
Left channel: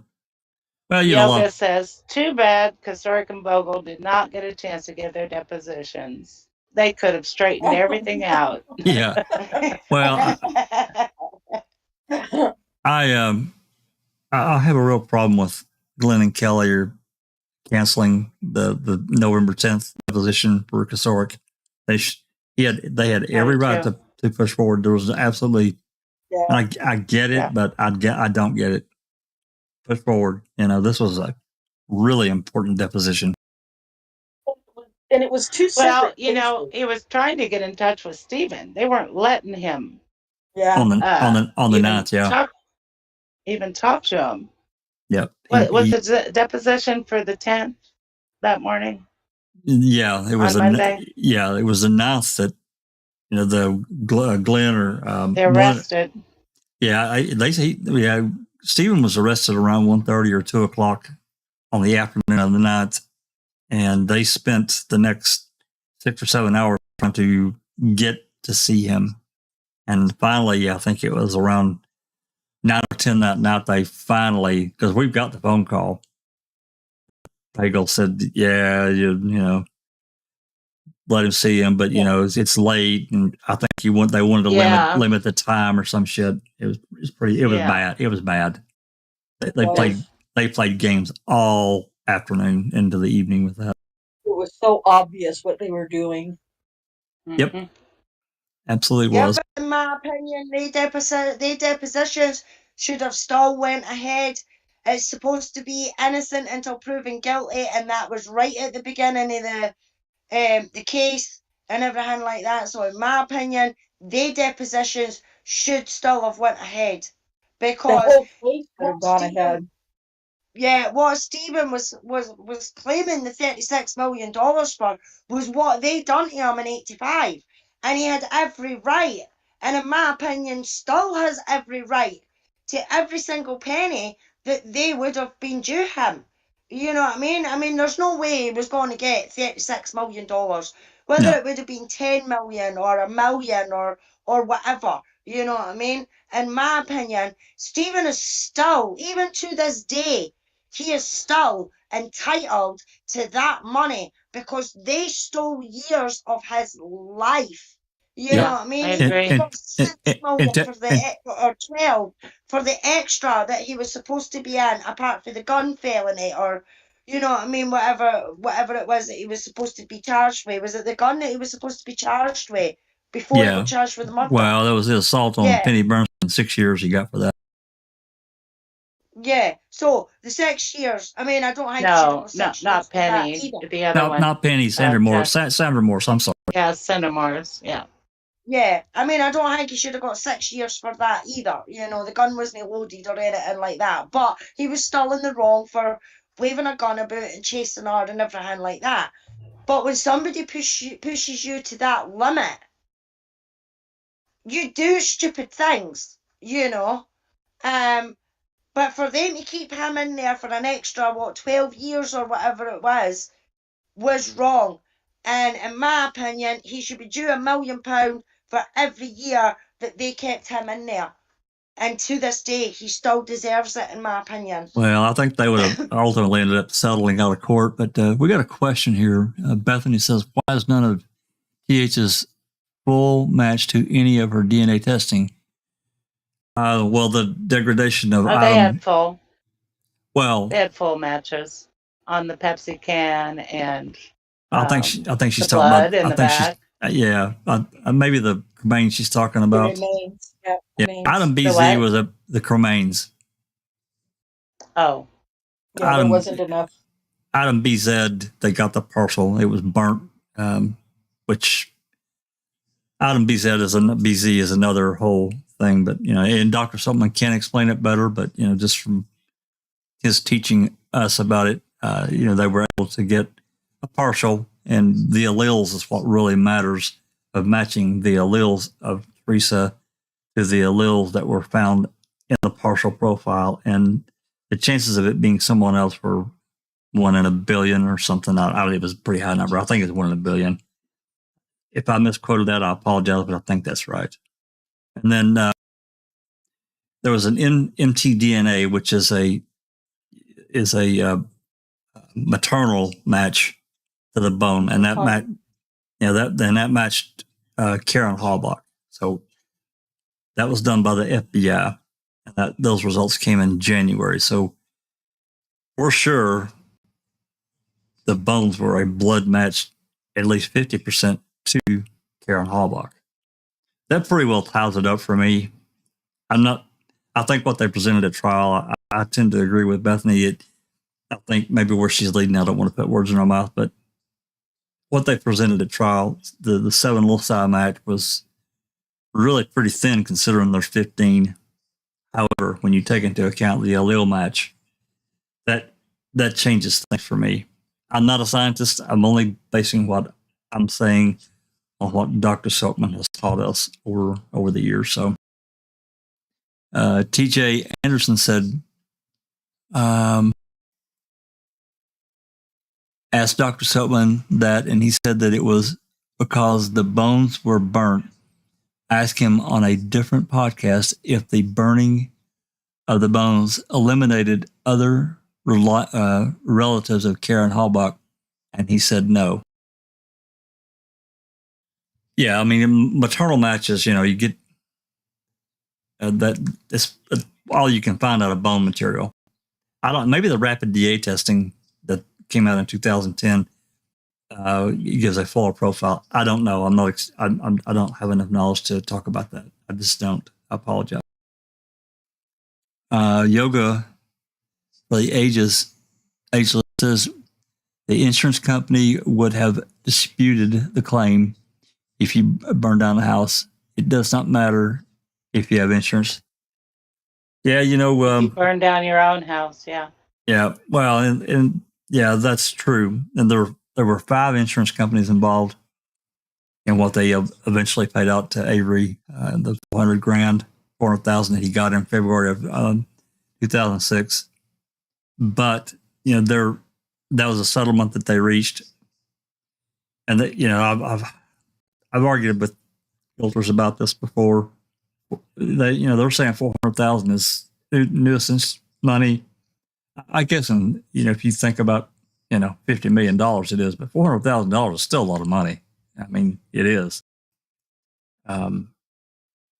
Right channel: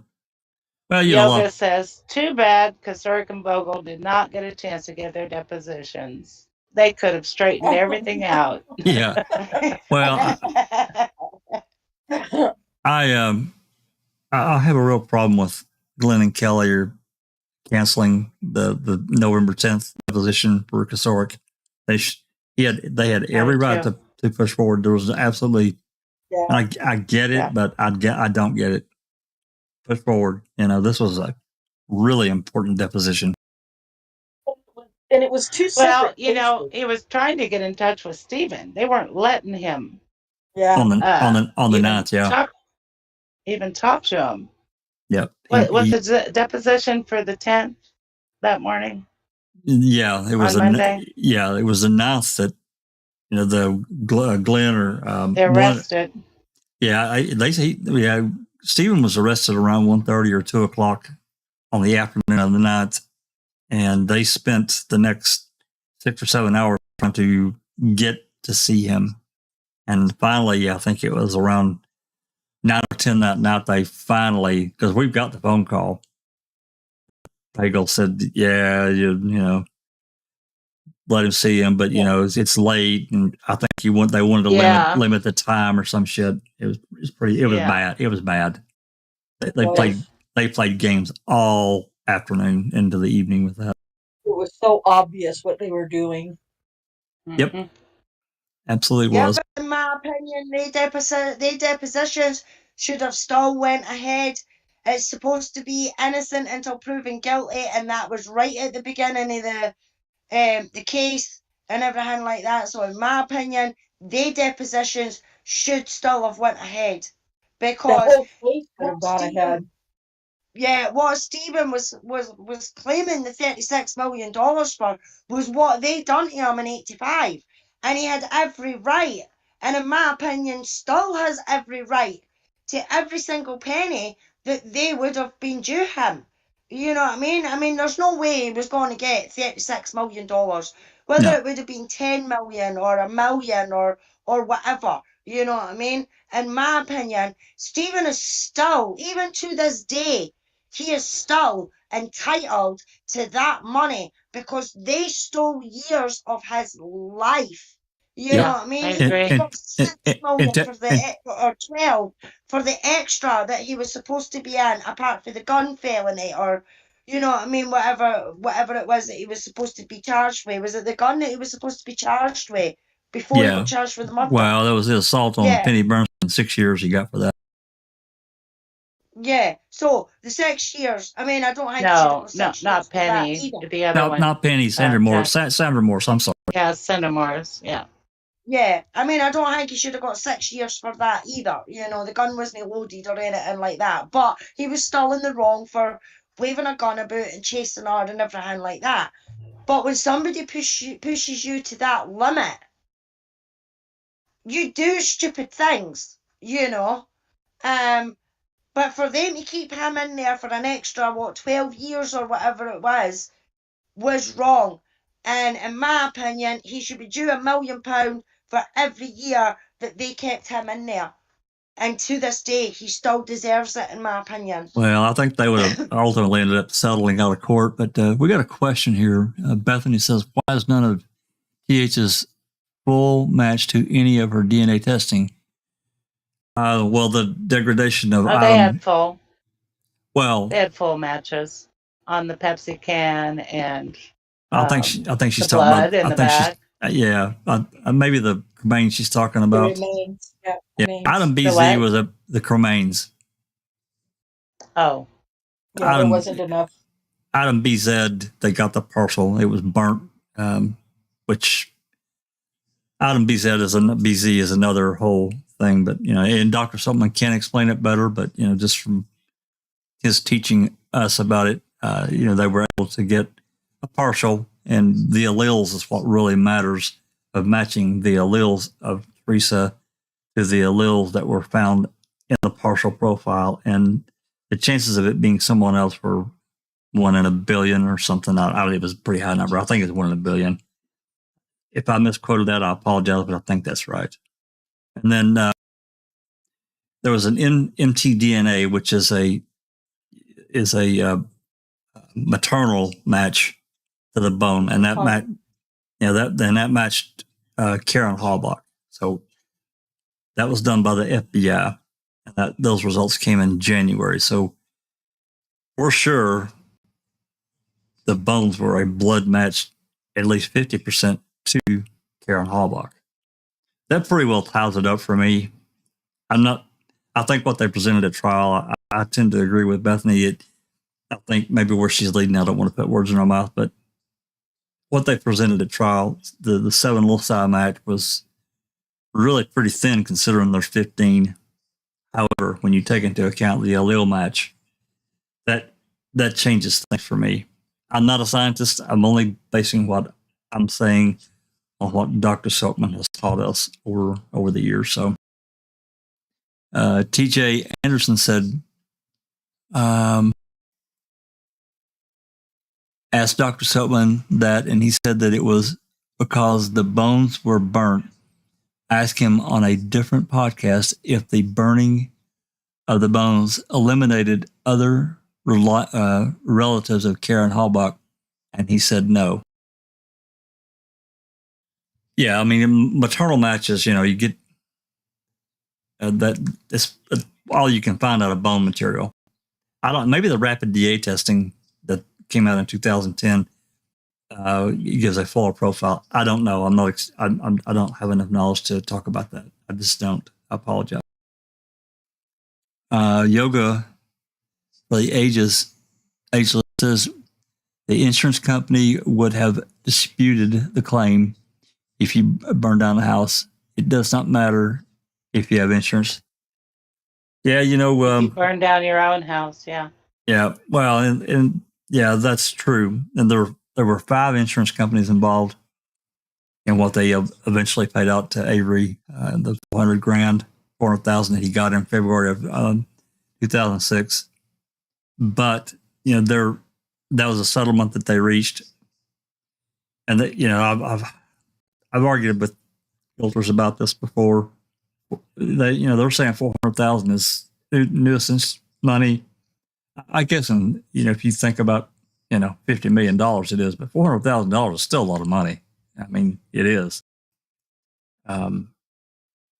well, you know, Yoga says, too bad Kazurk and Bogle did not get a chance to give their depositions. They could have straightened everything out. Yeah. Well, I have a real problem with Glenn and Kelly are canceling the November 10th deposition for Kazurk. They had every right to push forward. There was absolutely, I get it, but I don't get it. Push forward. You know, this was a really important deposition. And it was too separate. Well, you know, he was trying to get in touch with Stephen. They weren't letting him. Yeah. On the ninth, yeah. Even talk to him. Yep. Was the deposition for the 10th that morning? Yeah, it was it was announced that, you know, the Glenn or they arrested. Stephen was arrested around 1:30 or 2 o'clock on the afternoon of the 9th, and they spent the next 6 or 7 hours trying to get to see him. And finally, I think it was around 9 or 10 that night, they finally, because we've got the phone call, Pagel said, yeah, you know, let him see him, but, you know, it's late, and I think they wanted to limit the time or some shit. It was bad. It was bad. They played games all afternoon into the evening with that. It was so obvious what they were doing. Mm-hmm. Yep. Absolutely was. But in my opinion, they depositions should have still went ahead. It's supposed to be innocent until proven guilty, and that was right at the beginning of the case and everything like that. So in my opinion, they depositions should still have went ahead, because the whole case could have gone ahead. Yeah, what Stephen was claiming the $36 million for was what they done to him in 85. And he had every right, and in my opinion still has every right, to every single penny that they would have been due him. You know what I mean? I mean, there's no way he was going to get $36 million. Whether it would have been 10 million or $1 million or whatever. You know what I mean? In my opinion, Stephen is still, even to this day, he is still entitled to that money, because they stole years of his life. You know what I mean? I agree. He got $6 million or 12 for the extra that he was supposed to be in, apart from the gun felony, or, you know what I mean, whatever it was that he was supposed to be charged with. Was it the gun that he was supposed to be charged with before he got charged with the murder? Well, that was the assault on Penny Bernstein 6 years he got for that. Yeah. So the 6 years. I mean, I don't think he should have No, got 6 years not for that Penny. either. The other one. Not Penny, Sandra Morse. Sandra Morse, I'm sorry. Yeah, Sandra Morse. Yeah. Yeah, I mean, I don't think he should have got 6 years for that either. You know, the gun wasn't loaded or anything like that. But he was still in the wrong for waving a gun about and chasing her and everything like that. But when somebody pushes you to that limit, you do stupid things, you know. But for them to keep him in there for an extra, 12 years or whatever it was wrong. And in my opinion, he should be due £1 million for every year that they kept him in there. And to this day, he still deserves it, in my opinion. Well, I think they would have ultimately ended up settling out of court. But we got a question here. Bethany says, why is none of TH's full match to any of her DNA testing? Well, the degradation of They Adam. had full. Well, they had full matches on the Pepsi can and. I think she's talking blood about. in the bag. Maybe the cremains she's talking about. Remains. Yeah, Remains. Item BZ was the cremains. Oh, Yeah, there wasn't enough. Item BZ, they got the parcel. It was burnt, which item BZ is another whole thing. But and Dr. Silkman can explain it better. But just from his teaching us about it, they were able to get a partial, and the alleles is what really matters, of matching the alleles of Teresa to the alleles that were found in the partial profile, and the chances of it being someone else were 1 in a billion or something. It was a pretty high number. I think it's 1 in a billion. If I misquoted that, I apologize, but I think that's right. And then there was an mtDNA, which is a maternal match to the bone, and that that matched Karen Halbach. So that was done by the FBI, and those results came in January. So for sure, the bones were a blood match, at least 50% to Karen Halbach. That pretty well ties it up for me. I think what they presented at trial, I tend to agree with Bethany. I think maybe where she's leading, I don't want to put words in her mouth, but what they presented at trial, the 7 loci match was really pretty thin considering there's 15. However, when you take into account the allele match, that changes things for me. I'm not a scientist. I'm only basing what I'm saying on what Dr. Silkman has taught us over the years. So TJ Anderson said, asked Dr. Silkman that, and he said that it was because the bones were burnt. Ask him on a different podcast if the burning of the bones eliminated other relatives of Karen Halbach, and he said no. Yeah, I mean, in maternal matches, you get that's all you can find out of bone material. Maybe the rapid DA testing that came out in 2010 gives a fuller profile. I don't know. I don't have enough knowledge to talk about that. I just don't. I apologize. Yoga for the ageless says the insurance company would have disputed the claim if you burn down the house. It does not matter if you have insurance. Yeah, you burn down your own house. Yeah. Yeah. Well, and yeah, that's true. And there were 5 insurance companies involved in what they eventually paid out to Avery, the $400,000 that he got in February of 2006. But that was a settlement that they reached, and that I've argued with realtors about this before. They're saying $400,000 is nuisance money. I guess, if you think about $50 million, it is, but $400,000 is still a lot of money. I mean, it is. And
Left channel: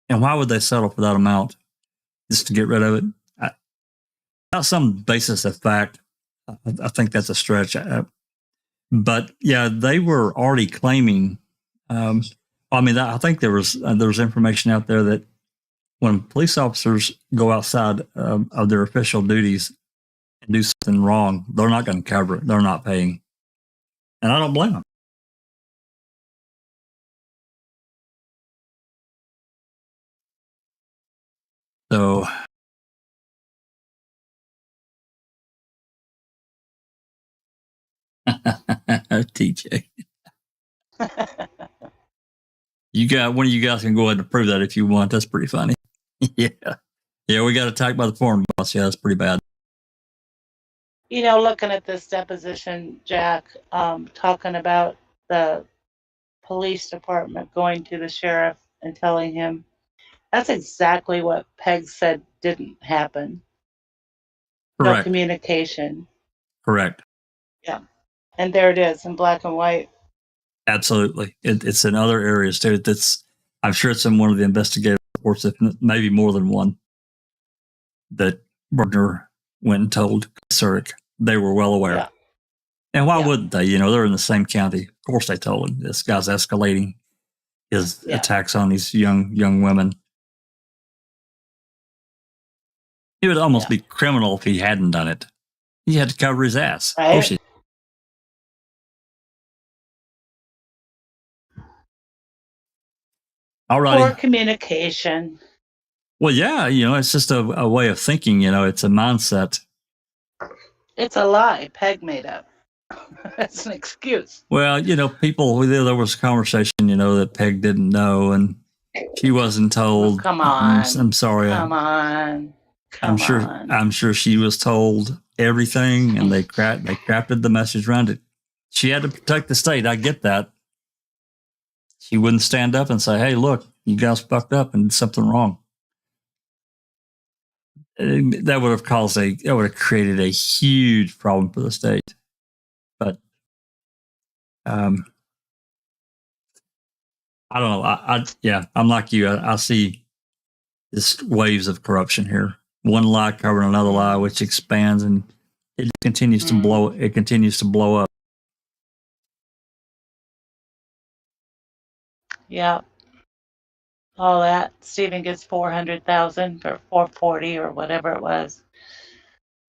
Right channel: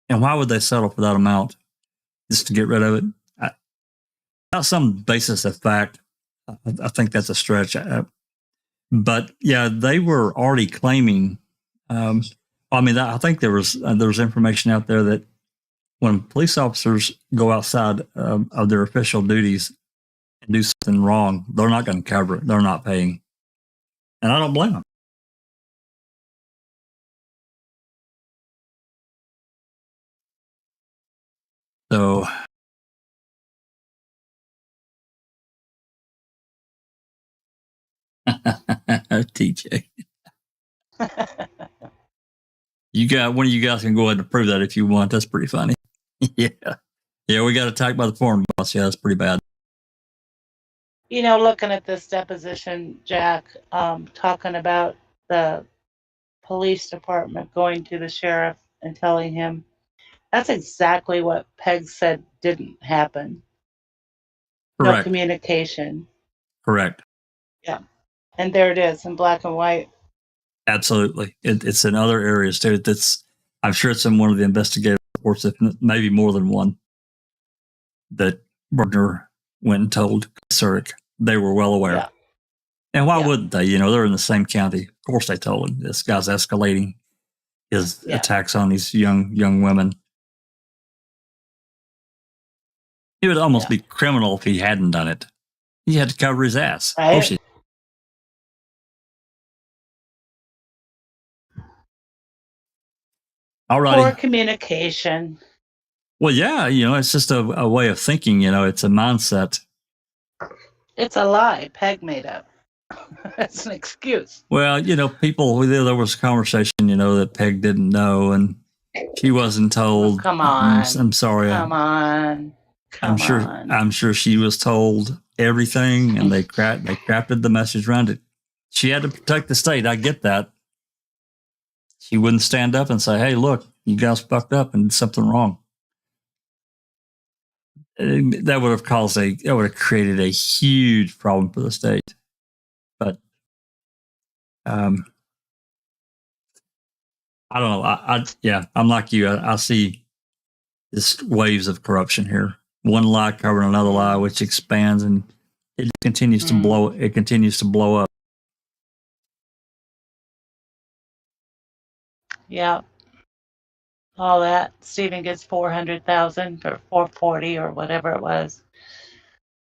why would they settle for that amount just to get rid of it? Without some basis of fact, I think that's a stretch. But yeah, they were already claiming. I think there was information out there that when police officers go outside of their official duties and do something wrong, they're not going to cover it. They're not paying. And I don't blame them. So TJ, one of you guys can go ahead and prove that if you want. That's pretty funny. Yeah. Yeah, we got attacked by the foreign boss. Yeah, that's pretty bad. You know, looking at this deposition, Jack, talking about the police department going to the sheriff and telling him, that's exactly what Peg said didn't happen. Correct. No communication. Correct. Yeah. And there it is in black and white. Absolutely. It's in other areas too. I'm sure it's in one of the investigative reports, if maybe more than one, that Bergner went and told Surik. They were well aware. Yeah. And why wouldn't they? You know, they're in the same county. Of course they told him this guy's escalating his attacks on these young women. It would almost be criminal if he hadn't done it. He had to cover his ass. Right. Of course he. All righty. Poor communication. Well, yeah, you know, it's just a way of thinking. You know, it's a mindset. It's a lie Peg made up. It's an excuse. Well, you know, there was a conversation, you know, that Peg didn't know, and she wasn't told. Come on. I'm sorry. Come on. I'm sure she was told everything, and they crafted the message around it. She had to protect the state. I get that. She wouldn't stand up and say, "Hey, look, you guys fucked up and did something wrong." That would have created a huge problem for the state. But I don't know. I'm like you. I see this waves of corruption here. One lie covering another lie, which expands, and it continues to blow. It continues to blow up. Yeah. All that. Stephen gets 400,000 or 440 or whatever it was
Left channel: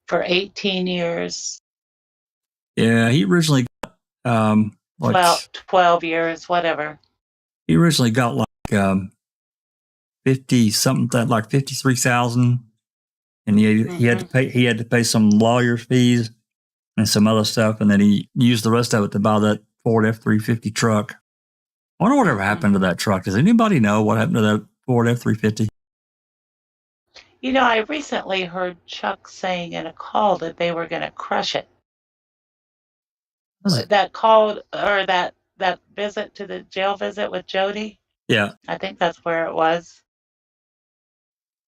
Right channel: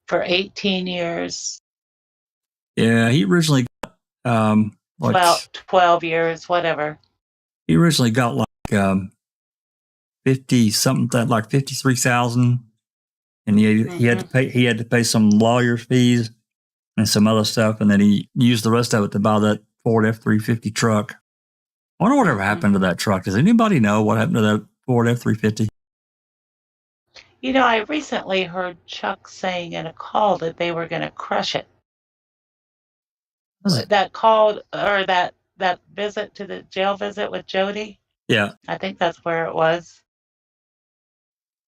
for 18 years. Yeah, he originally got about 12 years, whatever. He originally got like 50 something, like 53,000, and he had to pay some lawyer's fees and some other stuff, and then he used the rest of it to buy that Ford F-350 truck. I wonder whatever happened to that truck. Does anybody know what happened to that Ford F-350? You know, I recently heard Chuck saying in a call that they were going to crush it. That call, or that visit to the jail visit with Jody? Yeah. I think that's where it was.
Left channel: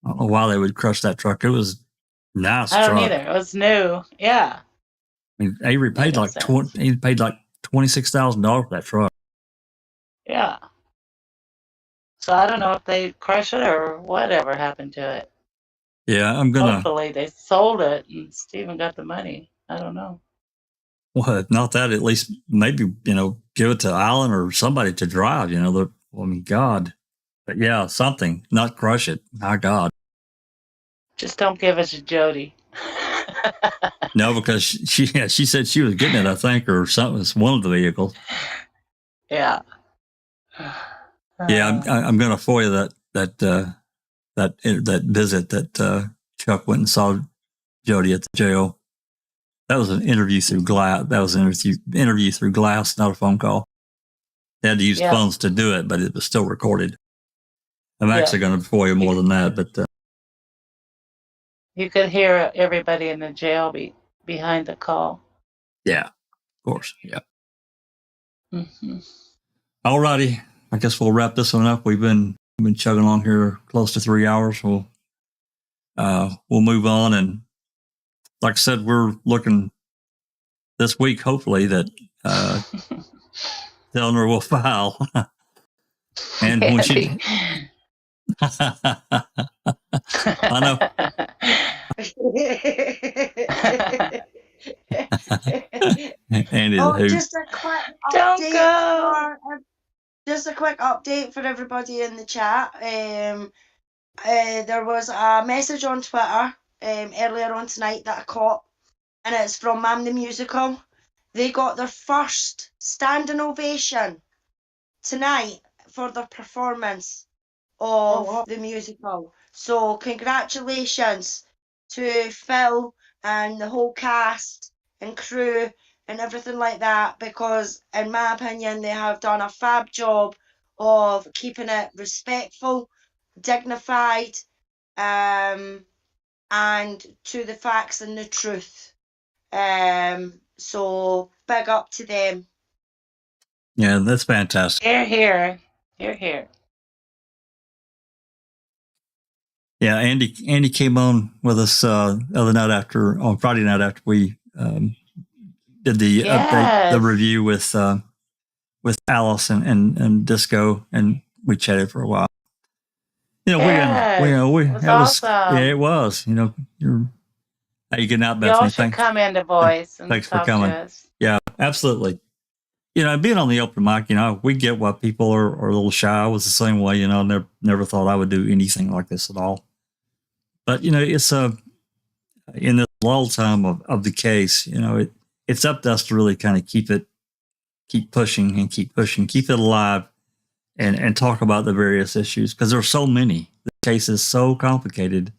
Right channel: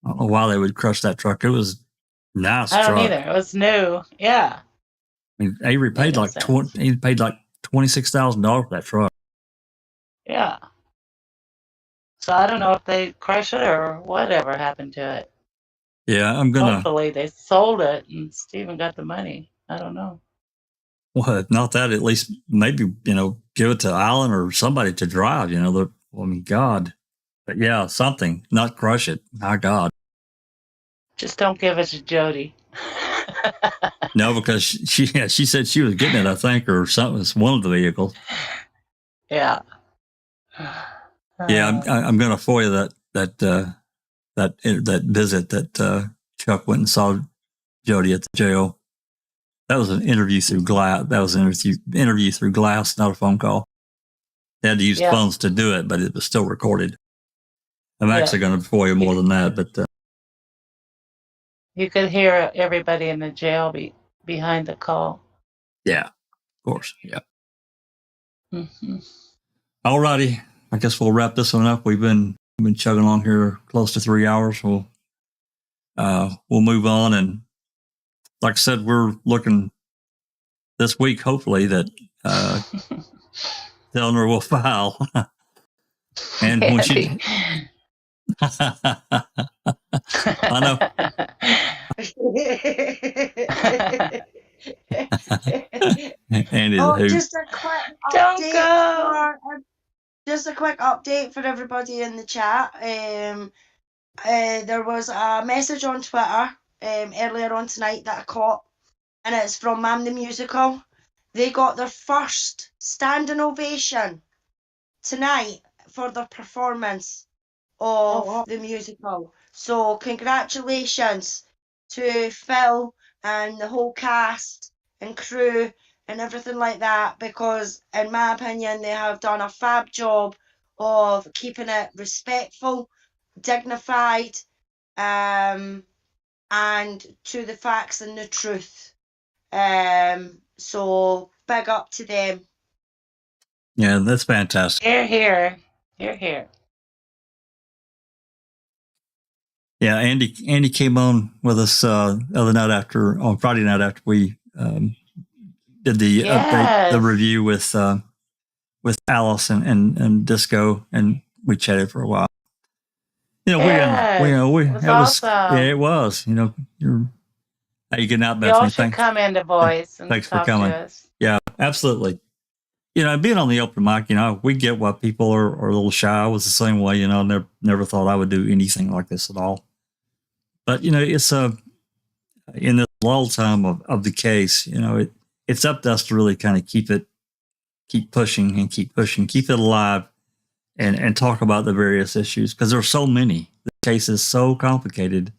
I don't know why they would crush that truck. It was a nice truck. I don't either. It was new. Yeah. I mean, Avery paid like $26,000 for that truck. Yeah. So I don't know if they crushed it or whatever happened to it. Yeah, Hopefully they sold it and Stephen got the money. I don't know. Well, if not that, at least maybe, give it to Alan or somebody to drive, God. But yeah, something, not crush it. My God. Just don't give it to Jody. No, because she said she was getting it, I think, or something. It's one of the vehicles. Yeah. Yeah, I'm going to FOIA that visit that Chuck went and saw Jody at the jail. That was an interview through glass. That was an interview through glass, not a phone call. They had to use phones to do it, but it was still recorded. I'm actually going to FOIA more than that, but you could hear everybody in the jail behind the call. Yeah, of course. Yeah. Mm-hmm. All righty. I guess we'll wrap this one up. We've been chugging along here close to 3 hours. We'll move on, and like I said, we're looking this week, hopefully, that Eleanor will file. And when she, I know. Oh, just a quick update. Just a quick update for everybody in the chat. there was a message on Twitter earlier on tonight that I caught, and it's from Mam the Musical. They got their first standing ovation tonight for their performance of the musical. So congratulations to Phil and the whole cast and crew and everything like that, because in my opinion they have done a fab job of keeping it respectful, dignified, and to the facts and the truth. So big up to them. Yeah, that's fantastic. Hear, hear. Hear, hear. Yeah, Andy came on with us the other night on Friday night after we did the update, the review with Alice and Disco, and we chatted for a while. You know, it was awesome. It was. You know, how you getting out, Bethany? Y'all should come into Voice and thanks talk for coming. To us. Yeah, absolutely. You know, being on the open mic, you know, we get why people are a little shy. I was the same way. You know, never thought I would do anything like this at all. But you know, it's in the lull time of the case, you know, it's up to us to really kind of keep pushing, keep it alive, and talk about the various issues, because there's so many. The case is so complicated.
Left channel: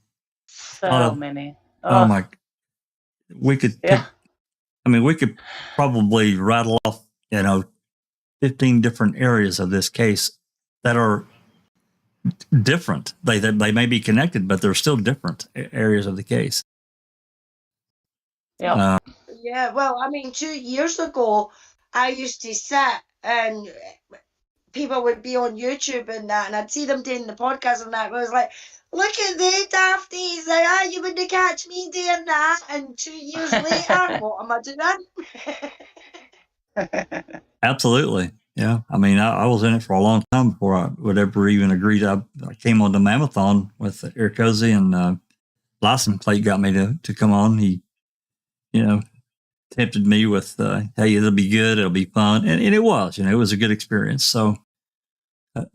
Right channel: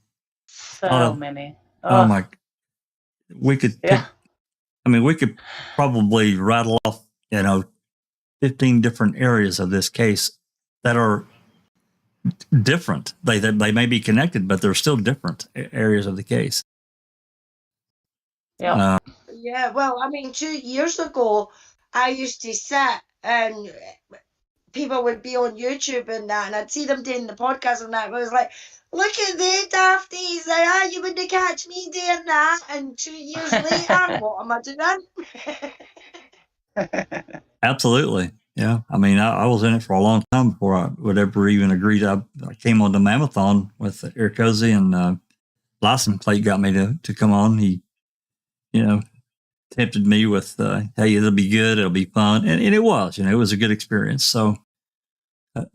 So many. Oh my! We could pick. I mean, we could probably rattle off, you know, 15 different areas of this case that are different. They may be connected, but they're still different areas of the case. Yeah. Yeah, well, I mean, 2 years ago, I used to sit and people would be on YouTube and that, and I'd see them doing the podcast and that. I was like, look at the dafties, you wouldn't catch me doing that. And 2 years later, what am I doing? Absolutely. Yeah. I mean, I was in it for a long time before I would ever even agree to. I came on the Mammothon with Eric Cozy, and License Plate got me to come on. He, you know, tempted me with, hey, it'll be good, it'll be fun. And it was, you know, it was a good experience. So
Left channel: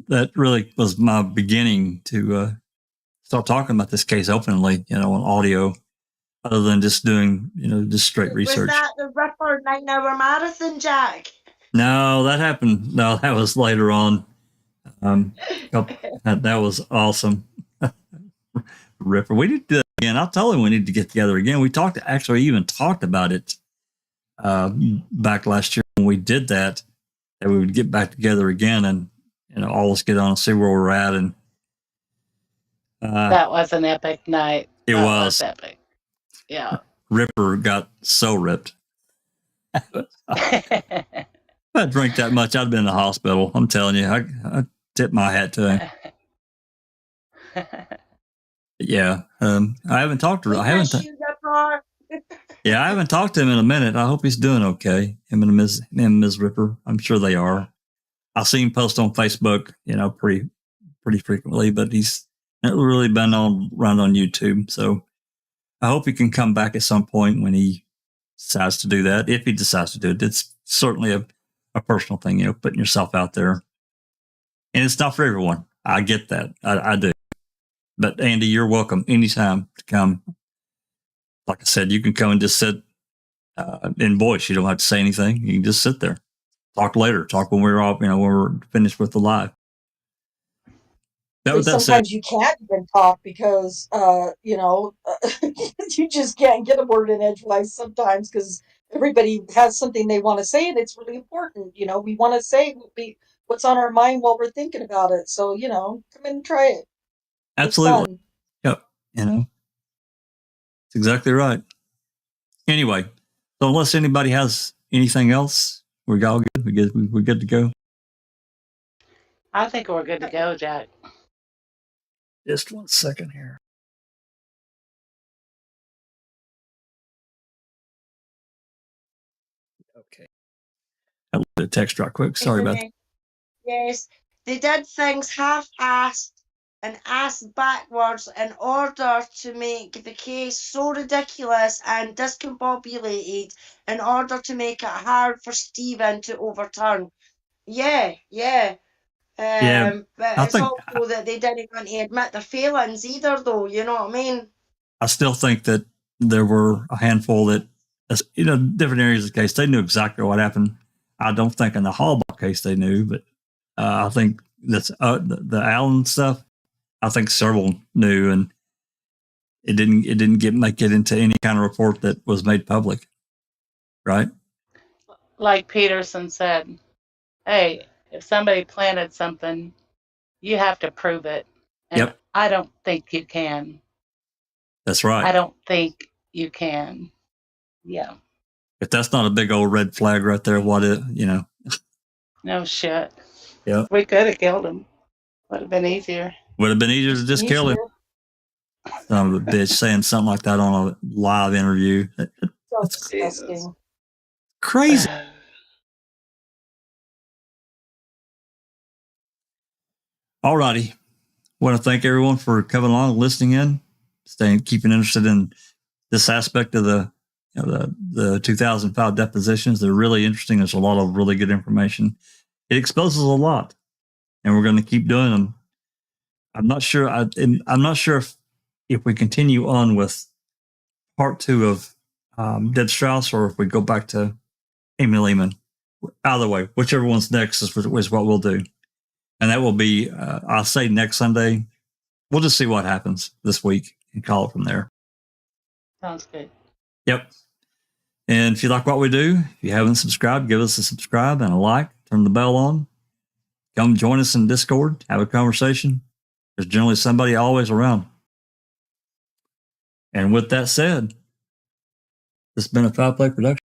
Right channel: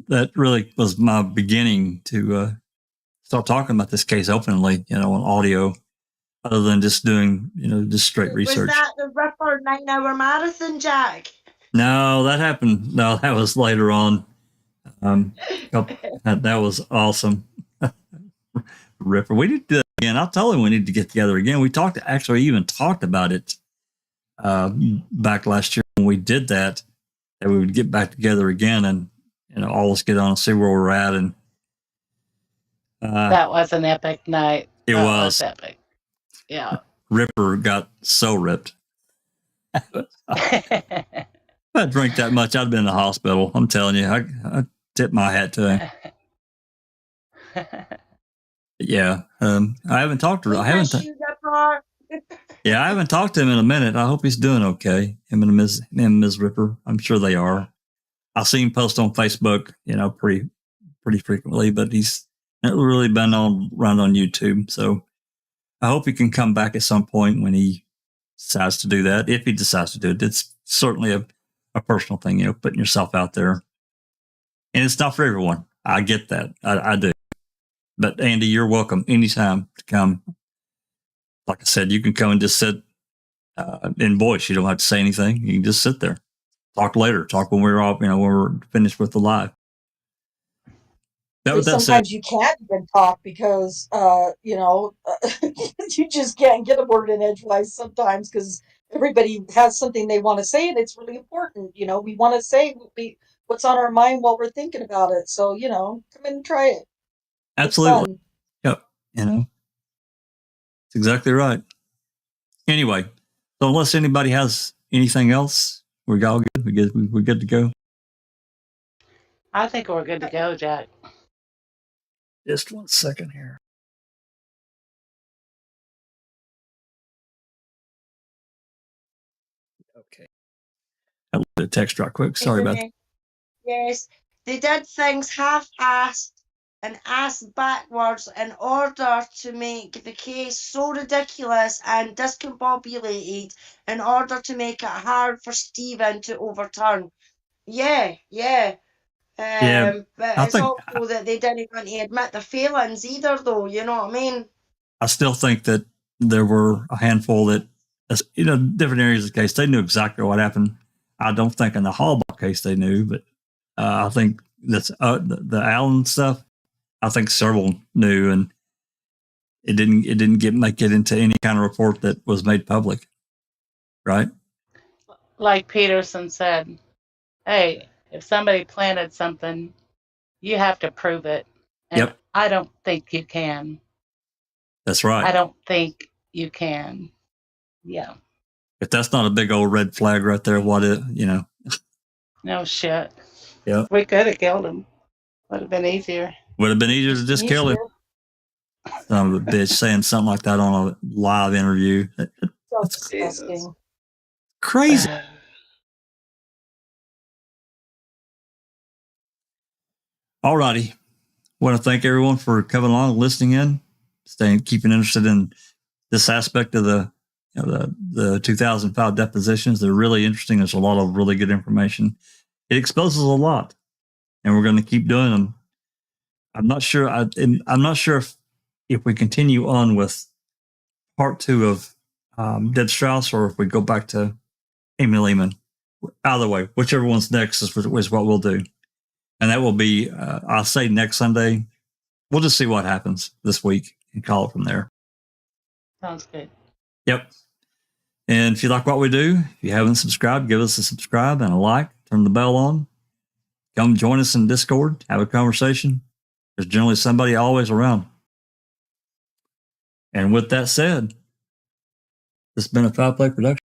that really was my beginning to start talking about this case openly, you know, on audio, other than just doing, you know, just straight research. Was that the Ripper 9-hour marathon, Jack? No, that happened. No, that was later on. That was awesome. Ripper. We need to do that again. I'll tell him we need to get together again. We even talked about it back last year when we did that we would get back together again and, you know, all of us get on and see where we're at. And that was an epic night. It was epic. Yeah. Ripper got so ripped. If I drank that much, I'd have been in the hospital. I'm telling you, I tip my hat to him. Yeah, I haven't talked to him. I haven't talked to him in a minute. I hope he's doing okay. Him and Ms. Ripper. I'm sure they are. I see him post on Facebook, you know, pretty frequently, but he's not really been around on YouTube. So I hope he can come back at some point when he decides to do that. If he decides to do it, it's certainly a personal thing, you know, putting yourself out there. And it's not for everyone. I get that. I do. But Andy, you're welcome anytime to come. Like I said, you can come and just sit in voice. You don't have to say anything. You can just sit there. Talk later. Talk when we're off, you know, when we're finished with the live. Sometimes you can't even talk because, you know, you just can't get a word in edgewise sometimes because everybody has something they want to say, and it's really important. You know, we want to say what's on our mind while we're thinking about it. So, you know, come in and try it. Absolutely. Yep. You know, that's exactly right. Anyway, so unless anybody has anything else, we're all good. We're good to go. I think we're good to go, Jack. Just 1 second here. Okay. I looked at the text right quick. Sorry about that. Yes, they did things half-assed and asked backwards in order to make the case so ridiculous and discombobulated in order to make it hard for Stephen to overturn. Yeah. Yeah, But I it's think also that they didn't want to admit their failings either, though. You know what I mean? I still think that there were a handful that, different areas of the case, they knew exactly what happened. I don't think in the Hallbach case they knew, but I think that's the Allen stuff. I think several knew, and it didn't make it into any kind of report that was made public, right? Like Peterson said, hey, if somebody planted something, you have to prove it. And Yep, I don't think you can. that's right. I don't think you can. Yeah. If that's not a big old red flag right there, what it, No shit. yeah, We could have killed him. Would have been easier. would have been easier to just kill him. Son of a bitch saying something like that on a live interview. So That's disgusting. crazy. Alrighty. Want to thank everyone for coming along, and listening in, keeping interested in this aspect of the 2005 depositions. They're really interesting. There's a lot of really good information. It exposes a lot, and we're going to keep doing them. I'm not sure. I'm not sure if we continue on with part 2 of Deb Strauss, or if we go back to Amy Lehman. Either way, whichever one's next is what we'll do. And that will be, I'll say next Sunday. We'll just see what happens this week and call it from there. Sounds good. Yep. And if you like what we do, if you haven't subscribed, give us a subscribe and a like, turn the bell on. Come join us in Discord, have a conversation. There's generally somebody always around. And with that said, this has been a Foul Play production.